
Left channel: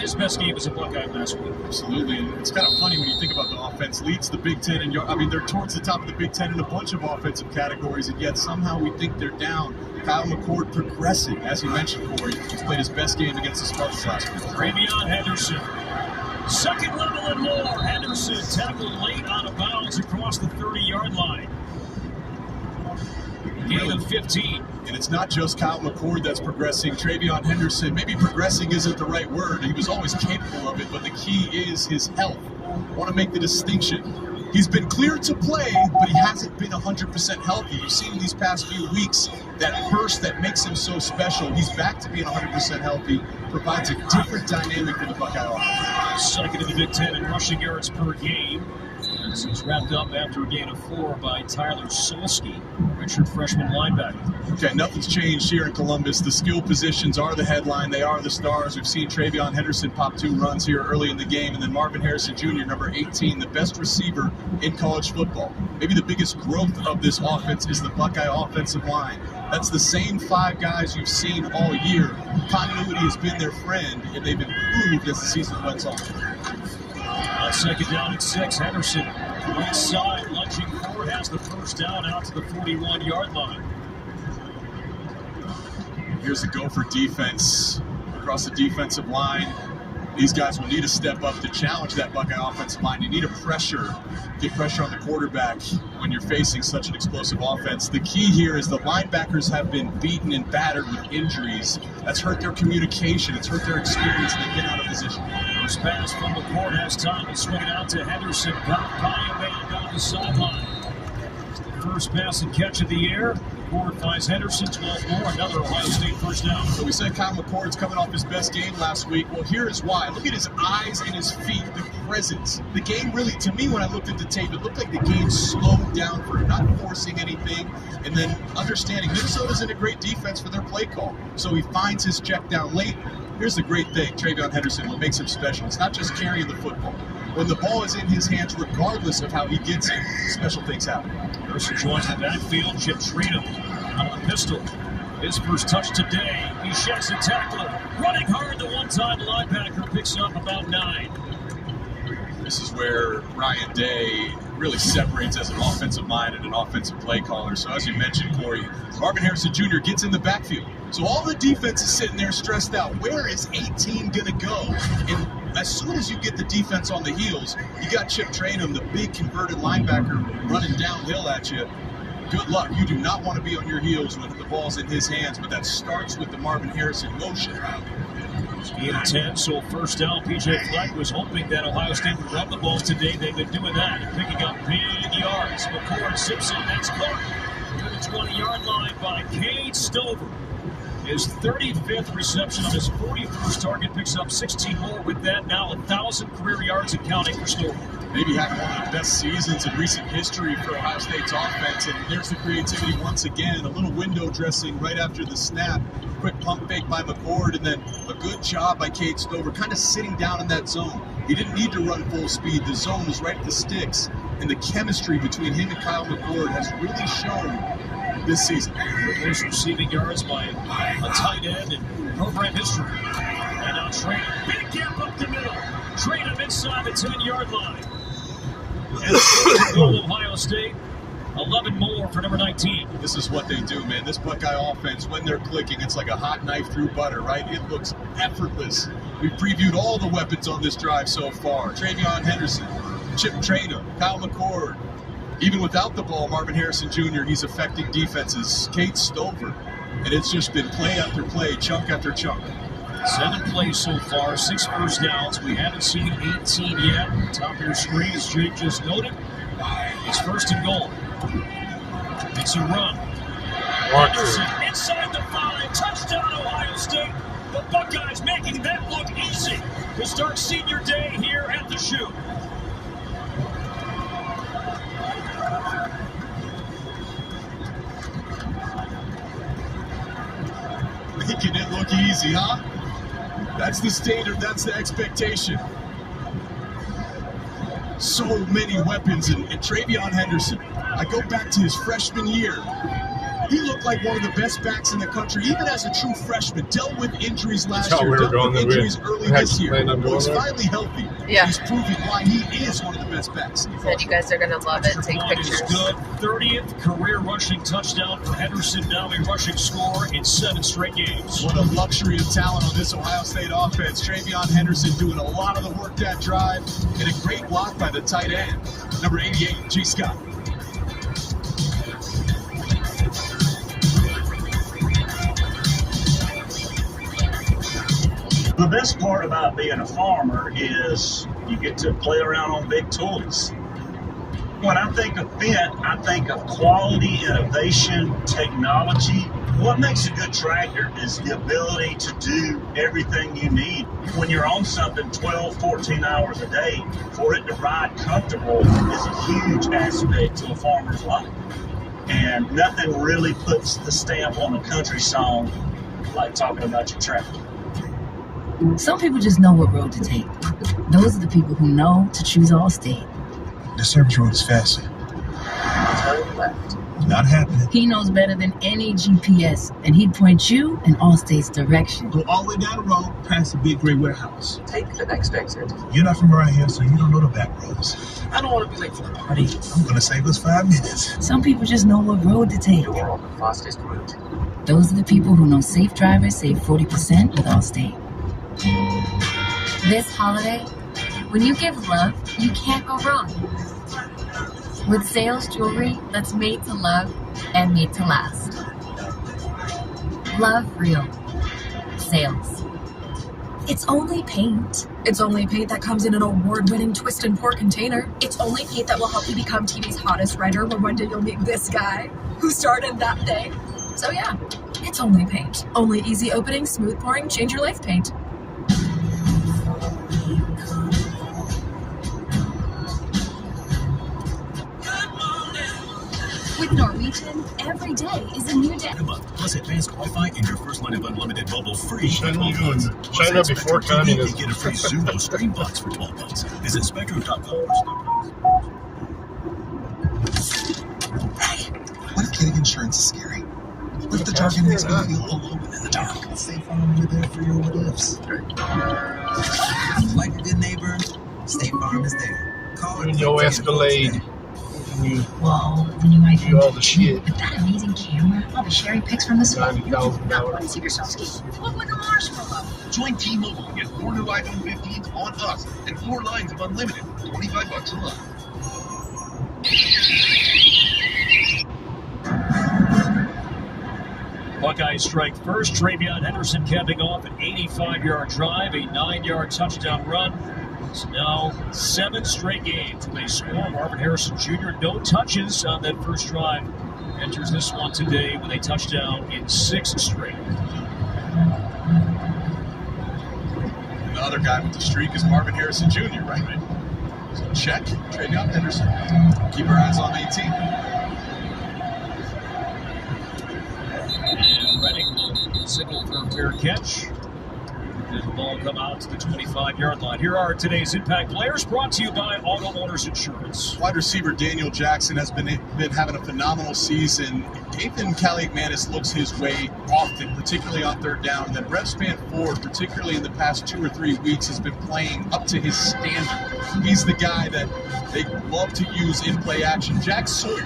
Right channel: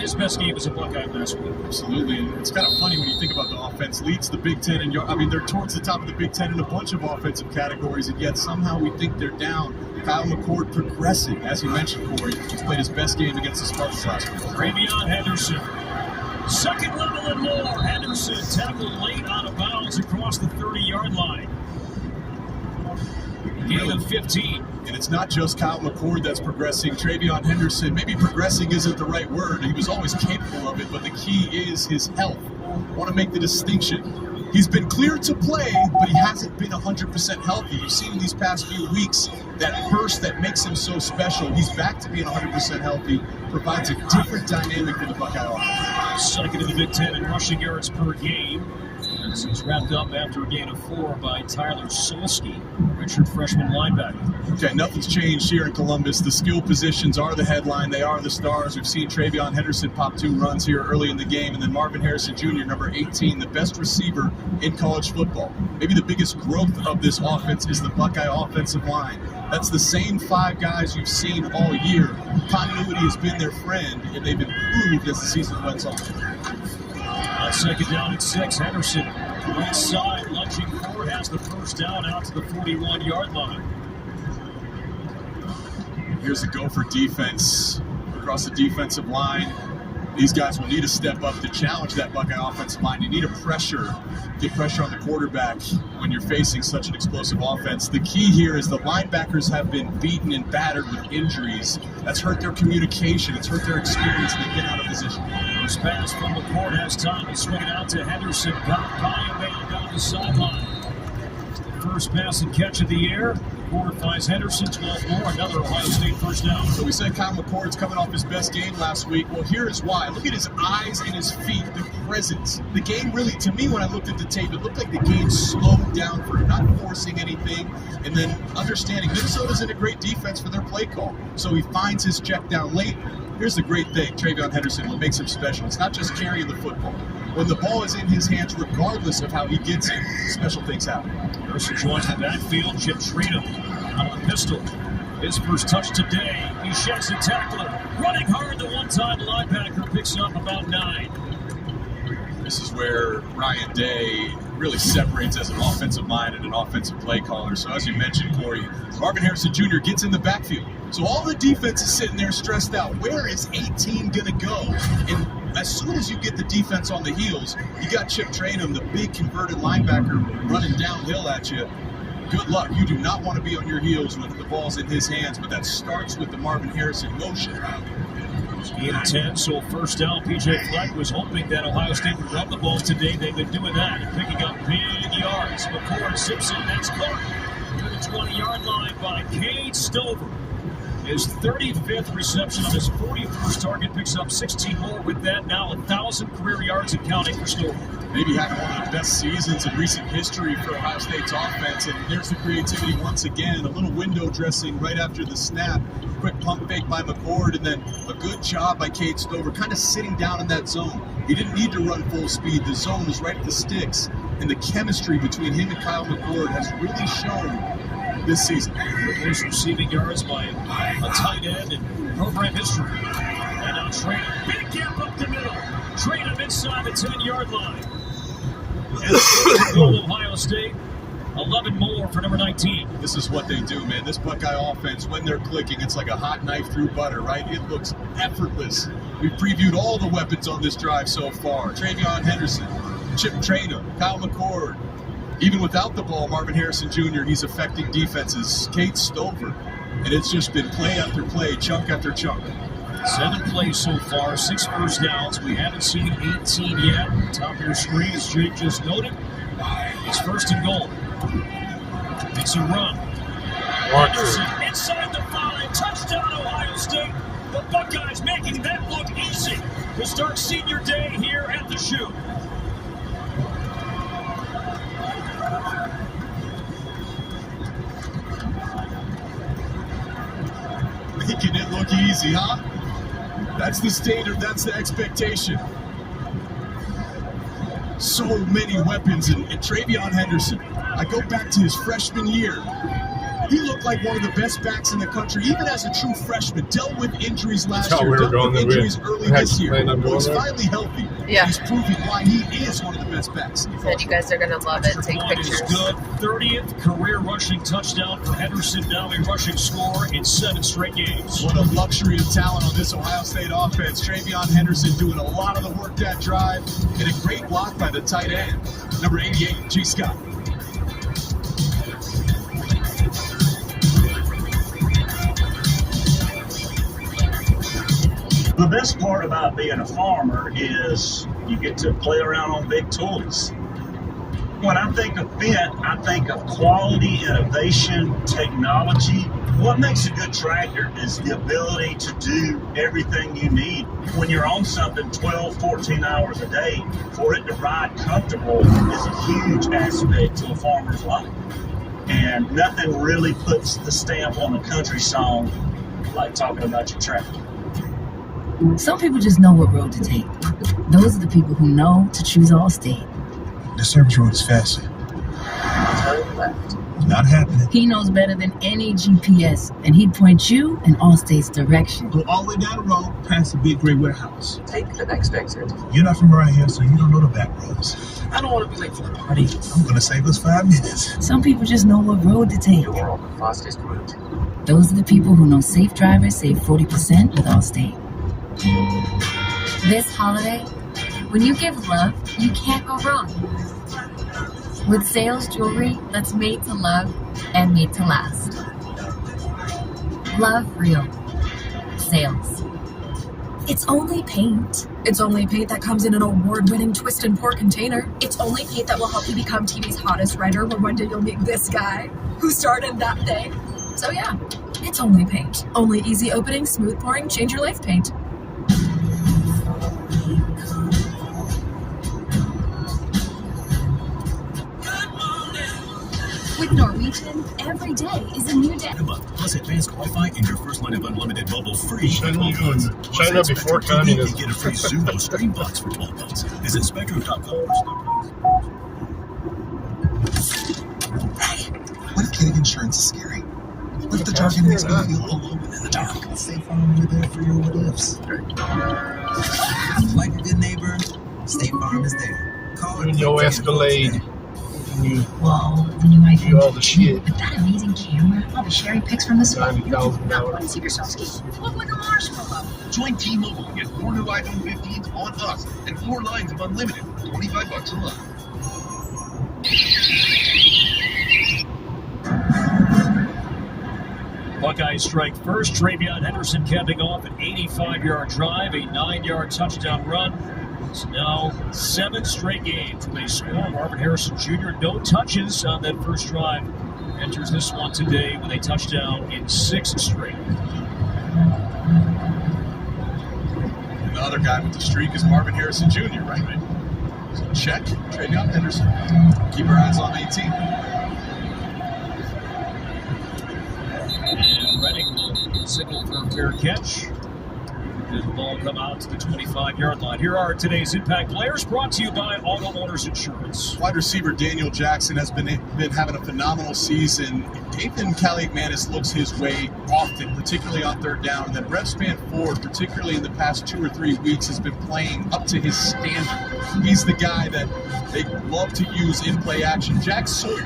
his best game as a Buckeye last week. Absolutely. And it's kind of funny when you think about the offense. Leads the Big Ten in yards. I mean, they're towards the top of the Big Ten in a bunch of offensive categories, and yet somehow we think they're down. Kyle McCord progressing, as you mentioned, Corey. He's played his best game against the Spartans last week. TreVeyon Henderson. Second level and more. Henderson tackled late out of bounds across the 30-yard line. Gain of 15. And it's not just Kyle McCord that's progressing. TreVeyon Henderson, maybe progressing isn't the right word. He was always capable of it, but the key is his health. I want to make the distinction. He's been cleared to play, but he hasn't been 100% healthy. You've seen these past few weeks that burst that makes him so special. He's back to being 100% healthy, provides a different dynamic for the Buckeye offense. Second in the Big Ten in rushing yards per game. As he's wrapped up after a gain of 4 by Tyler Solsky, redshirt freshman linebacker. Okay, nothing's changed here in Columbus. The skill positions are the headline. They are the stars. We've seen TreVeyon Henderson pop 2 runs here early in the game, and then Marvin Harrison Jr., number 18, the best receiver in college football. Maybe the biggest growth of this offense is the Buckeye offensive line. That's the same 5 guys you've seen all year. Continuity has been their friend, and they've improved as the season went on. Second down at 6. Henderson, right side, lunging forward, has the first down out to the 41-yard line. Here's a Gopher defense across the defensive line. These guys will need to step up to challenge that Buckeye offensive line. You need a get pressure on the quarterback when you're facing such an explosive offense. The key here is the linebackers have been beaten and battered with injuries. That's hurt their communication. It's hurt their experience, and they've been out of position. First pass from McCord has time to swing it out to Henderson. Got by a man down the sideline. First pass and catch of the air. McCord finds Henderson, 12 more, another Ohio State first down. So we said Kyle McCord's coming off his best game last week. Well, here is why. Look at his eyes and his feet, the presence. The game really, to me, when I looked at the tape, it looked like the game slowed down for him, not forcing anything, and then understanding Minnesota's in a great defense for their play call. So he finds his check down late. Here's the great thing, TreVeyon Henderson, what makes him special. It's not just carrying the football. When the ball is in his hands, regardless of how he gets it, special things happen. Mercer joins the backfield. Chip Trina on the pistol. His first touch today. He sheds a tackler. Running hard, the one-time linebacker picks up about 9. This is where Ryan Day really separates as an offensive mind and an offensive play caller. So as you mentioned, Corey, Marvin Harrison Jr. gets in the backfield. So all the defense is sitting there stressed out. Where is 18 going to go? And as soon as you get the defense on the heels, you got Chip Trainum, the big converted linebacker, running downhill at you. Good luck. You do not want to be on your heels when the ball's in his hands, but that starts with the Marvin Harrison motion. Gain of 10, so first down. PJ Fleck was hoping that Ohio State would run the ball today. They've been doing that and picking up big yards. McCord, Simpson, that's caught to the 20-yard line by Cade Stover. His 35th reception on his 41st target, picks up 16 more with that. Now 1,000 career yards and counting for Stover. Maybe having one of the best seasons in recent history for Ohio State's offense. And there's the creativity once again. A little window dressing right after the snap. Quick pump fake by McCord, and then a good job by Cade Stover, kind of sitting down in that zone. He didn't need to run full speed. The zone was right at the sticks. And the chemistry between him and Kyle McCord has really shown this season. His receiving yards by a tight end in program history. And now Traynham, big gap up the middle. Traynham inside the 10-yard line. Ohio State, 11 more for number 19. This is what they do, man. This Buckeye offense, when they're clicking, it's like a hot knife through butter, right? It looks effortless. We've previewed all the weapons on this drive so far. TreVeyon Henderson, Chip Traynham, Kyle McCord. Even without the ball, Marvin Harrison Jr., he's affecting defenses. Cade Stover. And it's just been play after play, chunk after chunk. 7 plays so far, 6 first downs. We haven't seen 18 yet. Top of your screen, as Jake just noted. It's first and goal. It's a run. Henderson inside the 5. Touchdown, Ohio State. The Buckeyes making that look easy to start senior day here at the Shoe. Making it look easy, huh? That's the standard, that's the expectation. So many weapons, and TreVeyon Henderson. I go back to his freshman year. He looked like one of the best backs in the country, even as a true freshman. Dealt with injuries last year, dealt with injuries early this year. He's finally healthy. Yeah. He's proving why he is one of the best backs. And you guys are going to love it. Take pictures. Good. 30th career rushing touchdown for Henderson. Now a rushing score in 7 straight games. What a luxury of talent on this Ohio State offense. TreVeyon Henderson doing a lot of the work that drive, and a great block by the tight end, number 88, G. Scott. The best part about being a farmer is you get to play around on big toys. When I think of Fendt, I think of quality, innovation, technology. What makes a good tractor is the ability to do everything you need. When you're on something 12, 14 hours a day, for it to ride comfortable is a huge aspect to a farmer's life. And nothing really puts the stamp on a country song like talking about your tractor. Some people just know what road to take. Those are the people who know to choose Allstate. The service road is faster. Not happening. He knows better than any GPS, and he'd point you in Allstate's direction. Go all the way down the road, past the big gray warehouse. Take the next exit. You're not from around here, so you don't know the back roads. I don't want to be late for the party. I'm going to save us 5 minutes. Some people just know what road to take. You're on the fastest route. Those are the people who know safe drivers save 40% with Allstate. This holiday, when you give love, you can't go wrong. With Sales jewelry that's made to love and made to last. Love real. Sales. It's only paint. It's only paint that comes in an award-winning twist and pour container. It's only paint that will help you become TV's hottest writer, but one day you'll meet this guy who starred in that thing. So yeah, it's only paint. Only easy opening, smooth pouring, change your life paint. With Norwegian, every day is a new day. Plus advanced Wi-Fi and your first line of unlimited mobile free. China before communism. Get a free Zumo stream box for 12 months. Visit Spectrum.com. Hey, what if getting insurance is scary? What if the jargon makes me feel alone in the dark? State Farm, you're there for your what ifs. Like a good neighbor, State Farm is there. Call When your Escalade. Whoa, then you might do all the shit. With that amazing camera, all the sharing pics from the spot, you $90,000. do not want to see yourself ski. Look like a marshmallow. Join T-Mobile and get 4 new iPhone 15s on us and 4 lines of unlimited for $25 a month. Buckeyes strike first. TreVeyon Henderson capping off an 85-yard drive, a 9-yard touchdown run. It's now 7 straight games with a score. Marvin Harrison Jr. no touches on that first drive. Enters this one today with a touchdown in 6 straight. And the other guy with the streak is Marvin Harrison Jr., right? So check, Travion Henderson. Keep our eyes on 18. And Redding, single for a fair catch. The ball come out to the 25-yard line. Here are today's impact players, brought to you by Auto Owners Insurance. Wide receiver Daniel Jackson has been having a phenomenal season. Nathan Kaliakmanis looks his way often, particularly on third down. And then Brett Spanford, particularly in the past 2 or 3 weeks, has been playing up to his standard. He's the guy that they love to use in play action. Jack Sawyer,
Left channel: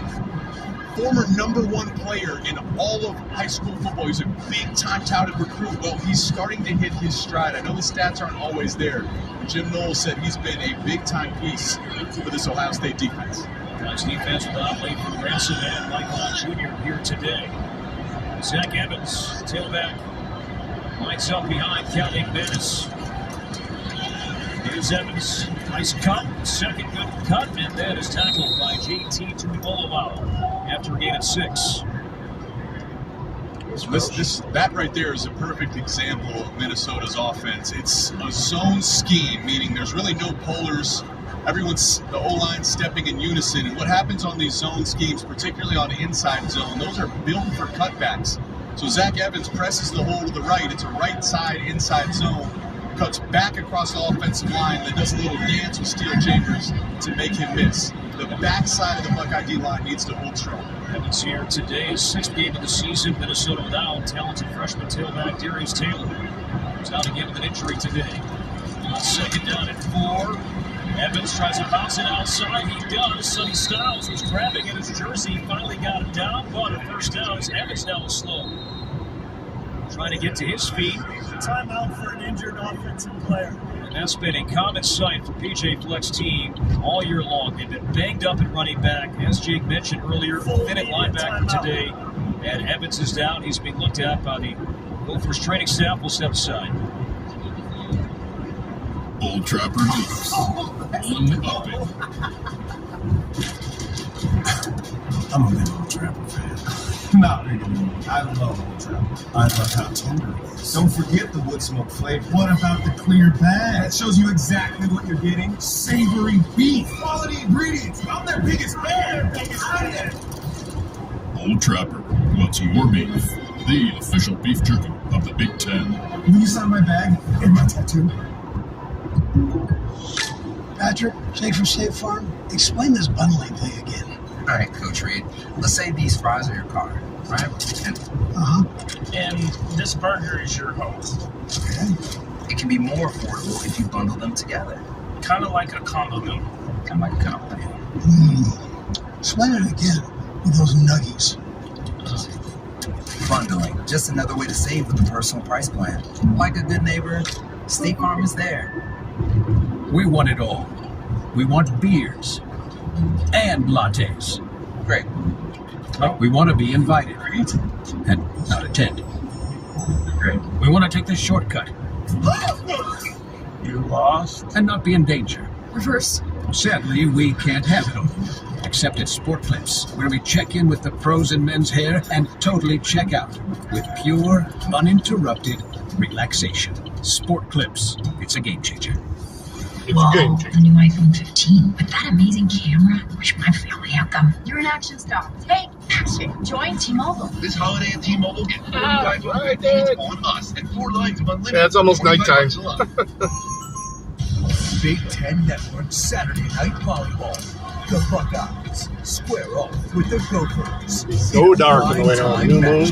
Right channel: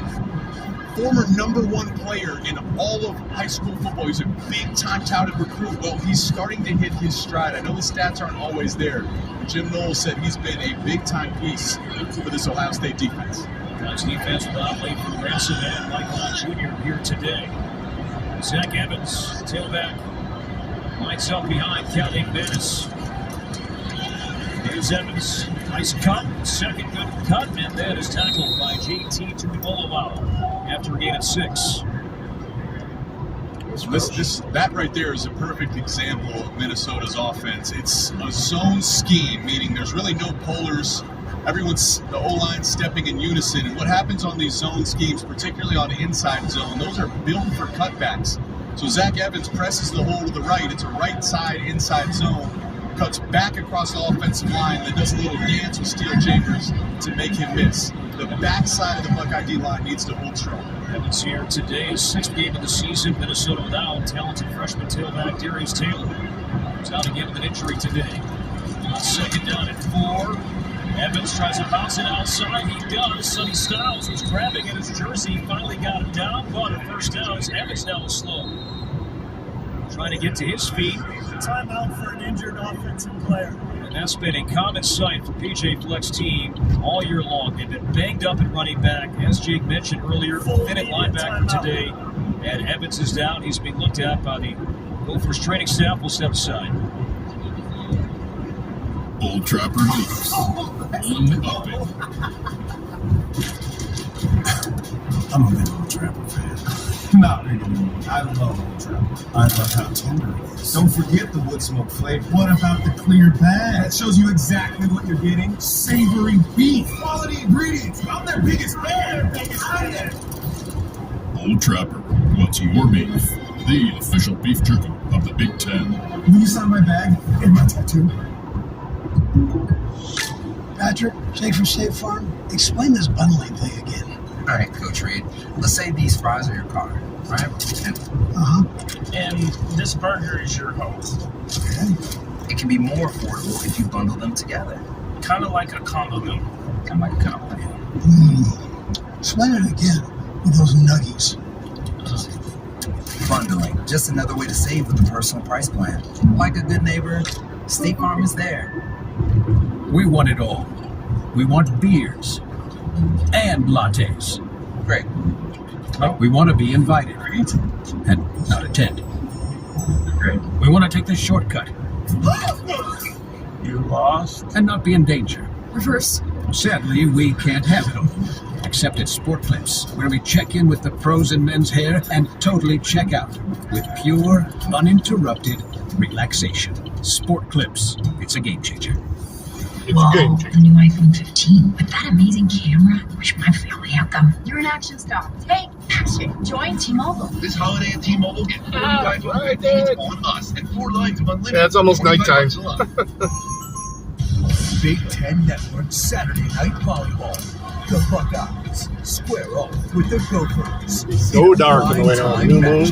former #1 player in all of high school football. He's a big-time touted recruit. Well, he's starting to hit his stride. I know the stats aren't always there. Jim Knowles said he's been a big-time piece for this Ohio State defense. Nice defense will not wait for Ransom and Michael Jr. here today. Zach Evans, tailback, lines up behind Kaliakmanis. Here's Evans. Nice cut. Second good cut, and that is tackled by JT Tuimoloau after a gain of 6. That right there is a perfect example of Minnesota's offense. It's a zone scheme, meaning there's really no pullers. The O-line stepping in unison. And what happens on these zone schemes, particularly on the inside zone, those are built for cutbacks. So Zach Evans presses the hole to the right. It's a right side inside zone. Cuts back across the offensive line, then does a little dance with Steel Chambers to make him miss. The backside of the Buckeye D-line needs to hold strong. Evans here today, his 6th game of the season. Minnesota without talented freshman tailback Darius Taylor. He's out again with an injury today. Second down at 4. Evans tries to bounce it outside. He does. Sonny Styles was grabbing at his jersey. Finally got it down, but a first down as Evans now is slow. Trying to get to his feet. Timeout for an injured offensive player. And that's been a common sight for PJ Fleck's team all year long. They've been banged up at running back. As Jake mentioned earlier, thin at linebacker today. And Evans is down. He's being looked at by the Gophers training staff. Will step aside. Old Trapper News. One up it. I'm a big Old Trapper fan. Not really. I love Old Trapper. I love how tender it is. Don't forget the wood smoke flavor. What about the clear bag? It shows you exactly what you're getting. Savory beef. Quality ingredients. I'm their biggest fan. Old Trapper, what's your beef? The official beef jerky of the Big Ten. Will you sign my bag and my tattoo? Patrick, Jake from State Farm, explain this bundling thing again. All right, Coach Reed. Let's say these fries are your car, right? And this burger is your host. It can be more affordable if you bundle them together. Kind of like a combo meal. Kind of like a combo meal. Explain it again with those nuggies. Bundling, just another way to save with a personal price plan. Like a good neighbor, State Farm is there. We want it all. We want beers and lattes. Great. But we want to be invited and not attend. Great. We want to take this shortcut. You lost? And not be in danger. Reverse. Sadly, we can't have it all. Except at Sport Clips, where we check in with the pros in men's hair and totally check out with pure, uninterrupted relaxation. Sport Clips. It's a game changer. It's a game changer. The new iPhone 15 with that amazing camera. Wish my family had them. You're an action star. Take action. Join T-Mobile. This holiday at T-Mobile, get 45 on us and 4 lines of unlimited. Yeah, it's almost nighttime. Big Ten Network Saturday Night Volleyball. The Buckeyes square off with the Gophers. So dark in the way on New Moon.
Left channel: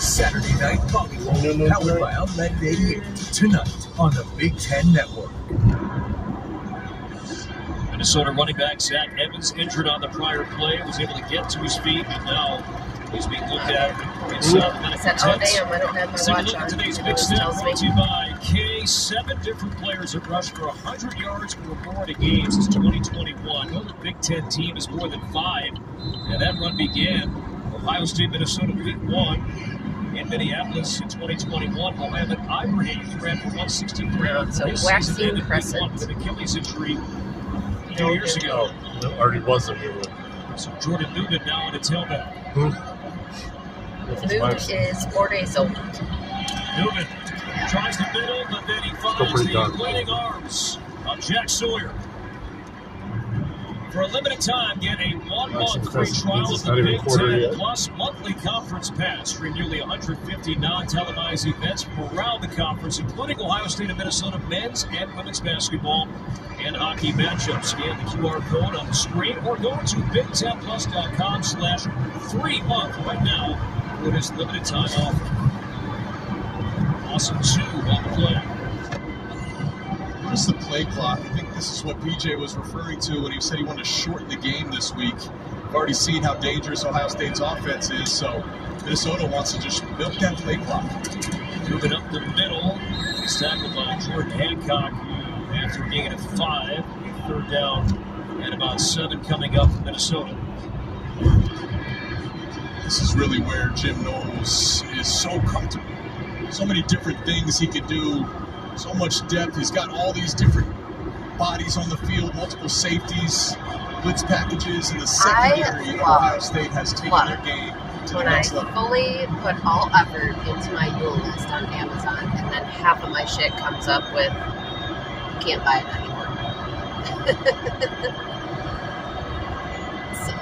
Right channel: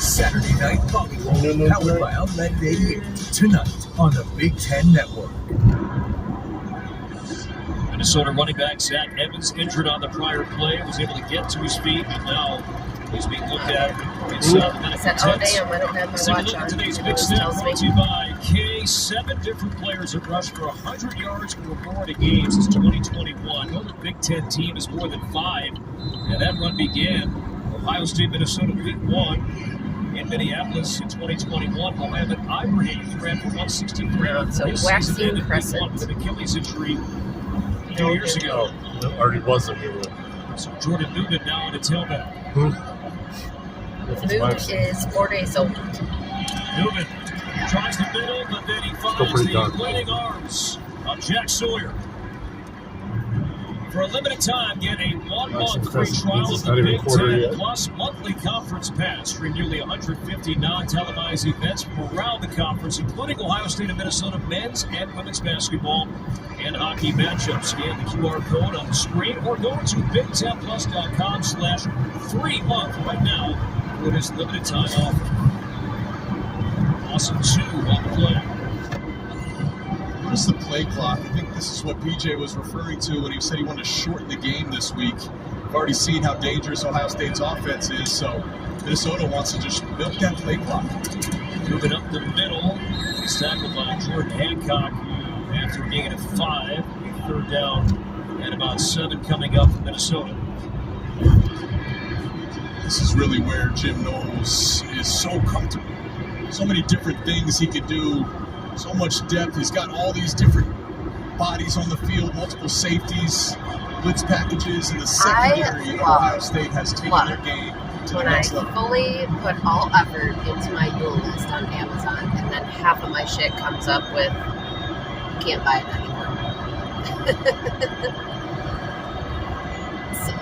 Saturday Night Volleyball, powered by Outlet 88. Tonight on the Big Ten Network. Minnesota running back Zach Evans, injured on the prior play, was able to get to his feet, and now he's being looked at inside the medical tent. Let's take a look at today's big snap brought to you by K. 7 different players have rushed for 100 yards or more in a game since 2021. No Big Ten team is more than 5, and that run began Ohio State, Minnesota, Week 1 in Minneapolis in 2021. Mohamed Ibrahim ran for 163. His season ended Week 1 with an Achilles injury 2 years ago. That already was a new one. So Jordan Newman now on the tailback. The boot is 4 days old. Newman tries the middle, but then he finds the waiting arms of Jack Sawyer. For a limited time, get a 1-month free trial of the Big Ten Plus monthly conference pass. Stream nearly 150 non-televised events around the conference, including Ohio State and Minnesota men's and women's basketball and hockey matchups. Scan the QR code on the screen or go to BigTenPlus.com/free-month right now for this limited time offer. Awesome 2 on the play. Where's the play clock? I think this is what PJ was referring to when he said he wanted to shorten the game this week. We've already seen how dangerous Ohio State's offense is, so Minnesota wants to just milk that play clock. Moving up the middle, he's tackled by Jordan Hancock after a gain of 5. A third down and about 7 coming up for Minnesota. This is really where Jim Knowles is so comfortable. So many different things he could do. So much depth. He's got all these different bodies on the field, multiple safeties, blitz packages, and the secondary of Ohio State has taken their game to the next level. I fully put all effort into my Duel List on Amazon, and then half of my shit comes up with, can't buy it anymore. So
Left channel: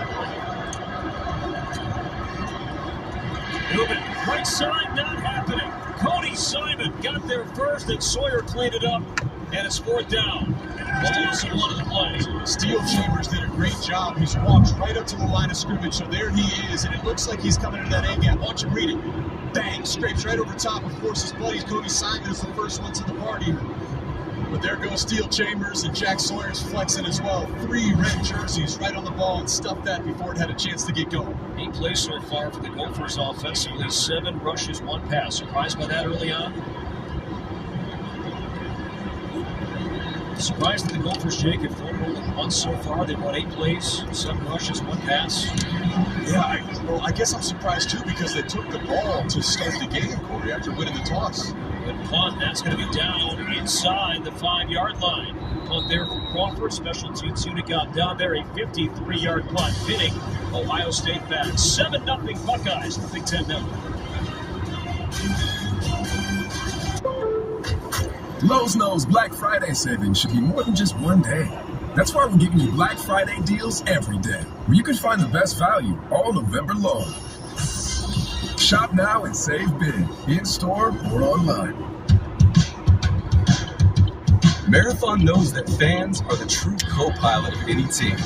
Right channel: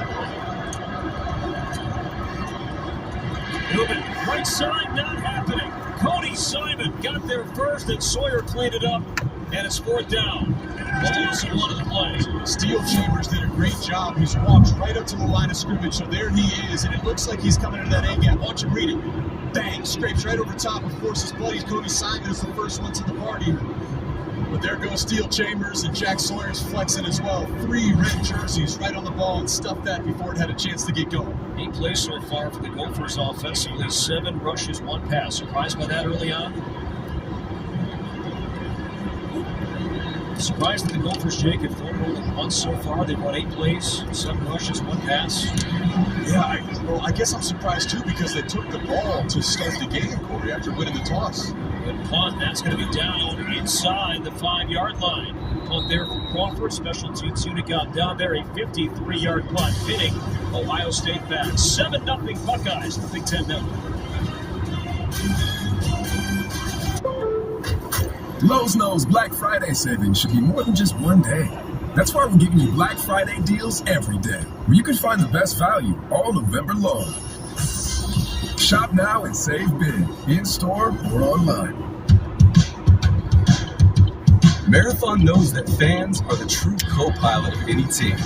Moving right side, not happening. Cody Simon got there first, and Sawyer cleaned it up, and it's 4th down. Steelson one of the plays. Steel Chambers did a great job. He's walked right up to the line of scrimmage, so there he is, and it looks like he's coming into that A-gap. Watch him read it. Bang, scrapes right over top. Of course, his buddy Cody Simon is the first one to the party. But there goes Steel Chambers, and Jack Sawyer's flexing as well. 3 red jerseys right on the ball and stuffed that before it had a chance to get going. 8 plays so far for the Gophers offensively. 7 rushes, 1 pass. Surprised by that early on? Surprised that the Gophers, Jake, have thrown only once so far. They've won 8 plays, 7 rushes, 1 pass. Yeah, I guess I'm surprised too because they took the ball to start the game, Corey, after winning the toss. Good punt. That's going to be down inside the 5-yard line. Punt there for Crawford. Special teams unit got down there. A 53-yard punt hitting Ohio State back. 7-0 Buckeyes. Big Ten Network. Lowe's knows Black Friday savings should be more than just one day. That's why we're giving you Black Friday deals every day, where you can find the best value all November long. Shop now and save big, in-store or online. Marathon knows that fans are the true co-pilot of any team.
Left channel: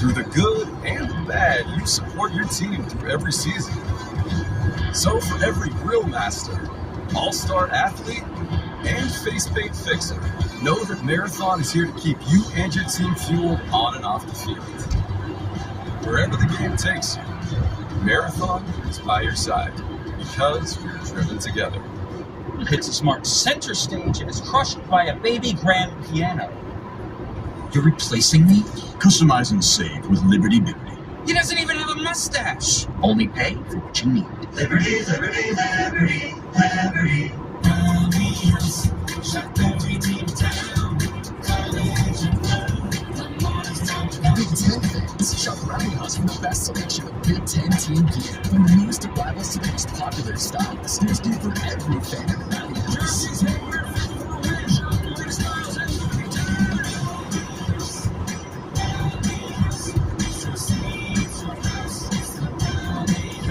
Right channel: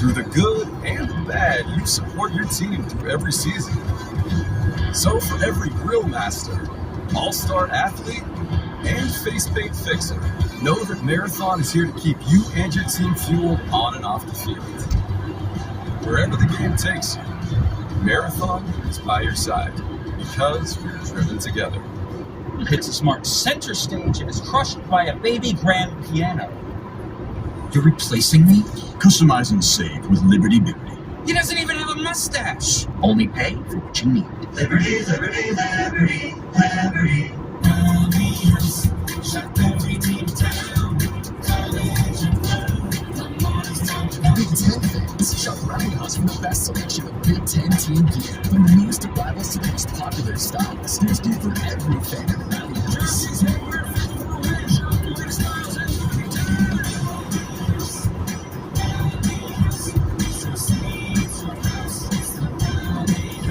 Through the good and the bad, you support your team through every season. So for every grill master, all-star athlete, and face paint fixer, know that Marathon is here to keep you and your team fueled on and off the field. Wherever the game takes you, Marathon is by your side because we're driven together. Hits a smart center stage and is crushed by a baby grand piano. You're replacing me? Customize and save with Liberty Bibbidi. He doesn't even have a mustache. Only pay for what you need. Liberty, Liberty, Liberty, Liberty. Big Ten fans, shop around us for the best selection of Big Ten team gear. From the newest arrivals to the most popular styles, there's gear for every fan this season.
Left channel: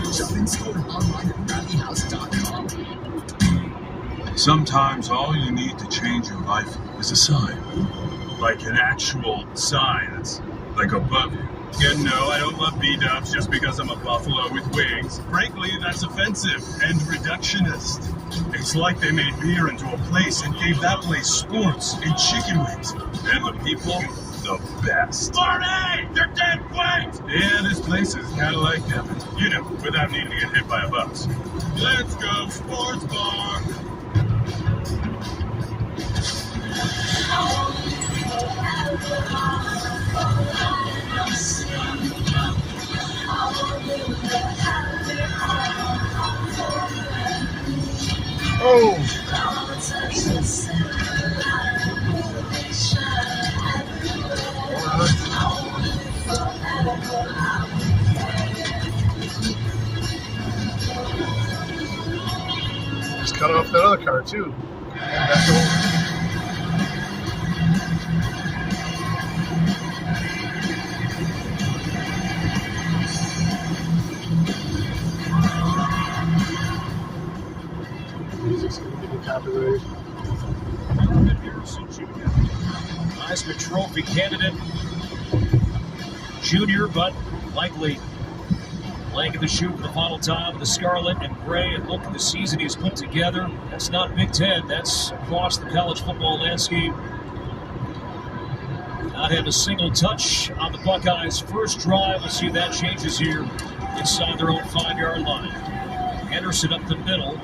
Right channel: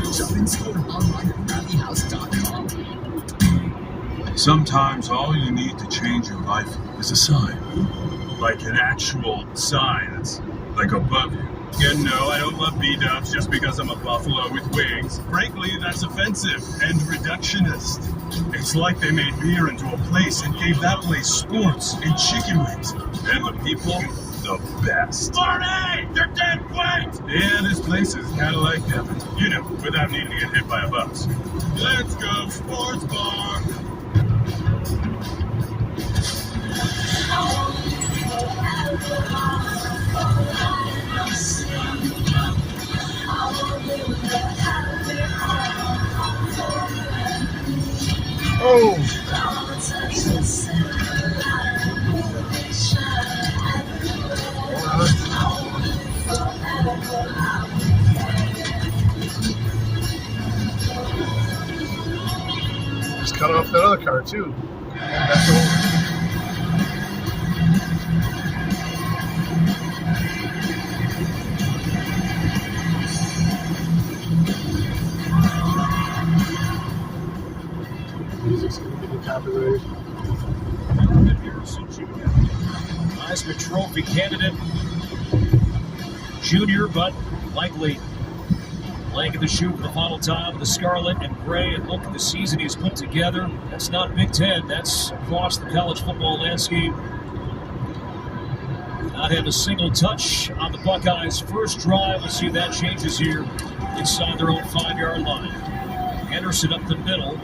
Shop in store online at rallyhouse.com. Sometimes all you need to change your life is a sign. Like an actual sign that's like above you. You know, I don't love B-dubs just because I'm a buffalo with wings. Frankly, that's offensive and reductionist. It's like they made beer into a place and gave that place sports and chicken wings. And the people, the best. Marty! They're dead white! Yeah, this place is kind of like heaven. You know, without needing to get hit by a bus. Let's go, sports bar! Trophy candidate. Junior, but likely laying in the shoe for the final time with the scarlet and gray. And look at the season he's put together. That's not Big Ten. That's across the college football landscape. Not had a single touch on the Buckeyes' first drive. Let's see if that changes here inside their own 5-yard line. Henderson up the middle.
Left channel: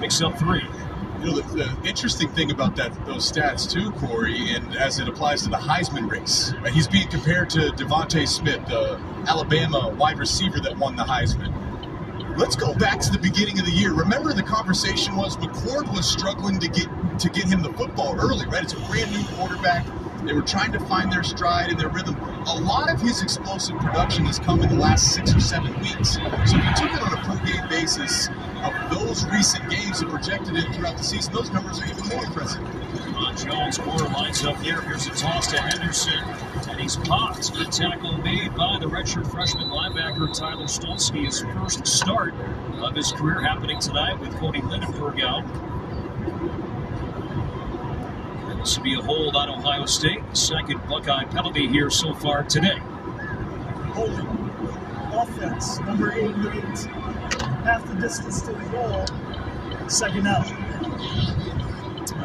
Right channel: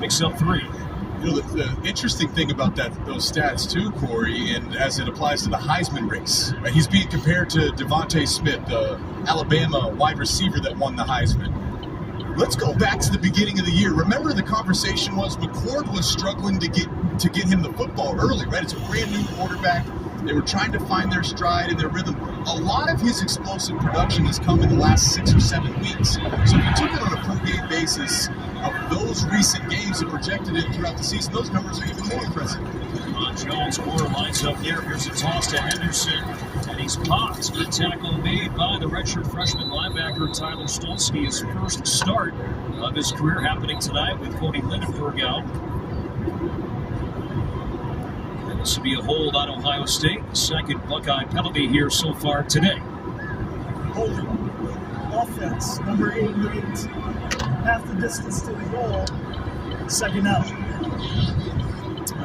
Picks up 3. You know, the interesting thing about those stats too, Corey, and as it applies to the Heisman race, right, he's being compared to Devontae Smith, the Alabama wide receiver that won the Heisman. Let's go back to the beginning of the year. Remember, the conversation was McCord was struggling to get him the football early, right? It's a brand new quarterback. They were trying to find their stride and their rhythm. A lot of his explosive production has come in the last 6 or 7 weeks. So if you took it on a per-game basis of those recent games and projected it throughout the season, those numbers are even more impressive. Jones, corner lines up here. Here's a toss to Henderson, and he's popped. Good tackle made by the redshirt freshman linebacker Tyler Stolsky. His first start of his career happening tonight with Cody Lindenberg out. This will be a hold on Ohio State. The second Buckeye penalty here so far today. Holding offense, number 88. Half the distance to the goal. Second out.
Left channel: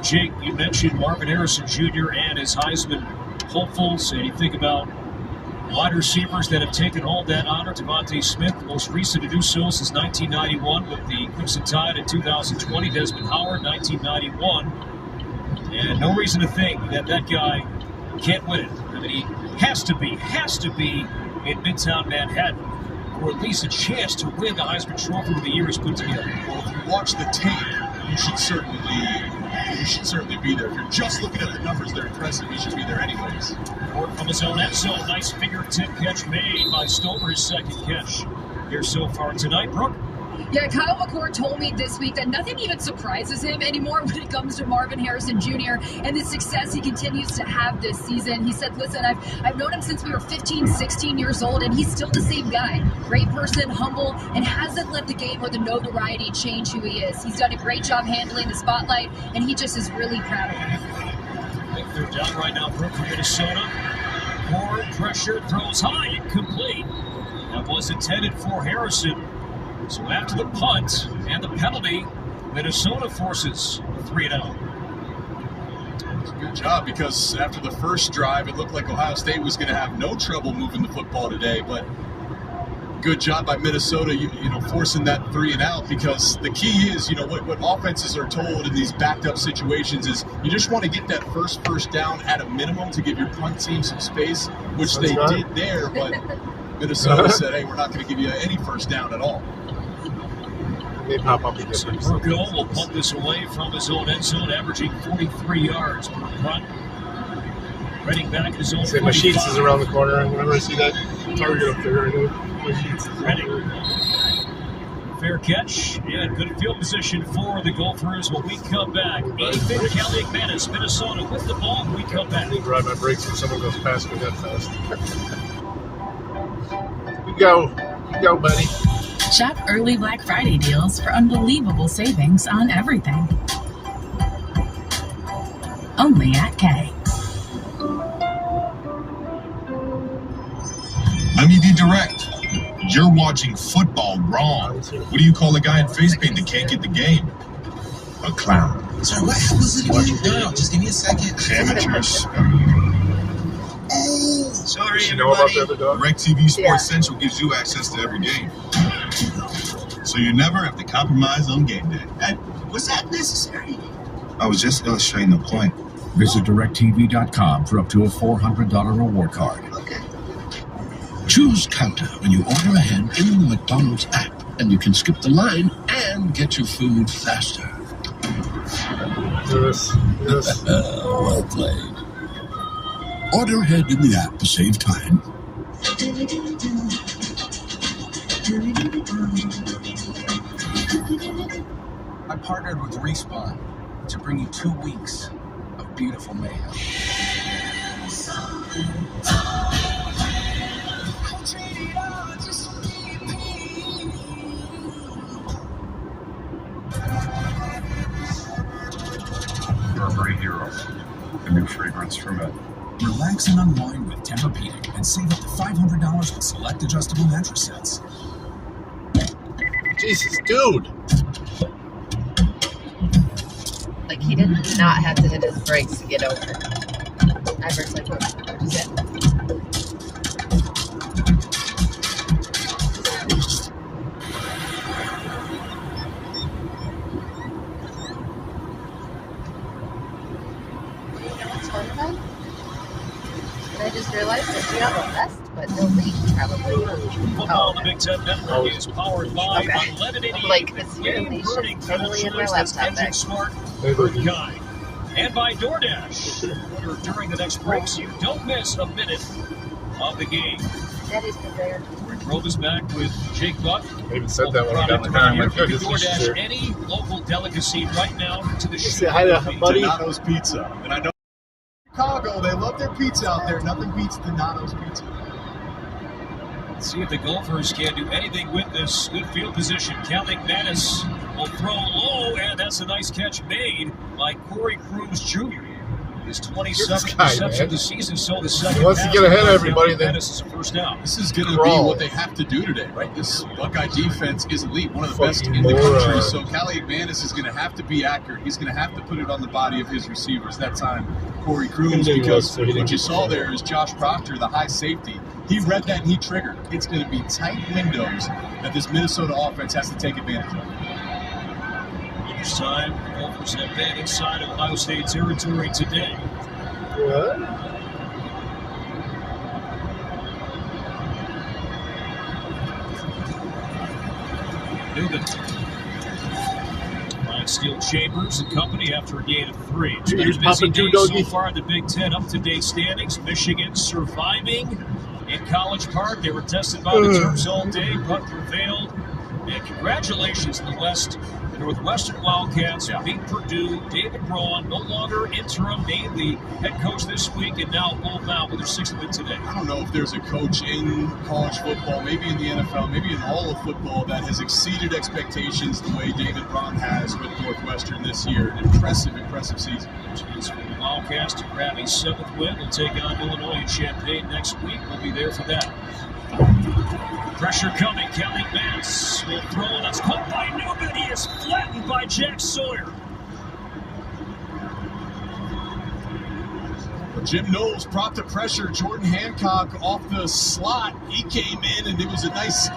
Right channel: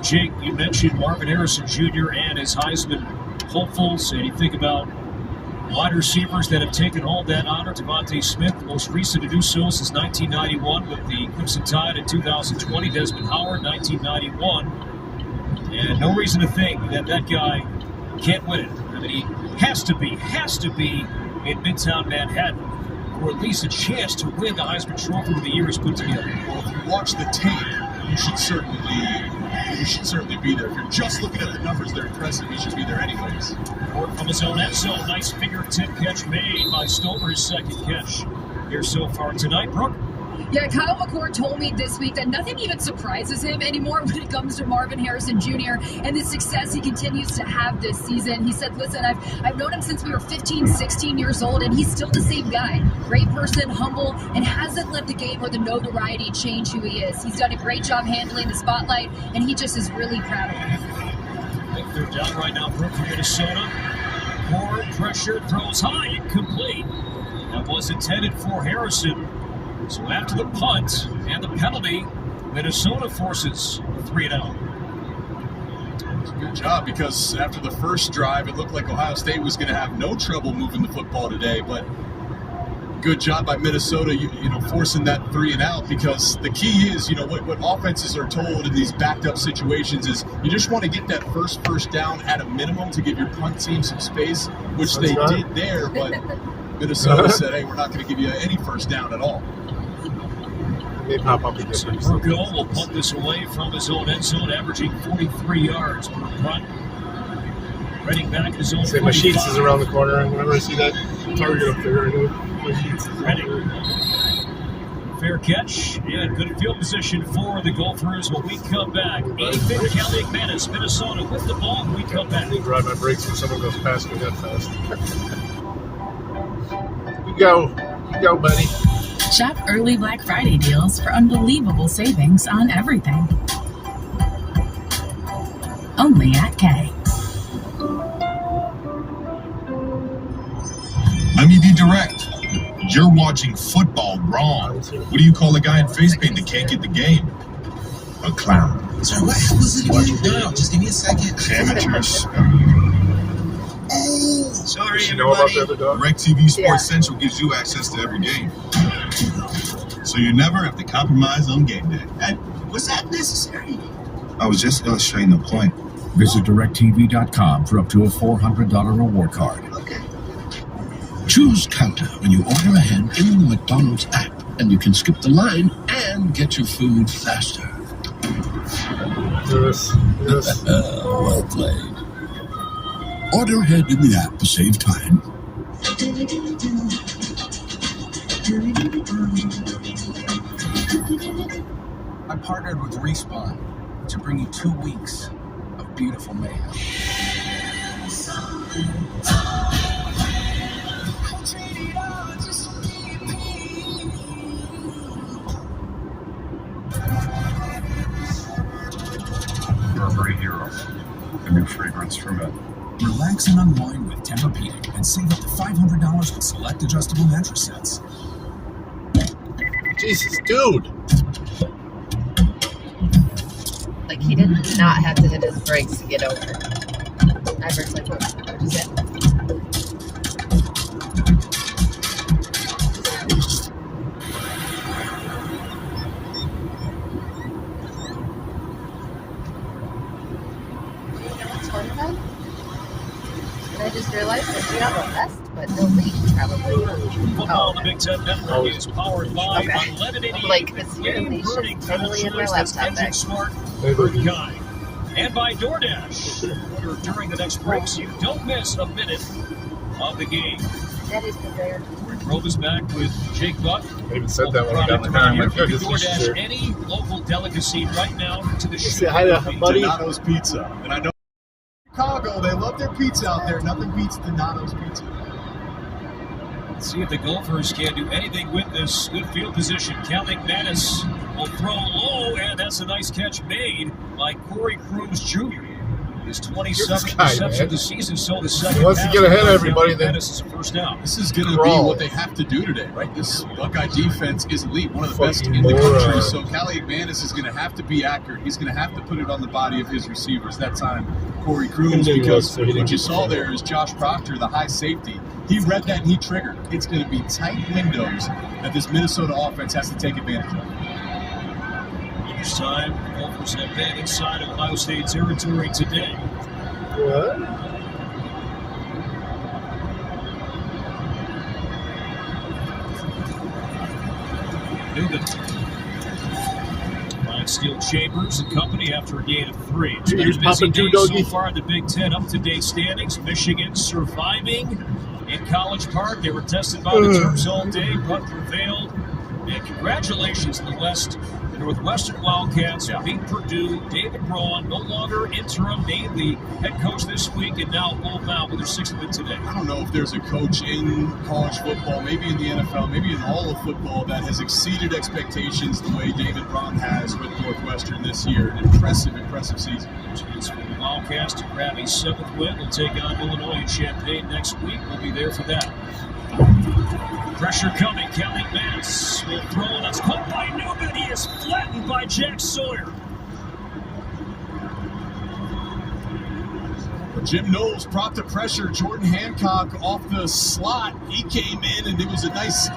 Jake, you mentioned Marvin Harrison Jr. and his Heisman hopefuls. And you think about wide receivers that have taken home that honor. Devontae Smith, the most recent to do so since 1991 with the Crimson Tide in 2020. Desmond Howard, 1991. And no reason to think that guy can't win it. I mean, he has to be in Midtown Manhattan, or at least a chance to win the Heisman Trophy with the year he's put together. Well, if you watch the tape, you should certainly be there. If you're just looking at the numbers, they're impressive. You should be there anyways. Ford from his own end zone. Nice fingertip catch made by Stover, his second catch here so far tonight. Brooke? Yeah, Kyle McCord told me this week that nothing even surprises him anymore when it comes to Marvin Harrison Jr. and the success he continues to have this season. He said, listen, I've known him since we were 15, 16 years old, and he's still the same guy. Great person, humble, and hasn't let the game or the notoriety change who he is. He's done a great job handling the spotlight, and he just is really proud of him. They're down right now, Brooke from Minnesota. More pressure, throws high, incomplete. That was intended for Harrison. So after the punt and the penalty, Minnesota forces 3 and out. Good job, because after the first drive, it looked like Ohio State was going to have no trouble moving the football today. But good job by Minnesota, you know, forcing that 3 and out, because the key is, you know, what offenses are told in these backed up situations is you just want to get that first down at a minimum to give your punt team some space, which they did there. But Minnesota said, hey, we're not going to give you any first down at all. They pop up again. Burgo will pump this away from his own end zone, averaging 43 yards per punt. Reading back his own 45. Sheets is around the corner, and whenever I see that target up there, I know Sheets is Reading. Fair catch and good field position for the Gophers when we come back. Ethan Kelly McManus, Minnesota with the ball when we come back. I ride my brakes when someone goes past me that fast. You go, buddy. Shop early Black Friday deals for unbelievable savings on everything. Only at Kay. Let me be direct. You're watching football wrong. What do you call a guy in face paint that can't get the game? A clown. Sorry, what was it? No, just give me a second. Amateurs. Sorry, you know about the other dog? DirecTV Sports Central gives you access to every game. So you never have to compromise on game day. Was that necessary? I was just illustrating the point. Visit DirecTV.com for up to a $400 reward card. Okay. Choose Counter when you order ahead in the McDonald's app, and you can skip the line and get your food faster. Yes. Well played. Order ahead in the app to save time. I partnered with Respawn to bring you 2 weeks of beautiful mayhem. Burberry Hero, a new frame. fragrance from it. Relax and unwind with Tempur-Pedic and save up to $500 with select adjustable mattress sets. Jesus, dude. Like, he did not have to hit his brakes to get over. Ever since I just realized that we have a vest, but no leash, probably. Football, the Big Ten Network is powered by unlimited Like, this year, leash is totally in my laptop bag. Smart Bird Guy. And by DoorDash. During the next break, so you don't miss a minute of the game. That is prepared. We throw this back with Jake Buck. I even said that when I got the car. You can DoorDash any local delicacy right now to the show. Donato's Pizza. And I know Chicago, they love their pizza out there. Nothing beats Donato's Pizza. Let's see if the Gophers can do anything with this good field position. Calic Manis will throw low, and that's a nice catch made by Corey Crooms Jr. His 27th reception of the season, so the second. Once you get ahead of everybody, then Manis is a first down. This is going to be what they have to do today, right? This Buckeye defense is elite, one of the best in the country. So Calic Manis is going to have to be accurate. He's going to have to put it on the body of his receivers. That time, Corey Crooms, because what you saw there is Josh Proctor, the high safety. He read that and he triggered. It's going to be tight windows that this Minnesota offense has to take advantage of. This time, Gophers have been inside Ohio State territory today. What? Newman. Ryan Steele Chambers and company after a gain of 3. It's been a busy day so far in the Big Ten. Up-to-date standings. Michigan surviving in College Park. They were tested by the Terps all day, but prevailed. And congratulations to the West. The Northwestern Wildcats beat Purdue. David Braun, no longer interim, named the head coach this week, and now bowl-bound with their 6th win today. I don't know if there's a coach in college football, maybe in the NFL, maybe in all of football, that has exceeded expectations the way David Braun has with Northwestern this year. An impressive season. Chance for the Wildcats to grab a 7th win. They'll take on Illinois and Champaign next week. We'll be there for that. Pressure coming. Calic Manis will throw. That's caught by Newman. He is flattened by Jack Sawyer. Jim Knowles brought the pressure. Jordan Hancock off the slot. He came in, and it was a nice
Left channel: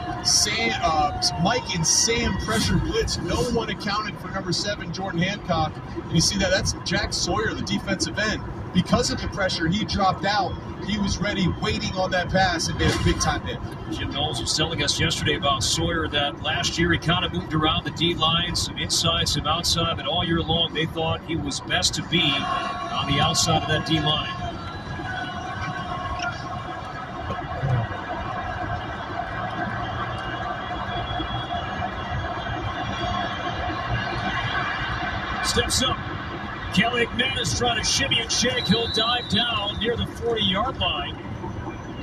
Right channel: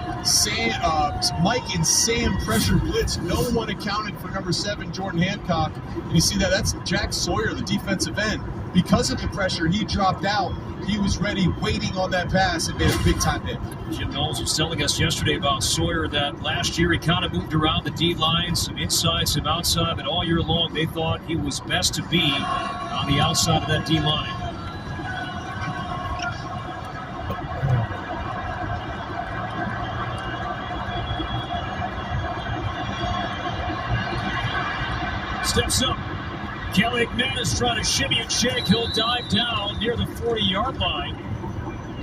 Mike and Sam pressure blitz. No one accounted for number 7, Jordan Hancock. And you see that? That's Jack Sawyer, the defensive end. Because of the pressure, he dropped out. He was ready, waiting on that pass, and made a big-time hit. Jim Knowles was telling us yesterday about Sawyer that last year he kind of moved around the D line, some inside, some outside, and all year long they thought he was best to be on the outside of that D line. Steps up. Calic Manis trying to shimmy and shake. He'll dive down near the 40-yard line.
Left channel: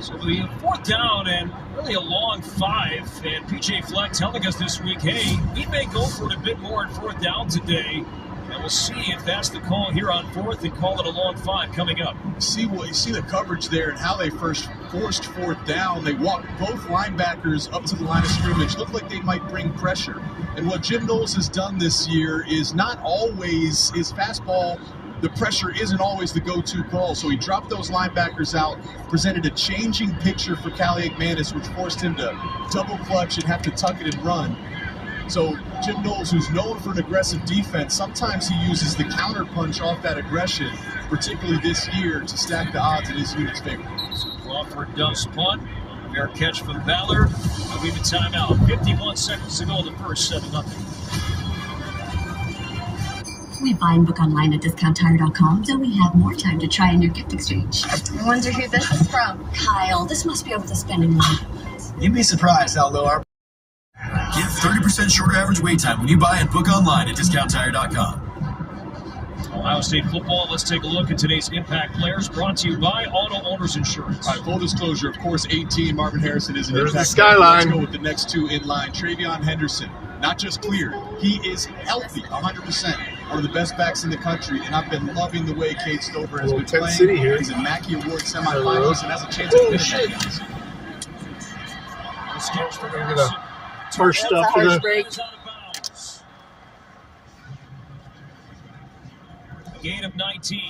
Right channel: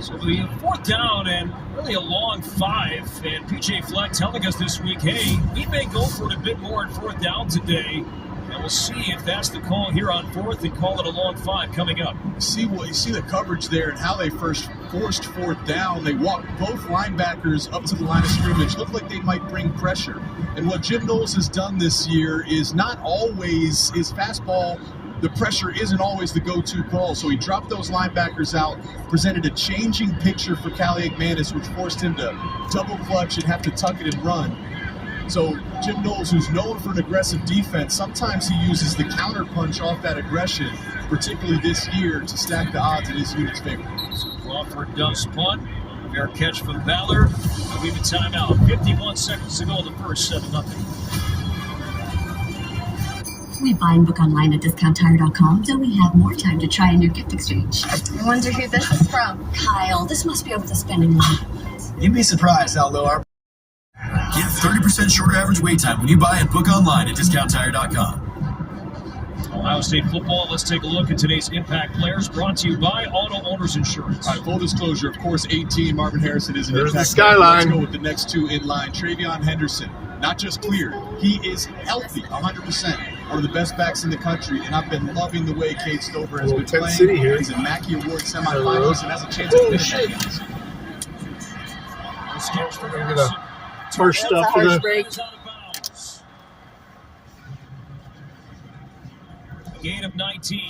So the 4th down and really a long 5. And P.J. Fleck telling us this week, hey, we may go for it a bit more on 4th down today. And we'll see if that's the call here on 4th and call it a long 5 coming up. You see the coverage there and how they first forced 4th down. They walked both linebackers up to the line of scrimmage. Looked like they might bring pressure. And what Jim Knowles has done this year is not always his fastball. The pressure isn't always the go-to call. So he dropped those linebackers out, presented a changing picture for Calic Manis, which forced him to double clutch and have to tuck it and run. So Jim Knowles, who's known for an aggressive defense, sometimes he uses the counter punch off that aggression, particularly this year, to stack the odds in his unit's favor. So Crawford does punt. Fair catch from Ballard. We've been timeout. 51 seconds to go in the first, 7-0. We buy and book online at DiscountTire.com, so we have more time to try in your gift exchange. I wonder who this is from. Kyle, this must be over the spending limit. You'd be surprised how low our... Get 30% shorter average wait time when you buy and book online at DiscountTire.com. Ohio State football, let's take a look at today's impact players, brought to you by Auto Owners Insurance. All right, full disclosure, of course, 18, Marvin Harrison is an There's impact the skyline. Let's go with the next 2 in line. Travion Henderson, not just cleared, he is healthy, 100%. one of the best backs in the country, and I've been loving the way Cade Stover has been Tent playing. City here. He's a Mackey Award semifinalist and has a chance to Holy win shit. it. I'm gonna first up for the Gain of 19.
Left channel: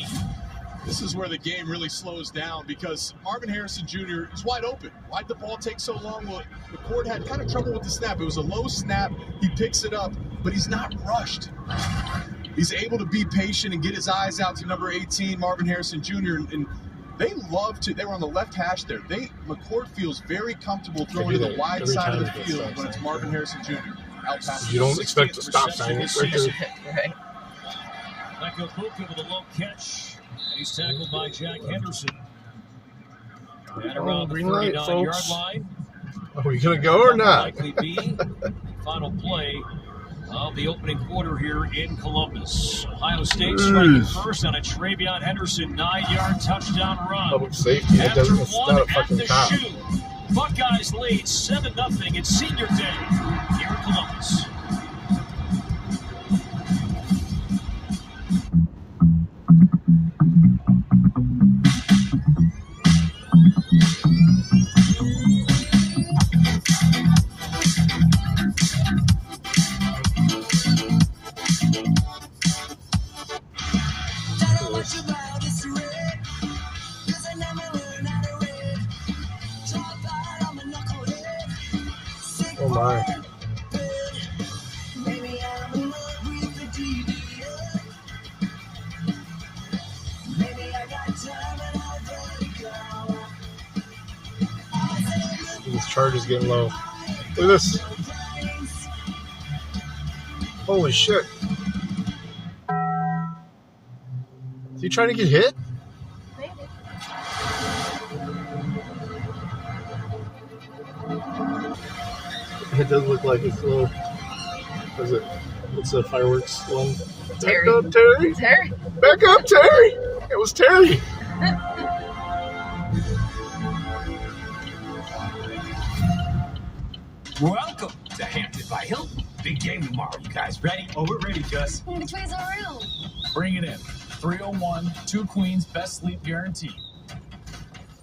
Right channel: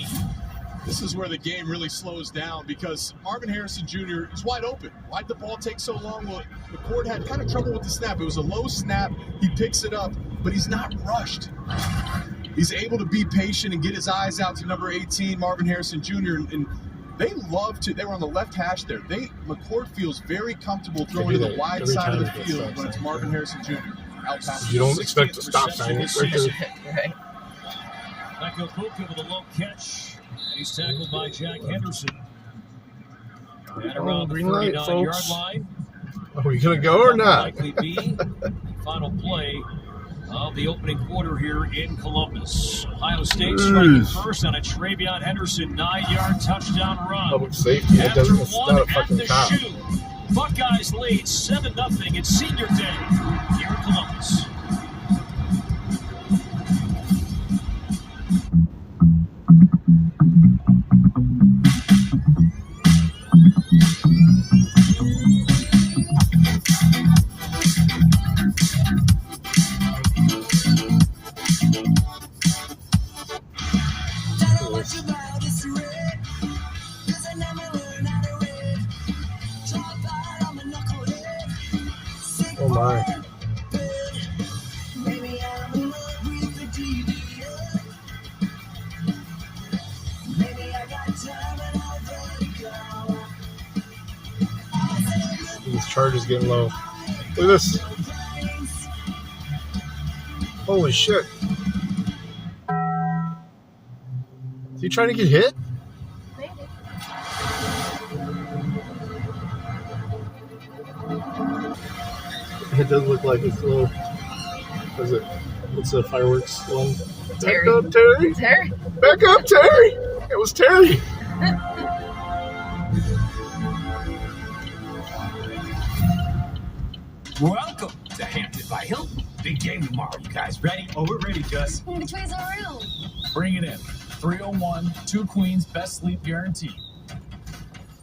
This is where the game really slows down because Marvin Harrison Jr. is wide open. Why'd the ball take so long? Well, McCord had kind of trouble with the snap. It was a low snap. He picks it up, but he's not rushed. He's able to be patient and get his eyes out to number 18, Marvin Harrison Jr. And they love to. They were on the left hash there. McCord feels very comfortable throwing to the wide side of the field when it's Marvin Harrison Jr. Out past You don't expect to stop sign. It's right there. Michael Puka with a low catch. He's tackled by Jack Henderson. At around the Green light, 39-yard folks. line. Are we gonna go or not? Likely be the final play of the opening quarter here in Columbus. Ohio State striking first on a Travion Henderson 9-yard touchdown run. Public safety. It After doesn't. It's one not a at fucking the cop. shoe, Buckeyes lead 7-0. It's senior day here in Columbus. Oh my. This charge is getting low. Look at this. Holy shit. Is he trying to get hit? It does look like it's a little. What is it? What's the fireworks one? Terry. Back up, Terry. Terry. Back up, Terry. It was Terry. Welcome to Hampton by Hilton. Big game tomorrow. You guys ready? Oh, we're ready, Gus. The trees are real. Bring it in. 301, 2 queens, best sleep guarantee.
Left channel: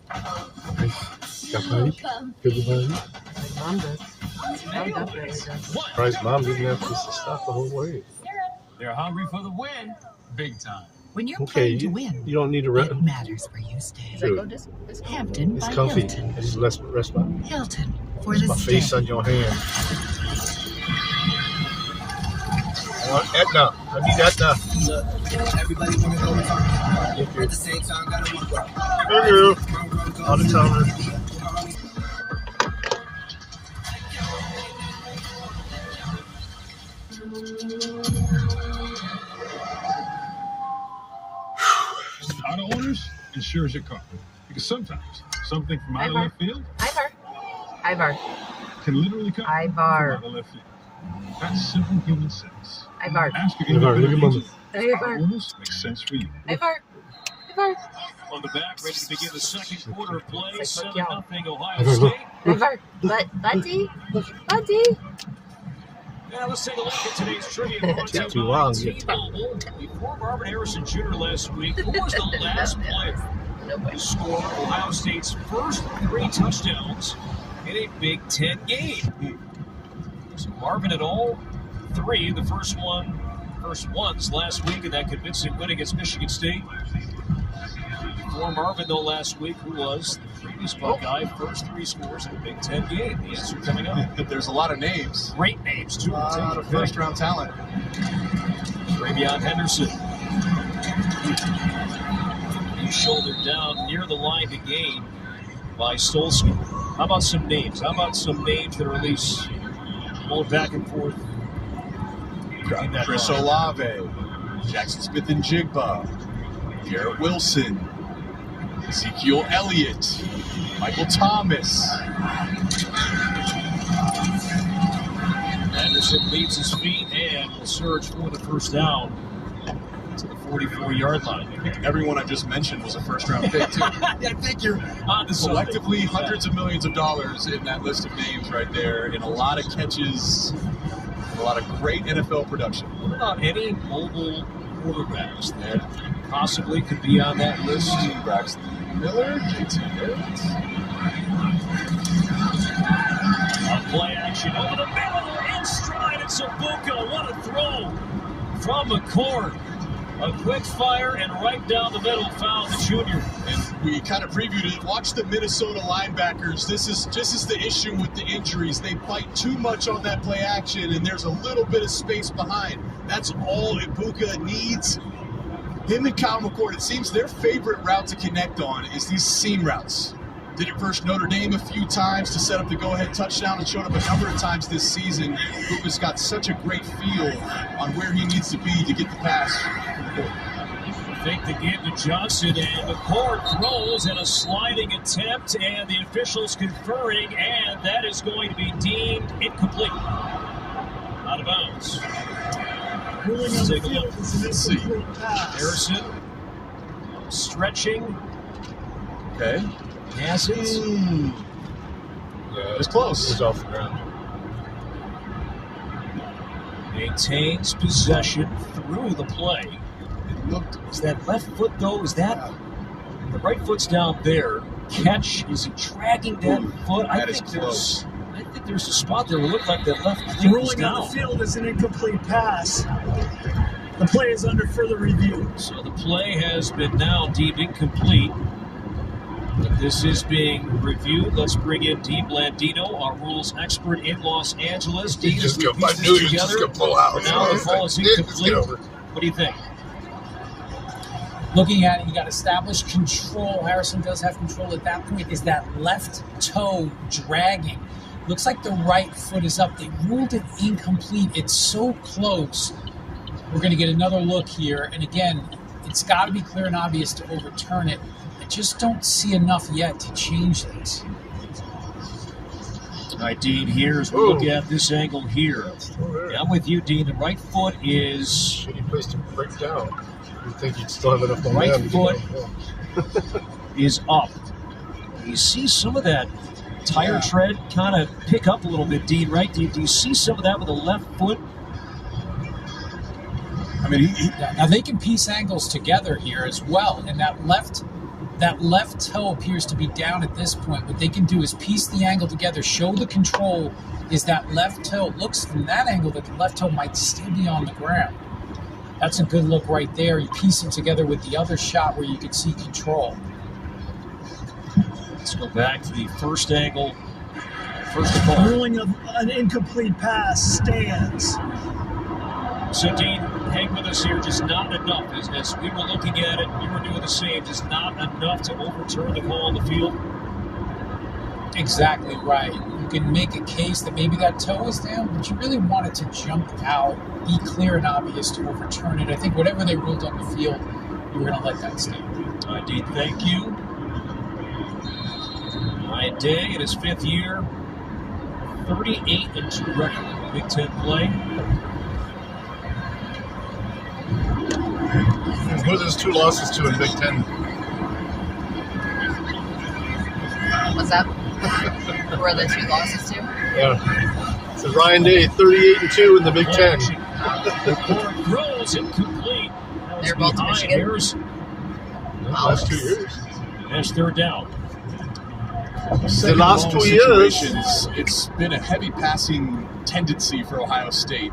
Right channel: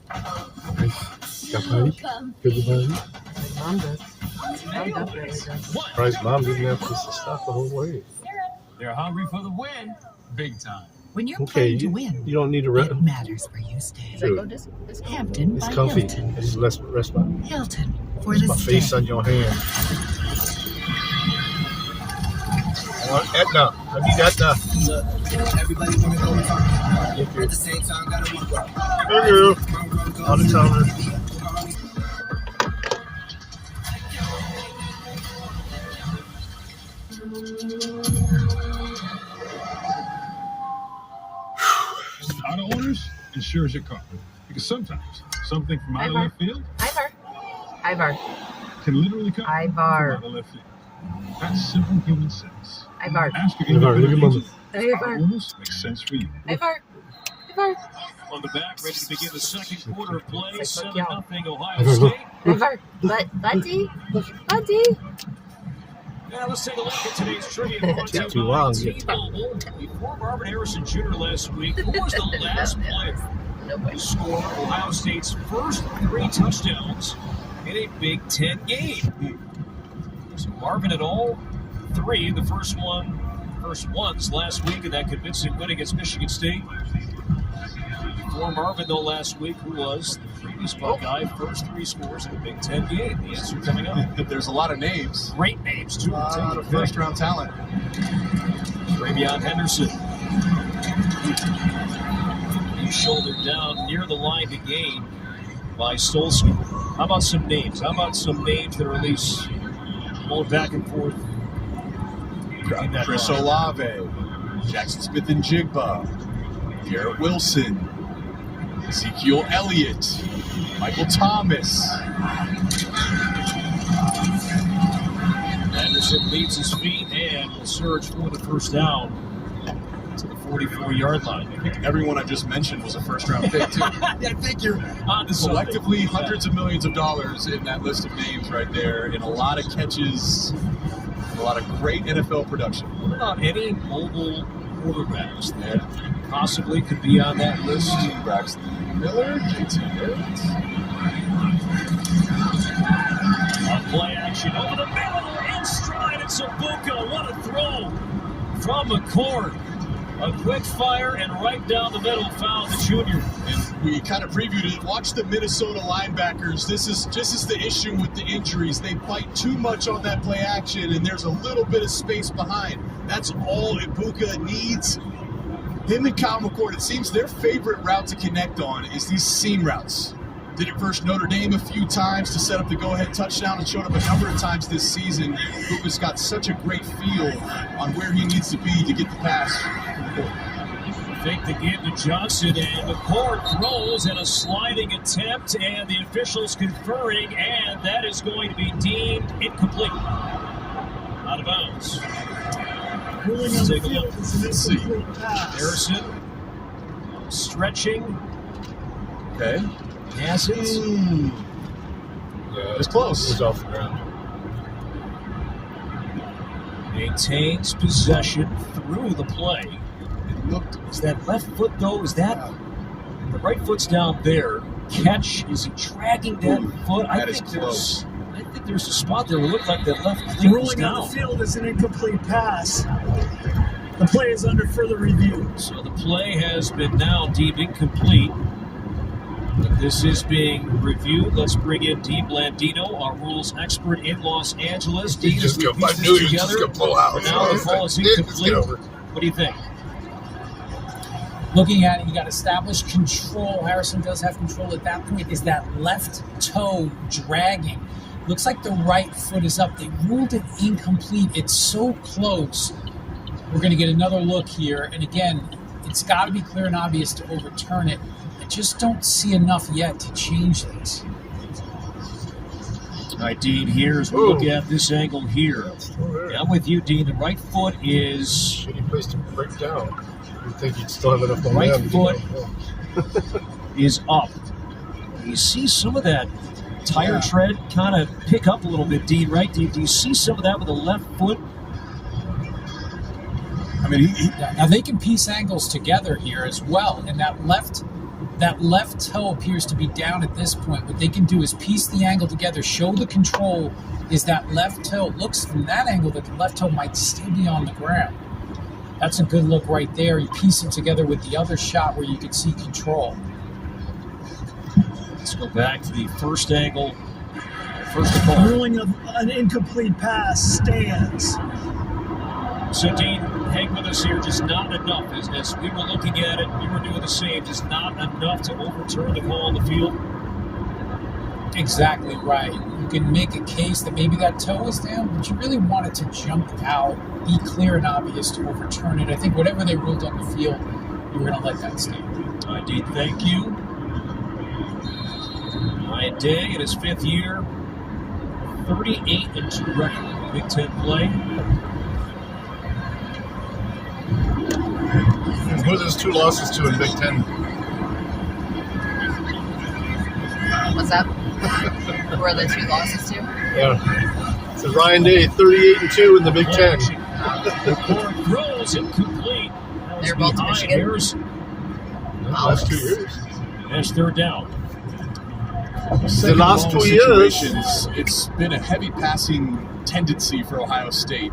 Got party? Good party? Mom does. Surprised mom didn't have to stop the whole way. They're hungry for the win. Big time. When you're Okay, playing to you, win, you don't need to rest. it matters where you stay. Dude, Hampton it's by comfy. Hilton. It's less rest my, Hilton for it's the my stay. face on your hand. Etna, I need Etna. Everybody want to go and talk. At the same time, gotta work. Thank you. On the tower. Auto owners, insures your car. Because sometimes something from out of left field Ivar. can literally come Ivar. from out of left field. That's simple human sense. Ivar. Ask your Ivar, look at independent mama. agent. Auto owners makes sense for you. Ivar. On the back, ready to begin the second quarter of play. 7-0 Ohio Ivar, State. Ivar. Buddy. Now let's take a look at today's trivia. Brought to you Too by long. T-Mobile. Before Marvin Harrison Jr. last week, who was the last player to score Ohio State's first 3 touchdowns in a Big Ten game? So Marvin at all 3, the first ones last week in that convincing win against Michigan State. Before Marvin, though, last week, who was the previous Buckeye, first 3 scores in a Big Ten game. The answer coming up. There's a lot of names. Great names, too. A lot of first-round talent. Travion Henderson. He's shouldered down near the line to gain by Stolsky. How about some names? That are at least going back and forth? Chris Olave, Jackson Smith and Jigba, Garrett Wilson, Ezekiel Elliott, Michael Thomas. Anderson leads his feet and will surge for the first down to the 44-yard line. I think everyone I just mentioned was a first-round pick, too. I think you're on the collectively hundreds of millions of dollars in that list of names right there, and a lot of catches, a lot of great NFL production. What about any mobile quarterbacks that possibly could be on that list? Braxton Miller, JT Barrett. Play action over the middle, in stride, it's Ibuka. What a throw from McCord. A quick fire and right down the middle found the junior. And we kind of previewed it. Watch the Minnesota linebackers. This is the issue with the injuries. They bite too much on that play action, and there's a little bit of space behind. That's all Ibuka needs. Him and Kyle McCord, it seems their favorite route to connect on is these seam routes. Did it versus Notre Dame a few times to set up the go-ahead touchdown and showed up a number of times this season. Ibuka's got such a great feel on where he needs to be to get the pass. Fake the game to Johnson, and McCord throws in a sliding attempt, and the officials conferring, and that is going to be deemed incomplete. Out of bounds. Take a look. Let's see. Harrison stretching. Okay. Passes. It's close. It was off the ground. Maintains possession through the play. It looked. Is that left foot, though? Is that the right foot's down there? Catch, is he dragging that foot? That is close. I think there's a spot there where it looked like that left cleat was Rolling on down. the field is an incomplete pass. The play is under further review. So the play has been now deemed incomplete. This is being reviewed. Let's bring in Dean Blandino, our rules expert in Los Angeles. Dean, just as we I piece knew this you just together, gonna pull out. for now the ball is incomplete. What do you think? Looking at it, you got established control. Harrison does have control at that point. Is that left toe dragging? Looks like the right foot is up. They ruled it incomplete. It's so close. We're going to get another look here. And again, it's got to be clear and obvious to overturn it. I just don't see enough yet to change this. All right, Dean, here as we look at this angle here. I'm with you, Dean. The right foot is... Shitty place to break down. You think he'd still have enough The right momentum. foot is up. You see some of that tire tread kind of pick up a little bit, Dean, right? Do you see some of that with the left foot? I mean, now they can piece angles together here as well, and that left toe appears to be down at this point. What they can do is piece the angle together, show the control. Is that left toe? Looks from that angle that the left toe might still be on the ground. That's a good look right there. You piece it together with the other shot where you can see control. Let's go back to the first angle. First The ruling of an incomplete pass stands. So, Dean, hang with us here. Just not enough. As we were looking at it, we were doing the same. Just not enough to overturn the call on the field. Exactly right. You can make a case that maybe that toe is down, but you really want it to jump out, be clear and obvious to overturn it. I think whatever they ruled on the field, you were going to let that stand. Dean, thank you. Ryan Day in his fifth year, 38-2 record, Big Ten play. Who's his 2 losses to in Big Ten? What's that? Who are the 2 losses to? Yeah. So Ryan Day, 38-2 in the Big Ten. Throws incomplete. They're both behind Harrison. Last 2 years. That's third down. The last 2 years. Situation it's been a heavy passing tendency for Ohio State.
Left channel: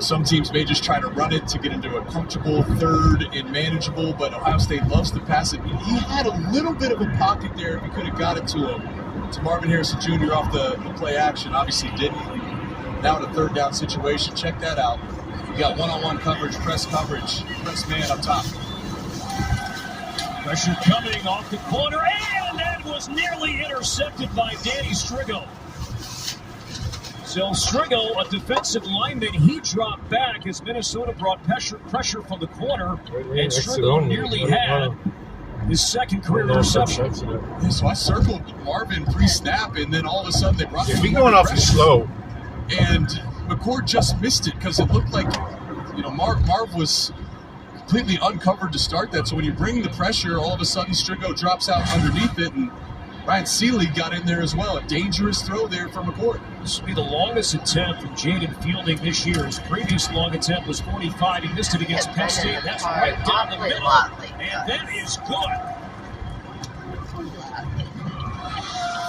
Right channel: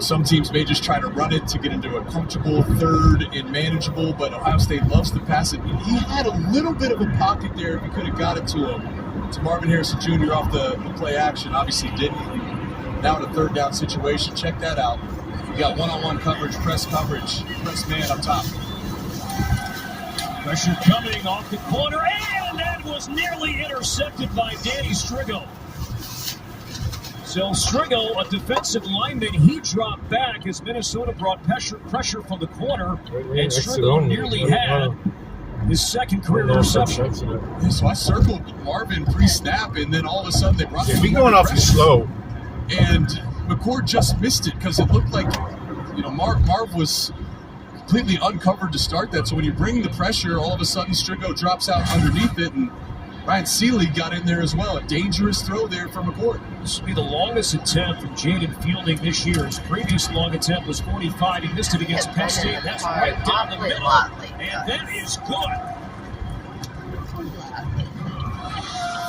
Some teams may just try to run it to get into a comfortable third and manageable, but Ohio State loves to pass it. He had a little bit of a pocket there if he could have got it to him. To Marvin Harrison Jr. off the play action. Obviously didn't. Now in a third down situation. Check that out. We got one-on-one coverage, press coverage, press man up top. Pressure coming off the corner, and that was nearly intercepted by Danny Strigo. So Strigo, a defensive lineman, he dropped back as Minnesota brought pressure from the corner, and Strigo nearly had his second career interception. So I circled Marvin pre-snap, and then all of a sudden they brought He's going off slow. And McCord just missed it because it looked like, Marv was completely uncovered to start that. So when you bring the pressure, all of a sudden Strigo drops out underneath it, and Ryan Seeley got in there as well. A dangerous throw there from McCourt. This will be the longest attempt from Jaden Fielding this year. His previous long attempt was 45. He missed it against Penn State. That's right down the middle. And that is good.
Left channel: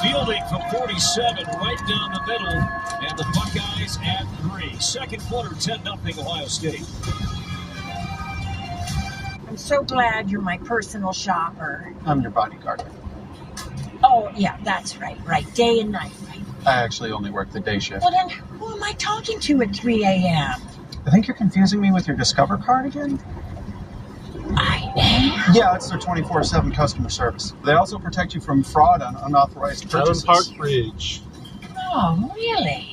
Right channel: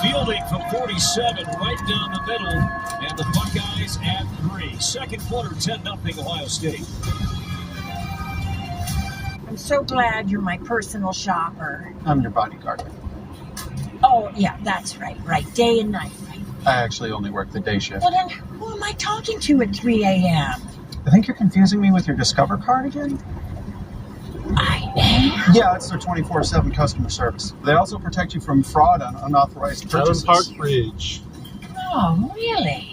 Fielding from 47, right down the middle. And the Buckeyes at 3. Second quarter, 10-0 Ohio State. I'm so glad you're my personal shopper. I'm your bodyguard. Oh, yeah, that's right. Right, day and night, right? I actually only work the day shift. Well, then, who am I talking to at 3 a.m.? I think you're confusing me with your Discover card again? I am? Yeah, it's their 24/7 customer service. They also protect you from fraud on unauthorized purchases. Park Bridge. Oh, really?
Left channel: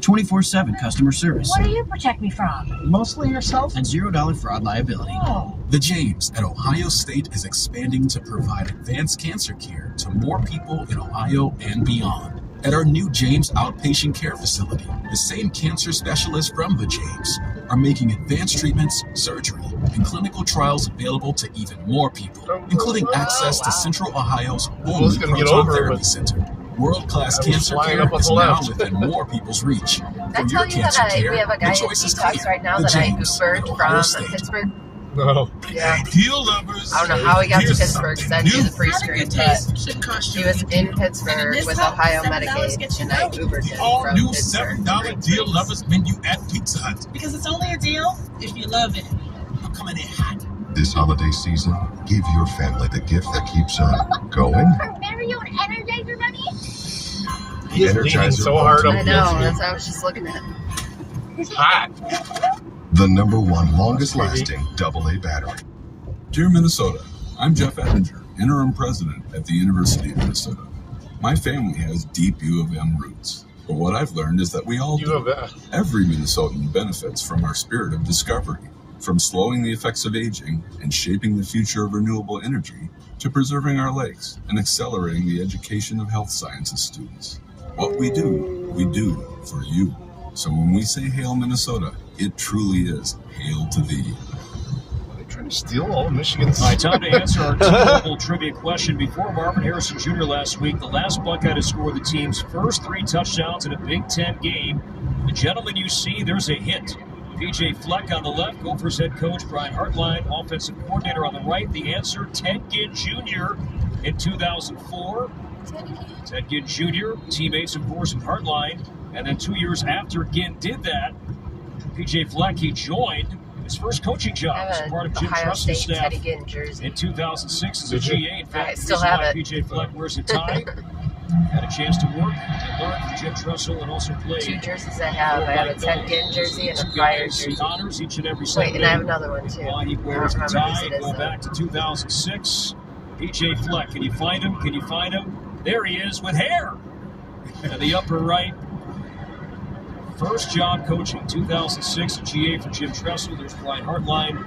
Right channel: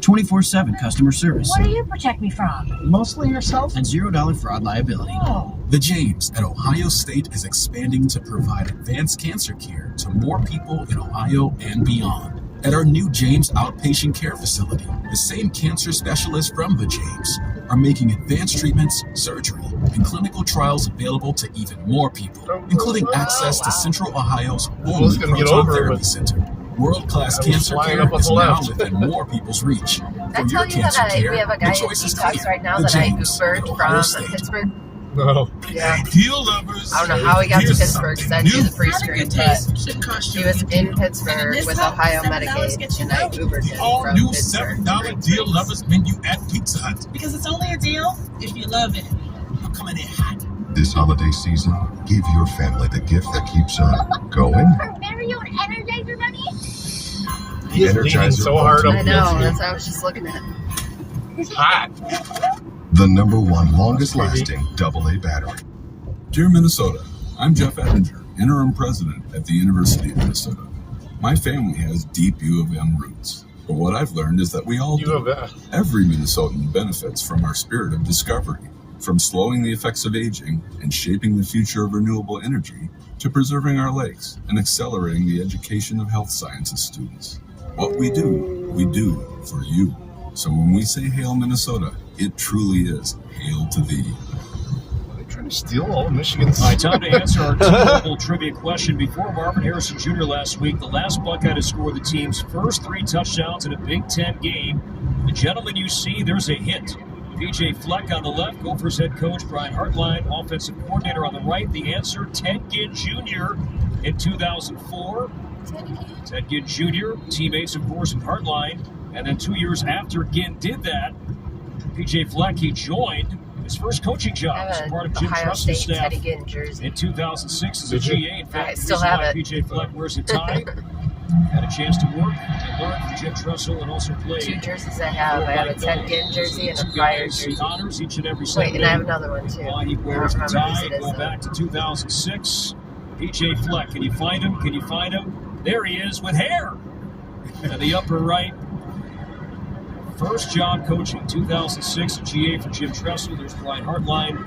24/7 customer service. What do you protect me from? Mostly yourself. And $0 fraud liability. Oh. The James at Ohio State is expanding to provide advanced cancer care to more people in Ohio and beyond. At our new James Outpatient Care Facility, the same cancer specialists from the James are making advanced treatments, surgery, and clinical trials available to even more people, including access to Central Ohio's only proton therapy center. World-class cancer care is now within more people's reach. I For your tell you cancer that care, we have a the guy choice who is talks clear. right now The that I James Ubered at Ohio from State. Pittsburgh. No. Yeah. Deal lovers. I don't know how he got to Here's Pittsburgh because that'd be the free screen, but he was in Pittsburgh with Ohio Medicaid, and I Ubered him All from new Pittsburgh. $7 Deal Lovers menu at Pizza Hut. Because it's only a deal if you love it. I'm coming in hot. This holiday season, give your family the gift that keeps on going. Mario and Energizer Bunny? He is leaning so hard up I know, that's what I was just looking at. It's hot. The number one longest lasting AA battery. Dear Minnesota, I'm Jeff Ettinger, interim president at the University of Minnesota. My family has deep U of M roots, but what I've learned is that we all do. Every Minnesotan benefits from our spirit of discovery, from slowing the effects of aging and shaping the future of renewable energy to preserving our lakes and accelerating the education of health sciences students. What we do for you. So when we say Hail Minnesota, it truly is Hail to Thee. They're trying to steal all of Michigan's. All right, time to answer our typical trivia question. Before Marvin Harrison Jr. last week, the last Buckeye to score the team's first 3 touchdowns in a Big Ten game. The gentleman you see, there's a hint. PJ Fleck on the left, Gophers head coach Brian Hartline, offensive coordinator on the right. The answer, Ted Ginn Jr. in 2004. Ted Ginn Jr., teammates, of course, of Hartline. And then 2 years after Ginn did that, PJ Fleck, he joined his first coaching job as part of Jim Trust's staff in 2006 as a GA. In fact, this is why PJ Fleck wears a tie. Had a chance to work and learn from Jim Trussell and also play. 2 jerseys I have. I have a Ted Ginn jersey and a Fire jersey. Honors each and every Wait, Sunday. and I have another one too. He wears a tie. Go back to 2006. PJ Fleck, can you find him? Can you find him? There he is with hair. To the upper right. First job coaching, 2006, GA for Jim Tressel. There's Brian Hartline.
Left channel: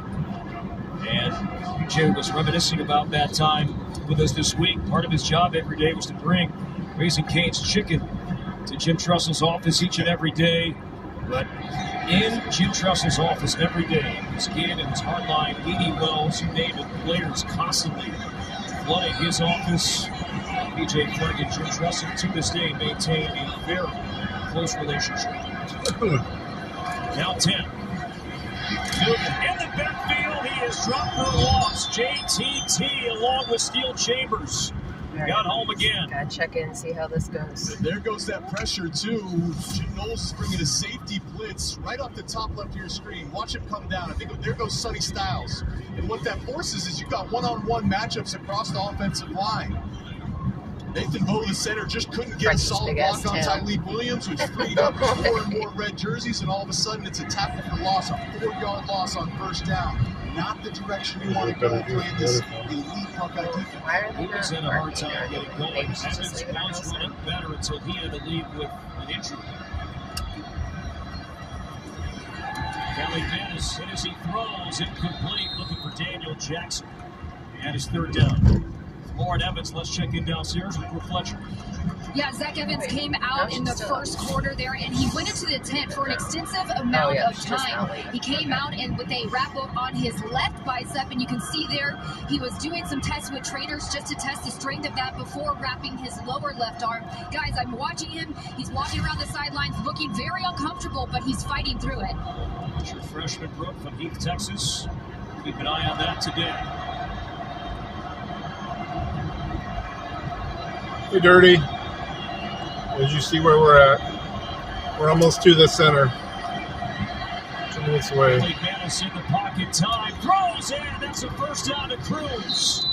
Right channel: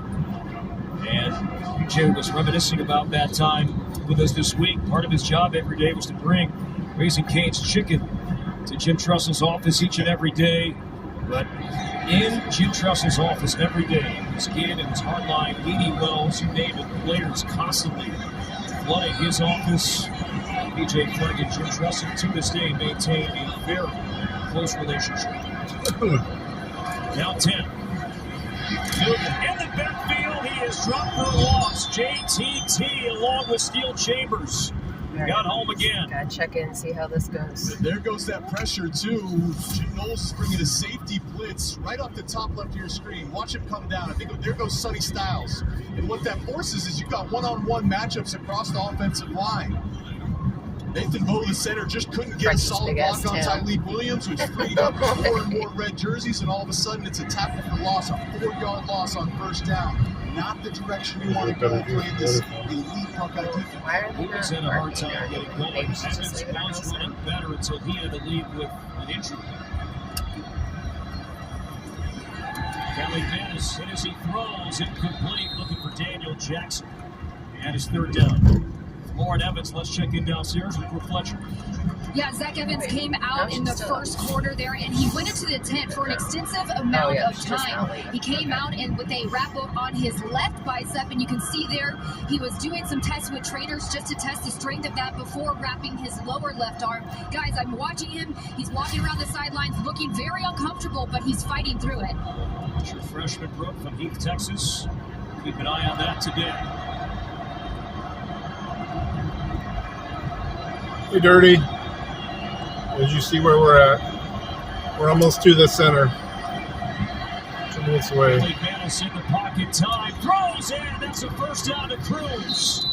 And PJ was reminiscing about that time with us this week. Part of his job every day was to bring Raising Cane's chicken to Jim Trussel's office each and every day. But in Jim Trussel's office every day, his kid and his Hartline, Edie Wells, you name it, players constantly flooding his office. PJ Fleck and Jim Trussell to this day maintain a very close relationship. Now 10. Newton in the backfield. He is dropped for a loss. JTT along with Steel Chambers. Got home again. Gotta check in and see how this goes. And there goes that pressure, too. Jim Knowles is bringing a safety blitz right off the top left of your screen. Watch him come down. I think there goes Sonny Styles. And what that forces is you've got one-on-one matchups across the offensive line. Nathan Bowe, the center, just couldn't get a solid block on Tyleek Williams, which freed up more and more red jerseys, and all of a sudden it's a tackle for loss, a 4-yard loss on first down. Not the direction you want to go playing this elite Buckeye defense. He was in a hard time getting going. Evans bounced running better until he had to leave with an injury. Kelly Bennis, as he throws, incomplete, looking for Daniel Jackson. And his third down. Lauren Evans Evans. Let's check in downstairs with Brooke Fletcher. Yeah, Zach Evans came out in the first quarter there, and he went into the tent for an extensive amount of time. He came out and with a wrap-up on his left bicep, and you can see there he was doing some tests with trainers just to test the strength of that before wrapping his lower left arm. Guys, I'm watching him. He's walking around the sidelines looking very uncomfortable, but he's fighting through it. True freshman Brooke from Heath, Texas. Keep an eye on that today. Hey, Dirty. As you see where we're at, we're almost to the center. 2 minutes away. McManus in the pocket, time, throws in, that's a first down to Cruz.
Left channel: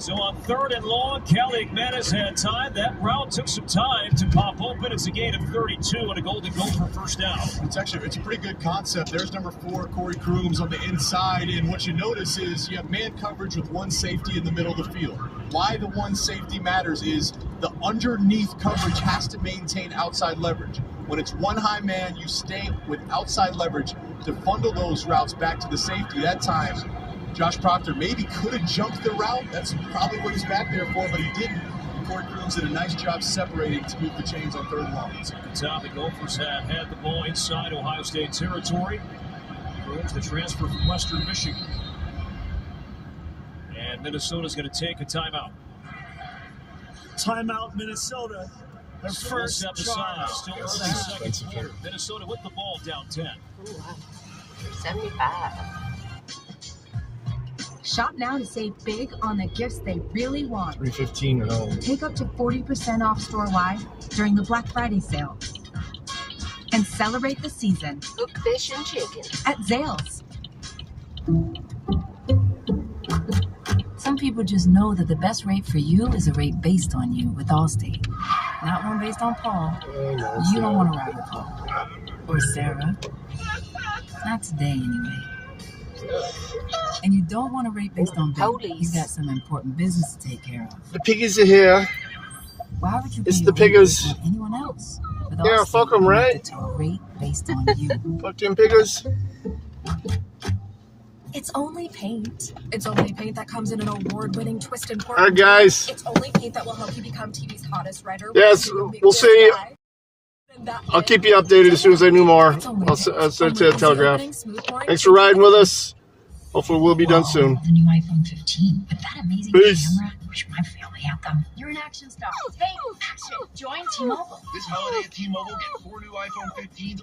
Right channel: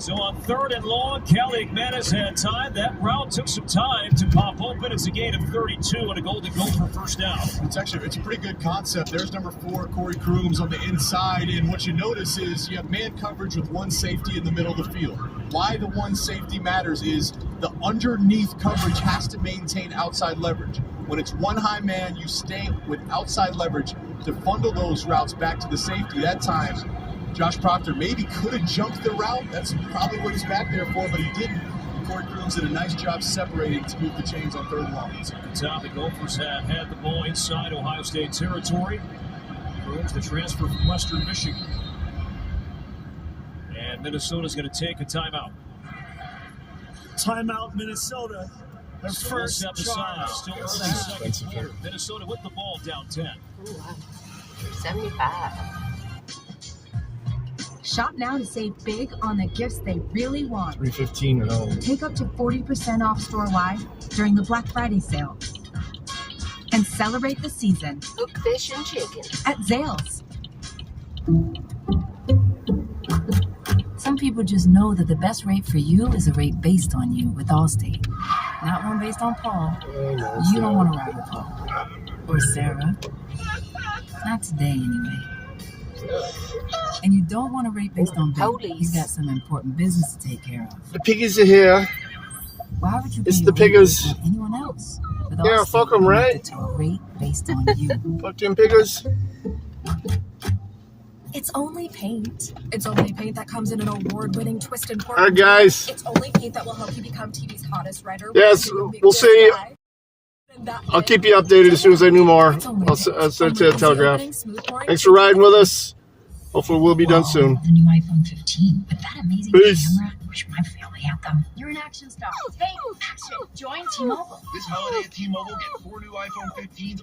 So on 3rd and long, Kelly McManus had time. That route took some time to pop open. It's a gain of 32 and a Golden Gopher first down. It's a pretty good concept. There's number 4, Corey Crooms on the inside, and what you notice is you have man coverage with one safety in the middle of the field. Why the one safety matters is the underneath coverage has to maintain outside leverage. When it's one high man, you stay with outside leverage to bundle those routes back to the safety. That time, Josh Proctor maybe could have jumped the route. That's probably what he's back there for, but he didn't. Corey Crooms did a nice job separating to move the chains on 3rd and long. At the time, the Gophers have had the ball inside Ohio State territory. Crooms, the transfer from Western Michigan. And Minnesota's going to take a timeout. Timeout, Minnesota. Their first step aside. Still early second quarter. Minnesota with the ball down 10. 75. Shop now to save big on the gifts they really want. 3:15 now. Take up to 40% off store-wide during the Black Friday sale. And celebrate the season Cook fish and chicken at Zales. Some people just know that the best rate for you is a rate based on you with Allstate. Not one based on Paul. You don't want to ride with Paul. Or Sarah. Not today, anyway. And you don't want to rate based on Bill. He's got some important business to take care of. The piggies are here. Why would you It's pay the a rate piggers. based on anyone else? With Yeah, Allstate, fuck 'em, you're right? connected to a rate based on you. Fuck them piggers. It's only paint. It's only paint that comes in an award-winning twist and Hi, guys. It's only paint that will help you become TV's hottest writer. Yes, we'll see. I'll keep you updated as soon as I knew more. I'll send it to the Telegraph. Thanks for riding with us. Hopefully we'll be done soon. The new iPhone 15 with that amazing Peace. camera. Wish my family had them. You're an action star. Hey, action. Join T-Mobile. This holiday at T-Mobile, get 4 new iPhone 15s